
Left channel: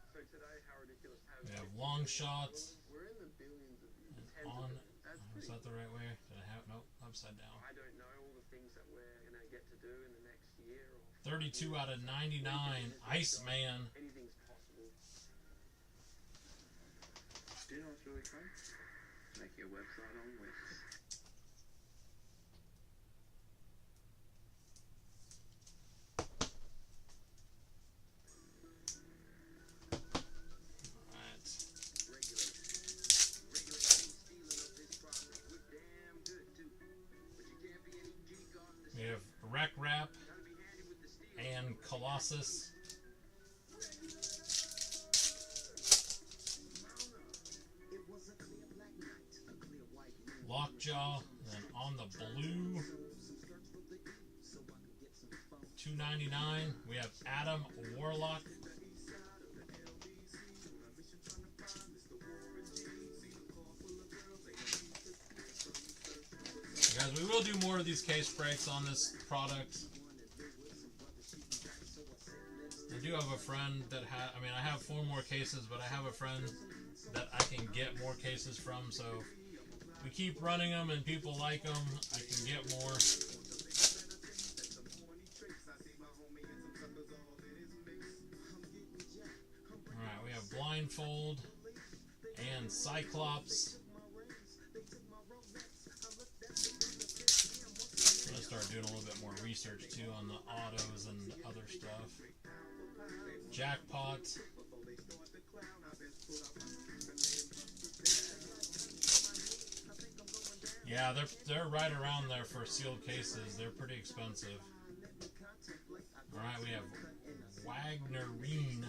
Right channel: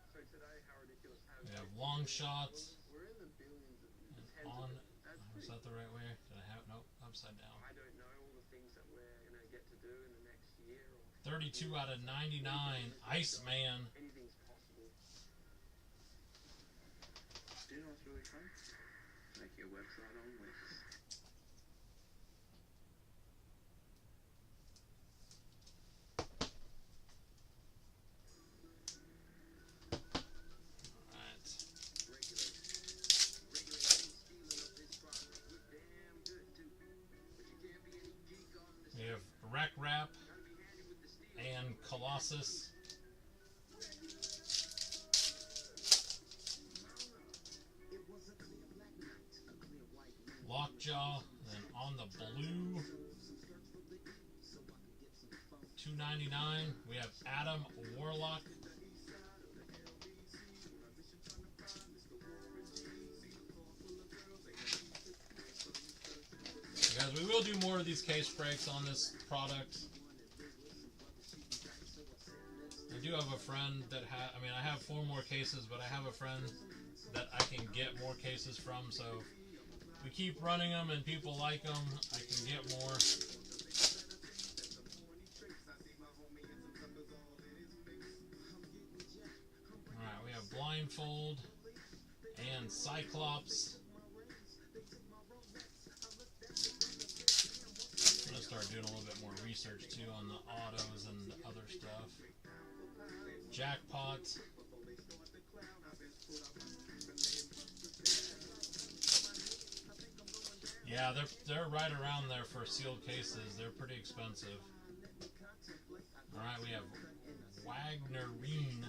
So today, how ridiculous have We have long shots. We're in the billions of And tens of on. billions. That's Was pretty. that the right way? Did I have? Nope, upside down. I don't know all the things that we're gonna get to do in the next year or 32 out of 99. Iceman. anything's possible. Do you know what's really fun? Make your website on Wix. Alright. We have Wreck Rap and Colossus. Lockjaw, and on the blue, $2.99. We have Adam Warlock. Guys, we will do more of these case breaks on this product. I do have a friend that I have 4 more cases, but I have a friend that I can get more cases from, so we keep running them and people like them, I can get more. Alright, we have Blindfold and Cyclops. I'm gonna start doing a little bit more research too on the autos and other stuff. Jackpot. Yeah, they're right around there for sealed cases. They're pretty expensive. Alright, we have Wagnerine.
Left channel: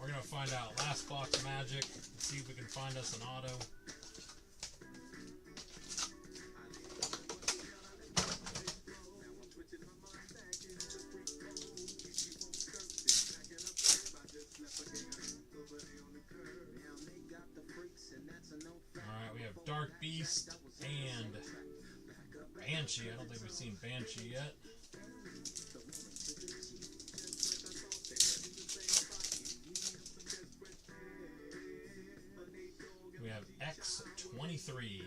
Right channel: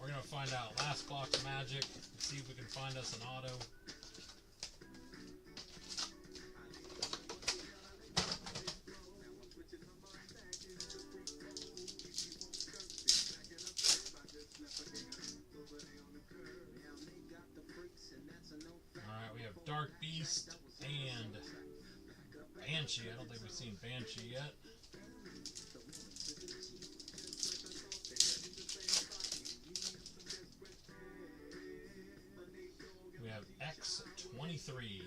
We're gonna find out last box magic. Let's see if we can find us an auto. Alright, we have Dark Beast and Banshee. I don't think we've seen Banshee yet. We have X23.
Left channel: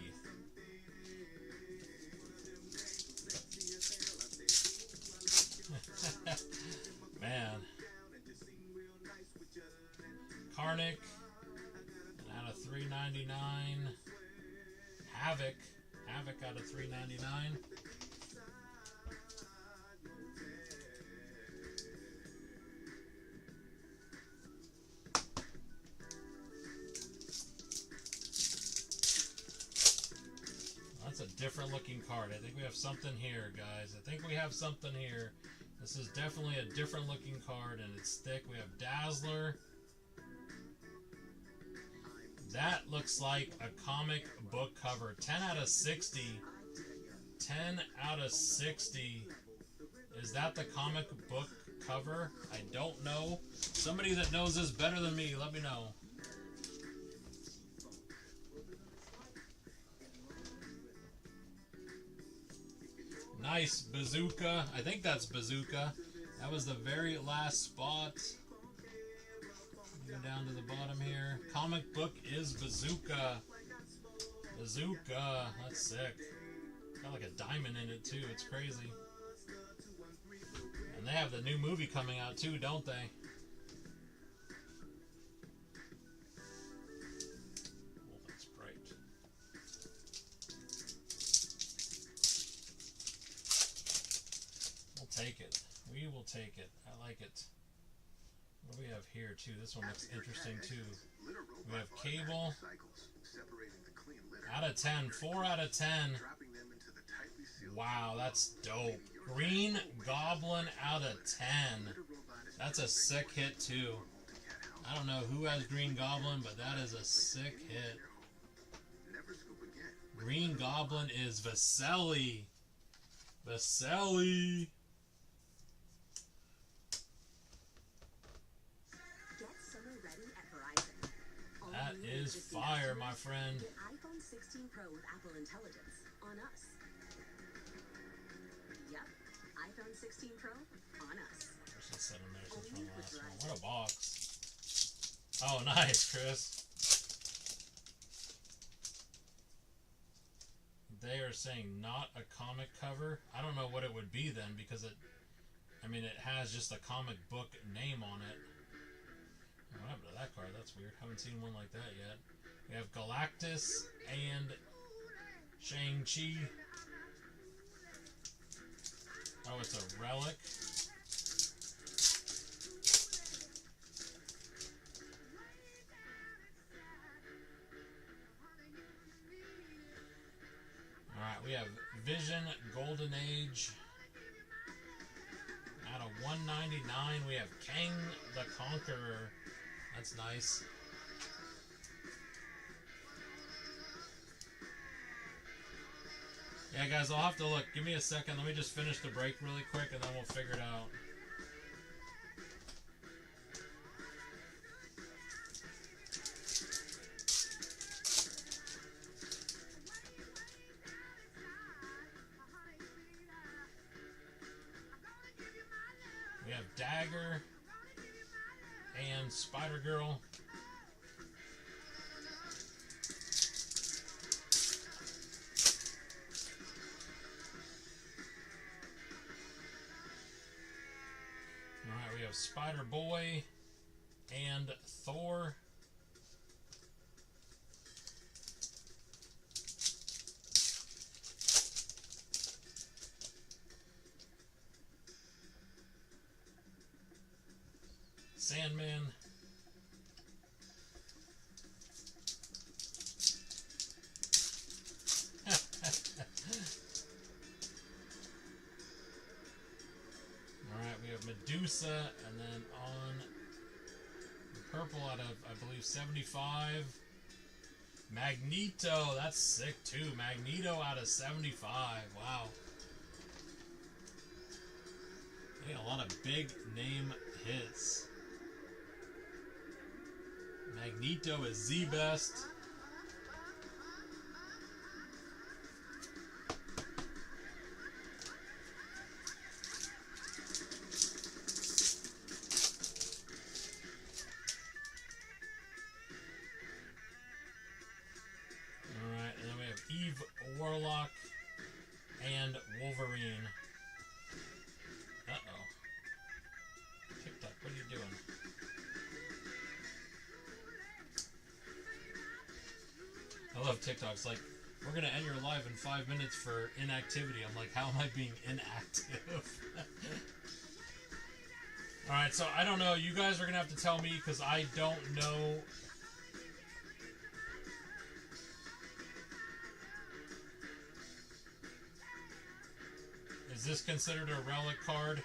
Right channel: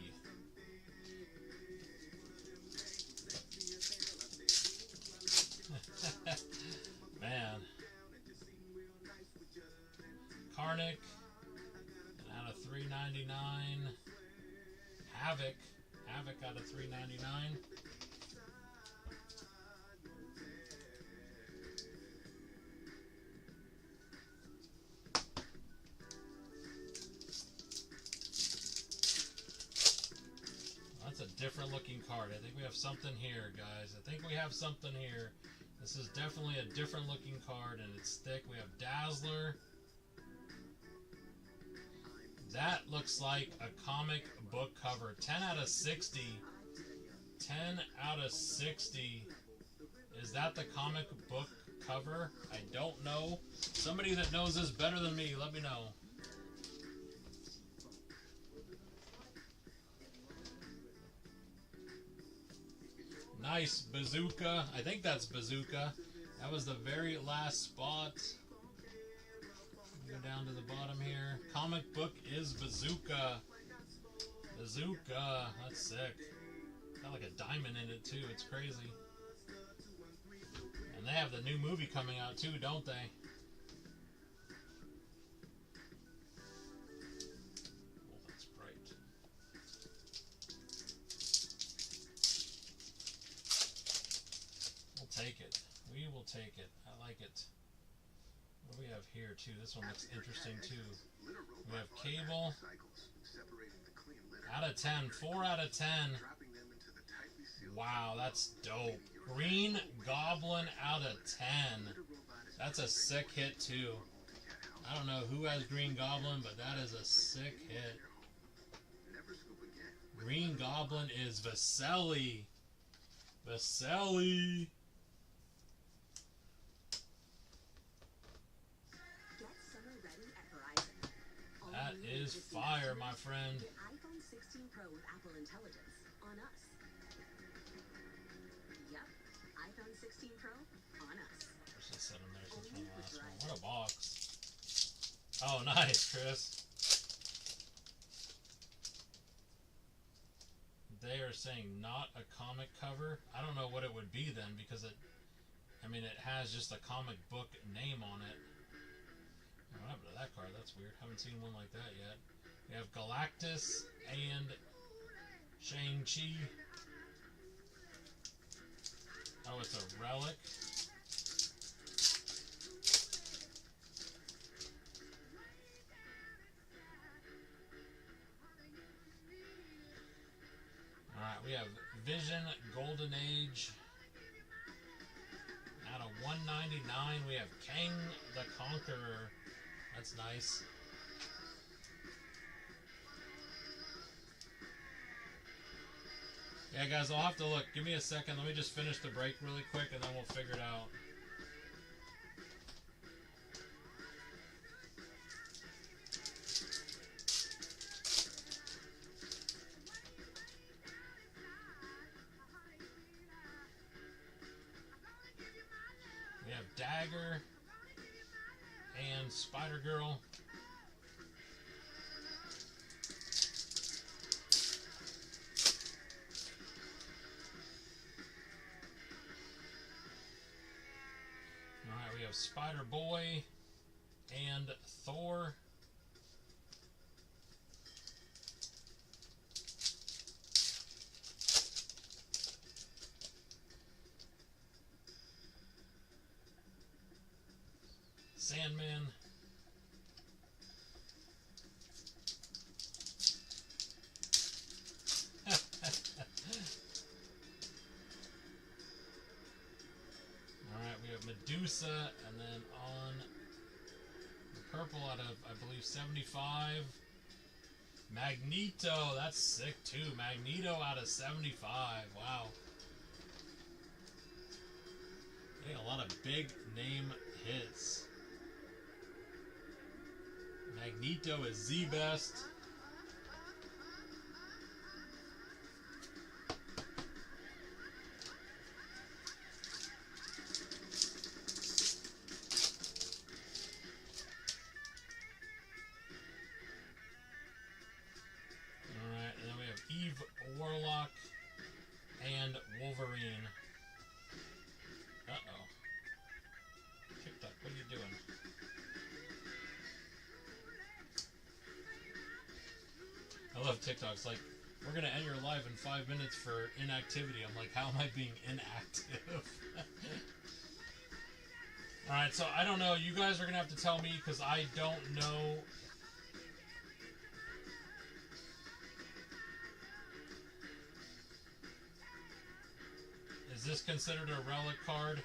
Man. Karnak. And out of $3.99. Havoc. Havoc out of $3.99. That's a different looking card. I think we have something here, guys. I think we have something here. This is definitely a different looking card, and it's thick. We have Dazzler. That looks like a comic book cover. 10 out of 60. 10 out of 60. Is that the comic book cover? I don't know. Somebody that knows this better than me, let me know. Nice Bazooka. I think that's Bazooka That was the very last spot. Go down to the bottom here. Comic book is Bazooka. Bazooka. That's sick. Got like a diamond in it too. It's crazy. And they have the new movie coming out too, don't they? Oh, that's bright. We'll take it. We will take it. I like it. What do we have here too? This one looks interesting too. We have Cable. Out of 10. 4 out of 10. Wow, that's dope. Green Goblin out of 10. That's a sick hit too. I don't know who has Green Goblin, but that is a sick hit. Green Goblin is Vasily. Vasily. That is fire, my friend. The iPhone 16 Pro with Apple Intelligence on us. Yep, iPhone 16 Pro on us. There's just 7 there since from the last one. What a box. Oh, nice, Chris. They are saying not a comic cover. I don't know what it would be then, because it has just a comic book name on it. What happened to that card? That's weird. Haven't seen one like that yet. We have Galactus and Shang-Chi. Oh, it's a relic. Alright, we have Vision, Golden Age. Out of 199, we have Kang the Conqueror. That's nice. Yeah, guys, I'll have to look. Give me a second. Let me just finish the break really quick, and then we'll figure it out. We have Dagger and Spider-Girl. Alright, we have Spider-Boy and Thor. Sandman. Alright, we have Medusa, and then on the purple out of, I believe, 75. Magneto, that's sick too. Magneto out of 75. Wow. Yeah, a lot of big name hits. Magneto is the best. Alright, and then we have Eve Warlock and Wolverine. Uh-oh. TikTok, what are you doing? I love TikToks. Like, we're going to end your live in 5 minutes for inactivity. I'm like, how am I being inactive? Alright, so I don't know. You guys are going to have to tell me because I don't know. Is this considered a relic card?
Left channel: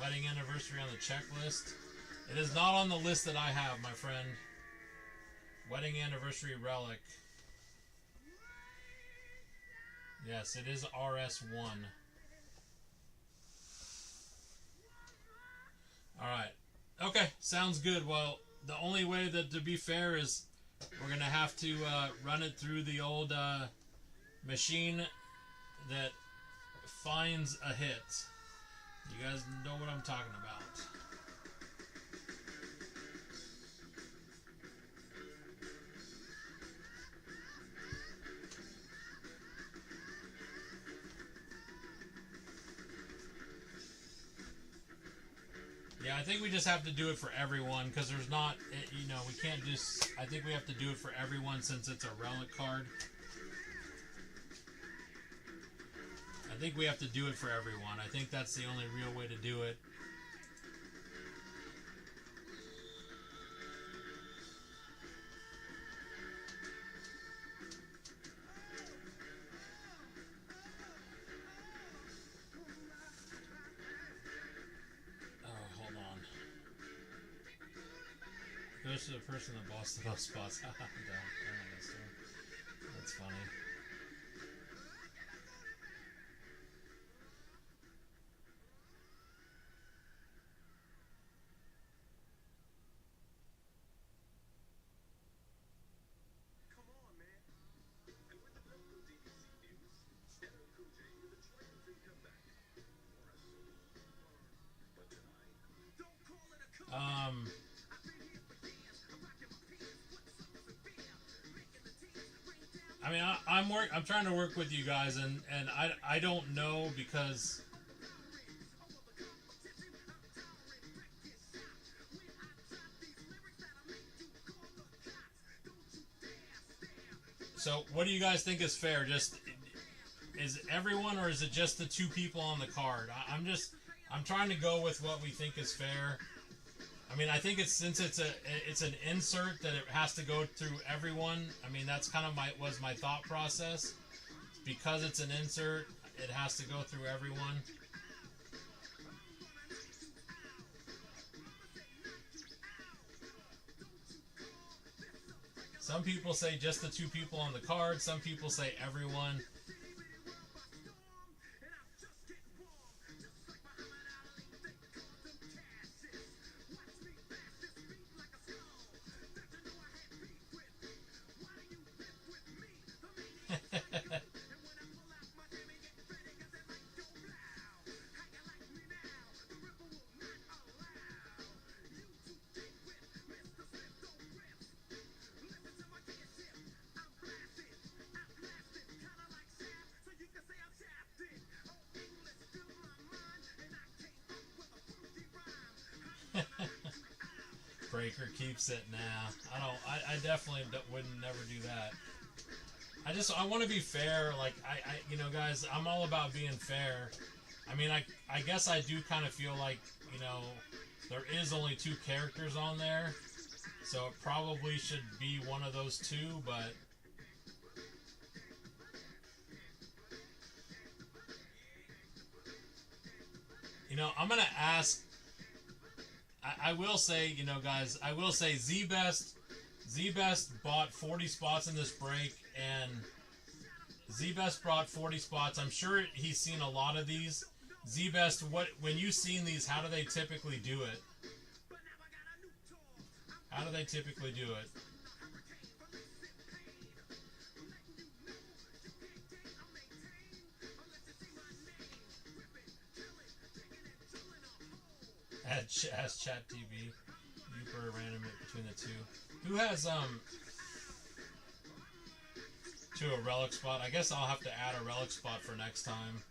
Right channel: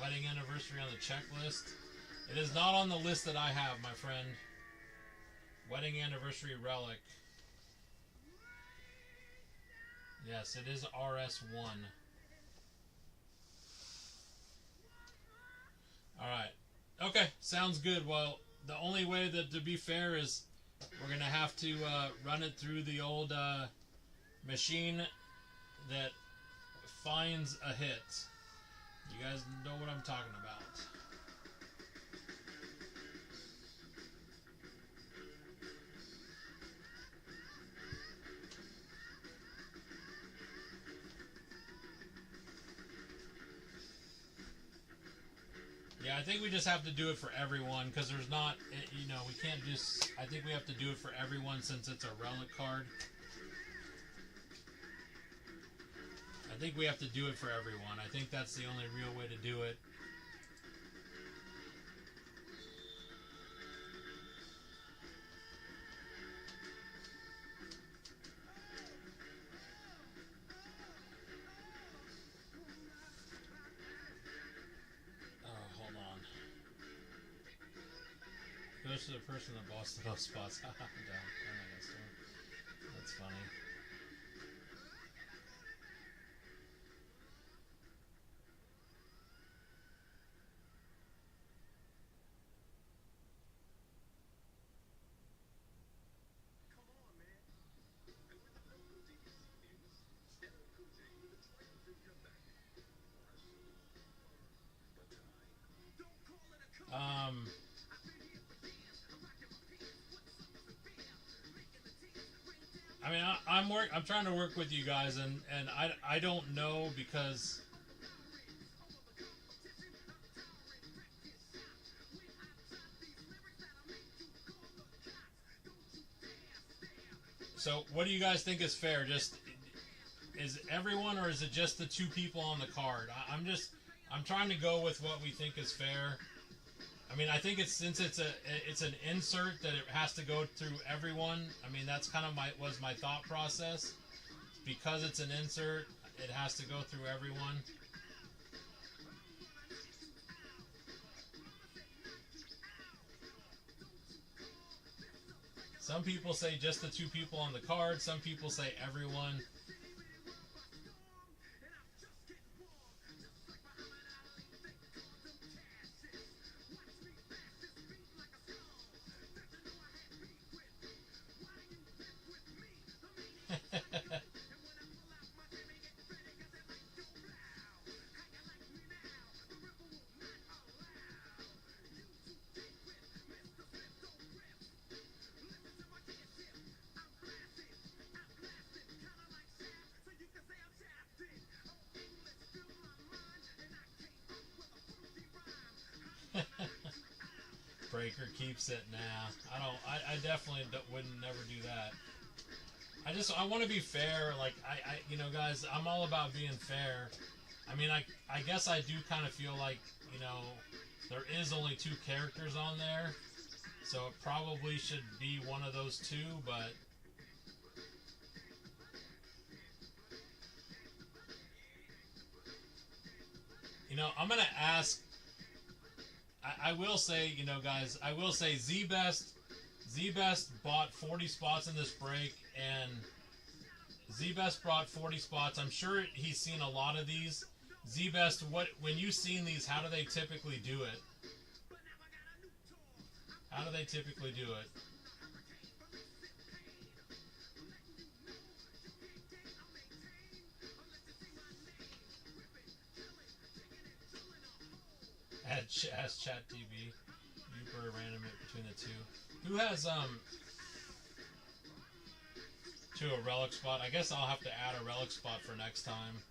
Wedding anniversary on the checklist. It is not on the list that I have, my friend. Wedding anniversary relic. Yes, it is RS1. Alright. Okay, sounds good. Well, the only way that to be fair is We're gonna have to run it through the old machine that finds a hit. You guys know what I'm talking about. Yeah, I think we just have to do it for everyone because there's not, you know, we can't just, I think we have to do it for everyone since it's a relic card. I think we have to do it for everyone. I think that's the only real way to do it. Goes to the person that bossed the most spots. I'm down. That's funny. Come on, man. And with the local DDC news, LL Cool J with a triumphant comeback. But tonight, don't call it a comeback. I mean, I'm trying to work with you guys, and I don't know because so what do you guys think is fair? Just is everyone, or is it just the two people on the card? I'm trying to go with what we think is fair. I mean, I think it's since it's an insert that it has to go through everyone. I mean, that's kind of was my thought process. Because it's an insert, it has to go through everyone. Some people say just the two people on the card. Some people say everyone. Breaker keeps it now. I definitely wouldn't never do that. I want to be fair. Like you know, guys, I'm all about being fair. I mean, I guess I do kind of feel like, you know, there is only two characters on there, so it probably should be one of those two, but you know, I'm gonna ask. I will say, you know, guys, I will say Z-Best bought 40 spots in this break, and Z-Best brought 40 spots. I'm sure he's seen a lot of these. Z-Best, when you've seen these, how do they typically do it? How do they typically do it? As Chat TV, you were random it between the two. Who has to a relic spot? I guess I'll have to add a relic spot for next time.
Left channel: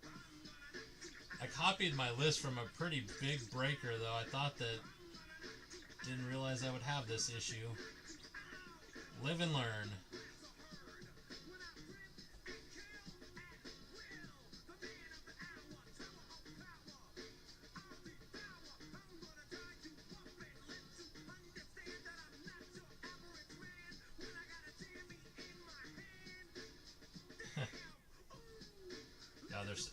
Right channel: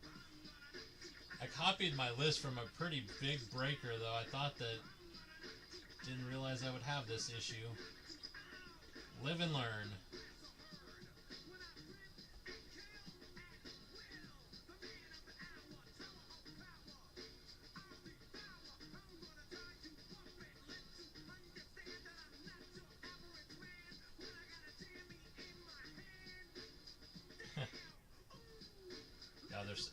I copied my list from a pretty big breaker, though. I thought that didn't realize I would have this issue. Live and learn.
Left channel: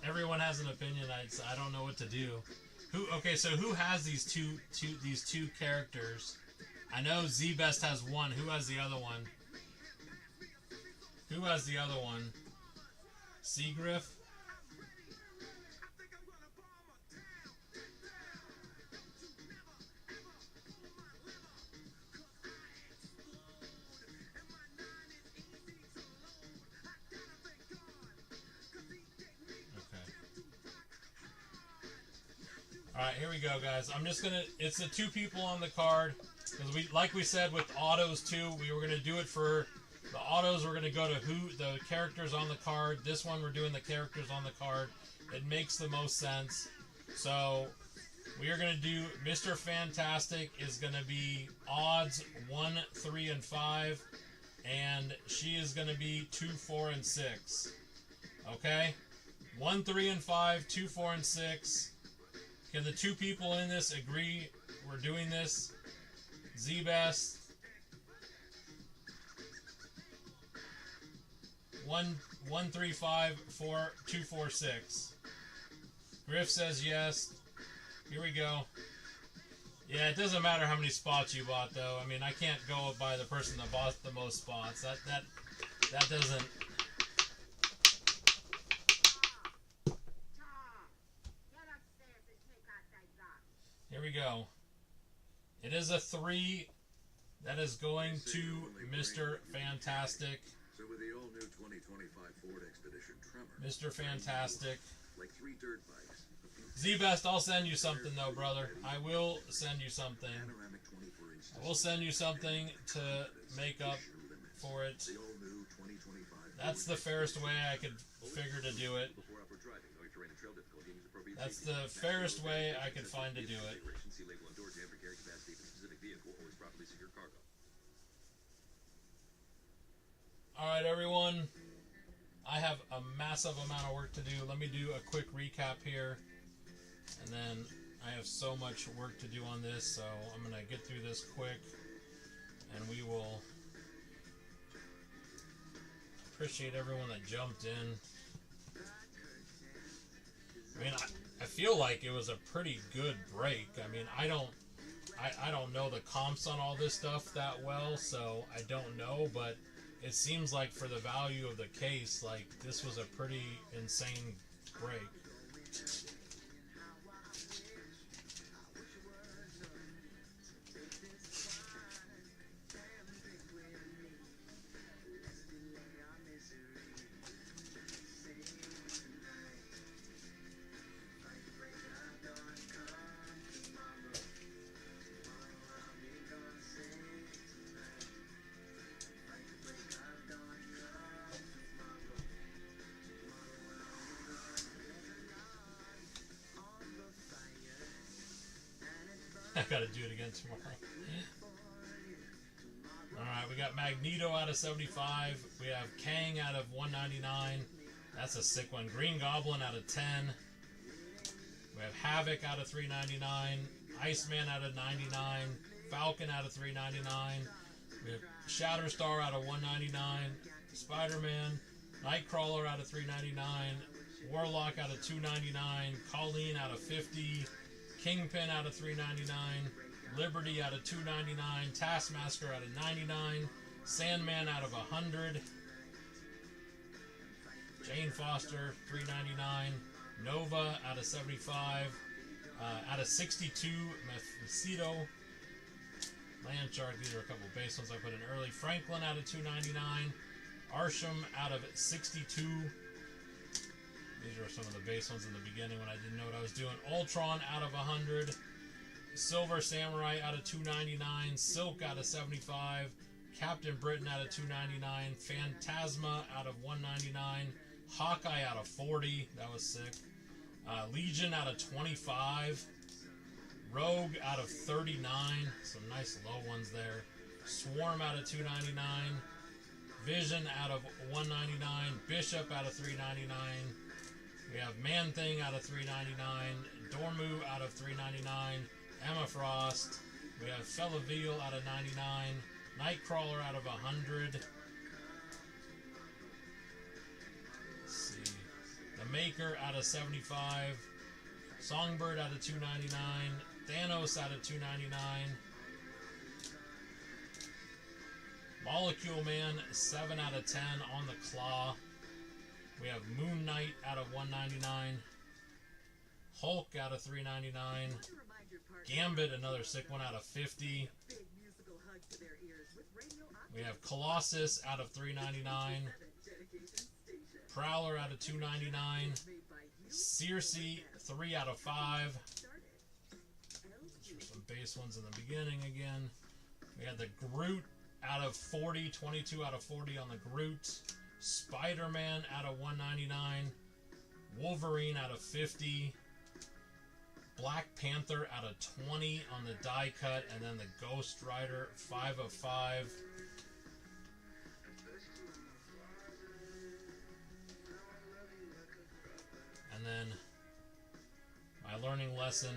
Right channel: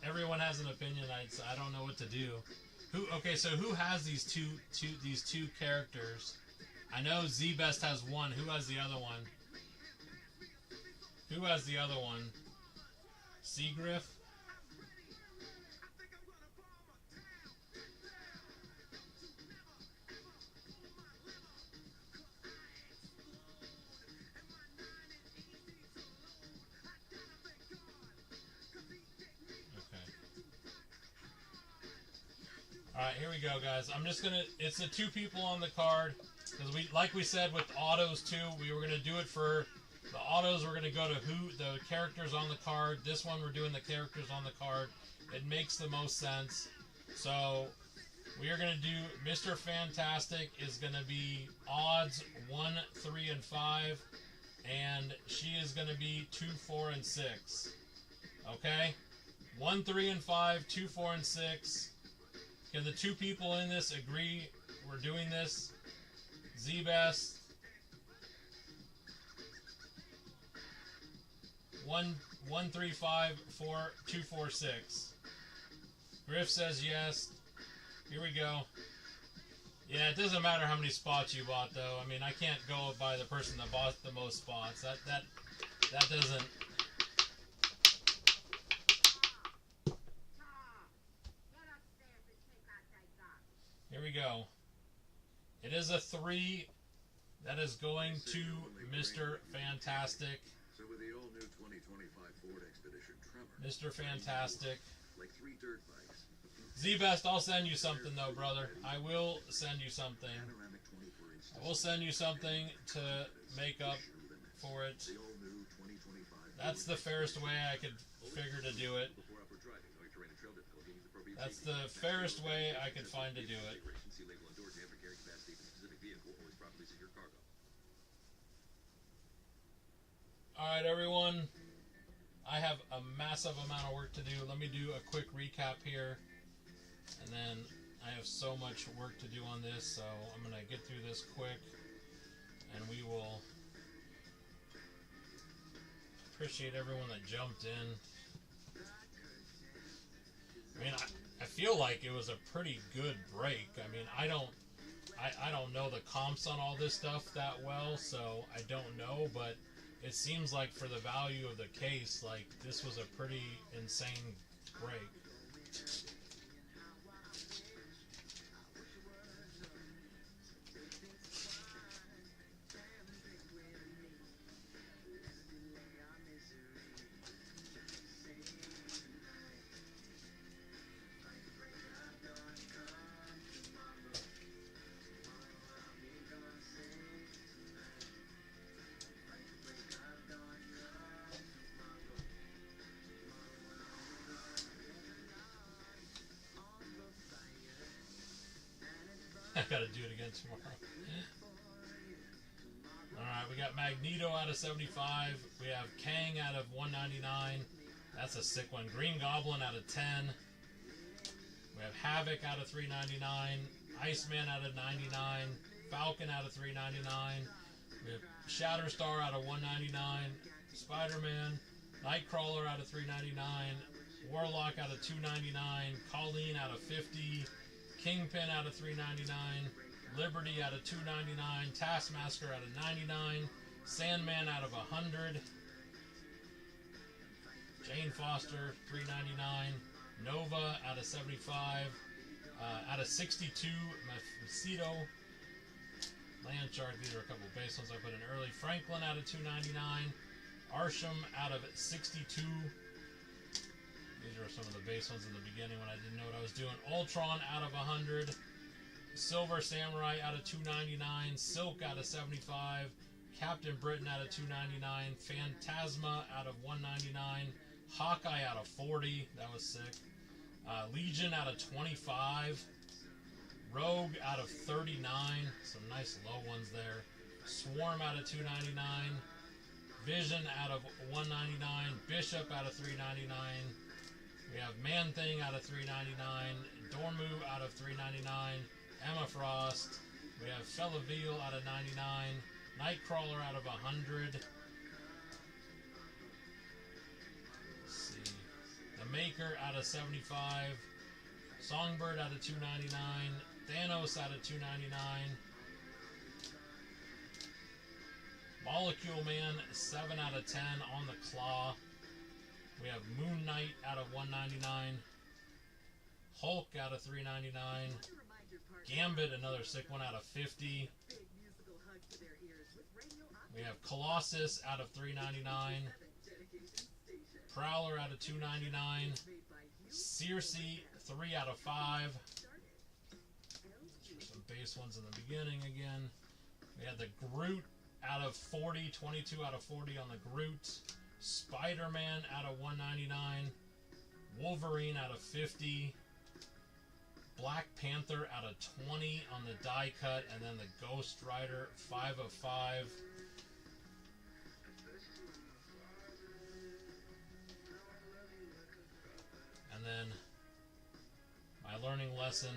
Everyone has an opinion. I don't know what to do. Okay, so who has these two characters? I know Z-Best has one. Who has the other one? Who has the other one? Seagriff? Alright, here we go, guys. I'm just gonna, it's the two people on the card. Because we, like we said with autos too, we were gonna do it for the autos. We're gonna go to the characters on the card. This one we're doing the characters on the card. It makes the most sense. So we are gonna do Mr. Fantastic is gonna be odds 1, 3, and 5, and she is gonna be 2, 4, and 6. Okay, 1, 3, and 5, 2, 4, and 6. Can the two people in this agree we're doing this? Z-Best. 1, 3, 5, 4, 2, 4, 6. Griff says yes. Here we go. Yeah, it doesn't matter how many spots you bought, though. I mean, I can't go by the person that bought the most spots. That doesn't. Here we go. It is a 3. That is going to Mr. Fantastic. So with the all-new 2025 Ford Expedition Tremor, Mr. Fantastic. like 3 dirt bikes. Z-Best, I'll send you something, though, brother. I will send you something. Panoramic 24-inch I will send you something to make up for it. The all-new 2025 That's the fairest way I could figure to do it. before upward driving, knowing terrain and trail difficulty, needs appropriate That's safety. the fairest way I could find to do it. See label and door jam for carrying capacity of a specific vehicle, always properly secure cargo. Alright, everyone. I have a massive amount of work to do. Let me do a quick recap here. And then I have so much work to do on this, so I'm going to get through this quick. And we will appreciate everyone that jumped in. I mean, I feel like it was a pretty good break. I mean, I don't know the comps on all this stuff that well, so I don't know, but it seems like for the value of the case, like, this was a pretty insane break. I gotta do it again tomorrow. Alright, we got Magneto out of 75. We have Kang out of 199. That's a sick one. Green Goblin out of 10. We have Havoc out of 399. Iceman out of 99. Falcon out of 399. We have Shatterstar out of 199. Spider-Man. Nightcrawler out of 399. Warlock out of 299. Colleen out of 50. Kingpin out of 399, Liberty out of 299, Taskmaster out of 99, Sandman out of 100, Jane Foster 399, Nova out of 75, out of 62, Mephisto, Land Shark. These are a couple of base ones I put in early. Franklin out of 299, Arsham out of 62. These are some of the base ones in the beginning when I didn't know what I was doing. Ultron out of 100. Silver Samurai out of 299. Silk out of 75. Captain Britain out of 299. Phantasma out of 199. Hawkeye out of 40. That was sick. Legion out of 25. Rogue out of 39. Some nice low ones there. Swarm out of 299. Vision out of 199. Bishop out of 399. We have Man-Thing out of 399, Dormu out of 399, Emma Frost. We have Fellaville out of 99, Nightcrawler out of 100. Let's see. The Maker out of 75, Songbird out of 299, Thanos out of 299, Molecule Man 7 out of 10 on the Claw. We have Moon Knight out of 199, Hulk out of 399, Gambit, another sick one, out of 50. We have Colossus out of 399, Prowler out of 299, Circe 3 out of 5, base ones in the beginning again. We had the Groot out of 40, 22 out of 40 on the Groot. Spider-Man out of 199. Wolverine out of 50. Black Panther out of 20 on the die cut. And then the Ghost Rider 5 of 5. And then my learning lesson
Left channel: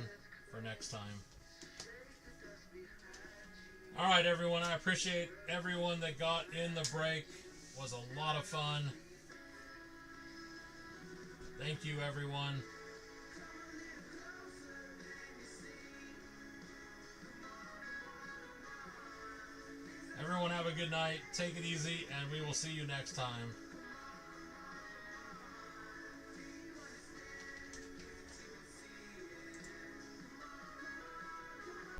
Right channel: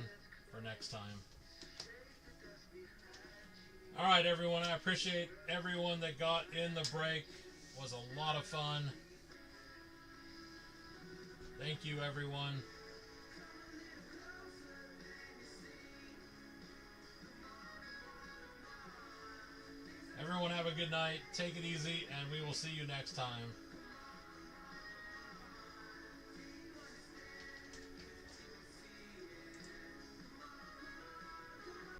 for next time. Alright, everyone. I appreciate everyone that got in the break. It was a lot of fun. Thank you, everyone. Everyone have a good night. Take it easy, and we will see you next time.